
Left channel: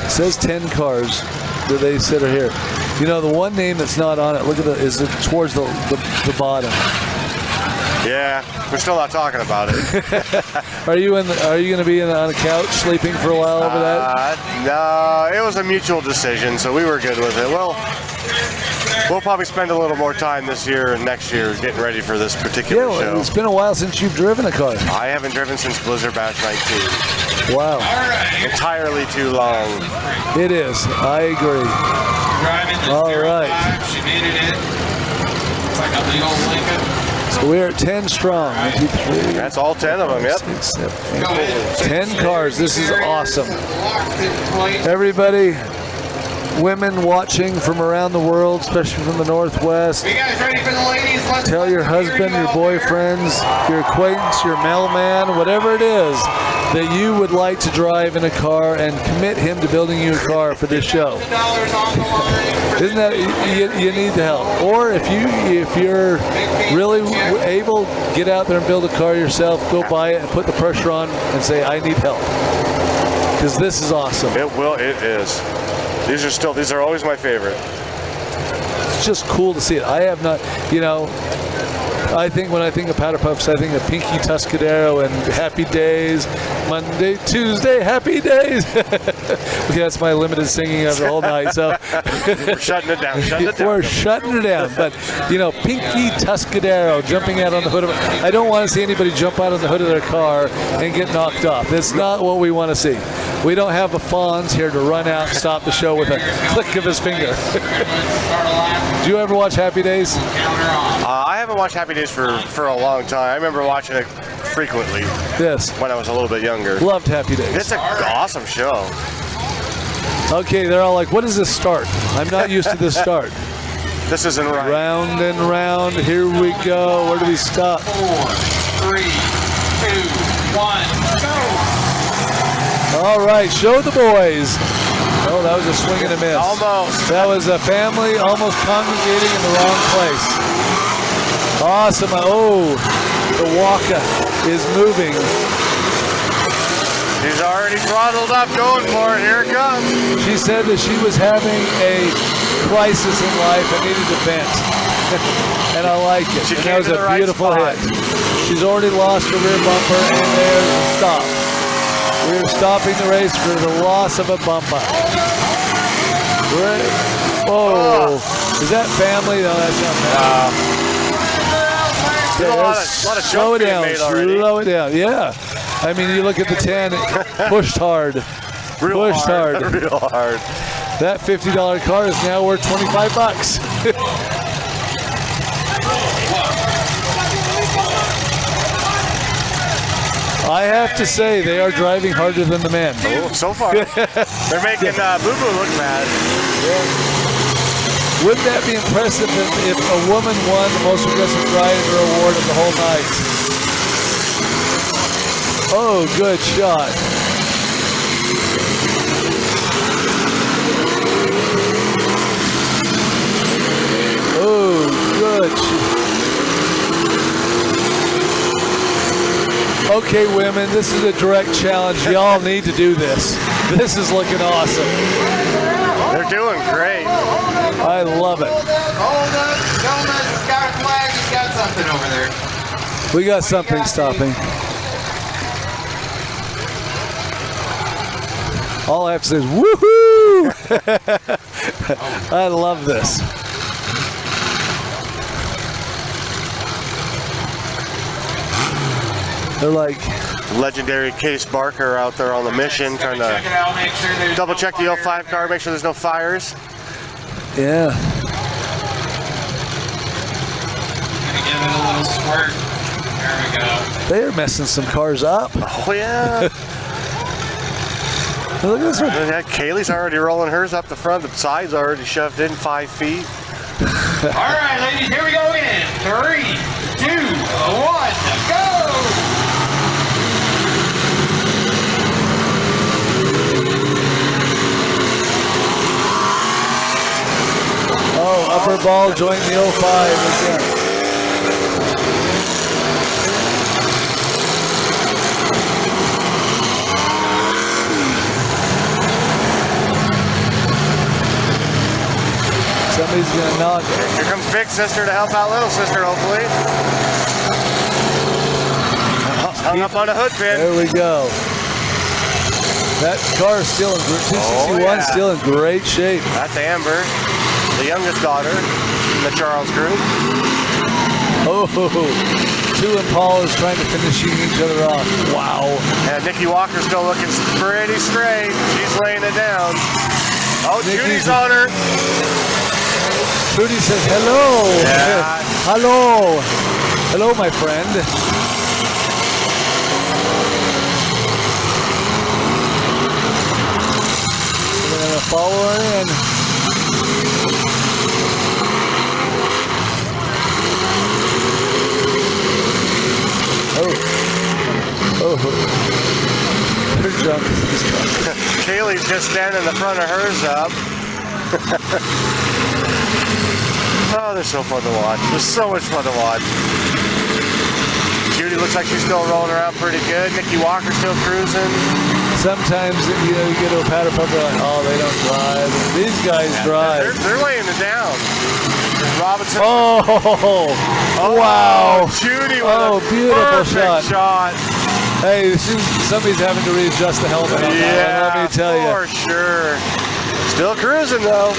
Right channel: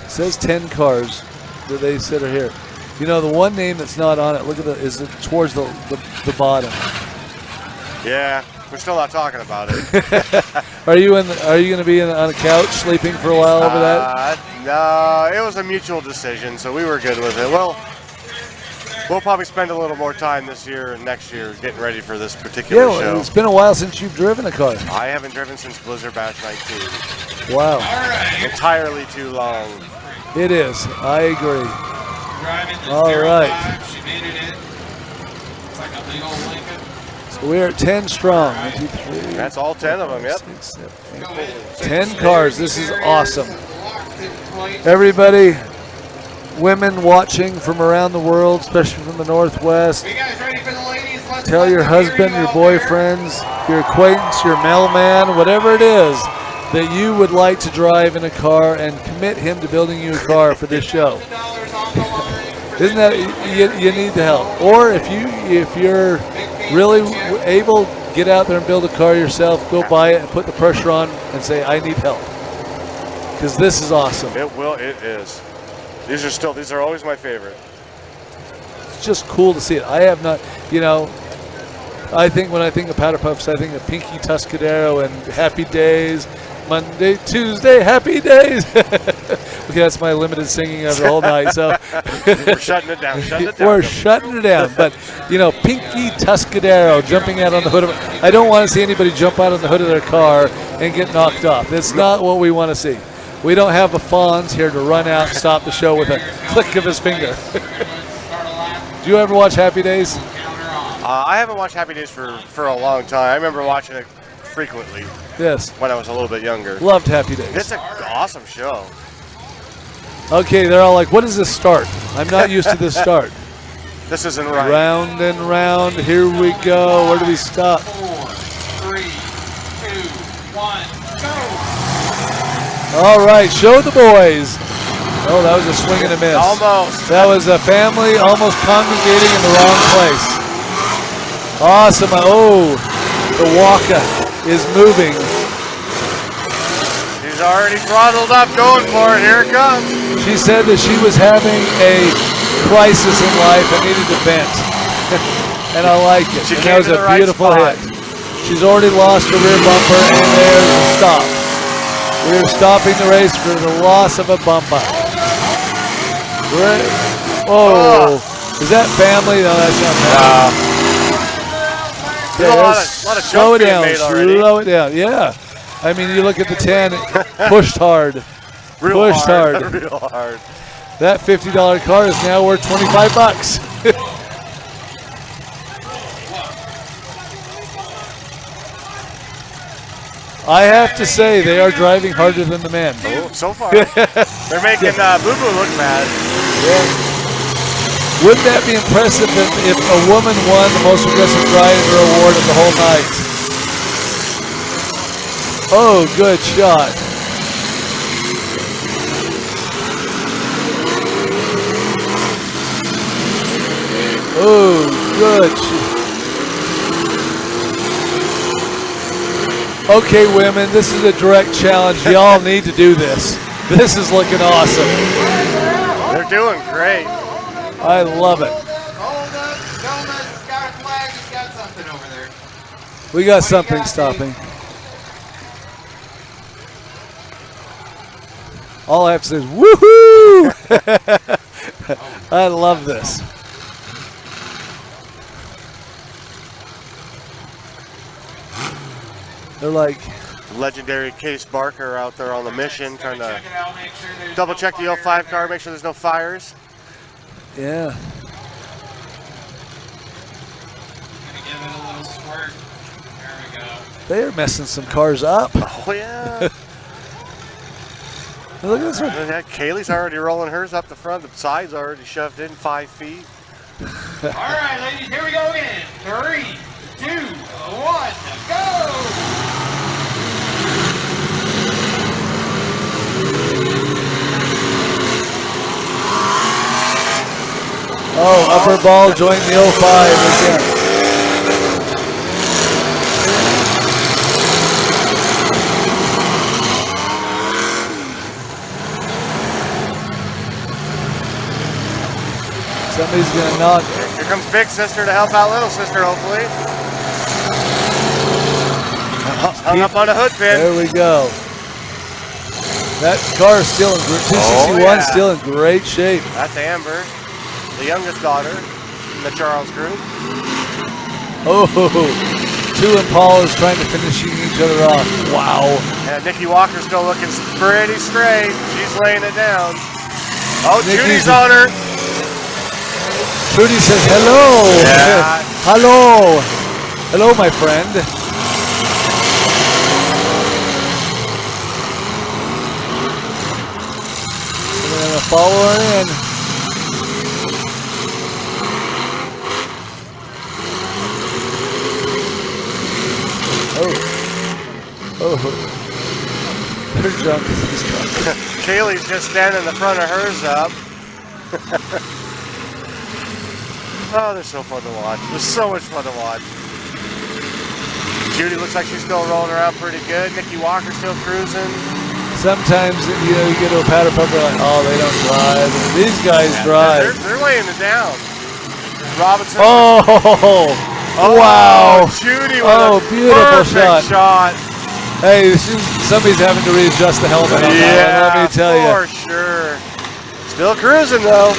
It says 10 cars that they said are here. You know, the one name that's not on it, look at is it towards the bottom. Yeah, we're still not talking about it. Are you going to be on a couch sleeping for a while over that? No, it was a mutual decision, so we were good with it. Well, we'll probably spend a little more time this year and next year getting ready for this particular show. It's been a while since you've driven a car. I haven't driven since Blizzard Bash 19. Wow. Entirely too long. It is. I agree. All right. So we're at 10 strong. 1, 2, 3. That's all 10 of them, yep. 6, 7, 8, 10 cars. This is awesome. Everybody, women watching from around the world, especially from the Northwest, tell your husband, your boyfriends, your acquaintance, your mailman, whatever it is, that you would like to drive in a car and commit him to building you a car for this show. Isn't that, you need the help. Or if you're really able, get out there and build a car yourself, go buy it and put the pressure on and say, I need help. Because this is awesome. It is. These are always my favorite. It's just cool to see it. I have not, I think when I think of powder puffs, I think of Pinky Tuscadero and Happy Days, Monday, Tuesday, Happy Days. That's my limited singing of the whole night. So we're shutting it down. We're shutting it down. But Pinky Tuscadero jumping out on the hood of. I don't want to see anybody jump out on the hood of their car and get knocked off. That's not what we want to see. We don't have the Fonz here to run out and stop the show with a click of his finger. Do you ever watch Happy Days? I haven't watched Happy Days for a long time. I remember watching it frequently. Yes. When I was a little bit younger. Loved Happy Days. It's an awesome show. Okay, they're all like, what is this start? I'm not used to this start. This isn't right. Round and round. Here we go. Where do we stop? 4, 3, 2, 1, go. All right, show the boys. Oh, that was a swing and a miss. Almost. That was a family almost congregating in the wrong place. Awesome. Oh, the Waka is moving. He's already throttled up, going for it. Here it comes. She said that she was having a crisis in life and needed to vent. And I like it. She that was a beautiful hit. She's already lost her rear bumper, and there's a stop. We're stopping the race for the loss of a bumper. Oh, is that family? No, that's not family. There's a lot of slow it down. Slow it down. Yeah. I mean, you look at the 10, pushed hard. Pushed hard. Real hard. That $50 car is now worth $25. I have to say, they are driving harder than the men. Oh, so far. They're making Boo-Boo look bad. Yeah. Wouldn't that be impressive if a woman won the most aggressive driver award of the whole night? Oh, good shot. Oh, good. Okay, women, this is a direct challenge. Y'all need to do this. This is looking awesome. They're doing great. I love it. He's got a flag. He's got something over there. We got something stopping. All I have to say is woohoo! I love this. They're like legendary Case Barker out there on the mission, trying to double check the 05 car, make sure there's no fires. Yeah. Gonna give it a little squirt. There we go. They are messing some cars up. Oh yeah. Look at this one. Yeah, Kaylee's already rolling hers up the front. The side's already shoved in 5 feet. All right, ladies, here we go in 3, 2, 1, go! Oh, upper ball joined the 05 again. Somebody's gonna knock it. Here comes Big Sister to help out Little Sister, hopefully. Hung up on a hood pin. There we go. That car is still in 261, still in great shape. That's Amber, the youngest daughter in the Charles group. Oh, two Impalas trying to finish each other off. Wow. And Nikki Walker's still looking pretty straight. She's laying it down. Oh, Judy's on her. Trudy says hello. Yeah. Hello. Hello, my friend. We're gonna follow her in. Oh. Her jump is this car. Kaylee's just standing in the front of hers up. Oh, they're so fun to watch. They're so much fun to watch. Judy looks like she's still rolling around pretty good. Nikki Walker still cruising. Sometimes you get to a powder puff, like, oh, they don't drive. These guys drive. They're laying it down. Robinson. Oh, wow. Judy with a beautiful perfect shot. Hey, somebody's having to readjust the helmet on that one, let me tell you. For sure. Still cruising, though.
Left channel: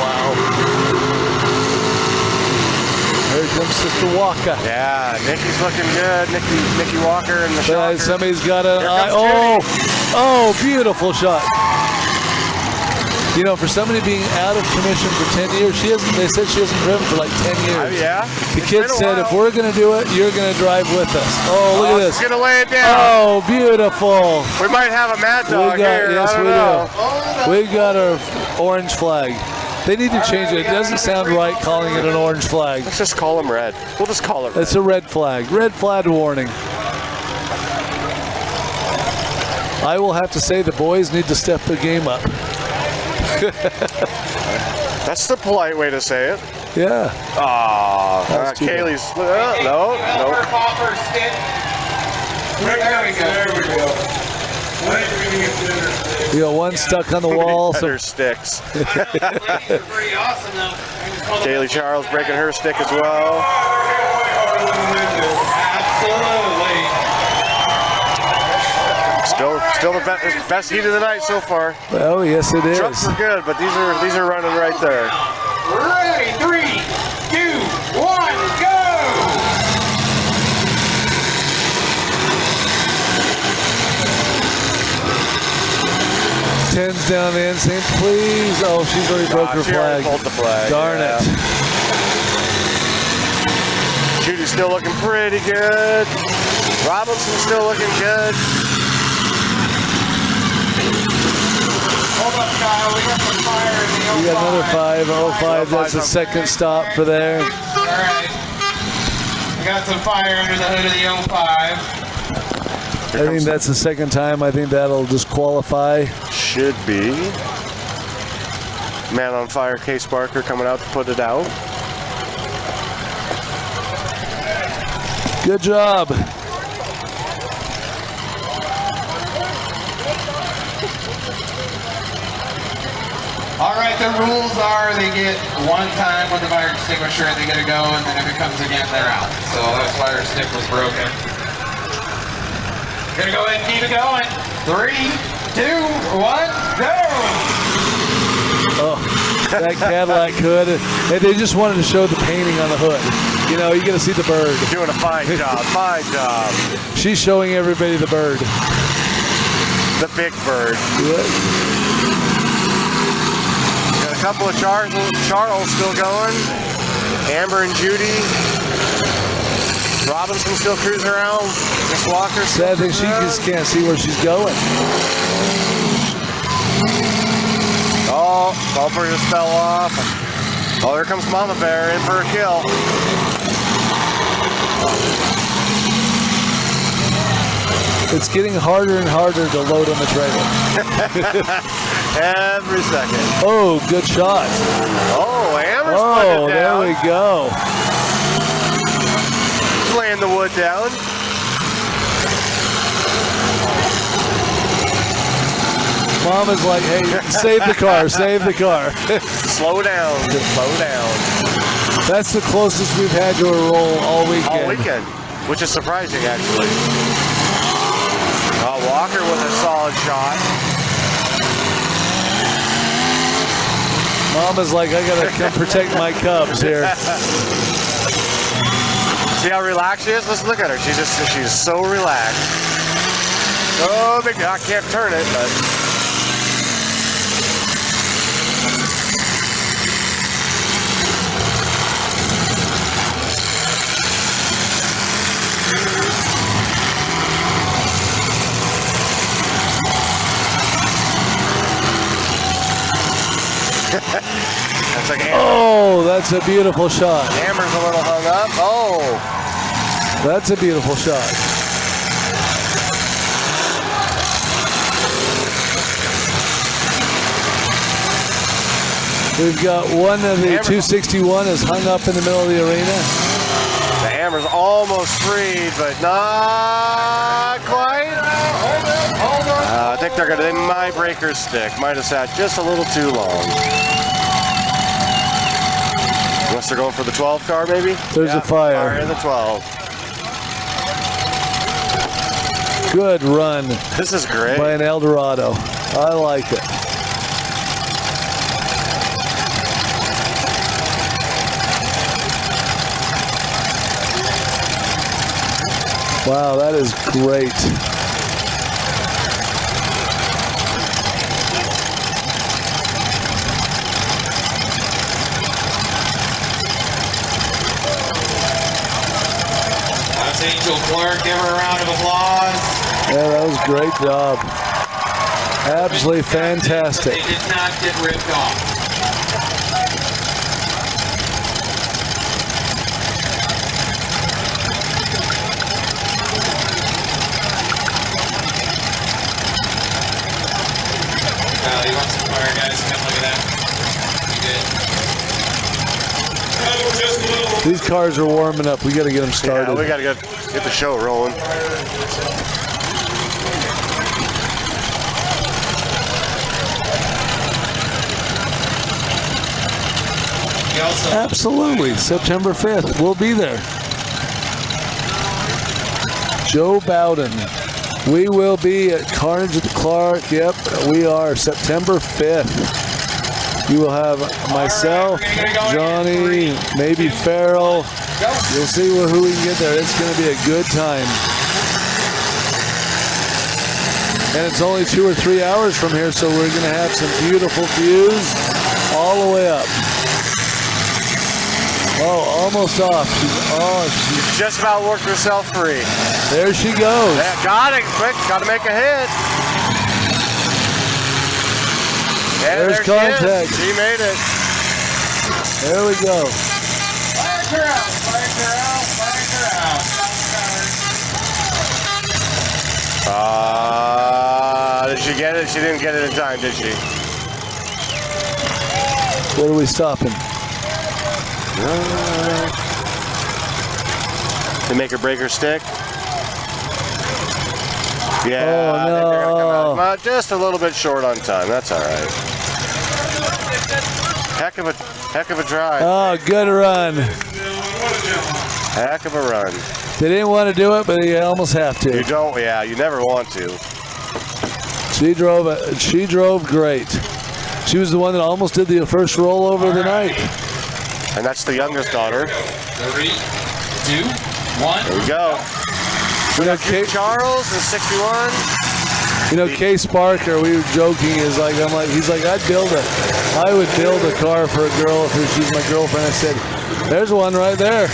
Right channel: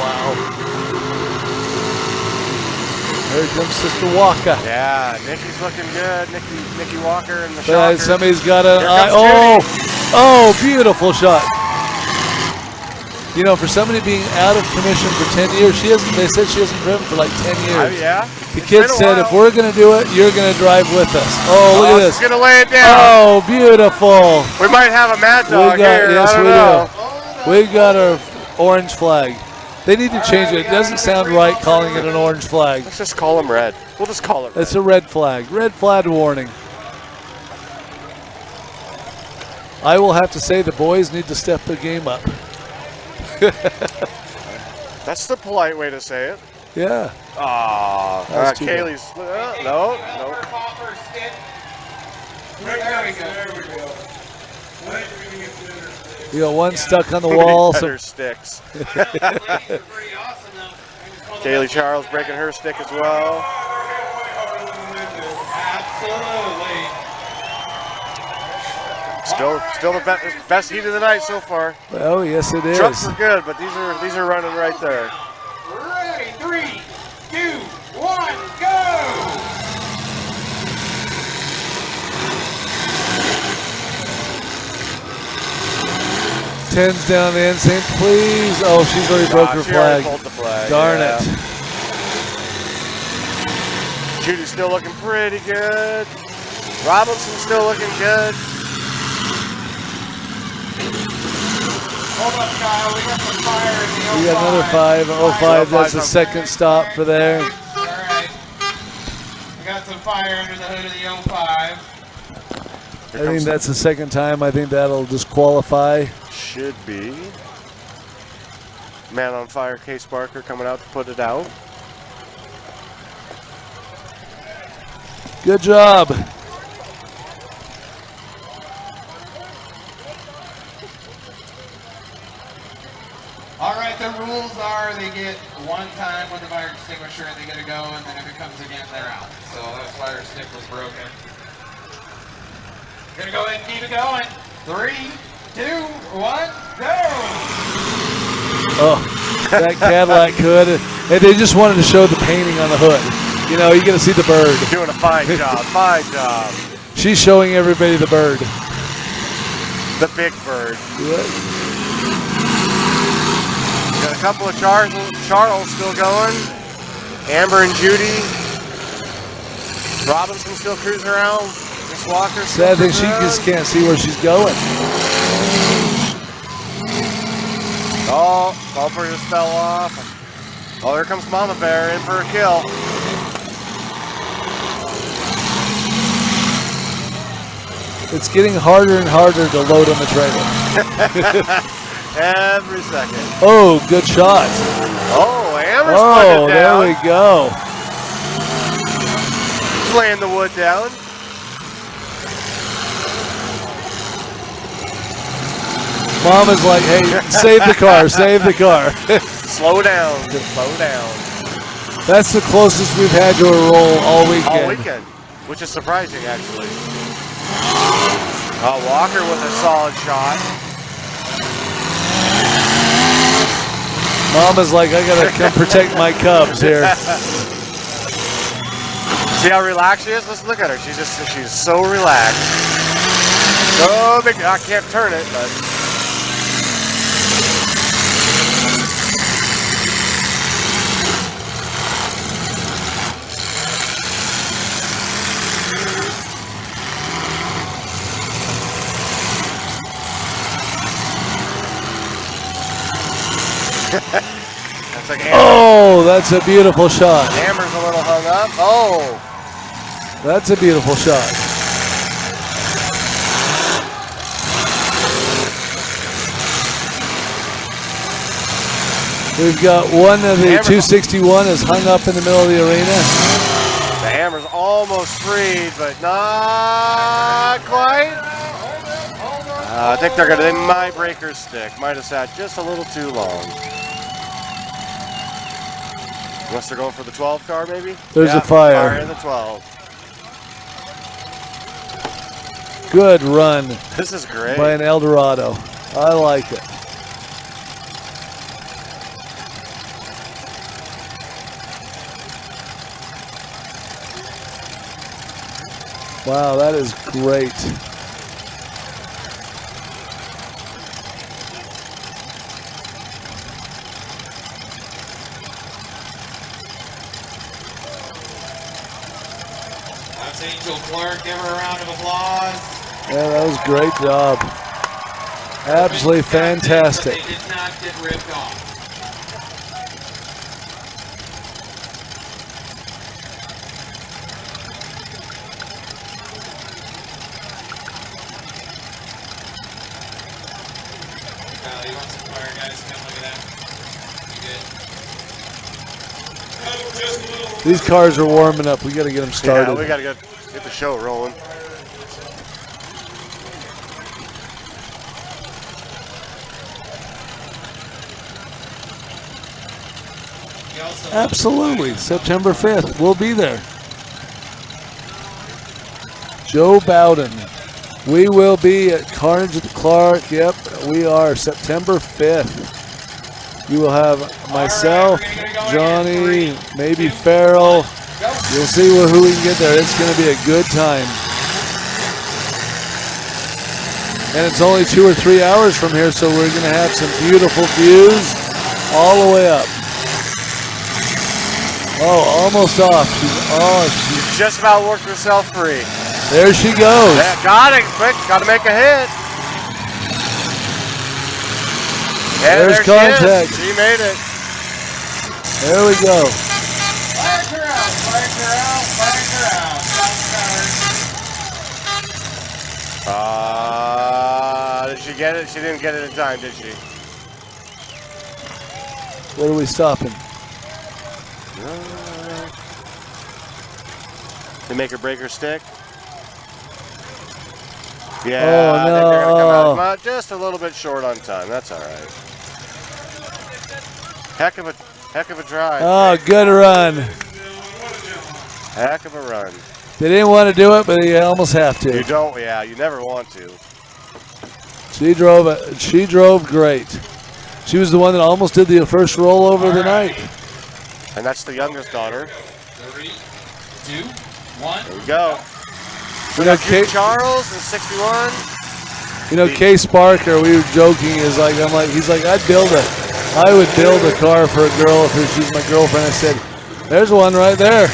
Wow. Here comes Sister Walker. Yeah, Nikki's looking good. Nikki Walker in the shot. Somebody's got an eye. Oh, beautiful shot. You know, for somebody being out of commission for 10 years, they said she hasn't driven for like 10 years. Yeah. The kid said, if we're going to do it, you're going to drive with us. Oh, look at this. She's going to lay it down. Oh, beautiful. We might have a Mad Dog here. Yes, I don't know. We got our orange flag. They need to change it. It doesn't sound right calling it an orange flag. Let's just call them red. We'll just call it red. It's a red flag. Red flag warning. I will have to say the boys need to step the game up. That's the polite way to say it. Yeah. Kaylee's. No. We got one stuck on the wall. Better sticks. Kaylee Charles breaking her stick as well. Still the best heat of the night so far. Oh, yes, it is. Trucks are good, but these are running right there. Ready, 3, 2, 1, go! Tens down the insane, please. Oh, she's already broken her flag. Pulled the flag. Darn it. Judy's still looking pretty good. Robinson's still looking good. Hold up, Kyle. We got some fire in the 05. We got another 5. 05, that's the second stop for there. All right. We got some fire under the hood of the 05. I think that's the second time. I think that'll disqualify. Should be. Man on fire, Case Barker coming out to put it out. Good job. All right, the rules are they get one time with the fire extinguisher, they get to go, and then if it comes again, they're out. So that fire stick was broken. Gonna go ahead and keep it going. 3, 2, 1, go! Oh, that Cadillac hood. And they just wanted to show the painting on the hood. You know, you're going to see the bird. Doing a fine job, fine job. She's showing everybody the bird. The big bird. Yep. Got a couple of Charles still going. Amber and Judy. Robinson still cruising around. Miss Walker. Sad thing, she just can't see where she's going. Oh, bumper just fell off. Oh, here comes Mama Bear in for a kill. It's getting harder and harder to load on the trailer. Every second. Oh, good shot. Oh, Amber's putting it there down. we go. Laying the wood down. Mama's like, hey, save the car, save the car. Slow down, slow down. That's the closest we've had to a roll all weekend. All weekend, which is surprising, actually. Walker with a solid shot. Mama's like, I gotta come protect my cubs here. See how relaxed she is? Let's look at her. She's so relaxed. So big. I can't turn it, but. That's like oh, that's a beautiful shot. Amber's a little hung up. Oh. That's a beautiful shot. We've got one of the 261 is hung up in the middle of the arena. The hammer's almost free, but not quite. I think they're gonna. My breaker stick might have sat just a little too long. Unless they're going for the 12 car, maybe. There's a fire. Fire in the 12. Good run. This is great. By an Eldorado. I like it. Wow, that is great. That's Angel Clark. Give her a round of applause. Yeah, that was a great job. Absolutely fantastic. They did not get ripped off. You want some fire, guys? Come look at that. You good? These cars are warming up. We got to get them started. Yeah, we got to get the show rolling. Absolutely. September 5th. We'll be there. Joe Bowden. We will be at Carnage at the Clark. Yep, we are. September 5th. You will have myself, Johnny, maybe Farrell. You'll see who we can get there. It's going to be a good time. And it's only 2 or 3 hours from here, so we're going to have some beautiful views all the way up. Oh, almost off. Oh, Just about worked herself free. There she goes. Yeah, got it. Quick, got to make a hit. Yeah, There's there contact. She made it. There we go. Fire her out, fire her out, fire her out. Did she get it? She didn't get it in time, did she? Where are we stopping? To make her break her stick. Yeah, Oh, I think they're gonna come no. out about just a little bit short on time. That's all right. Heck of a drive. Oh, good run. Heck of a run. They didn't want to do it, but they almost have to. You don't, yeah, you never want to. She drove great. She was the one that almost did the first rollover of the night. And that's the youngest daughter. 3, 2, 1. There we go. You know, Charles is 61. You know, Case Barker, we were joking, he's like, I would build a car for a girl if she's my girlfriend. I said, there's one right there.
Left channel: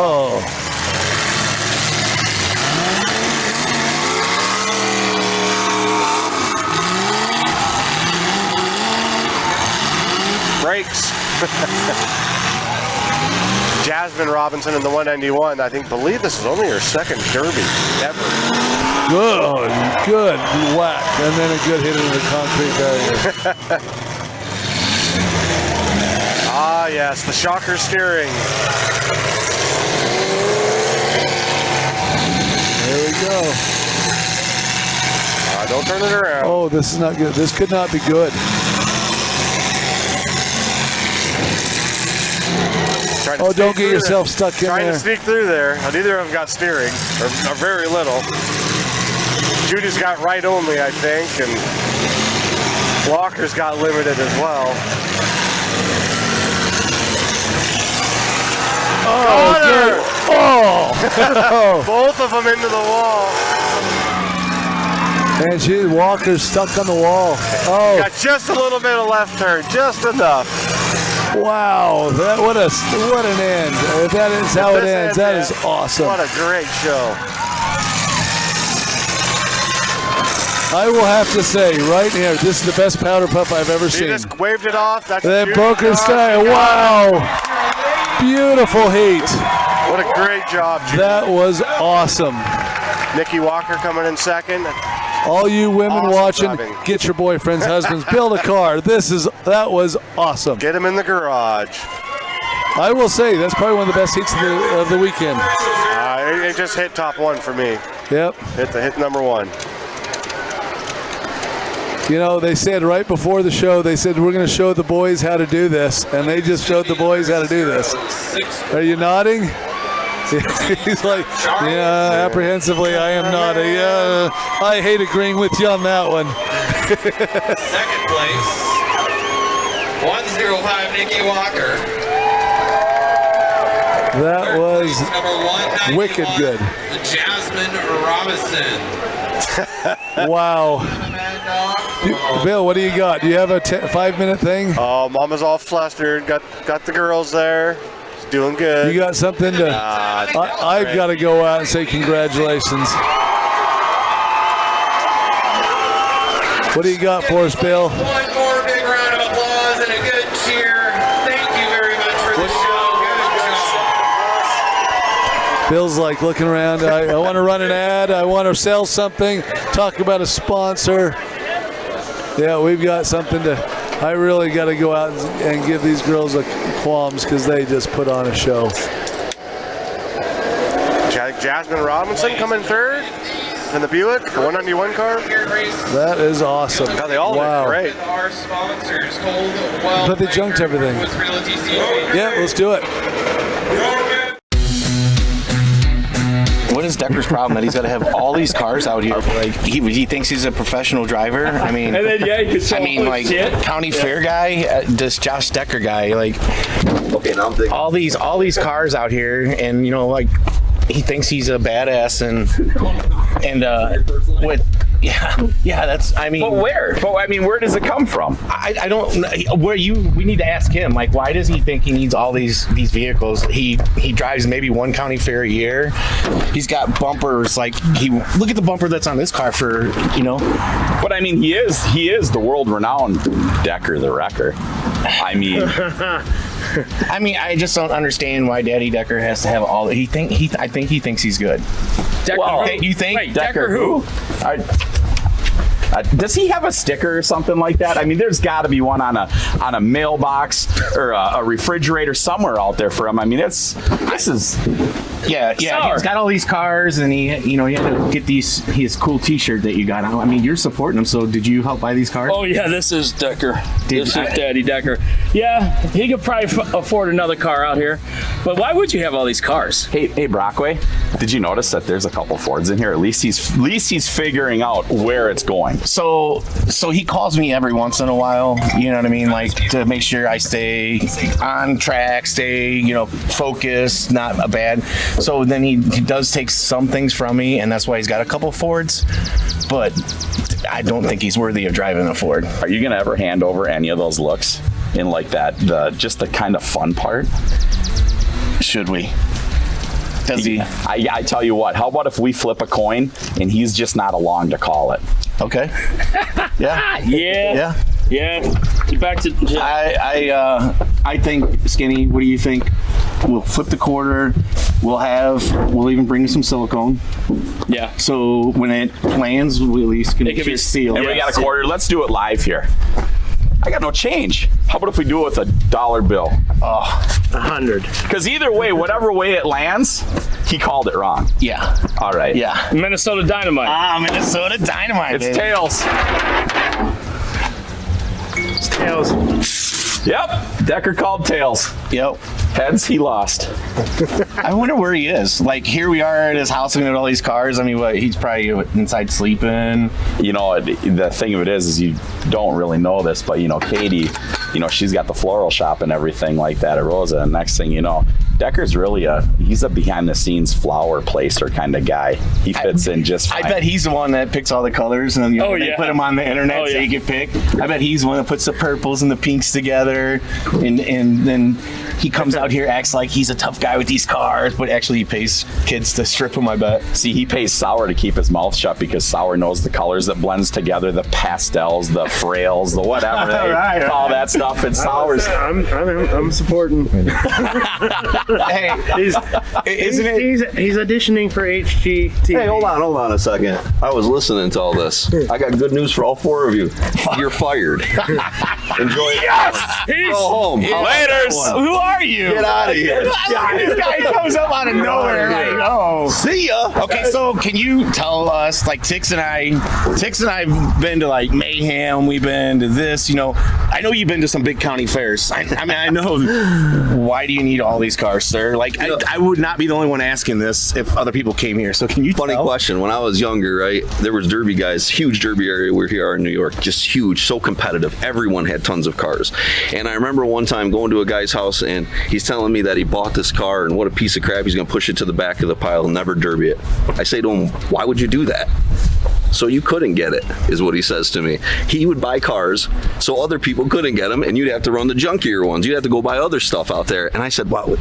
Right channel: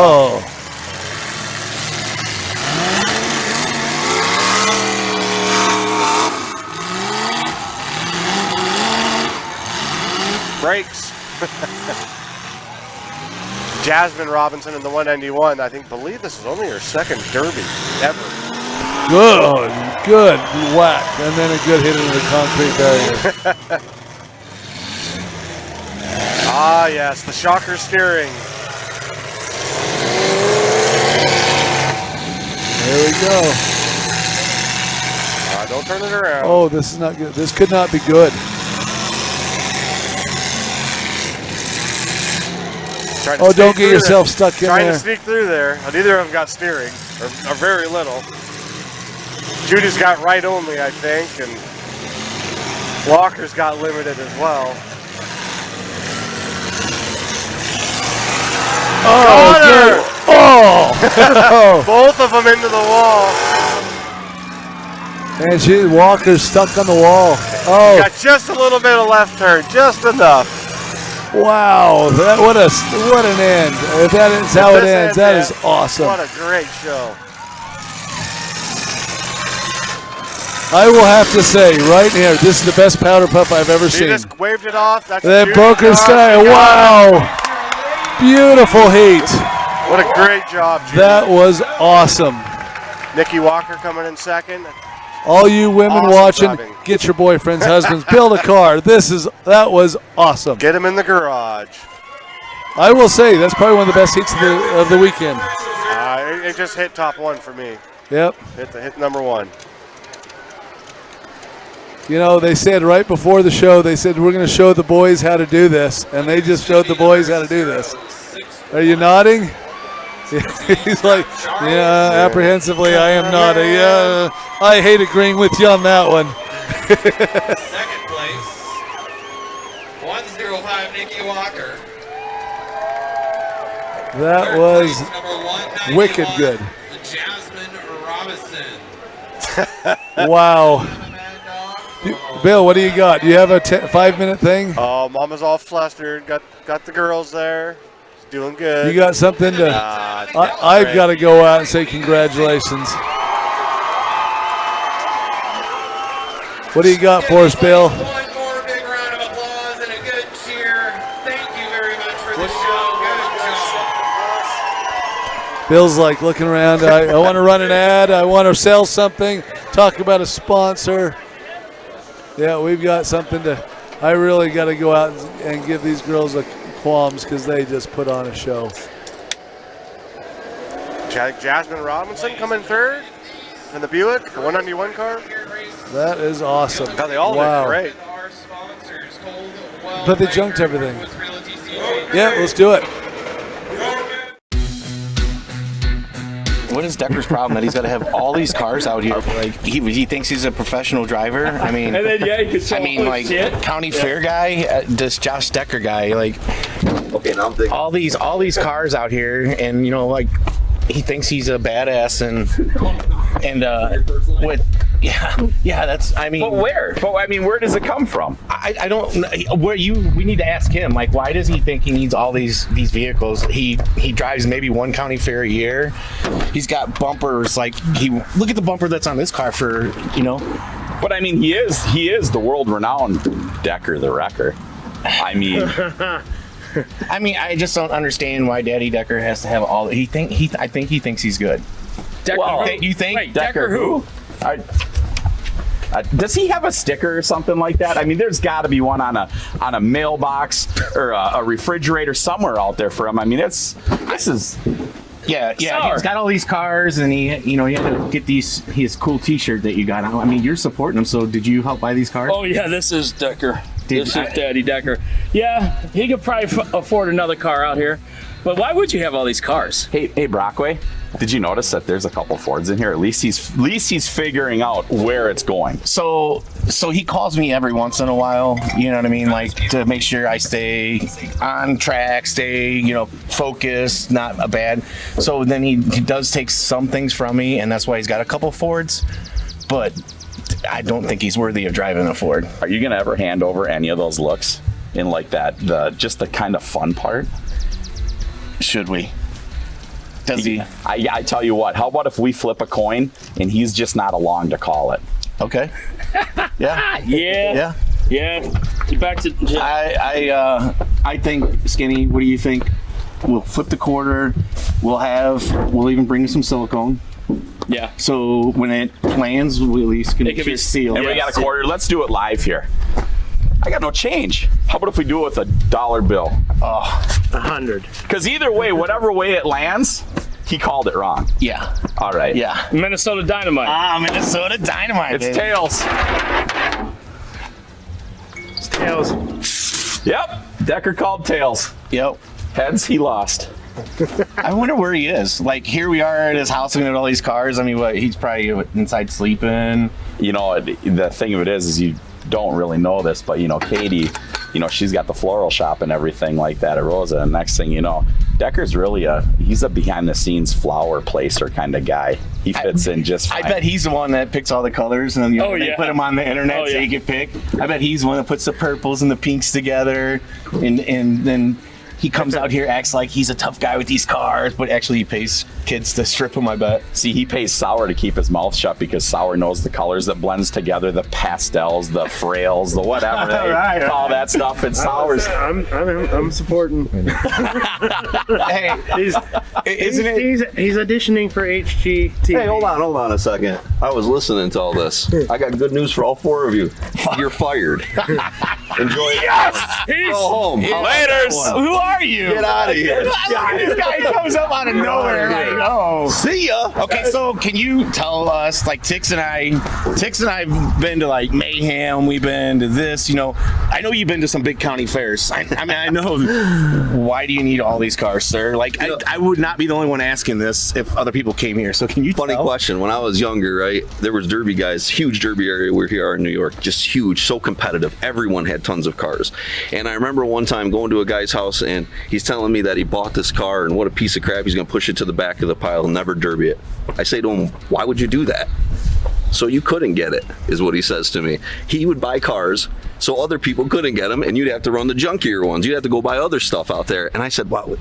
Oh. Brakes. Jasmine Robinson in the 191. Believe this is only her second Derby ever. Good whack, and then a good hit into the concrete barrier. Ah, yes, the shocker steering. There we go. Don't turn it around. Oh, this is not good. This could not be good. Oh, don't get yourself stuck in there. Trying to sneak through there. Neither of them got steering, or very little. Judy's got right only, I think, and Walker's got limited as well. Oh, good. Oh! Both of them into the wall. And Walker's stuck on the wall. Oh! Got just a little bit of left turn, just enough. Wow! What an end! If that is how it ends, that is awesome. What a great show! I will have to say, right here, this is the best powder puff I've ever seen. He just waved it off. That's that broken style. Wow! Beautiful heat. What a great job, Judy. That was awesome. Nikki Walker coming in second. All you women watching, get your boyfriends, husbands, build a car. That was awesome. Get them in the garage. I will say that's probably one of the best heats of the weekend. It just hit top one for me. Yep. Hit number one. You know, they said right before the show, they said, we're going to show the boys how to do this. And they just showed the boys how to do this. Are you nodding? He's like, yeah, apprehensively, I am nodding. Yeah, I hate agreeing with you on that one. Second place, 105, Nikki Walker. That was wicked good. Jasmine Robinson. Wow. Bill, what do you got? Do you have a 5-minute thing? Oh, Mama's all flustered. Got the girls there. She's doing good. You got something to... I've got to go out and say congratulations. What do you got for us, Bill? One more big round of applause and a good cheer. Thank you very much for the show. Good job. Bill's like looking around. I want to run an ad. I want to sell something. Talk about a sponsor. Yeah, we've got something to... I really got to go out and give these girls a qualms because they just put on a show. Jasmine Robinson coming third in the Buick, the 191 car. That is awesome. God, they all look great. Our sponsors, but they junked everything. Yeah, let's do it. What is Decker's problem that he's got to have all these cars out here? Like he thinks he's a professional driver. I mean, and then, yeah, you can like county fair guy, this Josh Decker guy, like all these cars out here, and you know, like he thinks he's a badass, and with. Yeah, that's. I mean, but where? But I mean, where does it come from? I don't. We need to ask him. Like, why does he think he needs all these vehicles? He drives maybe one county fair a year. He's got bumpers. Like look at the bumper that's on this car for But I mean, he is the world renowned Decker the Wrecker. I mean. I just don't understand why Daddy Decker has to have all. I think he thinks he's good. Decker, you think? Wait, Decker who? Does he have a sticker or something like that? I mean, there's got to be one on a mailbox or a refrigerator somewhere out there for him. I mean, this is. Yeah. He's got all these cars, and he had to get his cool T-shirt that you got. I mean, you're supporting him. So, did you help buy these cars? Oh yeah, this is Decker. This is Daddy Decker. Yeah, he could probably afford another car out here. But why would you have all these cars? Hey, Brockway, did you notice that there's a couple Fords in here? At least he's figuring out where it's going. So he calls me every once in a while. You know what I mean, like to make sure I stay on track, stay focused, not a bad. So then he does take some things from me, and that's why he's got a couple Fords. But I don't think he's worthy of driving a Ford. Are you gonna ever hand over any of those looks in like that? Just the kind of fun part. Should we? Does he? I tell you what. How about if we flip a coin and he's just not along to call it? Okay. Yeah. Yeah. Back to. I think, Skinny. What do you think? We'll flip the quarter. We'll even bring you some silicone. Yeah. So when it lands, we at least can seal. And we got a quarter. Let's do it live here. I got no change. How about if we do it with a $1 bill? Oh, 100. Because either way, whatever way it lands, he called it wrong. Yeah. All right. Yeah. Minnesota Dynamite. Minnesota Dynamite. It's tails. It's tails. Yep. Decker called tails. Yep. Heads, he lost. I wonder where he is. Like, here we are at his house looking at all these cars. I mean, he's probably inside sleeping. The thing of it is you don't really know this, but, Katie, she's got the floral shop and everything like that at Rosa. And next thing you know, Decker's really he's a behind-the-scenes flower placer kind of guy. He fits in just fine. I bet he's the one that picks all the colors and they put them on the internet so you can pick. I bet he's the one that puts the purples and the pinks together, and then he comes out here, acts like he's a tough guy with these cars, but actually he pays kids to strip them, I bet. See, he pays Sour to keep his mouth shut because Sour knows the colors that blends together, the pastels, the frails, the whatever, all that stuff, and Sour's. I'm supporting. Hey, he's auditioning for HGTV. Hey, hold on a second. I was listening to all this. I got good news for all four of you. You're fired. Enjoy it. Yes! Go home. Laters. Who are you? Get out of here. This guy comes up out of nowhere. See ya. Okay, so can you tell us, like Tix and I've been to like Mayhem, we've been to this, I know you've been to some big county fairs. I mean, I know. Why do you need all these cars, sir? Like, I would not be the only one asking this if other people came here. So can you Funny question. When I was younger, right, there was derby guys, huge derby area where we are in New York, just huge, so competitive. Everyone had tons of cars. And I remember one time going to a guy's house and he's telling me that he bought this car and what a piece of crap, he's going to push it to the back of the pile and never derby it. I say to him, why would you do that? So you couldn't get it, is what he says to me. He would buy cars so other people couldn't get them, and you'd have to run the junkier ones. You'd have to go buy other stuff out there. And I said, wow,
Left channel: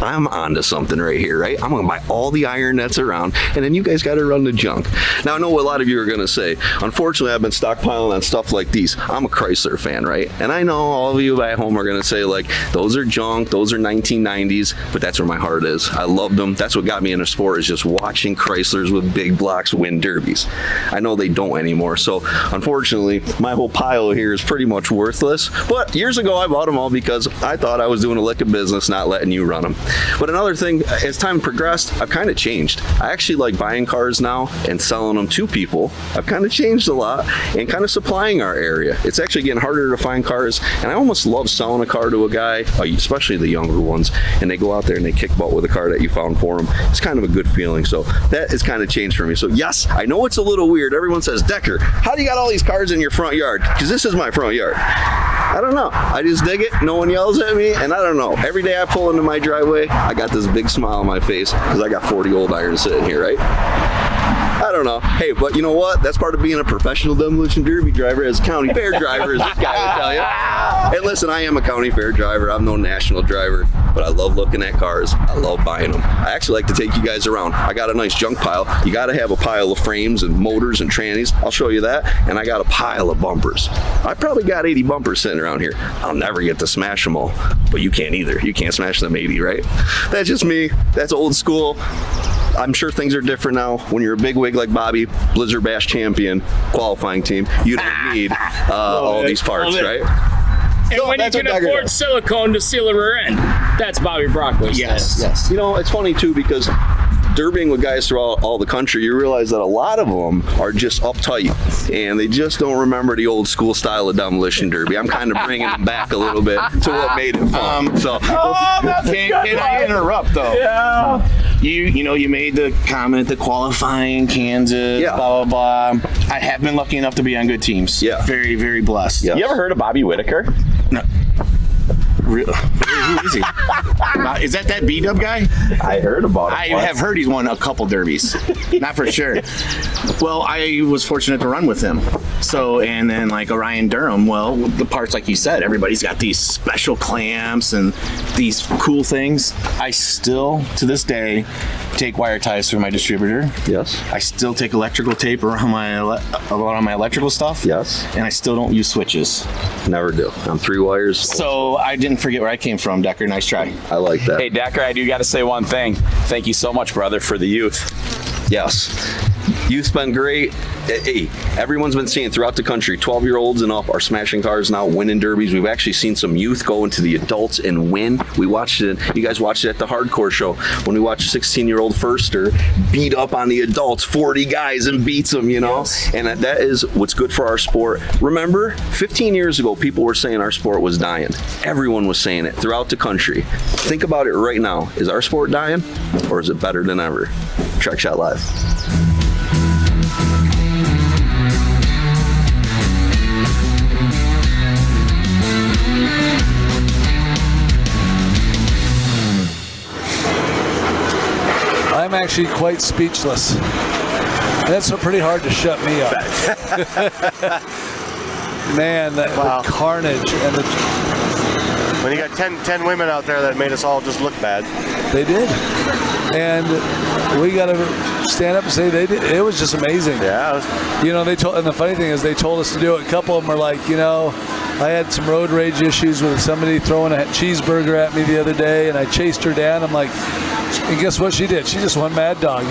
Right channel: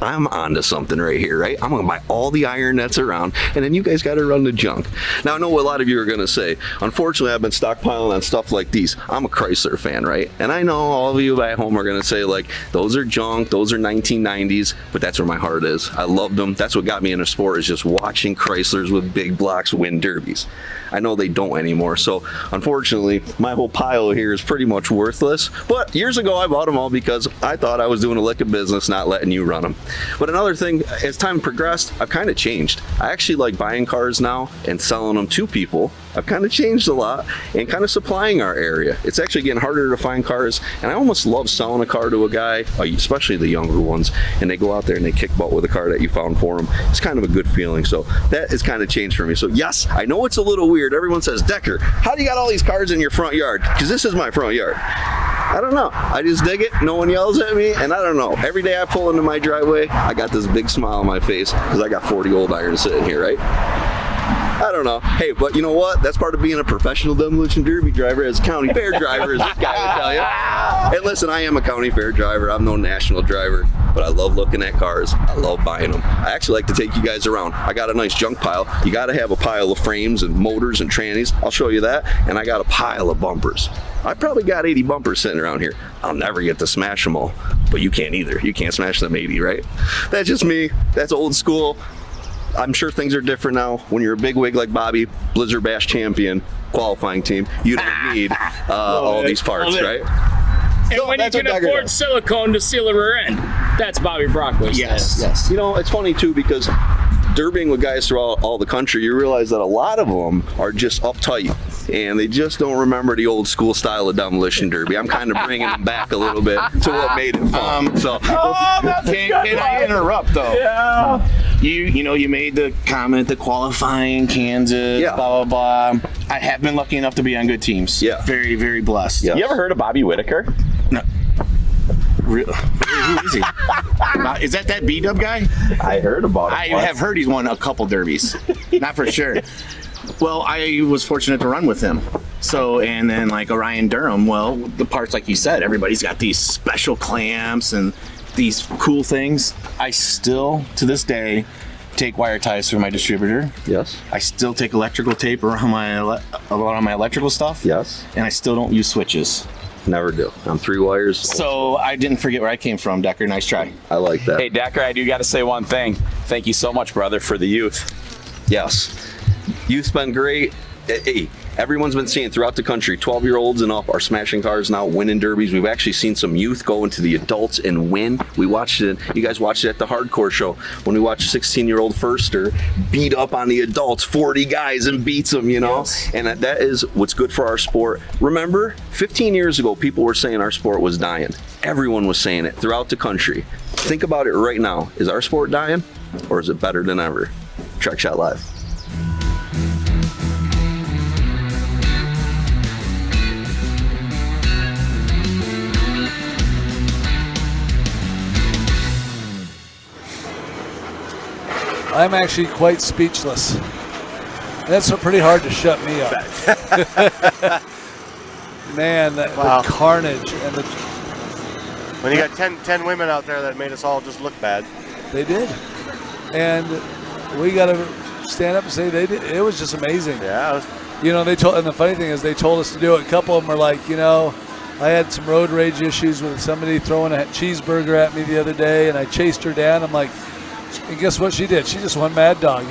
I'm onto something right here, right? I'm going to buy all the iron that's around, and then you guys got to run the junk. Now, I know what a lot of you are going to say. Unfortunately, I've been stockpiling on stuff like these. I'm a Chrysler fan, right? And I know all of you at home are going to say, like, those are junk, those are 1990s, but that's where my heart is. I loved them. That's what got me into sport, is just watching Chryslers with big blocks win derbies. I know they don't anymore, so unfortunately my whole pile here is pretty much worthless. But years ago I bought them all because I thought I was doing a lick of business, not letting you run them. But another thing, as time progressed, I've kind of changed. I actually like buying cars now and selling them to people. I've kind of changed a lot and kind of supplying our area. It's actually getting harder to find cars, and I almost love selling a car to a guy, especially the younger ones, and they go out there and they kick butt with a car that you found for them. It's kind of a good feeling. So that has kind of changed for me. So yes, I know it's a little weird. Everyone says, Decker, how do you got all these cars in your front yard? Because this is my front yard. I don't know. I just dig it. No one yells at me, and I don't know. Every day I pull into my driveway, I got this big smile on my face because I got 40 old irons sitting here, right? I don't know. Hey, but you know what? That's part of being a professional demolition derby driver. As a county fair driver, as this guy would tell you. And listen, I am a county fair driver. I'm no national driver. but I love looking at cars. I love buying them. I actually like to take you guys around. I got a nice junk pile. You got to have a pile of frames and motors and trannies. I'll show you that. And I got a pile of bumpers. I probably got 80 bumpers sitting around here. I'll never get to smash them all, but you can't either. You can't smash them 80, right? That's just me. That's old school. I'm sure things are different now. When you're a big wig like Bobby, Blizzard Bash champion, qualifying team, you don't need all these parts, right? And when you can afford silicone to seal a rear end, that's Bobby Brockway's. Yes. You know, it's funny too because derbying with guys throughout all the country, you realize that a lot of them are just uptight and they just don't remember the old school style of demolition derby. I'm kind of bringing them back a little bit to what made it fun. Can I interrupt though? Yeah. You made the comment, the qualifying, Kansas, blah, blah, blah. I have been lucky enough to be on good teams. Yeah. Very, very blessed. You ever heard of Bobby Whitaker? No. Who is he? Is that B-dub guy? I heard about him. I have heard he's won a couple derbies. Not for sure. Well, I was fortunate to run with him. So, and then like Orion Durham, well, the parts like you said, everybody's got these special clamps and these cool things. I still, to this day, take wire ties through my distributor. Yes. I still take electrical tape around my electrical stuff. Yes. And I still don't use switches. Never do. I'm 3 wires. So I didn't forget where I came from, Decker. Nice try. I like that. Hey, Decker, I do got to say one thing. Thank you so much, brother, for the youth. Yes. Youth's been great. Hey, everyone's been seeing throughout the country, 12-year-olds and up are smashing cars now, winning derbies. We've actually seen some youth go into the adults and win. We watched it. You guys watched it at the hardcore show when we watched a 16-year-old firster beat up on the adults, 40 guys, and beats them, you know? Yes. And that is what's good for our sport. Remember, 15 years ago, people were saying our sport was dying. Everyone was saying it throughout the country. Think about it right now. Is our sport dying, or is it better than ever? Trek Shot Live. I'm actually quite speechless. That's pretty hard to shut me up. Man, the carnage and the... When you got 10 women out there that made us all just look bad. They did. And we got to stand up and say they did. It was just amazing. Yeah. You know, and the funny thing is they told us to do it. A couple of them are like, you know, I had some road rage issues with somebody throwing a cheeseburger at me the other day, and I chased her down. I'm like, and guess what she did? She just went mad dog.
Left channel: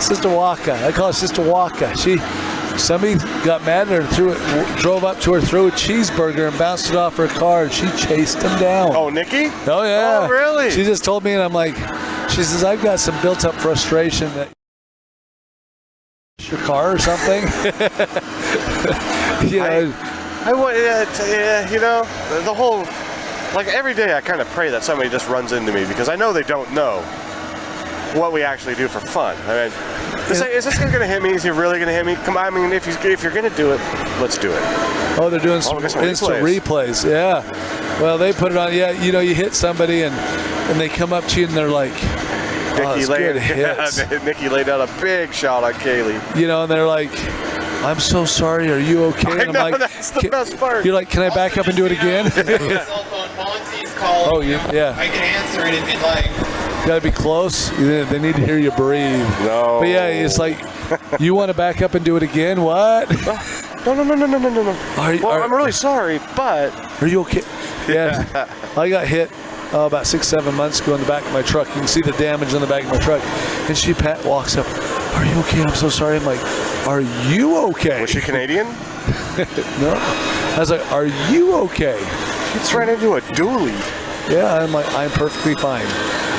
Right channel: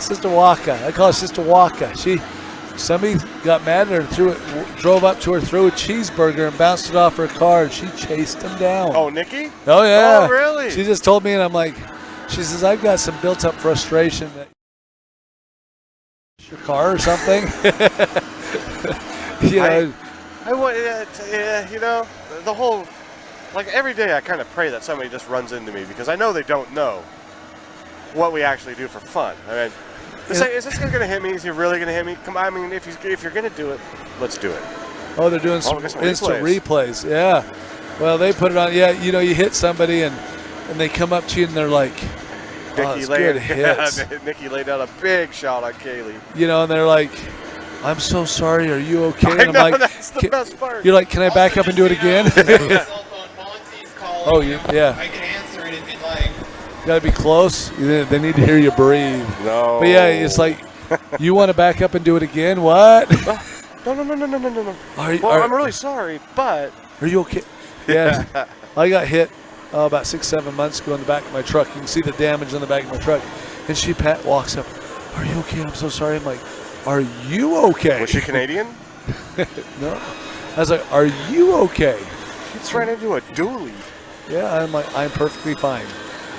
Sister Waka. I call her Sister Waka. Somebody got mad at her, drove up to her, threw a cheeseburger and bounced it off her car, and she chased him down. Oh, Nikki? Oh, yeah. Oh, really? She just told me, and I'm like, she says, I've got some built-up frustration that your car or something. You know, you know, the whole, like every day I kind of pray that somebody just runs into me because I know they don't know what we actually do for fun. I mean, is this guy going to hit me? Is he really going to hit me? Come on, I mean, if you're going to do it, let's do it. Oh, they're doing some instant replays. Yeah. Well, they put it on. Yeah, you know, you hit somebody and they come up to you and they're like, Nikki laid out a big shot on Kaylee. You know, and they're like, I'm so sorry. Are you okay? And I'm like, that's the best part. You're like, can I back up and do it again? Oh, yeah. I can answer it if you'd like. Got to be close. They need to hear you breathe. No. But yeah, it's like, you want to back up and do it again? What? No. I'm really sorry, but... Are you okay? Yeah. I got hit about 6-7 months ago in the back of my truck. You can see the damage in the back of my truck. And Pat walks up, are you okay? I'm so sorry. I'm like, are you okay? Was she Canadian? No. I was like, are you okay? She just ran into a dually. Yeah, I'm like, I'm perfectly fine.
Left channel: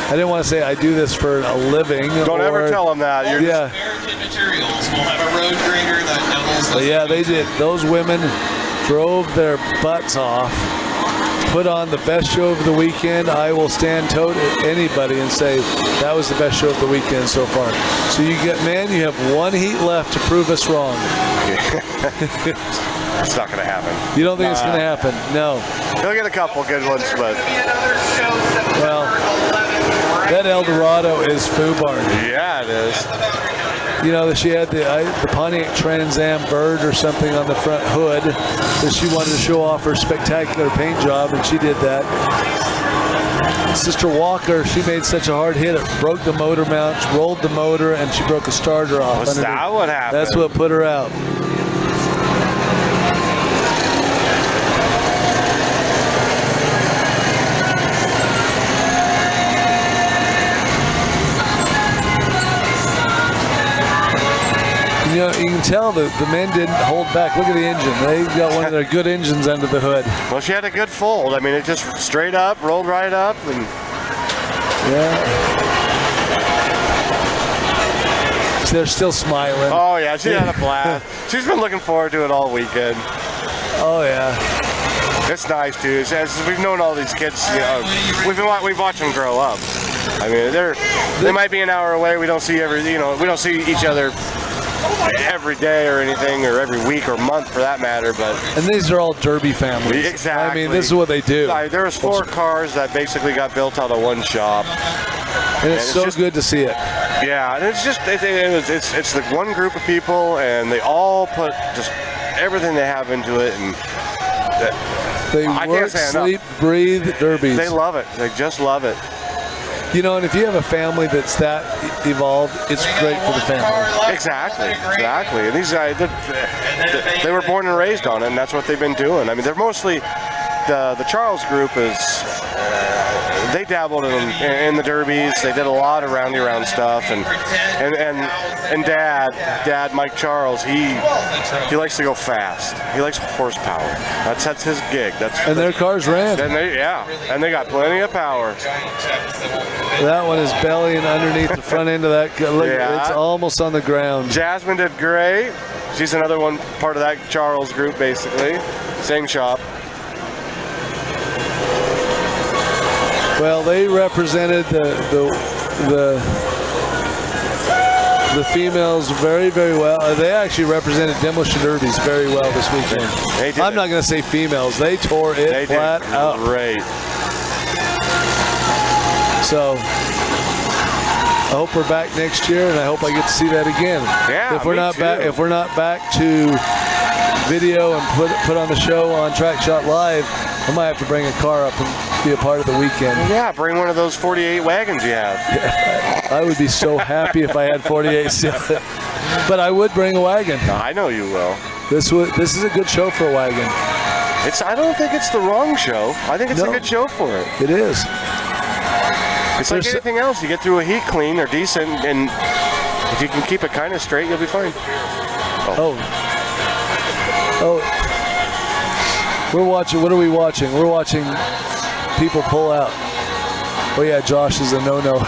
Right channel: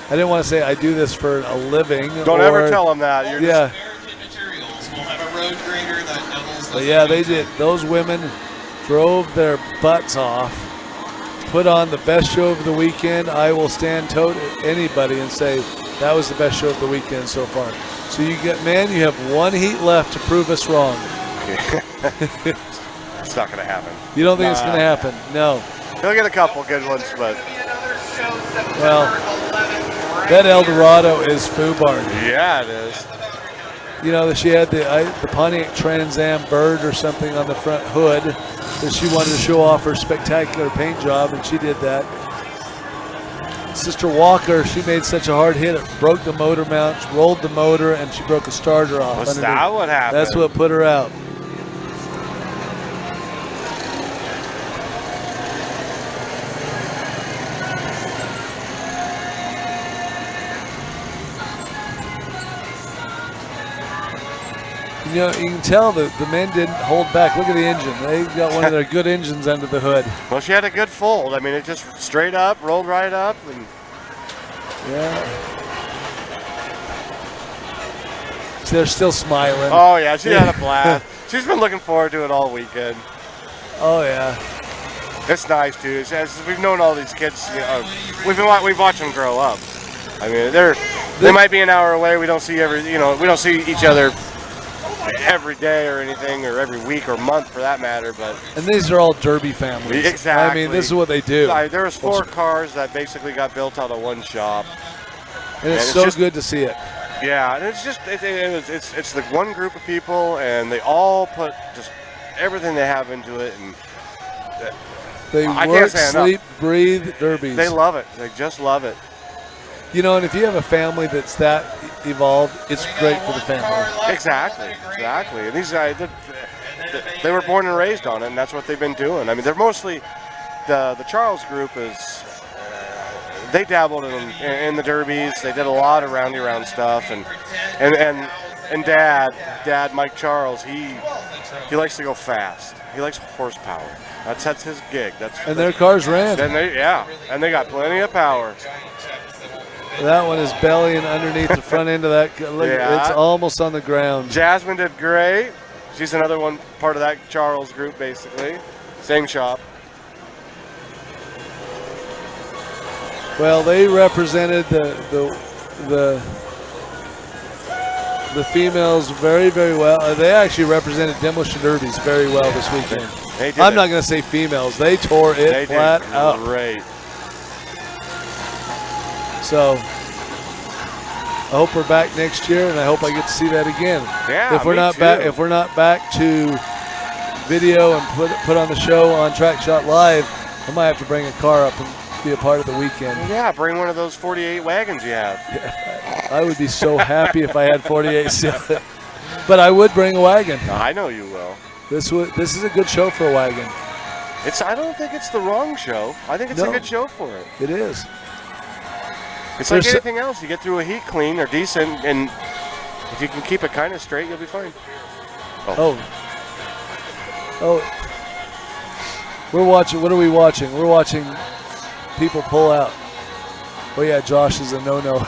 I didn't want to say I do this for a living. Don't ever tell them that. Yeah. American materials. We'll have a road grader that doubles. But yeah, they did. Those women drove their butts off, put on the best show of the weekend. I will stand toe to anybody and say that was the best show of the weekend so far. So you have one heat left to prove us wrong. It's not going to happen. You don't think it's going to happen? No. They'll get a couple good ones, but... Well, that Eldorado is foobarred. Yeah, it is. You know, she had the Pontiac Trans Am bird or something on the front hood that she wanted to show off her spectacular paint job, and she did that. Sister Walker, she made such a hard hit, it broke the motor mount, rolled the motor, and she broke a starter off. Was that what happened? That's what put her out. You can tell that the men didn't hold back. Look at the engine. They got one of their good engines under the hood. Well, she had a good fold. I mean, it just straight up, rolled right up, and yeah. They're still smiling. Oh yeah, she had a blast. She's been looking forward to it all weekend. Oh yeah. It's nice too. As we've known all these kids, you know, we've watched them grow up. I mean, they might be an hour away. We don't see we don't see each other every day or anything, or every week or month for that matter. And these are all Derby families. Exactly. I mean, this is what they do. There was 4 cars that basically got built out of one shop. And it's so good to see it. Yeah, and it's just it's the one group of people, and they all put just everything they have into it, and they work, sleep, breathe derbies. They love it. They just love it. You know, and if you have a family that's that evolved, it's great for the family. Exactly. And these guys, they were born and raised on it, and that's what they've been doing. I mean, they're mostly the Charles group is. They dabbled in the derbies. They did a lot of roundy round stuff, and Dad Mike Charles, he likes to go fast. He likes horsepower. That's his gig. And their cars ran. And they got plenty of power. That one is bellying underneath the front end of that. It's almost on the ground. Jasmine did great. She's another one part of that Charles group, basically. Same shop. Well, they represented the females very, very well. They actually represented Demolition Derbies very well this weekend. I'm not going to say females. They tore it flat out. Great. So I hope we're back next year, and I hope I get to see that again. Yeah, if we're not back to video and put on the show on Track Shot Live, I might have to bring a car up and be a part of the weekend. Yeah, bring one of those 48 wagons you have. I would be so happy if I had 48. But I would bring a wagon. I know you will. This is a good show for a wagon. I don't think it's the wrong show. I think it's a good show for it. It is. It's like anything else. You get through a heat clean or decent, and if you can keep it kind of straight, you'll be fine. Oh. We're watching. What are we watching? We're watching people pull out. Oh yeah, Josh is a no-no.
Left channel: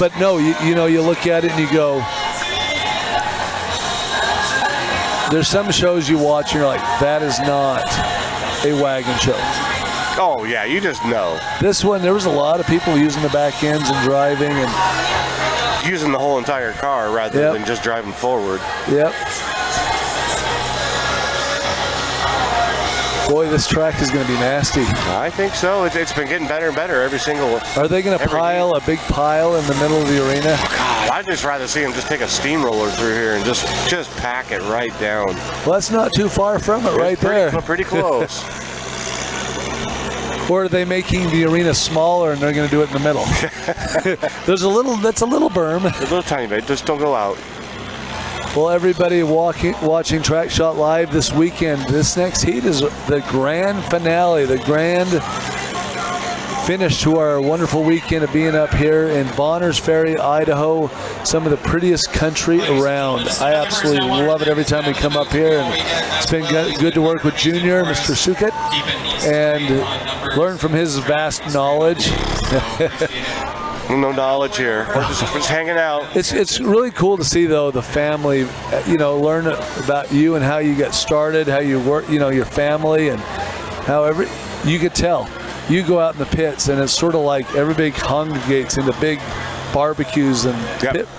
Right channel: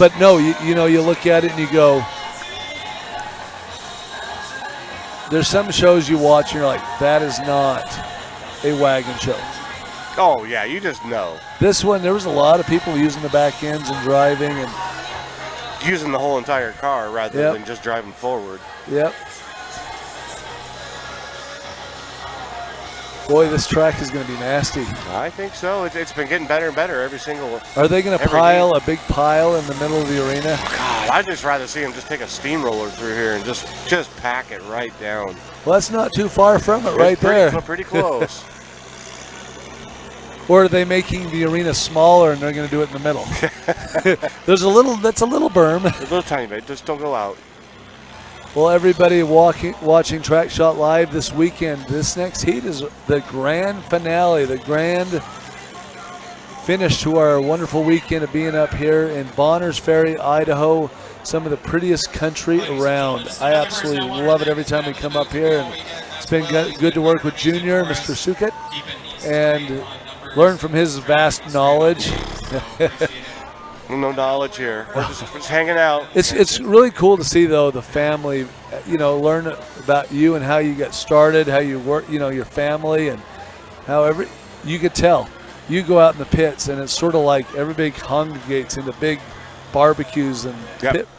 But no, you look at it and you go, there's some shows you watch and you're like, that is not a wagon show. Oh yeah, you just know. This one, there was a lot of people using the back ends and driving and using the whole entire car rather than just driving forward. Yep. Boy, this track is going to be nasty. I think so. It's been getting better and better every single. Are they going to pile a big pile in the middle of the arena? God, I'd just rather see them just take a steamroller through here and just pack it right down. Well, that's not too far from it, right there. Pretty close. Or are they making the arena smaller and they're going to do it in the middle? That's a little berm. A little tiny bit. Just don't go out. Well, everybody watching Track Shot Live this weekend, this next heat is the grand finale, the grand finish to our wonderful weekend of being up here in Bonners Ferry, Idaho, some of the prettiest country around. I absolutely love it every time we come up here, and it's been good to work with Junior, Mr. Sukat, and learn from his vast knowledge. No knowledge here. We're just hanging out. It's really cool to see, though, the family, learn about you and how you got started, how you work, your family, and how you could tell. You go out in the pits, and it's sort of like everybody congregates into big barbecues and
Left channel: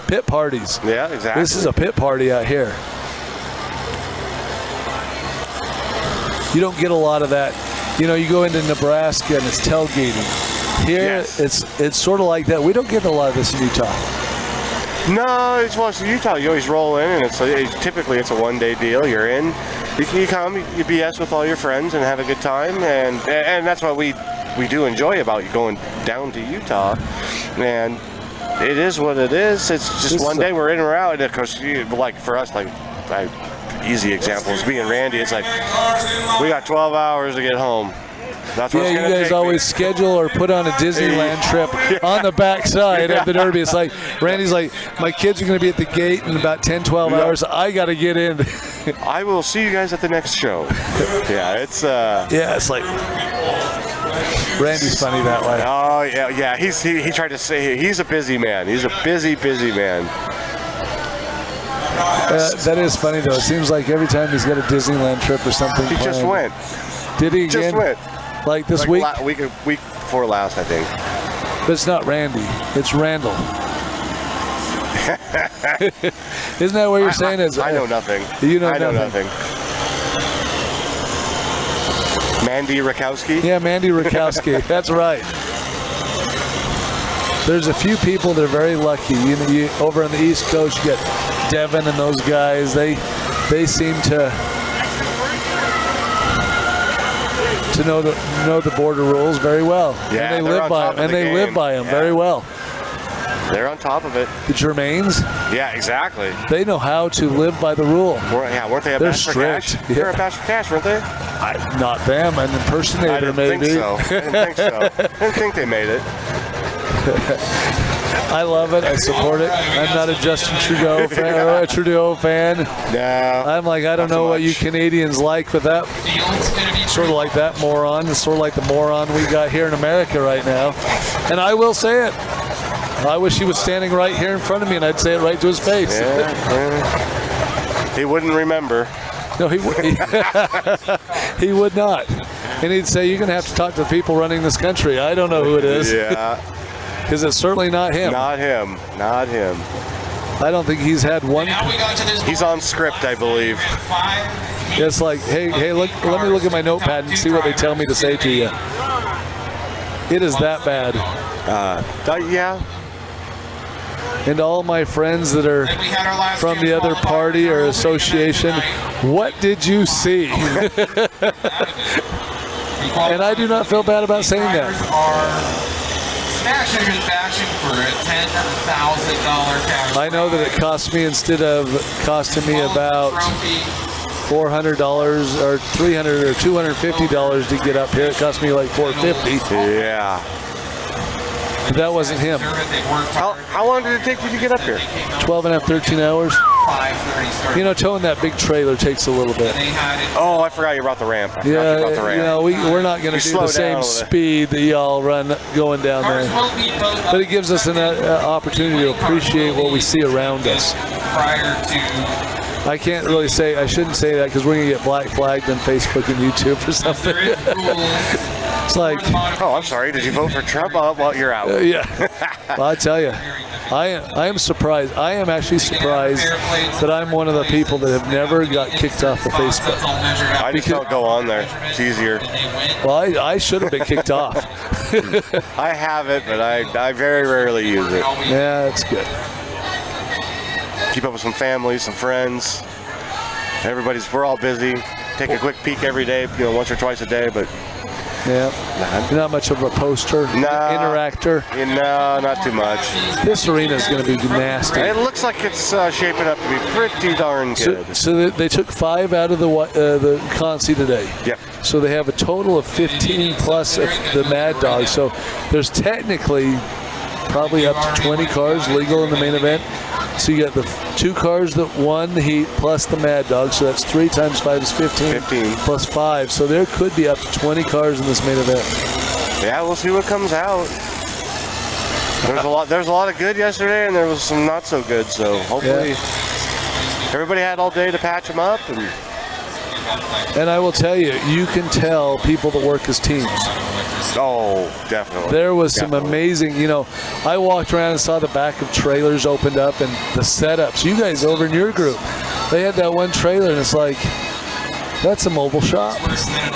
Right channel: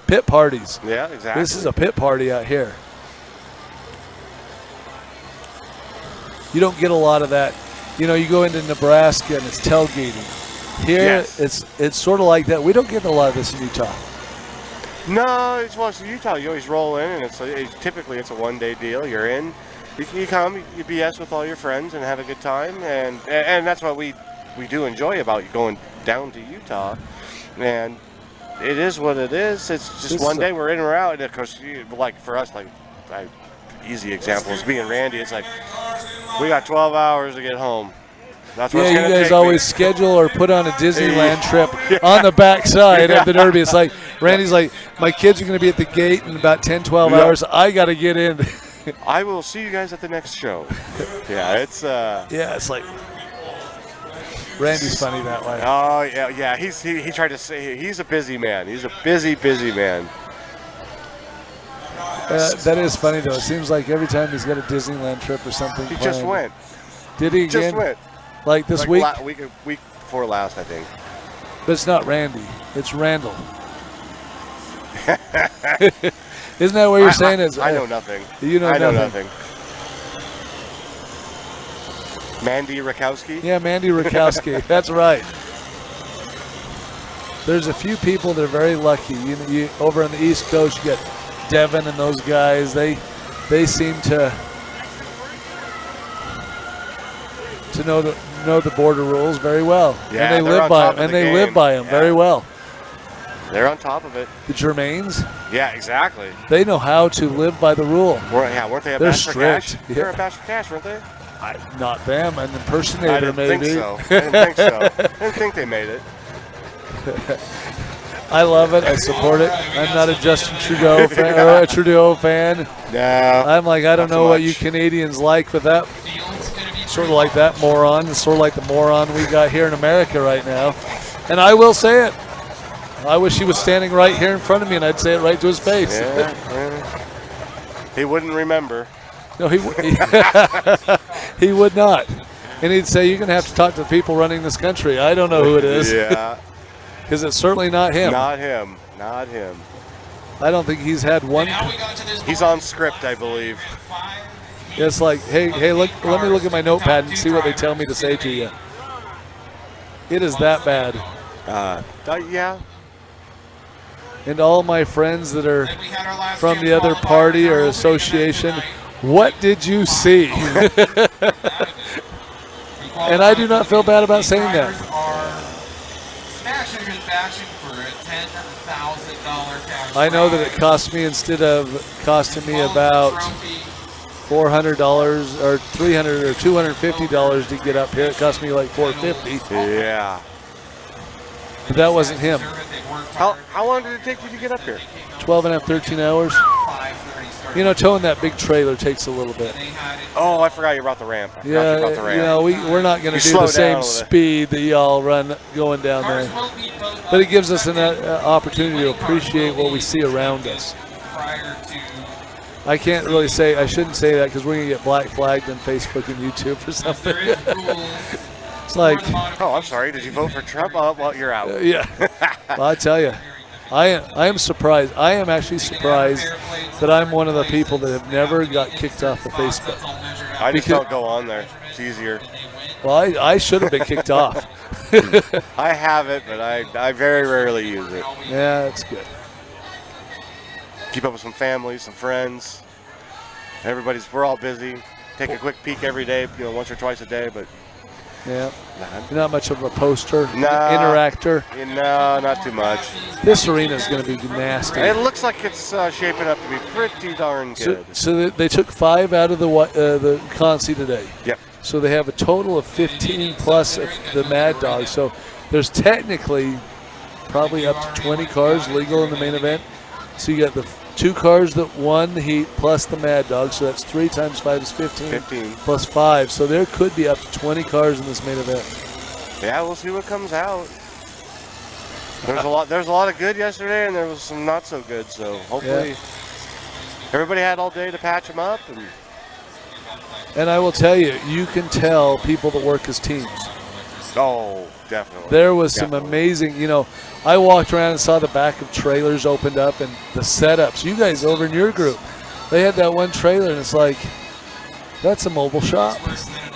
pit parties. Yeah, exactly. This is a pit party out here. You don't get a lot of that. You go into Nebraska, and it's tailgating. Here, it's sort of like that. We don't get a lot of this in Utah. No, it's Utah. You always roll in, and typically it's a one-day deal. You're in, you come, you BS with all your friends and have a good time, and that's what we we do enjoy about going down to Utah, and it is what it is. It's just one day we're in or out, and of course, like for us, like easy example is being Randy. It's like we got 12 hours to get home. That's what it's you gonna guys take always schedule or put on a Disneyland trip on the backside of the Derby. It's like, Randy's like, my kids are going to be at the gate in about 10, 12 hours. I got to get in. I will see you guys at the next show. It's like, Randy's funny that way. Oh, yeah. He tried to say he's a busy man. He's a busy man. That is funny, though. It seems like every time he's got a Disneyland trip or something He just went. Did he? Just went. Like this week? Week before last, I think. But it's not Randy. It's Randall. Isn't that what you're saying? I know nothing. You know nothing. Mandy Rakowski? Yeah, Mandy Rakowski. That's right. There's a few people that are very lucky. You over on the East Coast, you get Devin and those guys. They seem to know the border rules very well. Yeah, and they live by them very well. They're on top of it. The Germains? Yeah, exactly. They know how to live by the rule. Weren't they a They're Bash for Cash? strict. They're a Bash for Cash, weren't they? Not them, an impersonator I didn't maybe. think so. I didn't think they made it. I love it. I support it. I'm not a Justin Trudeau fan or a Trudeau fan. No. I'm like, I don't know what you Canadians like, but that sort of like that moron. It's sort of like the moron we got here in America right now. And I will say it. I wish he was standing right here in front of me, and I'd say it right to his face. Yeah. He wouldn't remember. No, he would not. And he'd say, you're going to have to talk to the people running this country. I don't know who it is. Yeah. Because it's certainly not him. Not him. I don't think he's had one. He's on script, I believe. It's like, hey, look, let me look at my notepad and see what they tell me to say to you. It is that bad. Yeah. And all my friends that are from the other party or association, what did you see? And I do not feel bad about saying that. Smashing and bashing for a $10,000 cash. I know that it cost me, instead of costing me about $400 or $300 or $250 to get up here, it cost me like $450. Yeah. But that wasn't him. How long did it take you to get up here? 12 and a half, 13 hours. You know, towing that big trailer takes a little bit. Oh, I forgot you brought the ramp. Yeah, you know, we're not going to do the same speed that y'all run going down there. But it gives us an opportunity to appreciate what we see around us. I can't really say, I shouldn't say that because we're going to get black flagged on Facebook and YouTube for something. It's like, oh, I'm sorry. Did you vote for Trump? Well, you're out. Yeah. Well, I tell you, I am surprised. I am actually surprised that I'm one of the people that have never got kicked off of Facebook. I just don't go on there. It's easier. Well, I should have been kicked off. I have it, but I very rarely use it. Yeah, that's good. Keep up with some family, some friends. We're all busy. Take a quick peek every day, once or twice a day, but. Yeah. You're not much of a poster, interactor. No, not too much. This arena is going to be nasty. It looks like it's shaping up to be pretty darn good. So they took 5 out of the Consi today. Yep. So they have a total of 15 plus the Mad Dog. So there's technically probably up to 20 cars legal in the main event. So you got the 2 cars that won the heat plus the Mad Dog. So that's 3 times 5 is 15. Plus 5. So there could be up to 20 cars in this main event. Yeah, we'll see what comes out. There's a lot of good yesterday, and there was some not so good. So hopefully everybody had all day to patch them up. And I will tell you, you can tell people that work as teams. Oh, definitely. There was some amazing, I walked around and saw the back of trailers opened up and the setups. You guys over in your group, they had that one trailer and it's like, that's a mobile shop.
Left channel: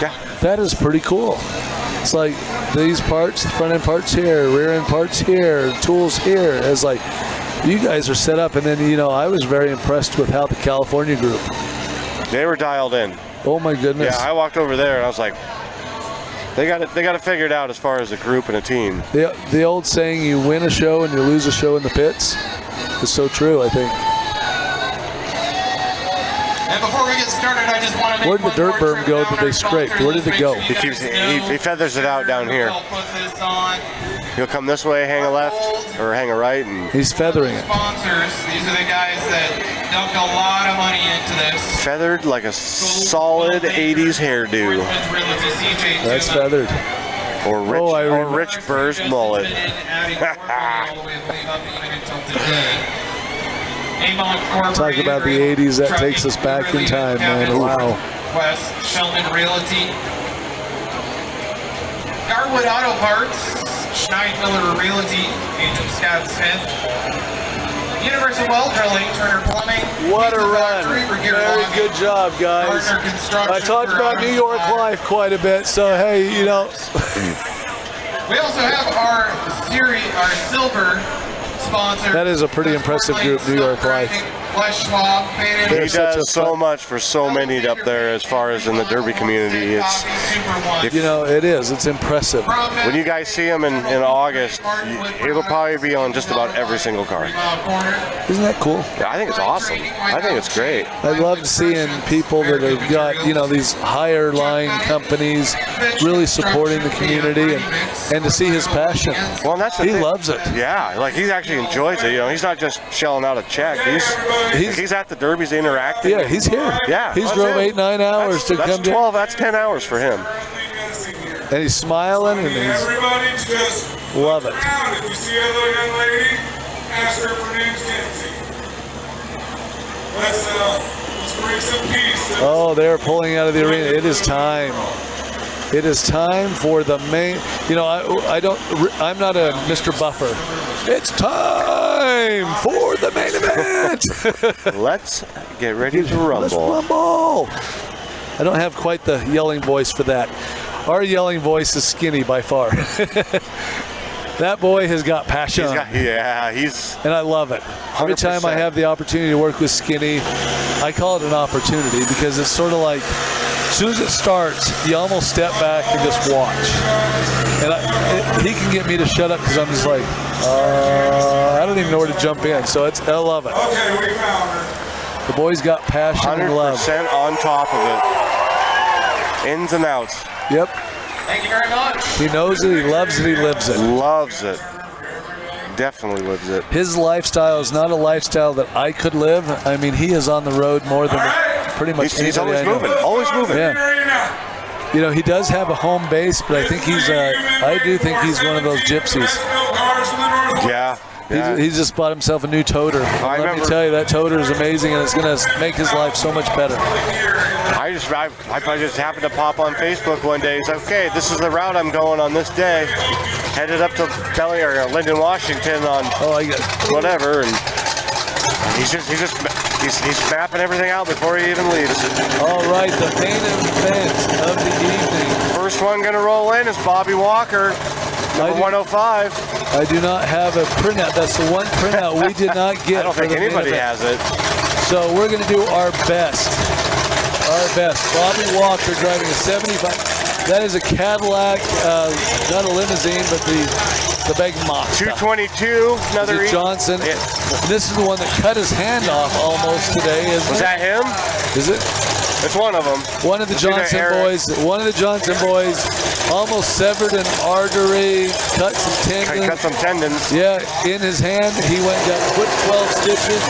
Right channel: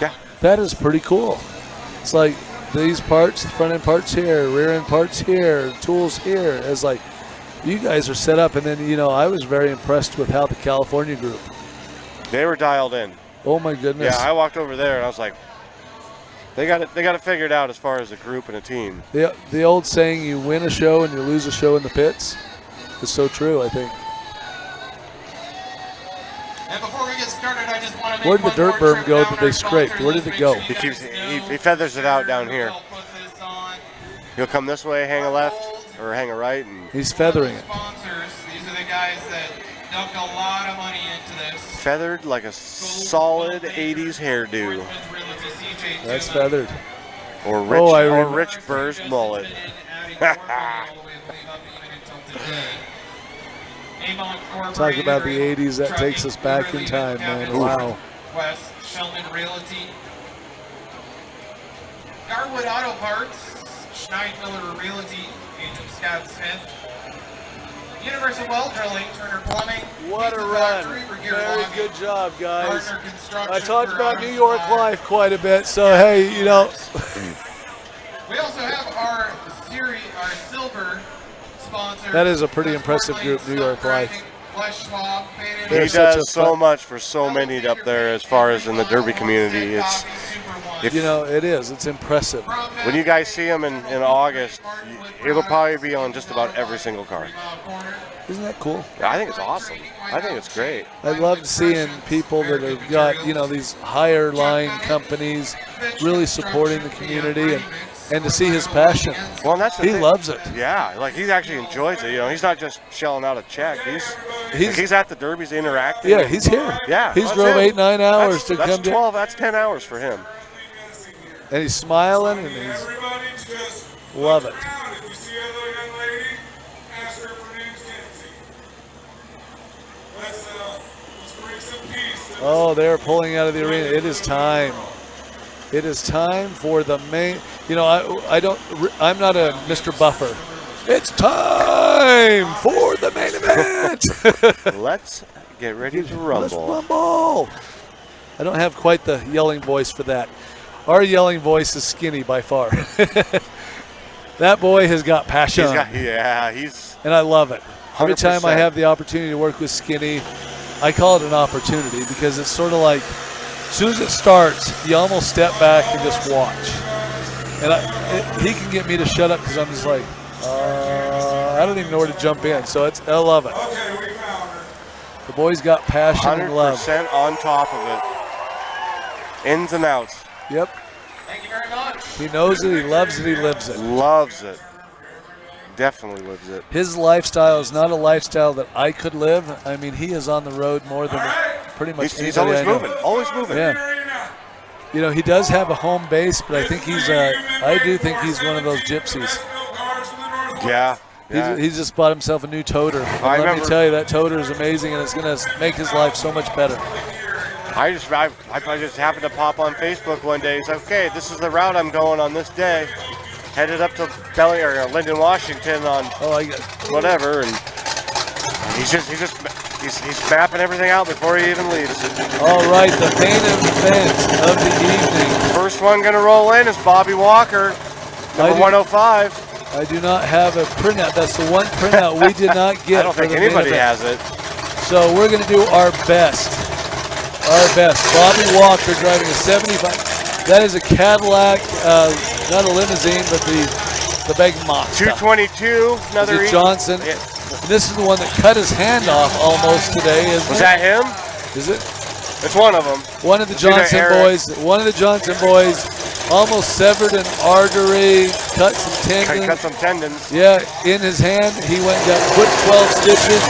Yeah. That is pretty cool. It's like these parts, front end parts here, rear end parts here, tools here. It's like, you guys are set up. And then, I was very impressed with how the California group. They were dialed in. Oh my goodness. Yeah, I walked over there and I was like, They got it figured out as far as a group and a team. The old saying, you win a show and you lose a show in the pits, is so true, I think. And before we get started, I just want to make Where did the dirt berm go that they scraped? Where did it go? He feathers it out down here. He'll come this way, hang a left, or hang a right, and he's feathering it. Sponsors, these are the guys that dumped a lot of money into this. Feathered like a solid 80s hairdo. That's feathered. Or Rich Burr's mullet. Talk about the 80s, that takes us back in time, man. Wow. West, Sheldon Realty. Garwood Auto Parts. Schneidmiller Realty, Agent Scott Smith. Universal Well Drilling, Turner Plumbing. What a run. Very good job, guys. I talked about New York life quite a bit, so hey, you know. We also have our silver sponsor. That is a pretty impressive group, New York life. Les Schwab. He does so much for so many up there as far as in the Derby community. You know, it is. It's impressive. When you guys see him in August, it'll probably be on just about every single car. Isn't that cool? Yeah, I think it's awesome. I think it's great. I love seeing people that have got, you know, these higher line companies really supporting the community and to see his passion. Well, that's he loves it. Yeah, like he actually enjoys it. You know, he's not just shelling out a check. He's at the Derbies interacting. Yeah, he's here. Yeah, he's drove 8-9 hours to that's come. 12. That's 10 hours for him. And he's smiling and he's love it. If you see a little young lady, ask her if her name's Nancy. Let's bring some peace. Oh, they're pulling out of the arena. It is time. It is time for the main. You know, I'm not a Mr. Buffer. It's time for the main event. Let's get ready to rumble. Let's rumble. I don't have quite the yelling voice for that. Our yelling voice is Skinny by far. That boy has got passion. And I love it. Every time I have the opportunity to work with Skinny, I call it an opportunity because it's sort of like, as soon as it starts, you almost step back and just watch. And he can get me to shut up because I'm just like, I don't even know where to jump in. So I love it. Okay, we found her. The boy's got passion and love. 100% on top of it. Ins and outs. Yep. Thank you very much. He knows it, he loves it, he lives it. Loves it. Definitely lives it. His lifestyle is not a lifestyle that I could live. I mean, he is on the road more than pretty much He's anybody always I know. moving. Always moving. Yeah. You know, he does have a home base, but I think I do think he's one of those gypsies. Yeah. He's just bought himself a new toter. Let me tell you, that toter is amazing, and it's going to make his life so much better. I just happened to pop on Facebook one day. He's like, okay, this is the route I'm going on this day. Headed up to Linden, Washington on whatever, and he's mapping everything out before he even leaves. All right, the main event of the evening. First one going to roll in is Bobby Walker, number 105. I do not have a printout. That's the one printout we did not get. I don't think anybody has it. So we're going to do our best. Our best. Bobby Walker driving a 75. That is a Cadillac, not a limousine, but the big Mach. 222, another Johnson. Yeah. This is the one that cut his hand off almost today. Was that him? Is it? It's one of them. One of the Johnson boys. One of the Johnson boys almost severed an artery, cut some tendons. Cut some tendons. Yeah, in his hand. He went and got put 12 stitches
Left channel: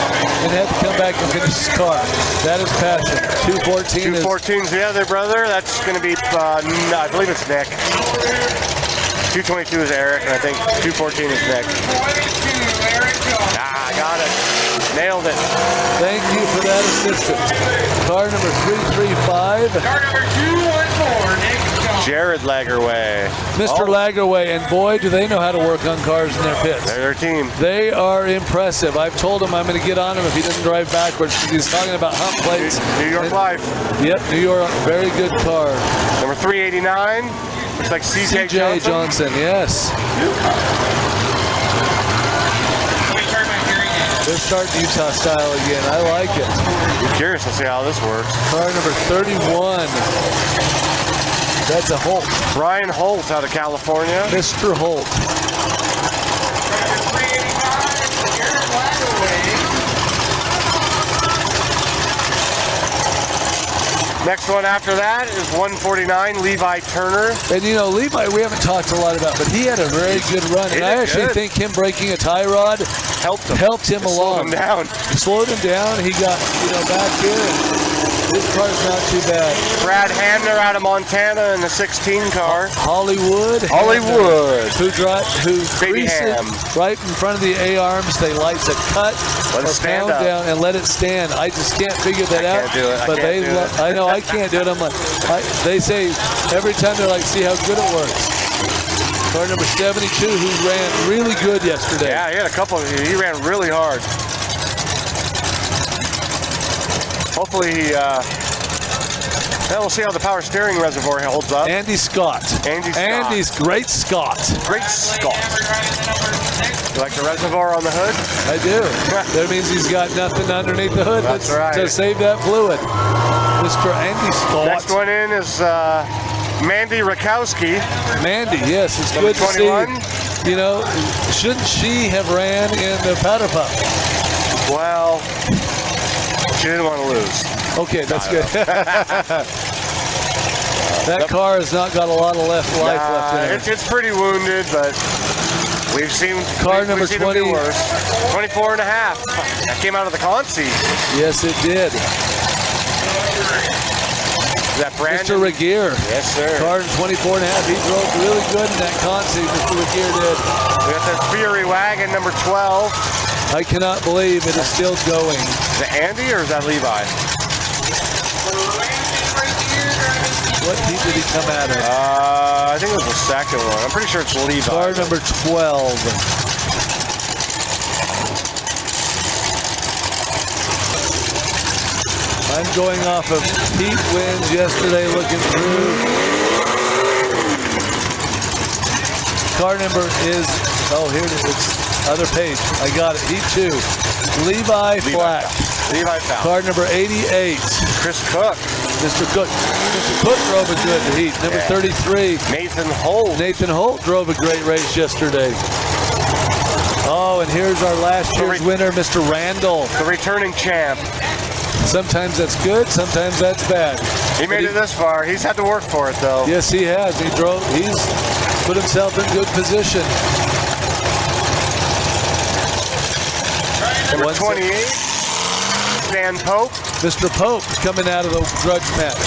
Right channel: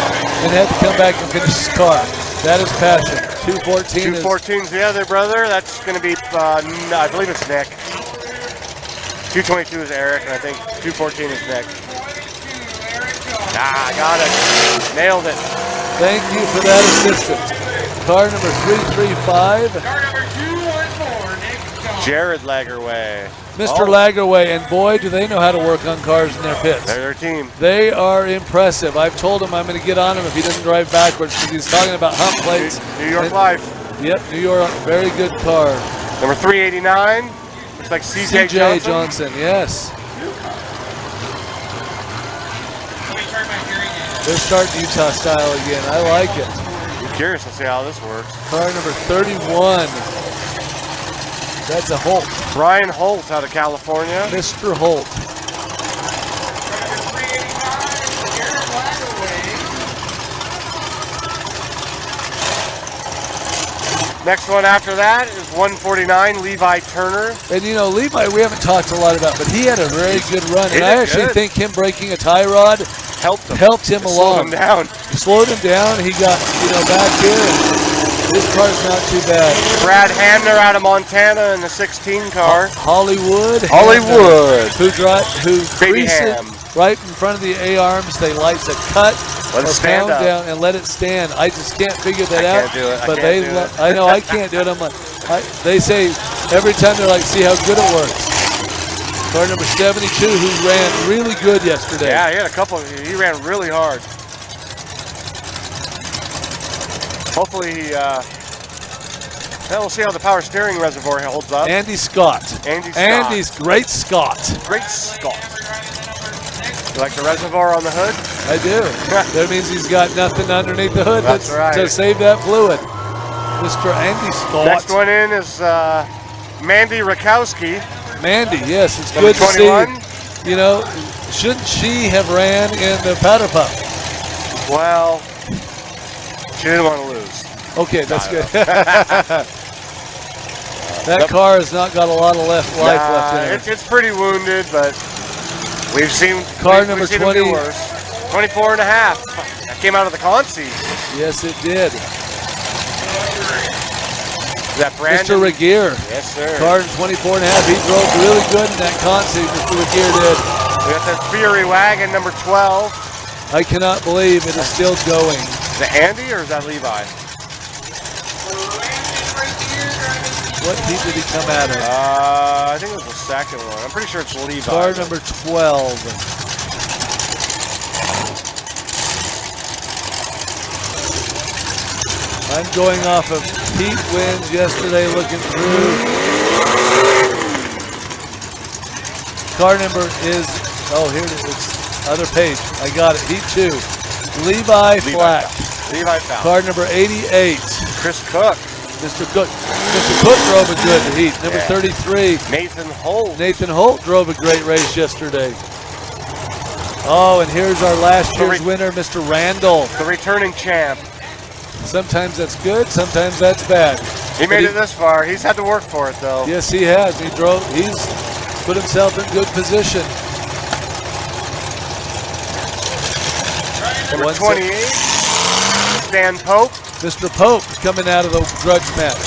and had to come back and finish his car. That is passion. 214's the other brother. That's going to be, I believe it's Nick. 222 is Eric, and I think 214 is Nick. I got it. Nailed it. Thank you for that assistance. Car number 335. Car number 214, Nick Johnson. Jared Lagerway. Mr. Lagerway, and boy, do they know how to work on cars in their pits. They're their team. They are impressive. I've told him I'm going to get on him if he doesn't drive backwards. He's talking about hump plates. New York Life. Yep, New York, very good car. Number 389, looks like CJ Johnson, yes. They're starting Utah style again. I like it. I'm curious to see how this works. Car number 31. That's a Holt. Brian Holt out of California. Mr. Holt. Next one after that is 149, Levi Turner. And you know, Levi, we haven't talked a lot about, but he had a very good run. And I actually think him breaking a tie rod helped him along. Slowed him down. Slowed him down. He got, back here. And his car's not too bad. Brad Hamner out of Montana in the 16 car. Hollywood. Who creases right in front of the A-arms. They like to cut Let it or stand pound up. down and let it stand. I just can't figure that out. Can't do it. But I know I can't do it. I'm like, they say every time they're like, see how good it works. Car number 72, who ran really good yesterday. Yeah, he had a couple. He ran really hard. Hopefully, we'll see how the power steering reservoir holds up. Andy Scott. Andy's Great Scott. Great Scott. You like the reservoir on the hood? I do. That means he's got nothing underneath the hood That's right. to save that fluid. Mr. Andy Scott. Next one in is Mandy Rakowski. Mandy, yes, it's Number good 21. to see. Shouldn't she have ran in the powder puff? Well, she didn't want to lose. Okay, that's good. That car has not got a lot of life left in it. It's pretty wounded, but we've seen car number we've seen 20. them do worse. 24 and a half. That came out of the Consi. Yes, it did. Is that Brandon? Mr. Regier. Yes, sir. Car 24 and a half. He drove really good in that Consi. Mr. Regier did. We got the Ferry wagon number 12. I cannot believe it is still going. Is that Andy or is that Levi? What heat did he come out of? I think it was the second one. I'm pretty sure it's Levi. Car number 12. I'm going off of Pete wins yesterday, looking through. Car number is, here it is, other page. I got it, Heat 2. Levi Flack. Levi Flack. Car number 88. Chris Cook. Mr. Cook. Mr. Cook drove a good heat. Number 33. Nathan Holt. Nathan Holt drove a great race yesterday. Oh, and here's our last year's winner, Mr. Randall. The returning champ. Sometimes that's good, sometimes that's bad. He made it this far. He's had to work for it, though. Yes, he has. He's put himself in good position. Number 28, Stan Pope. Mr. Pope coming out of the grudge match.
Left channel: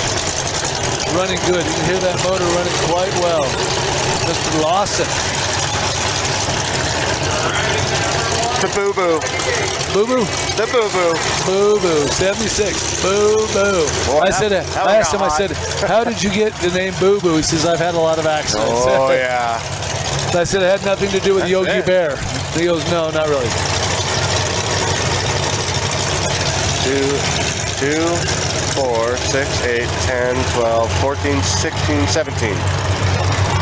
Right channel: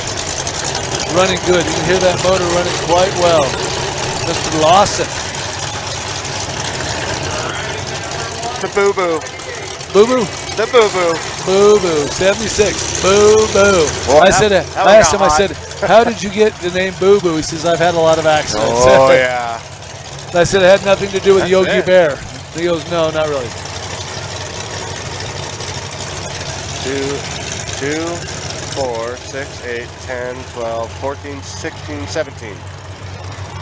Running good. You can hear that motor running quite well. Mr. Lawson. The boo-boo. Boo-boo? The boo-boo. Boo-boo. 76. Boo-boo. Well, I asked him, I said, how did you get the name Boo-boo? He says, I've had a lot of accidents. Oh, yeah. I said, it had nothing to do with Yogi Bear. He goes, no, not really. 2, 4, 6, 8, 10, 12, 14, 16, 17.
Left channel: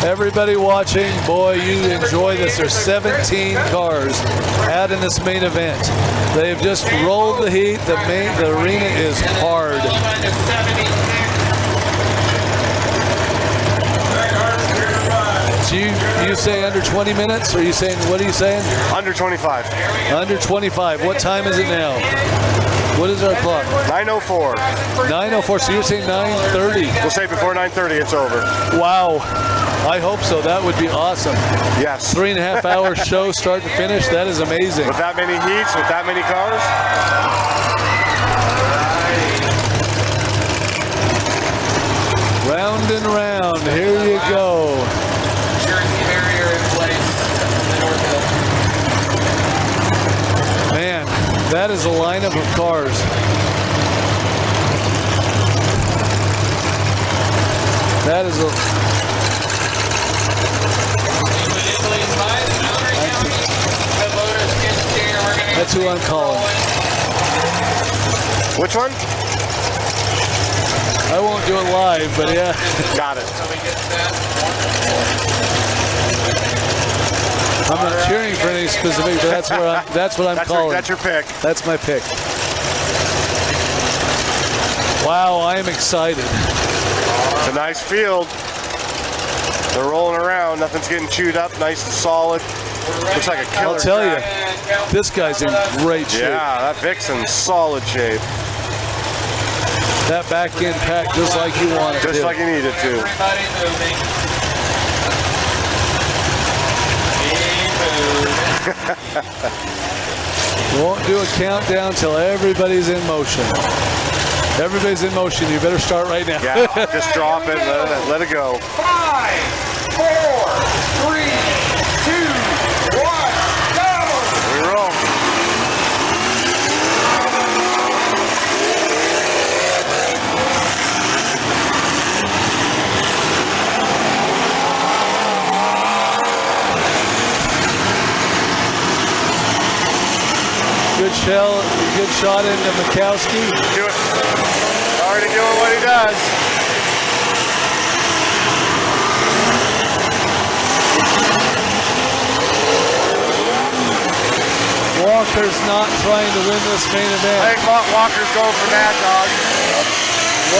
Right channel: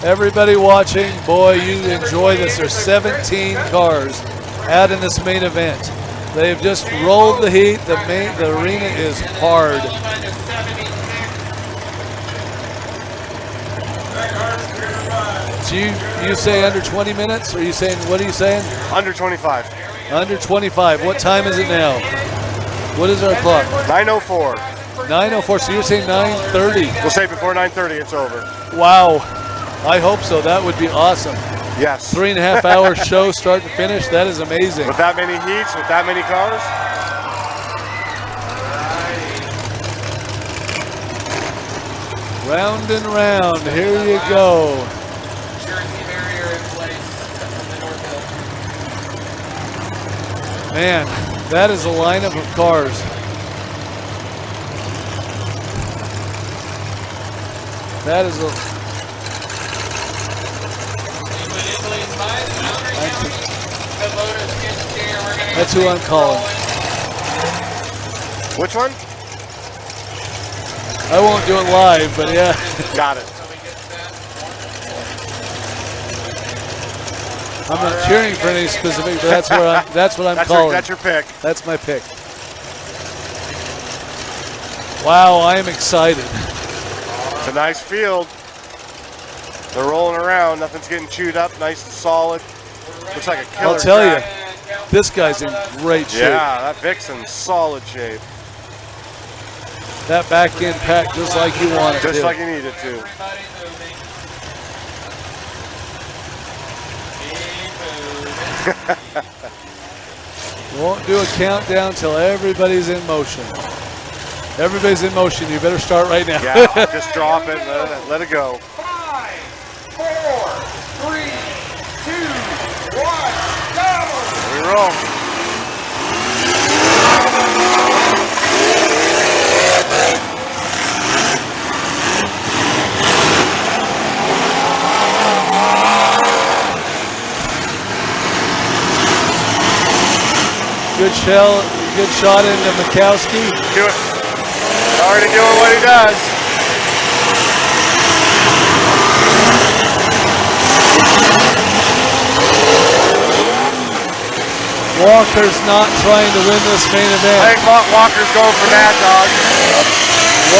Everybody watching, boy, you enjoy this. There's 17 cars out in this main event. They've just rolled the heat. The arena is hard. So you say under 20 minutes, or you saying, what are you saying? Under 25. Under 25. What time is it now? What is our clock? 9:04. 9:04. So you're saying 9:30? We'll say before 9:30 it's over. Wow. I hope so. That would be awesome. Yes. 3.5 hour show, start to finish. That is amazing. With that many heats, with that many cars. Round and round. Here you go. Man, that is a lineup of cars. That is a... That's who I'm calling. Which one? I won't do it live, but yeah. Got it. I'm not cheering for any specific, but that's what I'm calling. That's your pick. That's my pick. Wow, I am excited. It's a nice field. They're rolling around. Nothing's getting chewed up. Nice and solid. Looks like a killer. I'll tell track. you, this guy's in great shape. Yeah, that Vixen's solid shape. That back end packed just like you want it Just to. like you need it to. Everybody moving. Won't do a countdown till everybody's in motion. Everybody's in motion. You better start right now. Yeah, just drop it, let it go. 5, 4, 3, 2, 1, go! We roll. Good shot into Mikowski. Do it. Already doing what he does. Walker's not trying to win this main event. I think Walker's going for Mad Dog.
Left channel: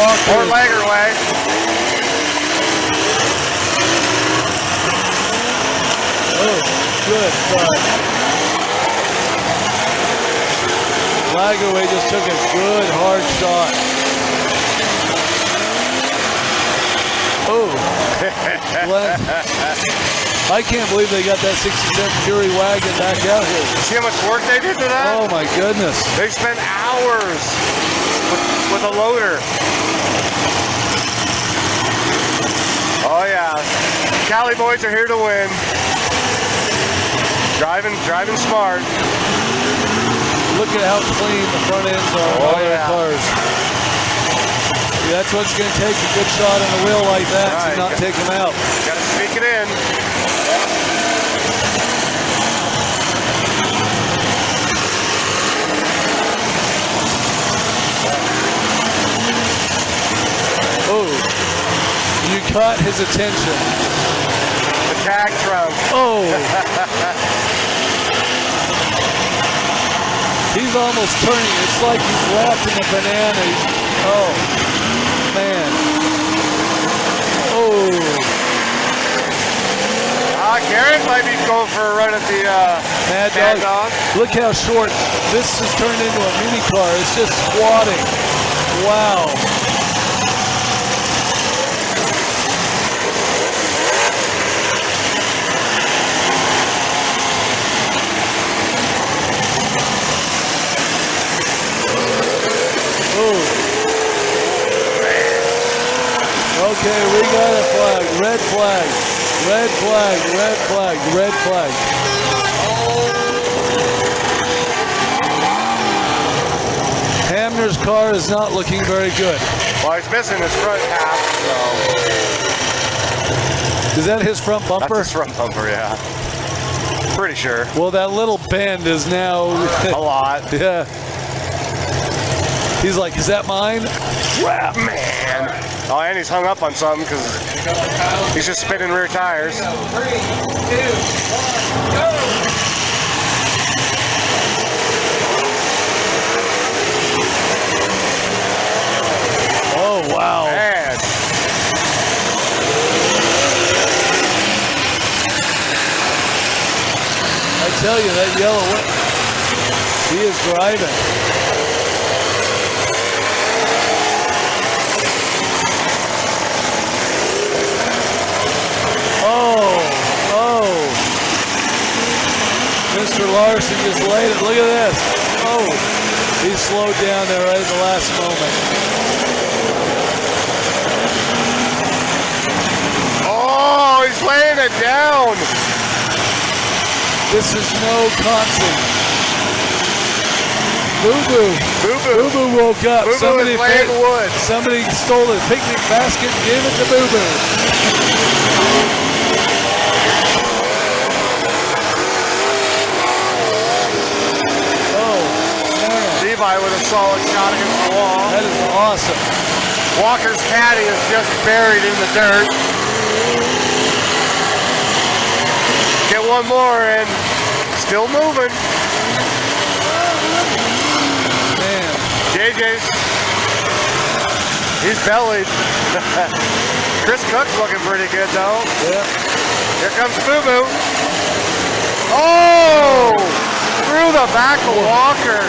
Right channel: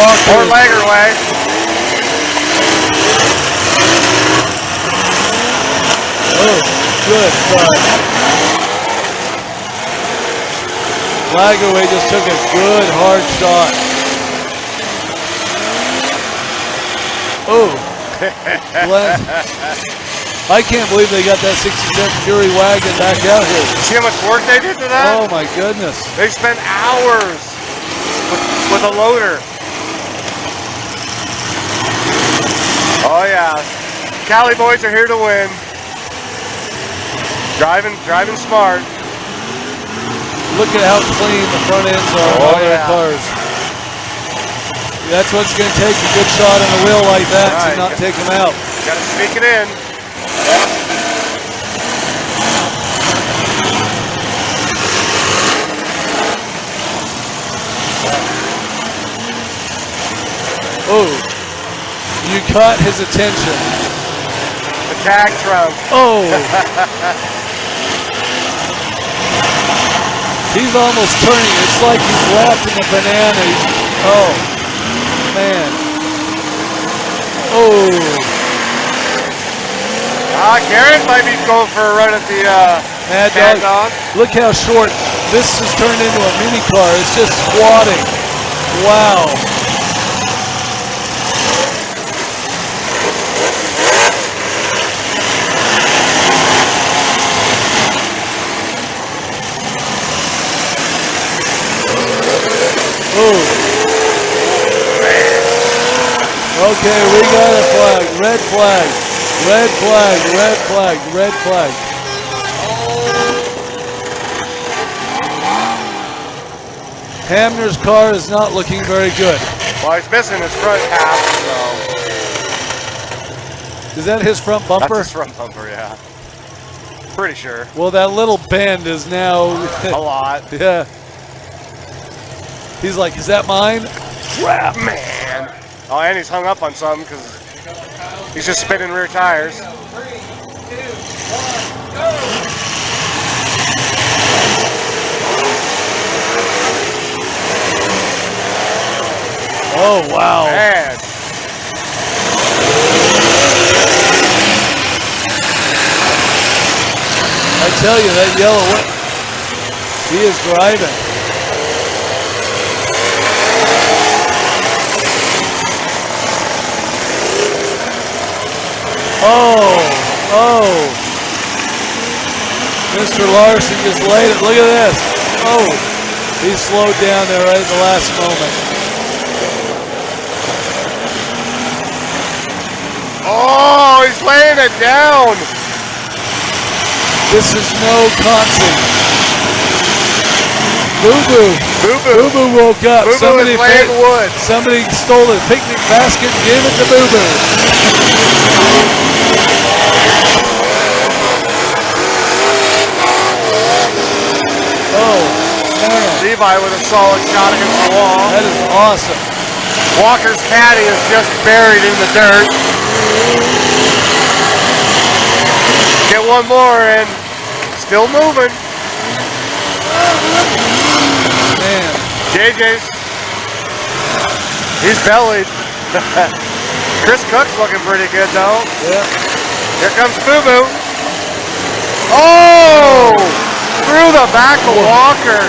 Walker. Or Lager way. Oh, good cut. Lagerway just took a good hard shot. Oh. I can't believe they got that 67 Fury wagon back out here. See how much work they did to that? Oh my goodness. They spent hours with a loader. Oh yeah. Cali boys are here to win. Driving smart. Look at how clean the front ends are on their cars. That's what's going to take a good shot on a wheel like that to not take them out. Got to sneak it in. Oh, you caught his attention. The tag truck. Oh. He's almost turning. It's like he's wrapped in a banana. Oh, man. Oh. Garrett might be going for a run at the Mad Dog. Look how short. This has turned into a mini car. It's just squatting. Wow. Okay, we got a flag. Red flag. Red flag. Red flag. Red flag. Hamner's car is not looking very good. Well, he's missing his front half, so. Is that his front bumper? That's his front bumper, yeah. Pretty sure. Well, that little bend is now a lot. Yeah. He's like, is that mine? Crap, man. Oh, and he's hung up on something because he's just spinning rear tires. 3, 2, 1, go! Oh, wow. Man. I tell you, that yellow, he is driving. Oh. Mr. Larson just laid it. Look at this. Oh, he slowed down there right at the last moment. Oh, he's laying it down. This is no concert. Boo-boo. Boo-boo woke up. Boo-boo is laying wood. Somebody stole his picnic basket and gave it to Boo-boo. Levi with a solid shot against the wall. That is awesome. Walker's caddy is just buried in the dirt. Get one more and still moving. Man. JJ's. He's bellied. Chris Cook's looking pretty good though. Yeah. Here comes Boo Boo. Oh! Through the back of Walker.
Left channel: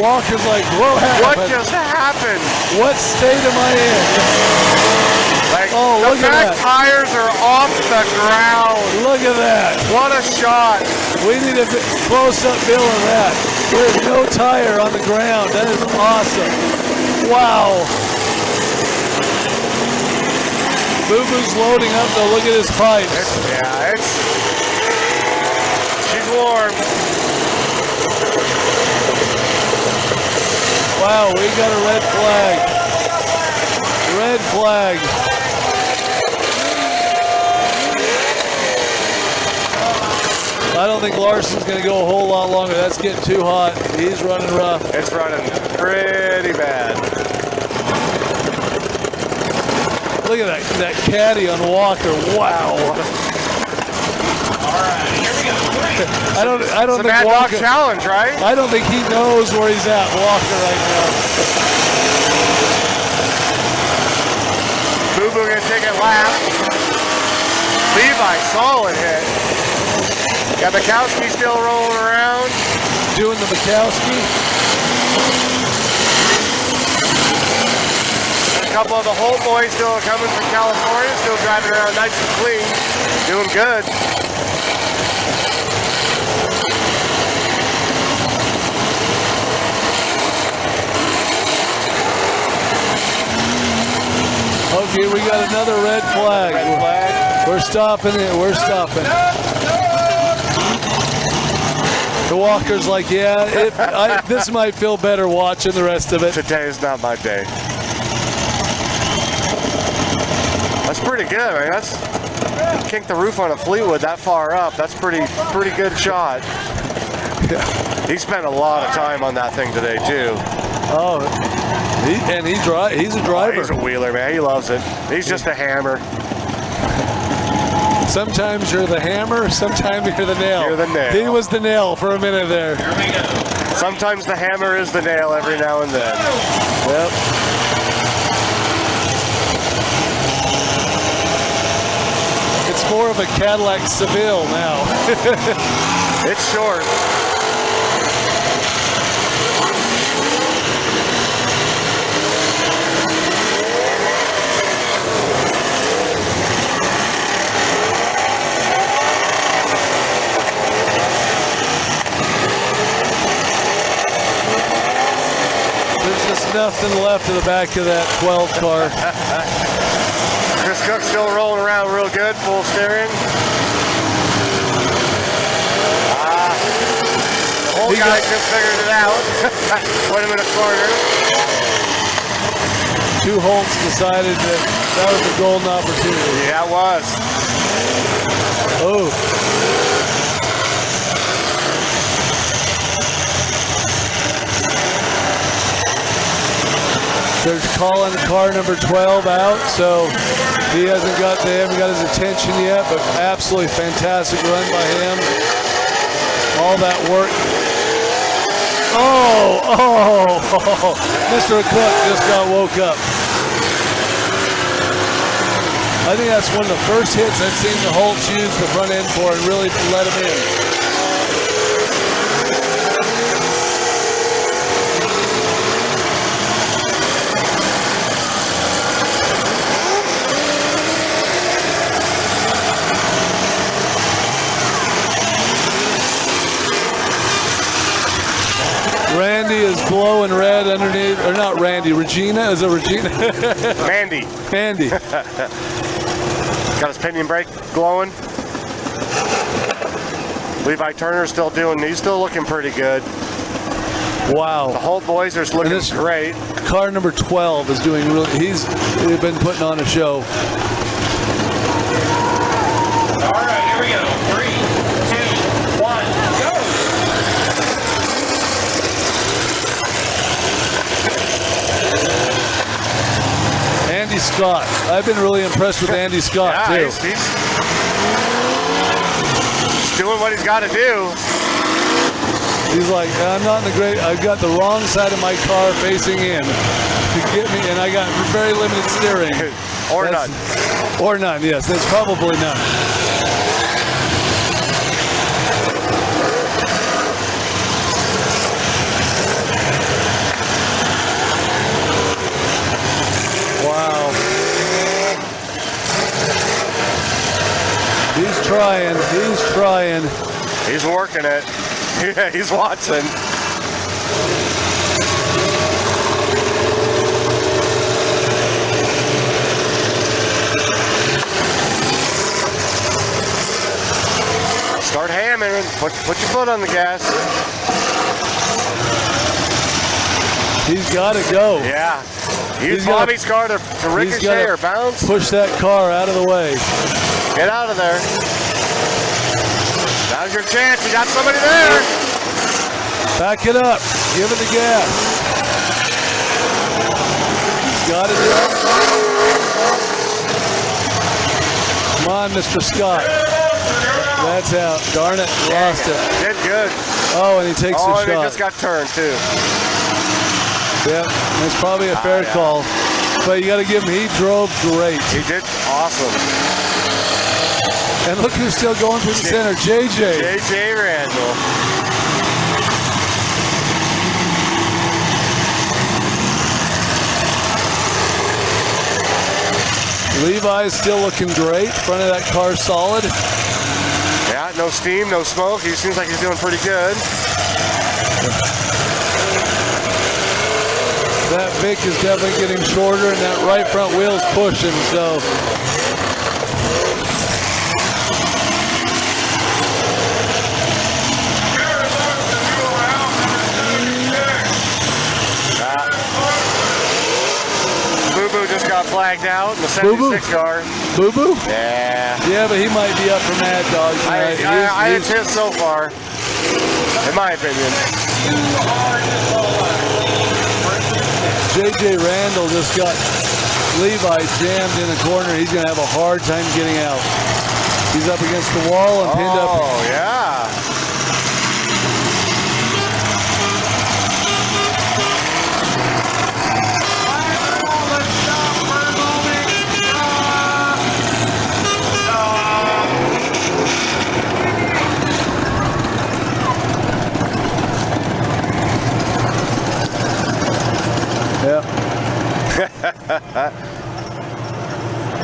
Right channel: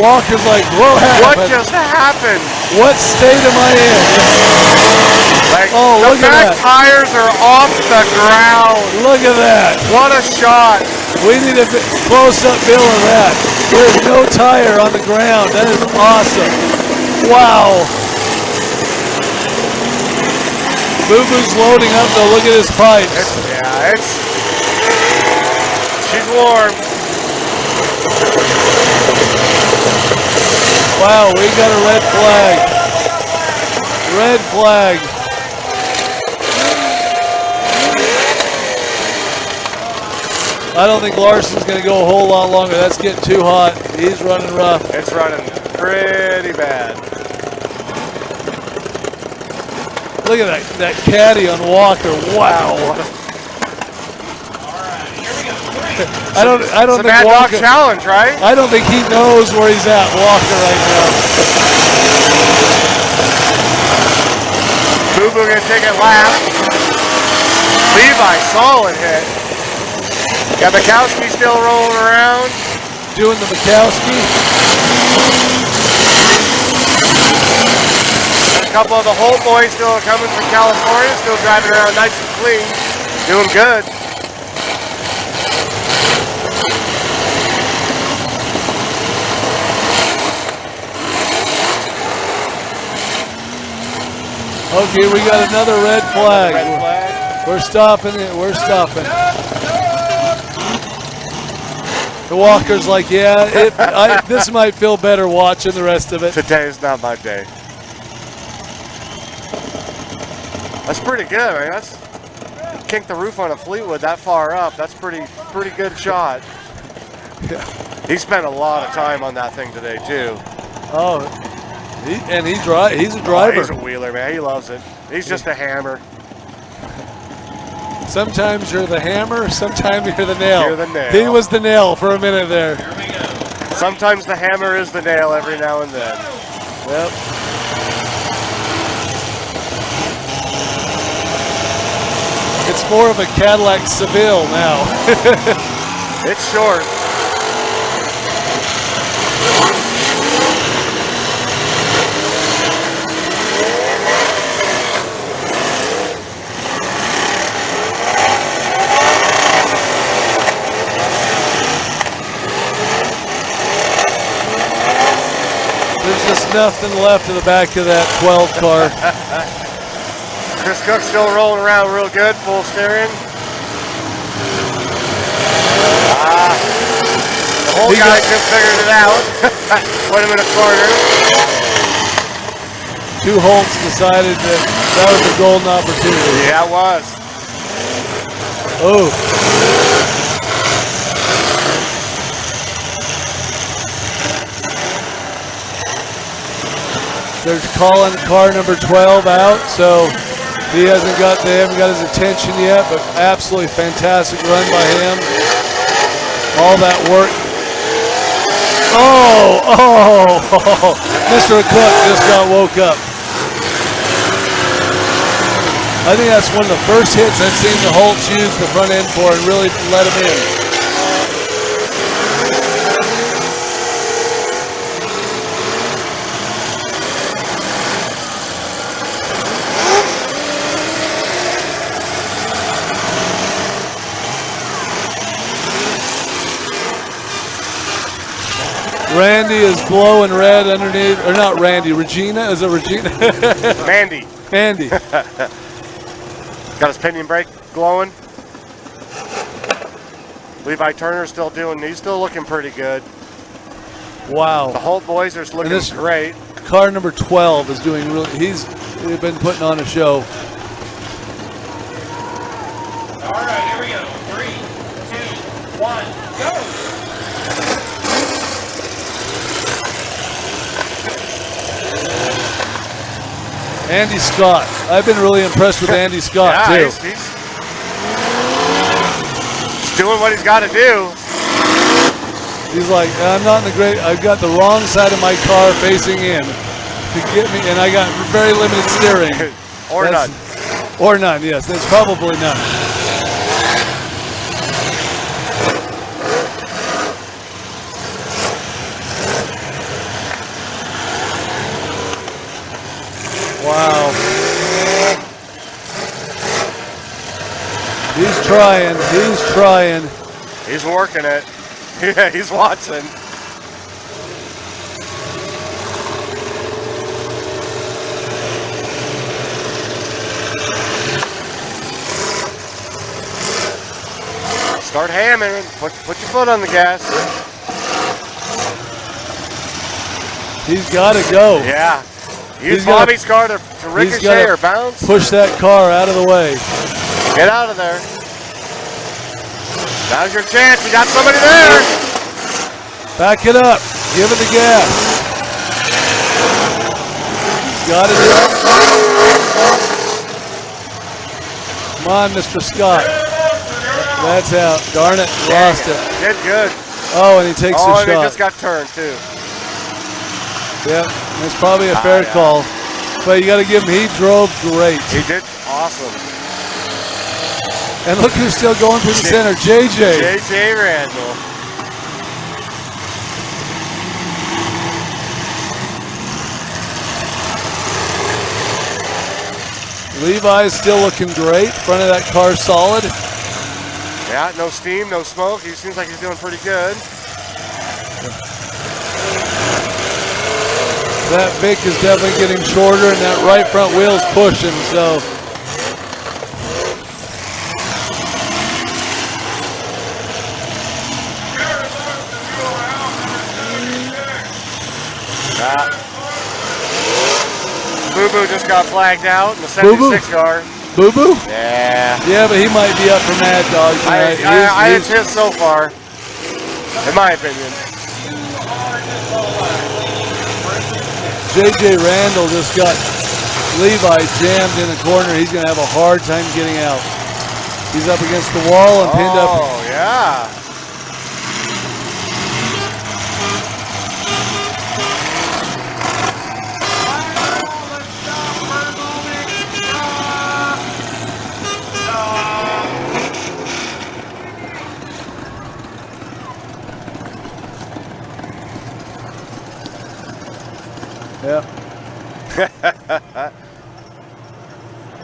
Walker's like, what happened? What just happened? What state am I in? Like, Oh, the look at back that. tires are off the ground. Look at that. What a shot. We need a close-up bill of that. There's no tire on the ground. That is awesome. Wow. Boo Boo's loading up though. Look at his pipes. She's warm. Wow, we got a red flag. Red flag. I don't think Larson's going to go a whole lot longer. That's getting too hot. He's running rough. It's running pretty bad. Look at that caddy on Walker. Wow. I don't It's a think Mad Dog Walker, challenge, right? I don't think he knows where he's at, Walker, right now. Boo Boo gonna take a lap. Levi, solid hit. Got Mikowski still rolling around. Doing the Mikowski. A couple of the Holt boys still coming from California, still driving around nice and clean. Doing good. Okay, we got another red flag. We're stopping it. We're stopping. The Walker's like, yeah, this might feel better watching the rest of it. Today is not my day. That's pretty good, right? That's kick the roof on a Fleetwood that far up. That's pretty good shot. He spent a lot of time on that thing today too. Oh, he's a driver. He's a wheeler, man. He loves it. He's just a hammer. Sometimes you're the hammer, sometimes you're the nail. You're the nail. He was the nail for a minute there. Sometimes the hammer is the nail every now and then. Yep. It's more of a Cadillac Seville now. It's short. Nothing left in the back of that 12 car. Chris Cook's still rolling around real good, full steering. The whole guy just figured it out. Put him in a corner. Two Holts decided that was a golden opportunity. Yeah, it was. Oh. They're calling car number 12 out, so they haven't got his attention yet, but absolutely fantastic run by him. All that work. Oh, Mr. Cook just got woke up. I think that's one of the first hits I've seen the Holts use the front end for and really let him in. Randy is glowing red underneath, or not Randy, Regina, is it Regina? Mandy. Andy. Got his pinion brake glowing. Levi Turner's still he's still looking pretty good. Wow. The Holt boys are looking great. Car number 12 is doing he's been putting on a show. All right, here we go. 3, 2, 1, go! Andy Scott. I've been really impressed with Andy Scott, too. He's doing what he's got to do. He's like, I'm not in the great, I've got the wrong side of my car facing in to get me, and I got very limited steering. Or none. Or none, yes, that's probably none. Wow. He's trying. He's working it. Yeah, he's watching. Start hammering. Put your foot on the gas. He's got to go. Yeah. Use Bobby's car to ricochet or bounce. Push that car out of the way. Get out of there. Now's your chance. You got somebody there. Back it up. Give it the gas. Got it. Come on, Mr. Scott. That's out. Darn it. Lost it. Did good. Oh, and he takes a shot. Oh, and he just got turned, too. Yep. That's probably a fair call. But you got to give him, he drove great. He did awesome. And look who's still going through the center, JJ. JJ Randall. Levi's still looking great. Front of that car solid. Yeah, no steam, no smoke. He seems like he's doing pretty good. That Vic is definitely getting shorter, and that right front wheel's pushing, so. Boo-Boo just got flagged out in the 76 car. Boo-Boo? Yeah. Yeah, but he might be up for Mad Dog tonight. I hit so far, in my opinion. JJ Randall just got Levi's jammed in the corner. He's going to have a hard time getting out. He's up against the wall and pinned up. Oh, yeah.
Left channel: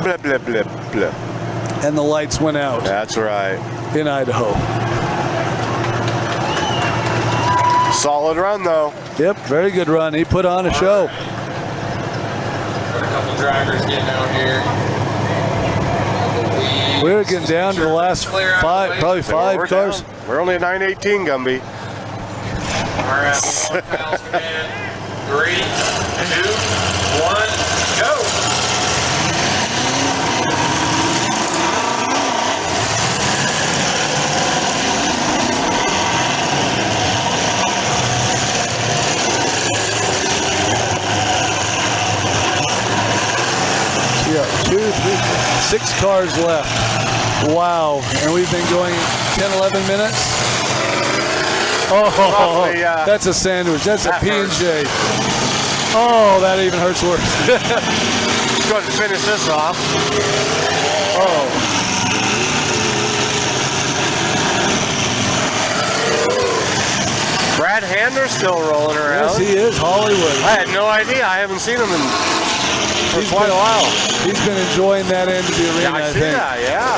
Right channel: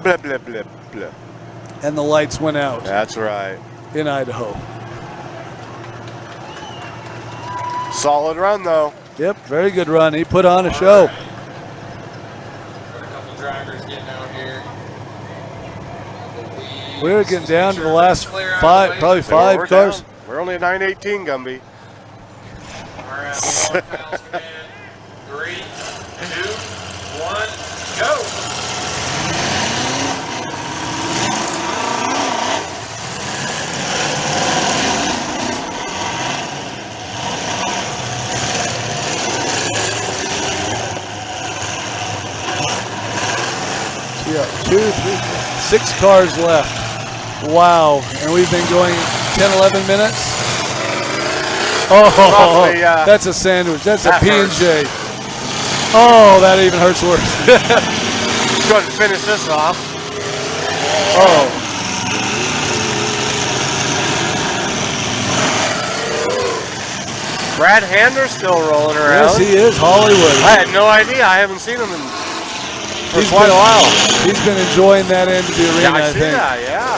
Blah, blah, blah, blah. And the lights went out. That's right. In Idaho. Solid run, though. Yep, very good run. He put on a show. Got a couple drivers getting out here. We're getting down to the last five, probably five We're cars. down. We're only at 918, Gumby. All right, miles command. 3, 2, 1, go. Yeah, 6 cars left. Wow. And we've been going 10, 11 minutes. Oh, roughly, that's a sandwich. That's a P&J. Oh, that even hurts worse. Go ahead and finish this off. Oh. Brad Hamner's still rolling Yes, around. he is. Hollywood. I had no idea. I haven't seen him for quite a while. He's been enjoying that end of the arena, Yeah, I see think. that, yeah.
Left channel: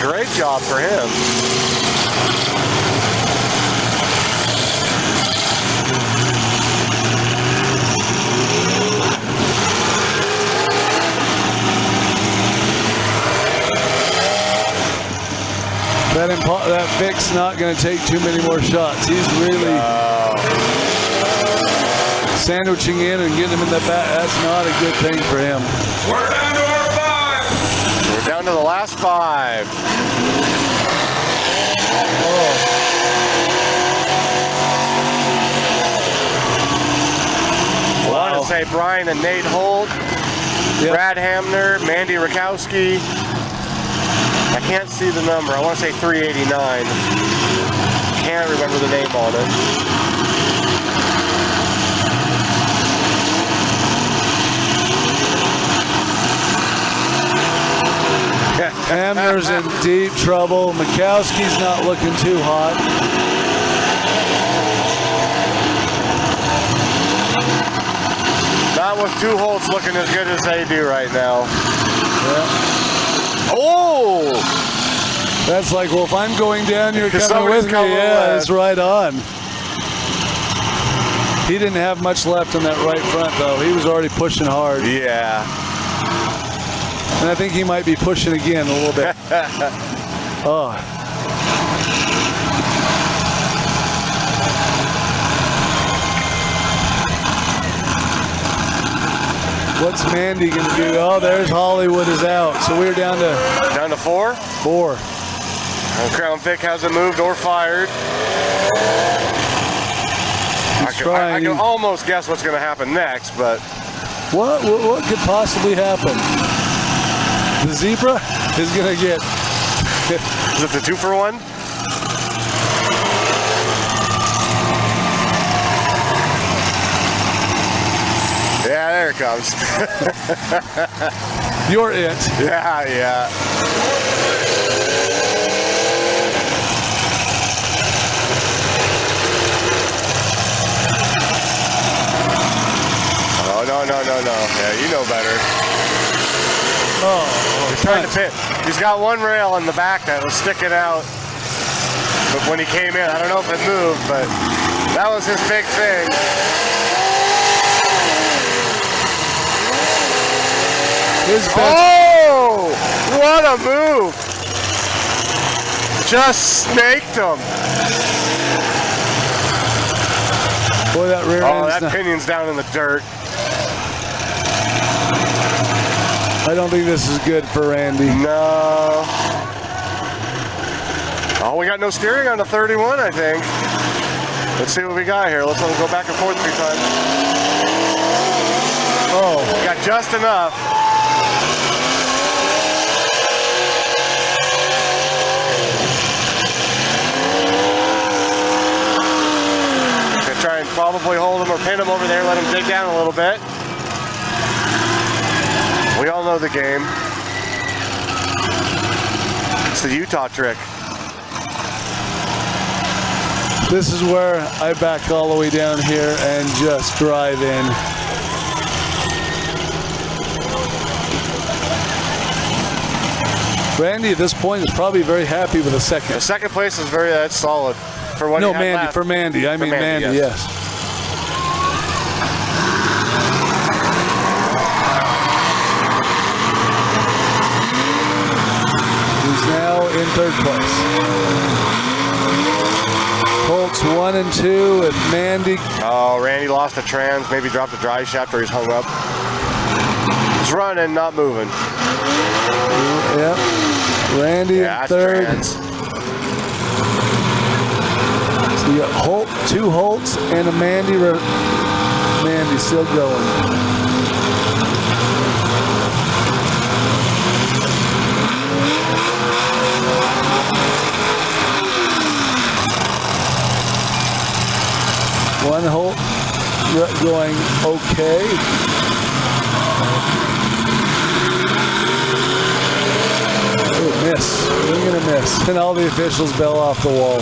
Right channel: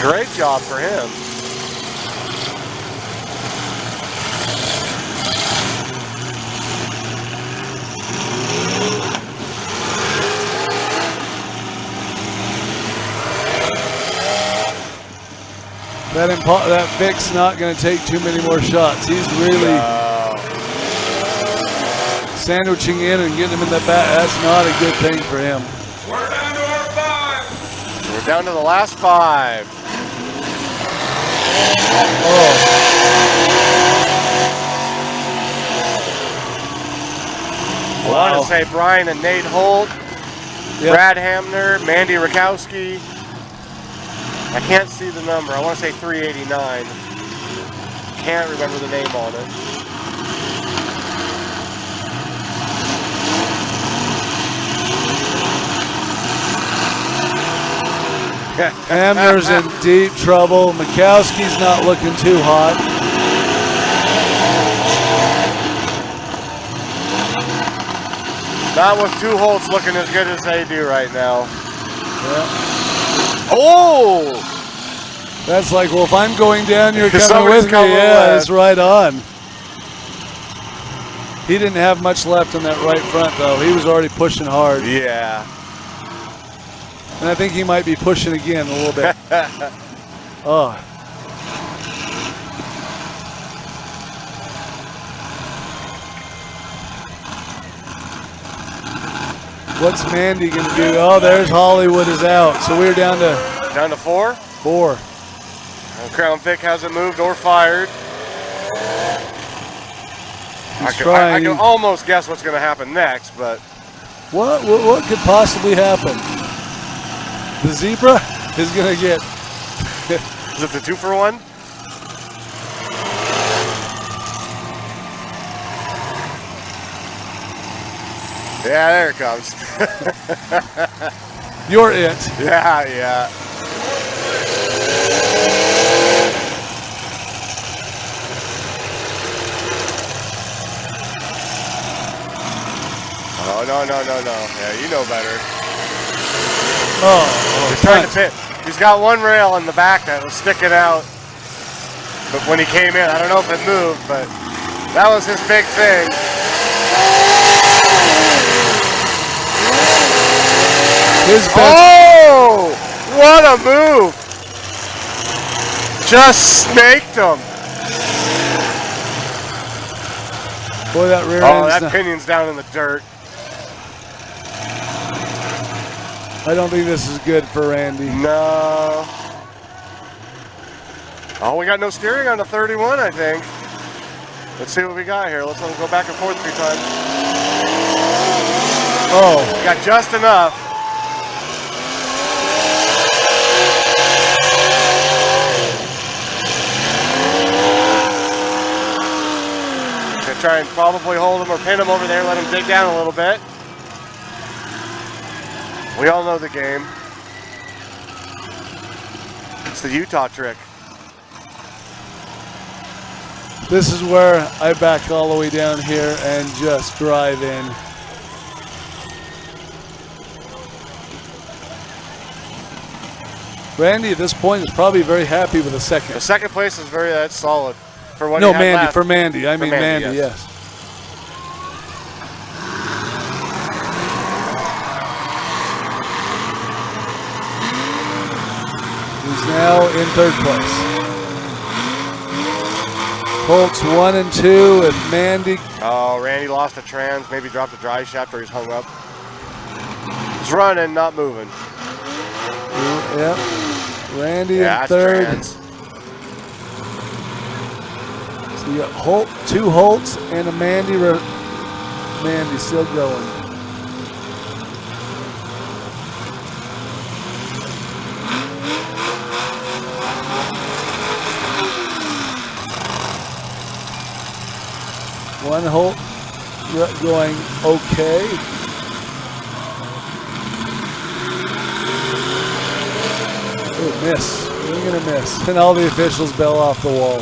Great job for him. That Vic's not going to take too many more shots. He's really sandwiching in and getting him in the back. That's not a good thing for him. We're down to our 5. We're down to the last 5. Oh. I want to say Brian and Nate Holt, Yep. Brad Hamner, Mandy Rakowski. I can't see the number. I want to say 389. Can't remember the name on it. Hamner's in deep trouble. Mikowski's not looking too hot. Not with two Holts looking as good as they do right now. Yeah. Oh! That's like, well, if I'm going down, you're coming Somebody's with me. coming Yeah, with. that's right on. He didn't have much left on that right front, though. He was already pushing hard. Yeah. And I think he might be pushing again a little bit. Oh. What's Mandy going to do? Oh, there's Hollywood is out. So we're down to 4? 4. And Crown Vic hasn't moved or fired. I can almost guess what's going to happen next, but what could possibly happen? The zebra is going to get. Is it the 2-for-1? Yeah, there it comes. You're it. Yeah. No. Yeah, you know better. Oh, he's trying to pit. He's got one rail in the back that was sticking out. But when he came in, I don't know if it moved, but that was his big thing. Oh! What a move! Just snaked him. Boy, that rear that pinion's down in the dirt. I don't think this is good for Randy. No. Oh, we got no steering on the 31, I think. Let's see what we got here. Let's go back and forth 3 times. Oh. We got just enough. Gonna try and probably hold him or pin him over there, let him dig down a little bit. We all know the game. It's the Utah trick. This is where I back all the way down here and just drive in. Randy at this point is probably very happy with the second. The second place is very solid for what No, he had Mandy, left. for Mandy. I mean Mandy, yes. Now in 3rd place. Colts 1 and 2 with Mandy. Oh, Randy lost the trans, maybe dropped the dry shaft or he's hung up. He's running, not moving. Yep. Randy in that's 3rd. trans. So you got 2 Holts and a Mandy. Mandy still going. One Holt going okay. Miss. We're gonna miss. And all the officials bail off the wall.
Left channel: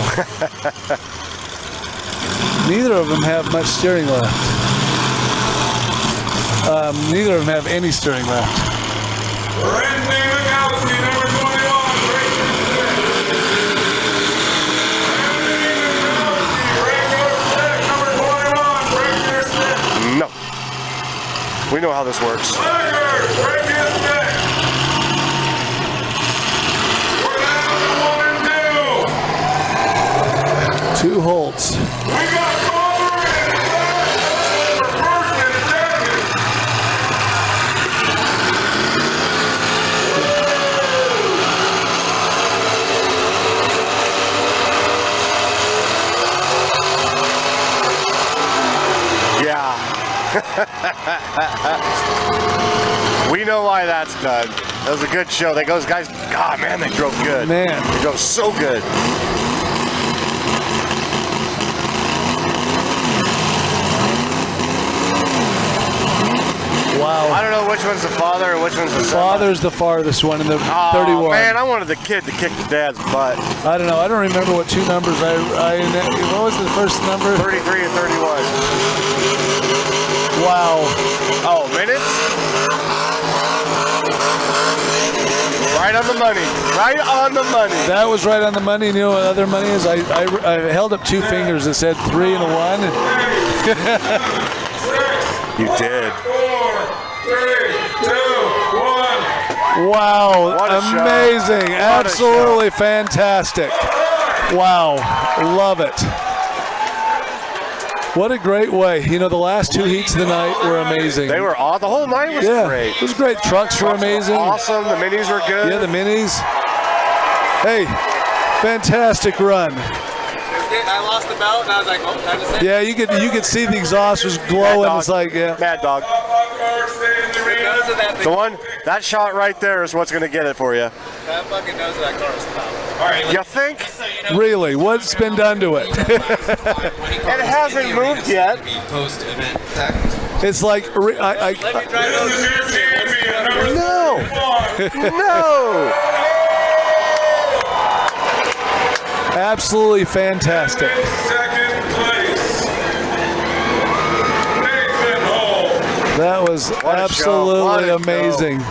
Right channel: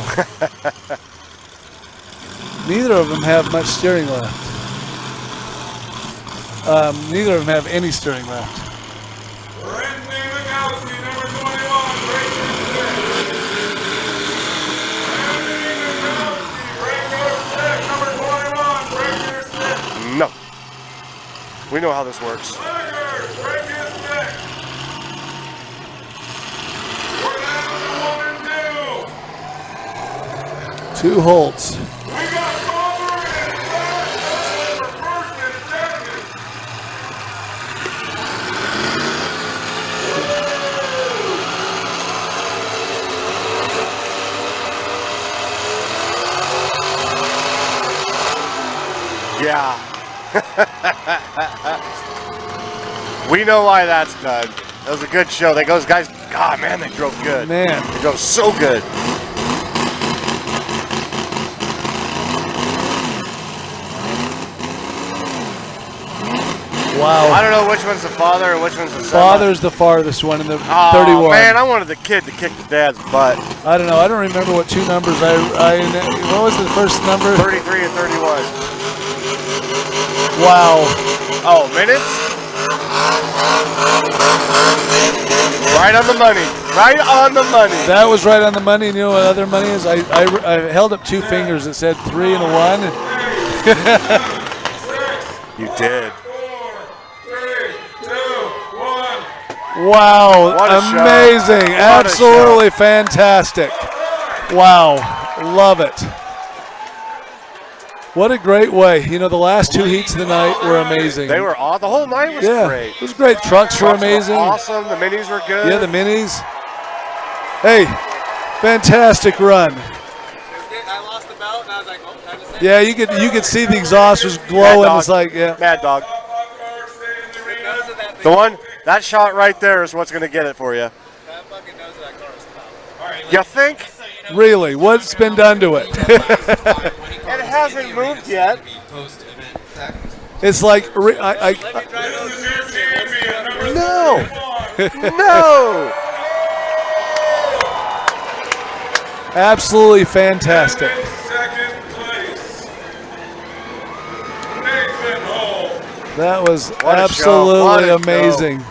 Neither of them have much steering left. Neither of them have any steering left. No. We know how this works. 2 Holts. We know why that's done. That was a good show. Those guys, God, man, they drove good. Man. They drove so good. Wow. I don't know which one's the father and which one's the son. Father's the farthest one in the 31. Man, I wanted the kid to kick the dad's butt. I don't know. I don't remember what two numbers what was the first number? 33 and 31. Wow. Oh, minutes? Right on the money. Right on the money. That was right on the money. You know what other money is? I held up two fingers that said 3 and a 1. You did. 4, 3, 2, 1. Wow. What a Amazing. show. What a Absolutely fantastic. Wow. Love it. What a great way. You know, the last two heats of the night were amazing. They were awesome. The whole night was great. It was great. Trucks were amazing. Awesome. The minis were good. Yeah, the minis. Hey, fantastic run. I lost the belt and I was like, oh, I just Yeah, you could see the exhaust was glowing. It's like, yeah. Mad Dog. The one, that shot right there is what's going to get it for you. That fucking knows that car is top. All right, You think? Really? What's been done to it? It hasn't moved yet. It's like, No. Absolutely fantastic. That was absolutely amazing.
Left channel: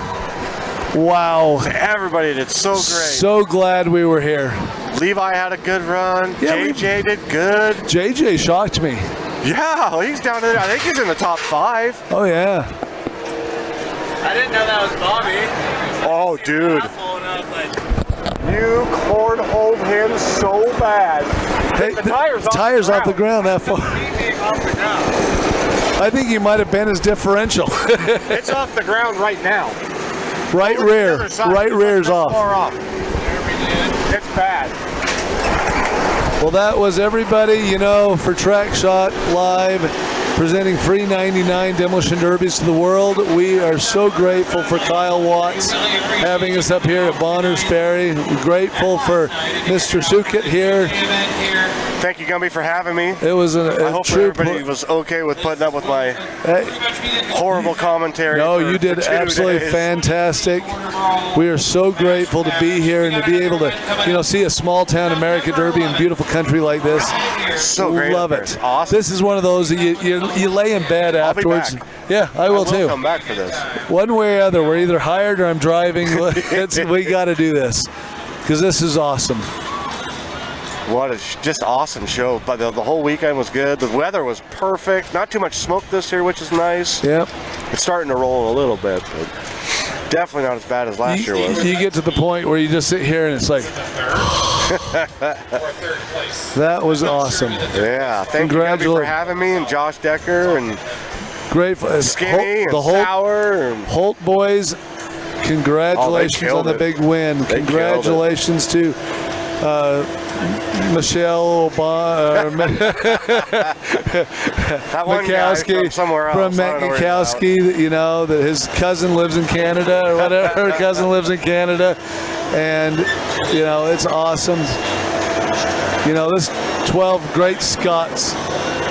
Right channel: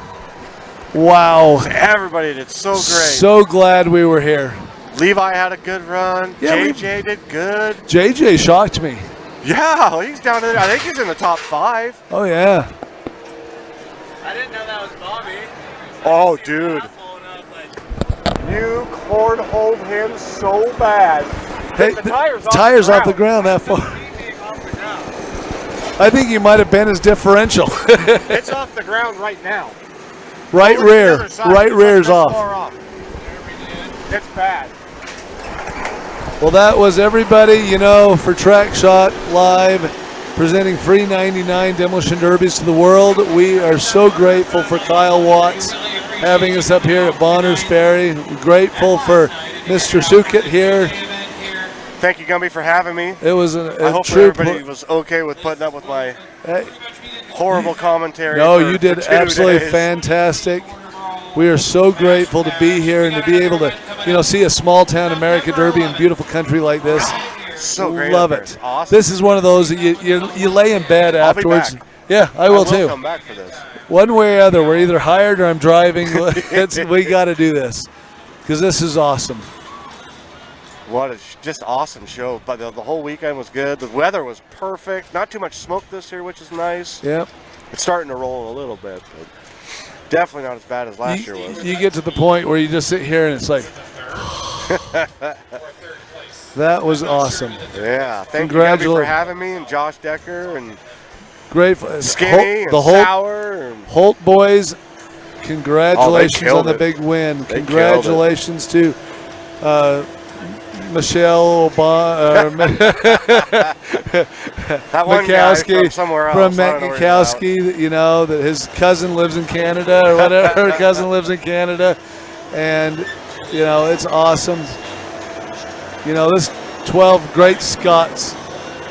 Wow. Everybody did so great. So glad we were here. Levi had a good run. Yeah, JJ did good. JJ shocked me. Yeah, he's down there. I think he's in the top 5. Oh, yeah. I didn't know that was Bobby. Oh, dude. You cornholed him so bad. Hey, the tires off the ground that far. I think he might have been his differential. It's off the ground right now. Right rear. Right rear's off. It's bad. Well, that was everybody, you know, for Track Shot Live, presenting free 99 Demolition Derbies to the world. We are so grateful for Kyle Watts having us up here at Bonner's Ferry. We're grateful for Mr. Sukit here. Thank you, Gumby, for having me. It was I a hope true everybody was okay with putting up with my horrible commentary. No, for you did 2 absolutely days. fantastic. We are so grateful to be here and to be able to, you know, see a small town America Derby in beautiful country like this. So great. Love up there. it. It's awesome. This is one of those that you lay in bed I'll be afterwards. back. Yeah, I will too. come back for this. One way or other, we're either hired or I'm driving. We got to do this because this is awesome. What a just awesome show. But the whole weekend was good. The weather was perfect. Not too much smoke this year, which is nice. Yep. It's starting to roll a little bit, but definitely not as bad as last year was. You get to the point where you just sit here and it's like, that was awesome. Yeah, thank you Gabby, for having me, and Josh Decker, and grateful. Skinny, the and Sour, and Holt boys. Congratulations on the big win. They Congratulations to Michelle Obama, that one guy from somewhere else. From Metnikowski, you know, that his cousin lives in Canada or whatever. Her cousin lives in Canada. And, you know, it's awesome. You know, this 12 great Scots.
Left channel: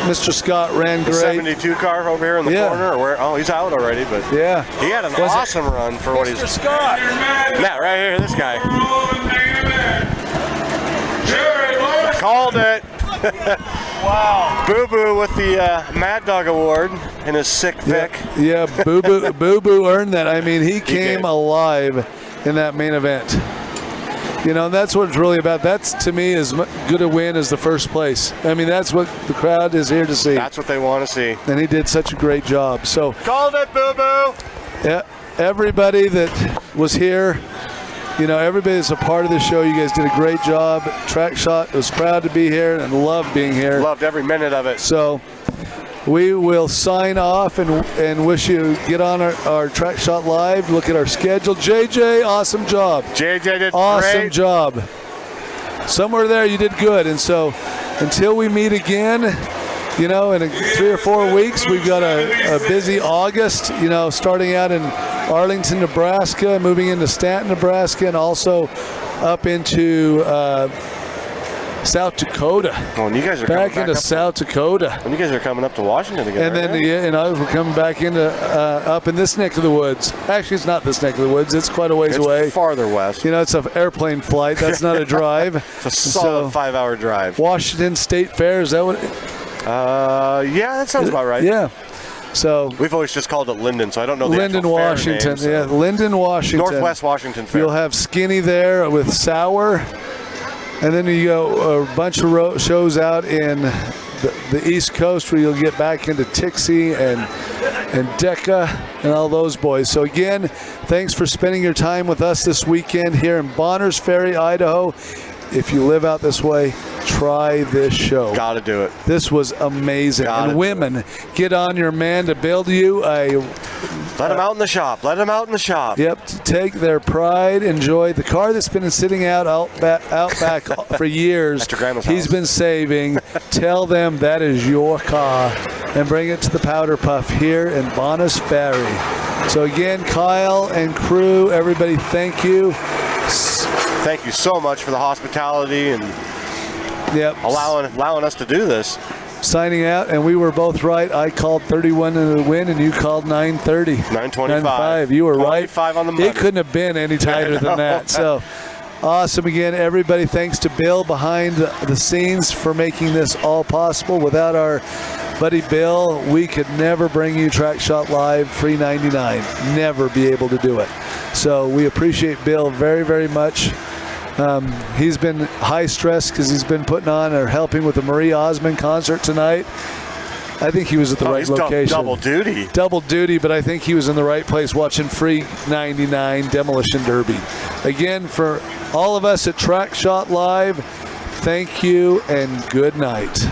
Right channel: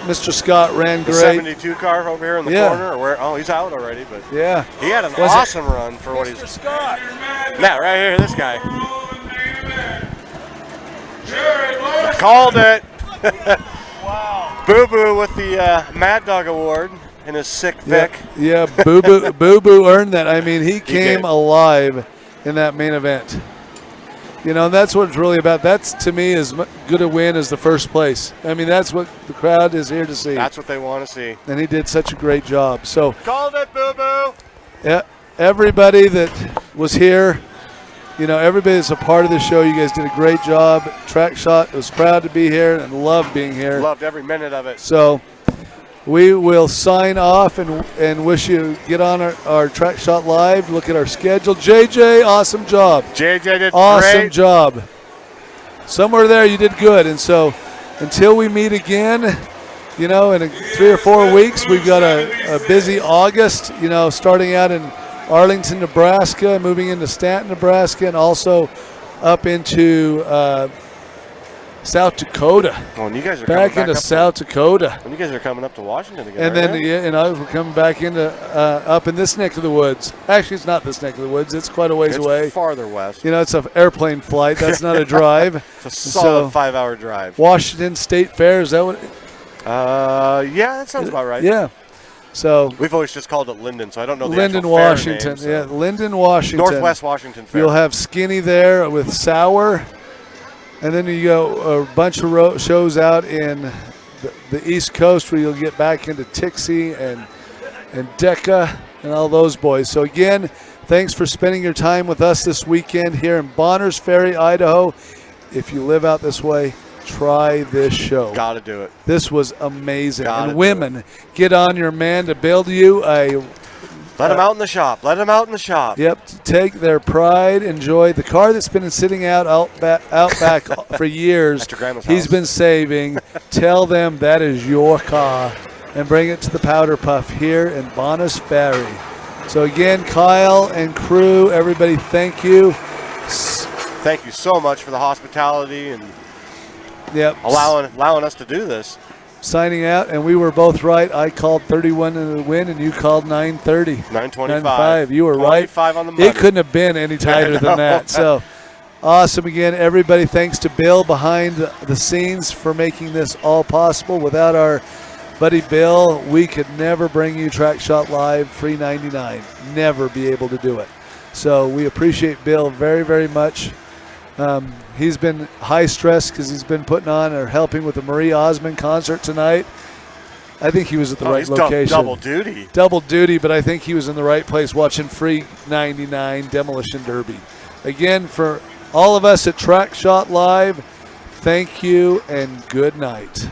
Mr. Scott ran great. 72 car over here in the corner. Or where? Oh, he's out already, but yeah, he had an awesome run for what he's. Mr. Scott. Yeah, right here, this guy. Called it. Wow. Boo Boo with the Mad Dog Award in his sick Vic. Yeah, Boo Boo earned that. I mean, he came alive in that main event. You know, that's what it's really about. That's, to me, as good a win as the first place. I mean, that's what the crowd is here to see. That's what they want to see. And he did such a great job. So called it, Boo Boo. Yeah, everybody that was here, you know, everybody that's a part of the show, you guys did a great job. Track Shot was proud to be here and loved being here. Loved every minute of it. So we will sign off and wish you get on our Track Shot Live. Look at our schedule. JJ, awesome job. JJ did awesome great. Job. Somewhere there you did good. And so until we meet again, you know, in 3 or 4 weeks, we've got a busy August, you know, starting out in Arlington, Nebraska, moving into Stanton, Nebraska, and also up into South Dakota. Oh, and you guys are back coming into South Dakota. And you guys are coming up to Washington again. And then we're coming back into up in this neck of the woods. Actually, it's not this neck of the woods. It's quite a ways away. Farther west. You know, it's an airplane flight. That's not a drive. It's a solid 5-hour drive. Washington State Fair, is that what? Yeah, that sounds about right. Yeah. So we've always just called it Linden, so I don't know the Linden, actual fair Washington. name, so. Yeah, Linden, Washington. Northwest Washington Fair. You'll have Skinny there with Sour, and then you go a bunch of shows out in the East Coast where you'll get back into Tixie and Decca and all those boys. So again, thanks for spending your time with us this weekend here in Bonners Ferry, Idaho. If you live out this way, try this show. Gotta do it. This was amazing. And women, get on your man to build you a... Let them out in the shop. Let them out in the shop. Yep. To take their pride, enjoy the car that's been sitting out back for years. At your grandma's He's house. been saving. Tell them that is your car and bring it to the Powder Puff here in Bonners Ferry. So again, Kyle and crew, everybody, thank you. Thank you so much for the hospitality and allowing us to do this. Signing out, and we were both right. I called 31 in the win, and you called 9:30. 9:25. You were right. 25 on the money. It couldn't have been any tighter than that. So awesome again, everybody. Thanks to Bill behind the scenes for making this all possible. Without our buddy Bill, we could never bring you Track Shot Live free 99. Never be able to do it. So we appreciate Bill very, very much. He's been high stress because he's been putting on or helping with the Marie Osmond concert tonight. I think he was at the right location. Double duty. Double duty, but I think he was in the right place watching free 99 Demolition Derby. Again, for all of us at Track Shot Live, thank you and good night.